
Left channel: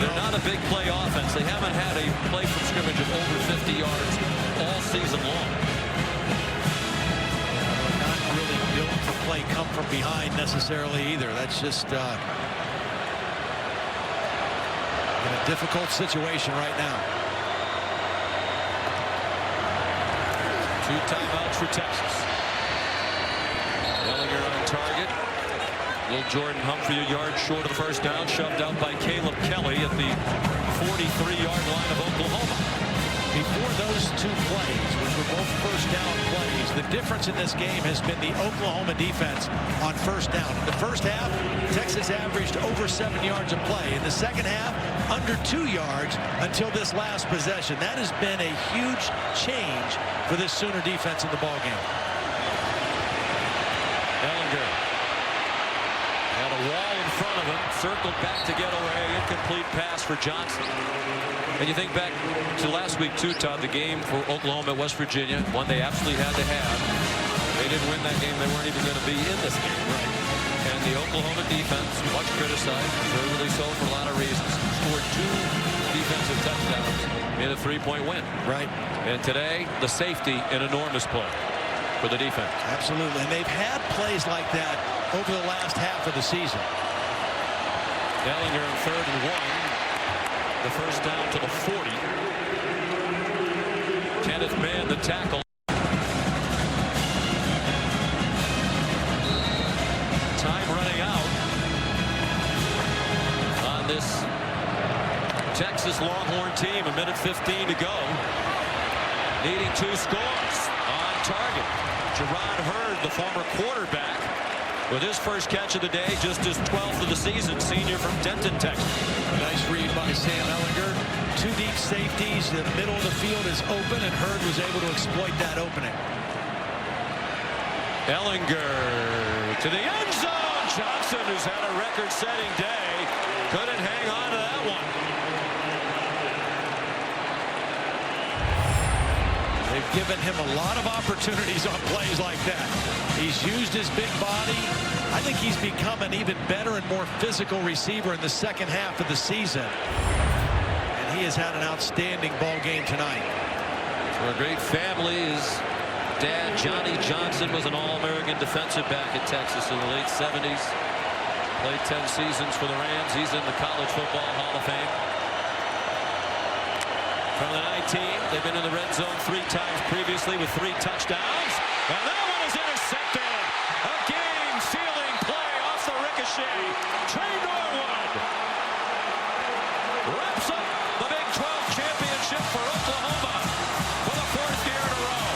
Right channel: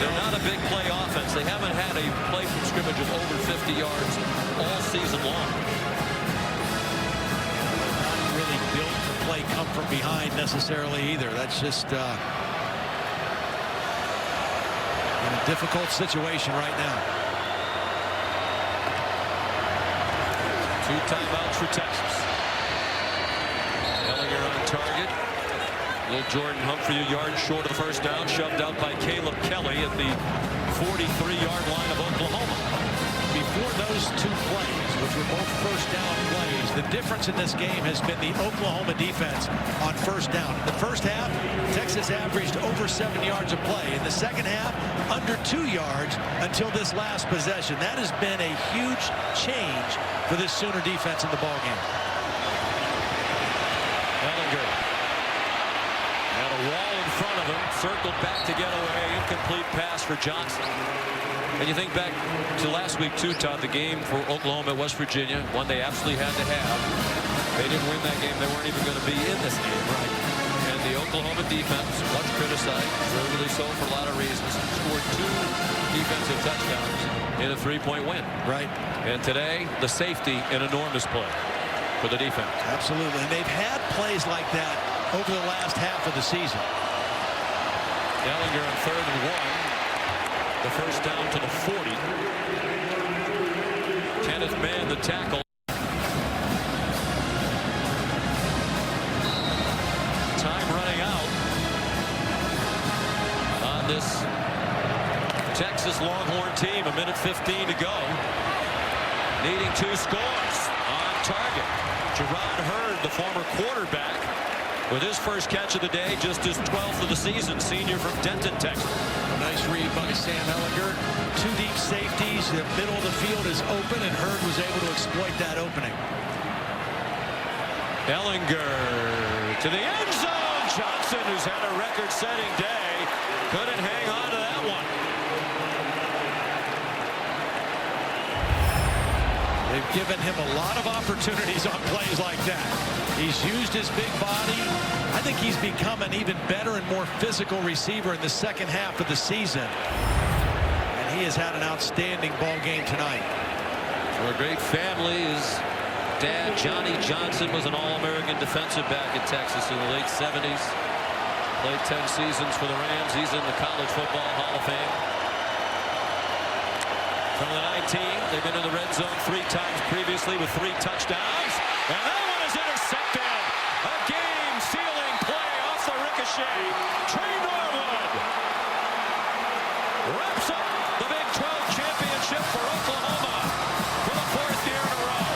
They're not a big play offense. They haven't had a play from scrimmage of over 50 yards all season long. Yeah, they're not really built to play come from behind necessarily either. That's just in a difficult situation right now. 2 timeouts for Texas. Ehlinger on target. Little Jordan Humphrey a yard short of the first down, shoved out by Caleb Kelly at the 43-yard line of Oklahoma. Before those 2 plays, which were both first down plays, the difference in this game has been the Oklahoma defense on first down. In the first half, Texas averaged over 7 yards a play. In the second half, under 2 yards until this last possession. That has been a huge change for this Sooner defense in the ballgame. Ehlinger had a wall in front of him, circled back to get away, incomplete pass for Johnson. And you think back to last week too, Todd, the game for Oklahoma at West Virginia, one they absolutely had to have. They didn't win that game. They weren't even going to be in this game. Right. And the Oklahoma defense, much criticized, deservedly so for a lot of reasons, scored 2 defensive touchdowns in a 3-point win. Right. And today, the safety, an enormous play for the defense. Absolutely. And they've had plays like that over the last half of the season. Ehlinger on 3rd and 1. The first down to the 40. Kenneth Mann, the tackle. Time running out on this Texas Longhorn team. 1:15 to go. Needing 2 scores on target. Gerard Hurd, the former quarterback, with his first catch of the day, just his 12th of the season, senior from Denton, Texas. A nice read by Sam Ehlinger. 2 deep safeties. The middle of the field is open, and Hurd was able to exploit that opening. Ehlinger to the end zone. Johnson, who's had a record-setting day, couldn't hang on to that one. They've given him a lot of opportunities on plays like that. He's used his big body. I think he's become an even better and more physical receiver in the second half of the season. And he has had an outstanding ball game tonight. For a great family, his dad, Johnny Johnson, was an All-American defensive back at Texas in the late 70s. Played 10 seasons for the Rams. He's in the College Football Hall of Fame. From the 19, they've been in the red zone 3 times previously with 3 touchdowns. And that one is intercepted. A game-sealing play off the ricochet. Trey Norwood wraps up the Big 12 championship for Oklahoma for the 4th year in a row.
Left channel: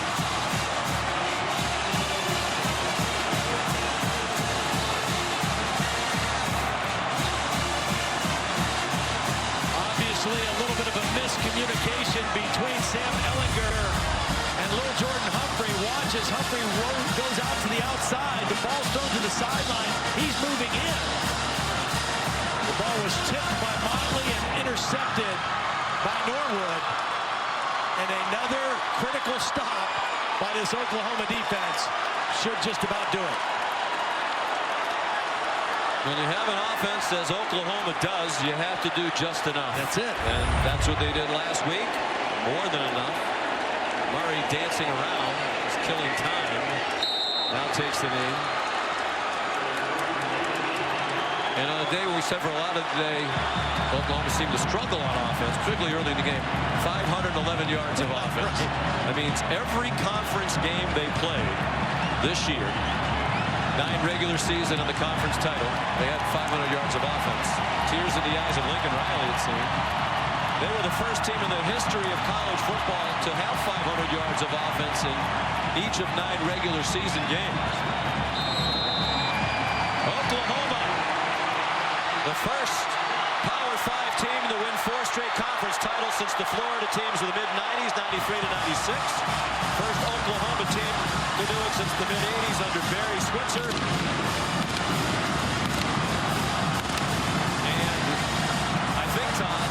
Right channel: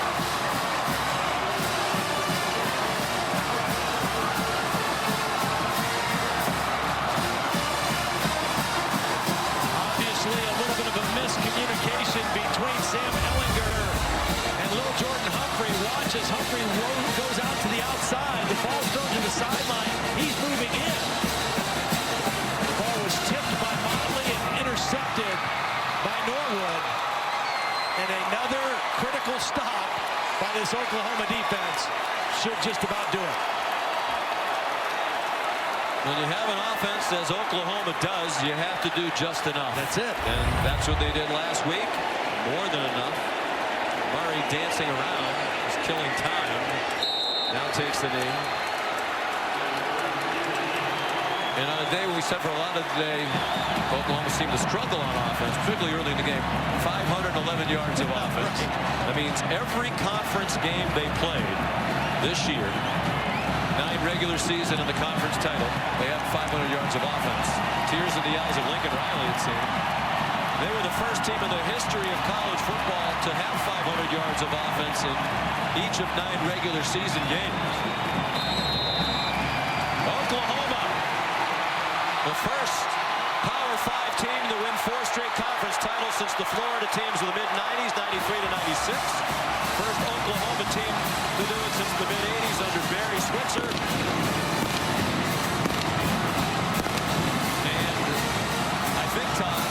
Obviously, a little bit of a miscommunication between Sam Ehlinger and Lil Jordan Humphrey. Watch as Humphrey goes out to the outside. The ball's thrown to the sideline. He's moving in. The ball was tipped by Motley and intercepted by Norwood. And another critical stop by this Oklahoma defense should just about do it. When you have an offense, as Oklahoma does, you have to do just enough. That's it. And that's what they did last week. More than enough. Murray dancing around, is killing time. Now takes the knee. And on a day when we said for a lot of the day, Oklahoma seemed to struggle on offense, particularly early in the game. 511 yards of offense. Right. That means every conference game they played this year, 9 regular season and the conference title, they had 500 yards of offense. Tears in the eyes of Lincoln Riley, it seemed. They were the first team in the history of college football to have 500 yards of offense in each of 9 regular season games. Oklahoma, the first Power 5 team to win 4 straight conference titles since the Florida teams of the mid-90s, 93 to 96. First Oklahoma team to do it since the mid-80s under Barry Switzer. And I think, Todd,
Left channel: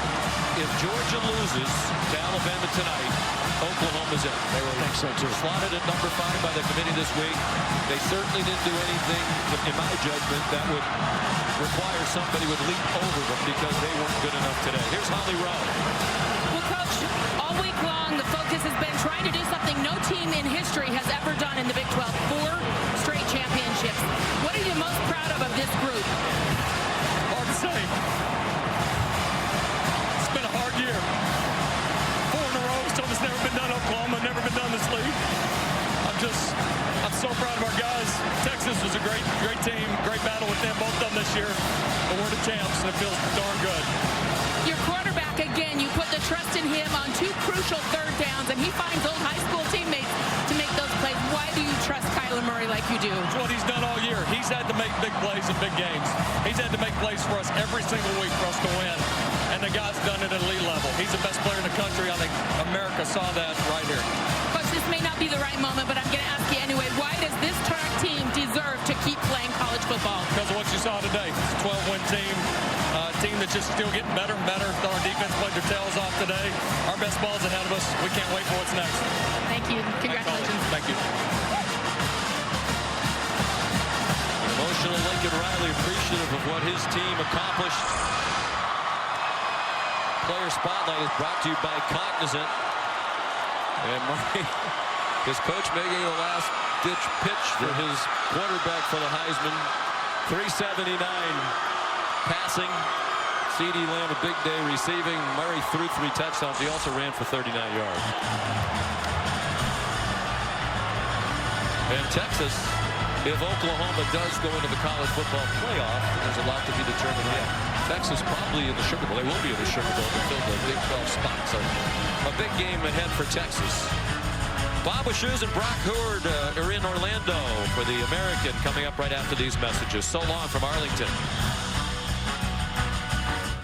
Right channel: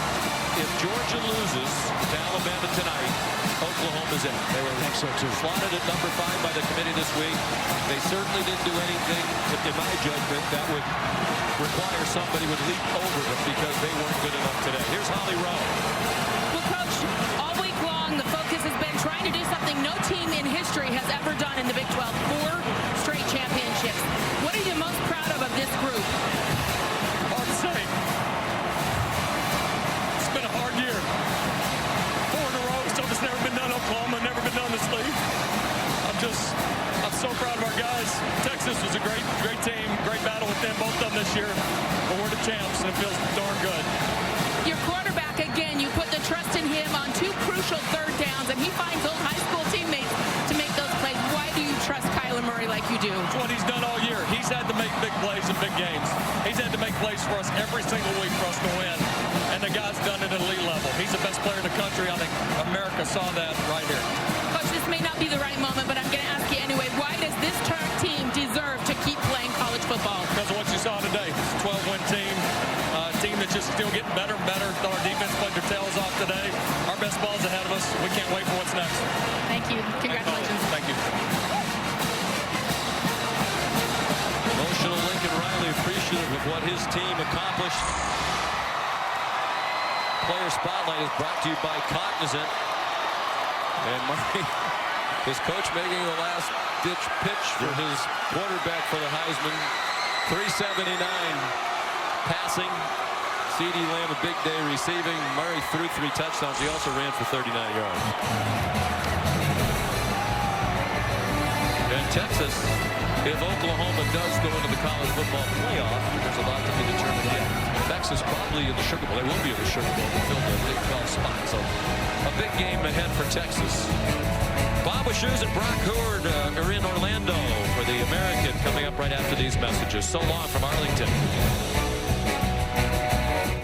if Georgia loses to Alabama tonight, Oklahoma's in. They were, I think so too, slotted at number 5 by the committee this week. They certainly didn't do anything, in my judgment, that would require somebody would leap over them because they weren't good enough today. Here's Holly Rowe. Well, Coach, all week long, the focus has been trying to do something no team in history has ever done in the Big 12. 4 straight championships. What are you most proud of this group? Hard to say. It's been a hard year. 4 in a row. Something that's never been done in Oklahoma, never been done in this league. I'm so proud of our guys. Texas was a great team, great battle with them, both of them this year. But we're the champs, and it feels darn good. Your quarterback, again, you put the trust in him on 2 crucial third downs, and he finds old high school teammates to make those plays. Why do you trust Kyler Murray like you do? It's what he's done all year. He's had to make big plays in big games. He's had to make plays for us every single week for us to win. And the guy's done it at elite level. He's the best player in the country. I think America saw that right here. Coach, this may not be the right moment, but I'm going to ask you anyway. Why does this team deserve to keep playing college football? Because of what you saw today. It's a 12-win team. A team that's just still getting better and better. Thought our defense played their tails off today. Our best ball's ahead of us. We can't wait for what's next. Thank you. Congratulations. Thank you. Emotional Lincoln Riley, appreciative of what his team accomplished. Player Spotlight is brought to you by Cognizant. And Murray, his coach making the last-ditch pitch for his quarterback for the Heisman. 379 passing. CeeDee Lamb a big day receiving. Murray threw 3 touchdowns. He also ran for 39 yards. And Texas, if Oklahoma does go into the college football playoff, there's a lot to be determined yet. Texas probably in the Sugar Bowl. They will be in the Sugar Bowl to fill the Big 12 spot. So a big game ahead for Texas. Bob Wischusen and Brock Hurd are in Orlando for the American coming up right after these messages. So long from Arlington.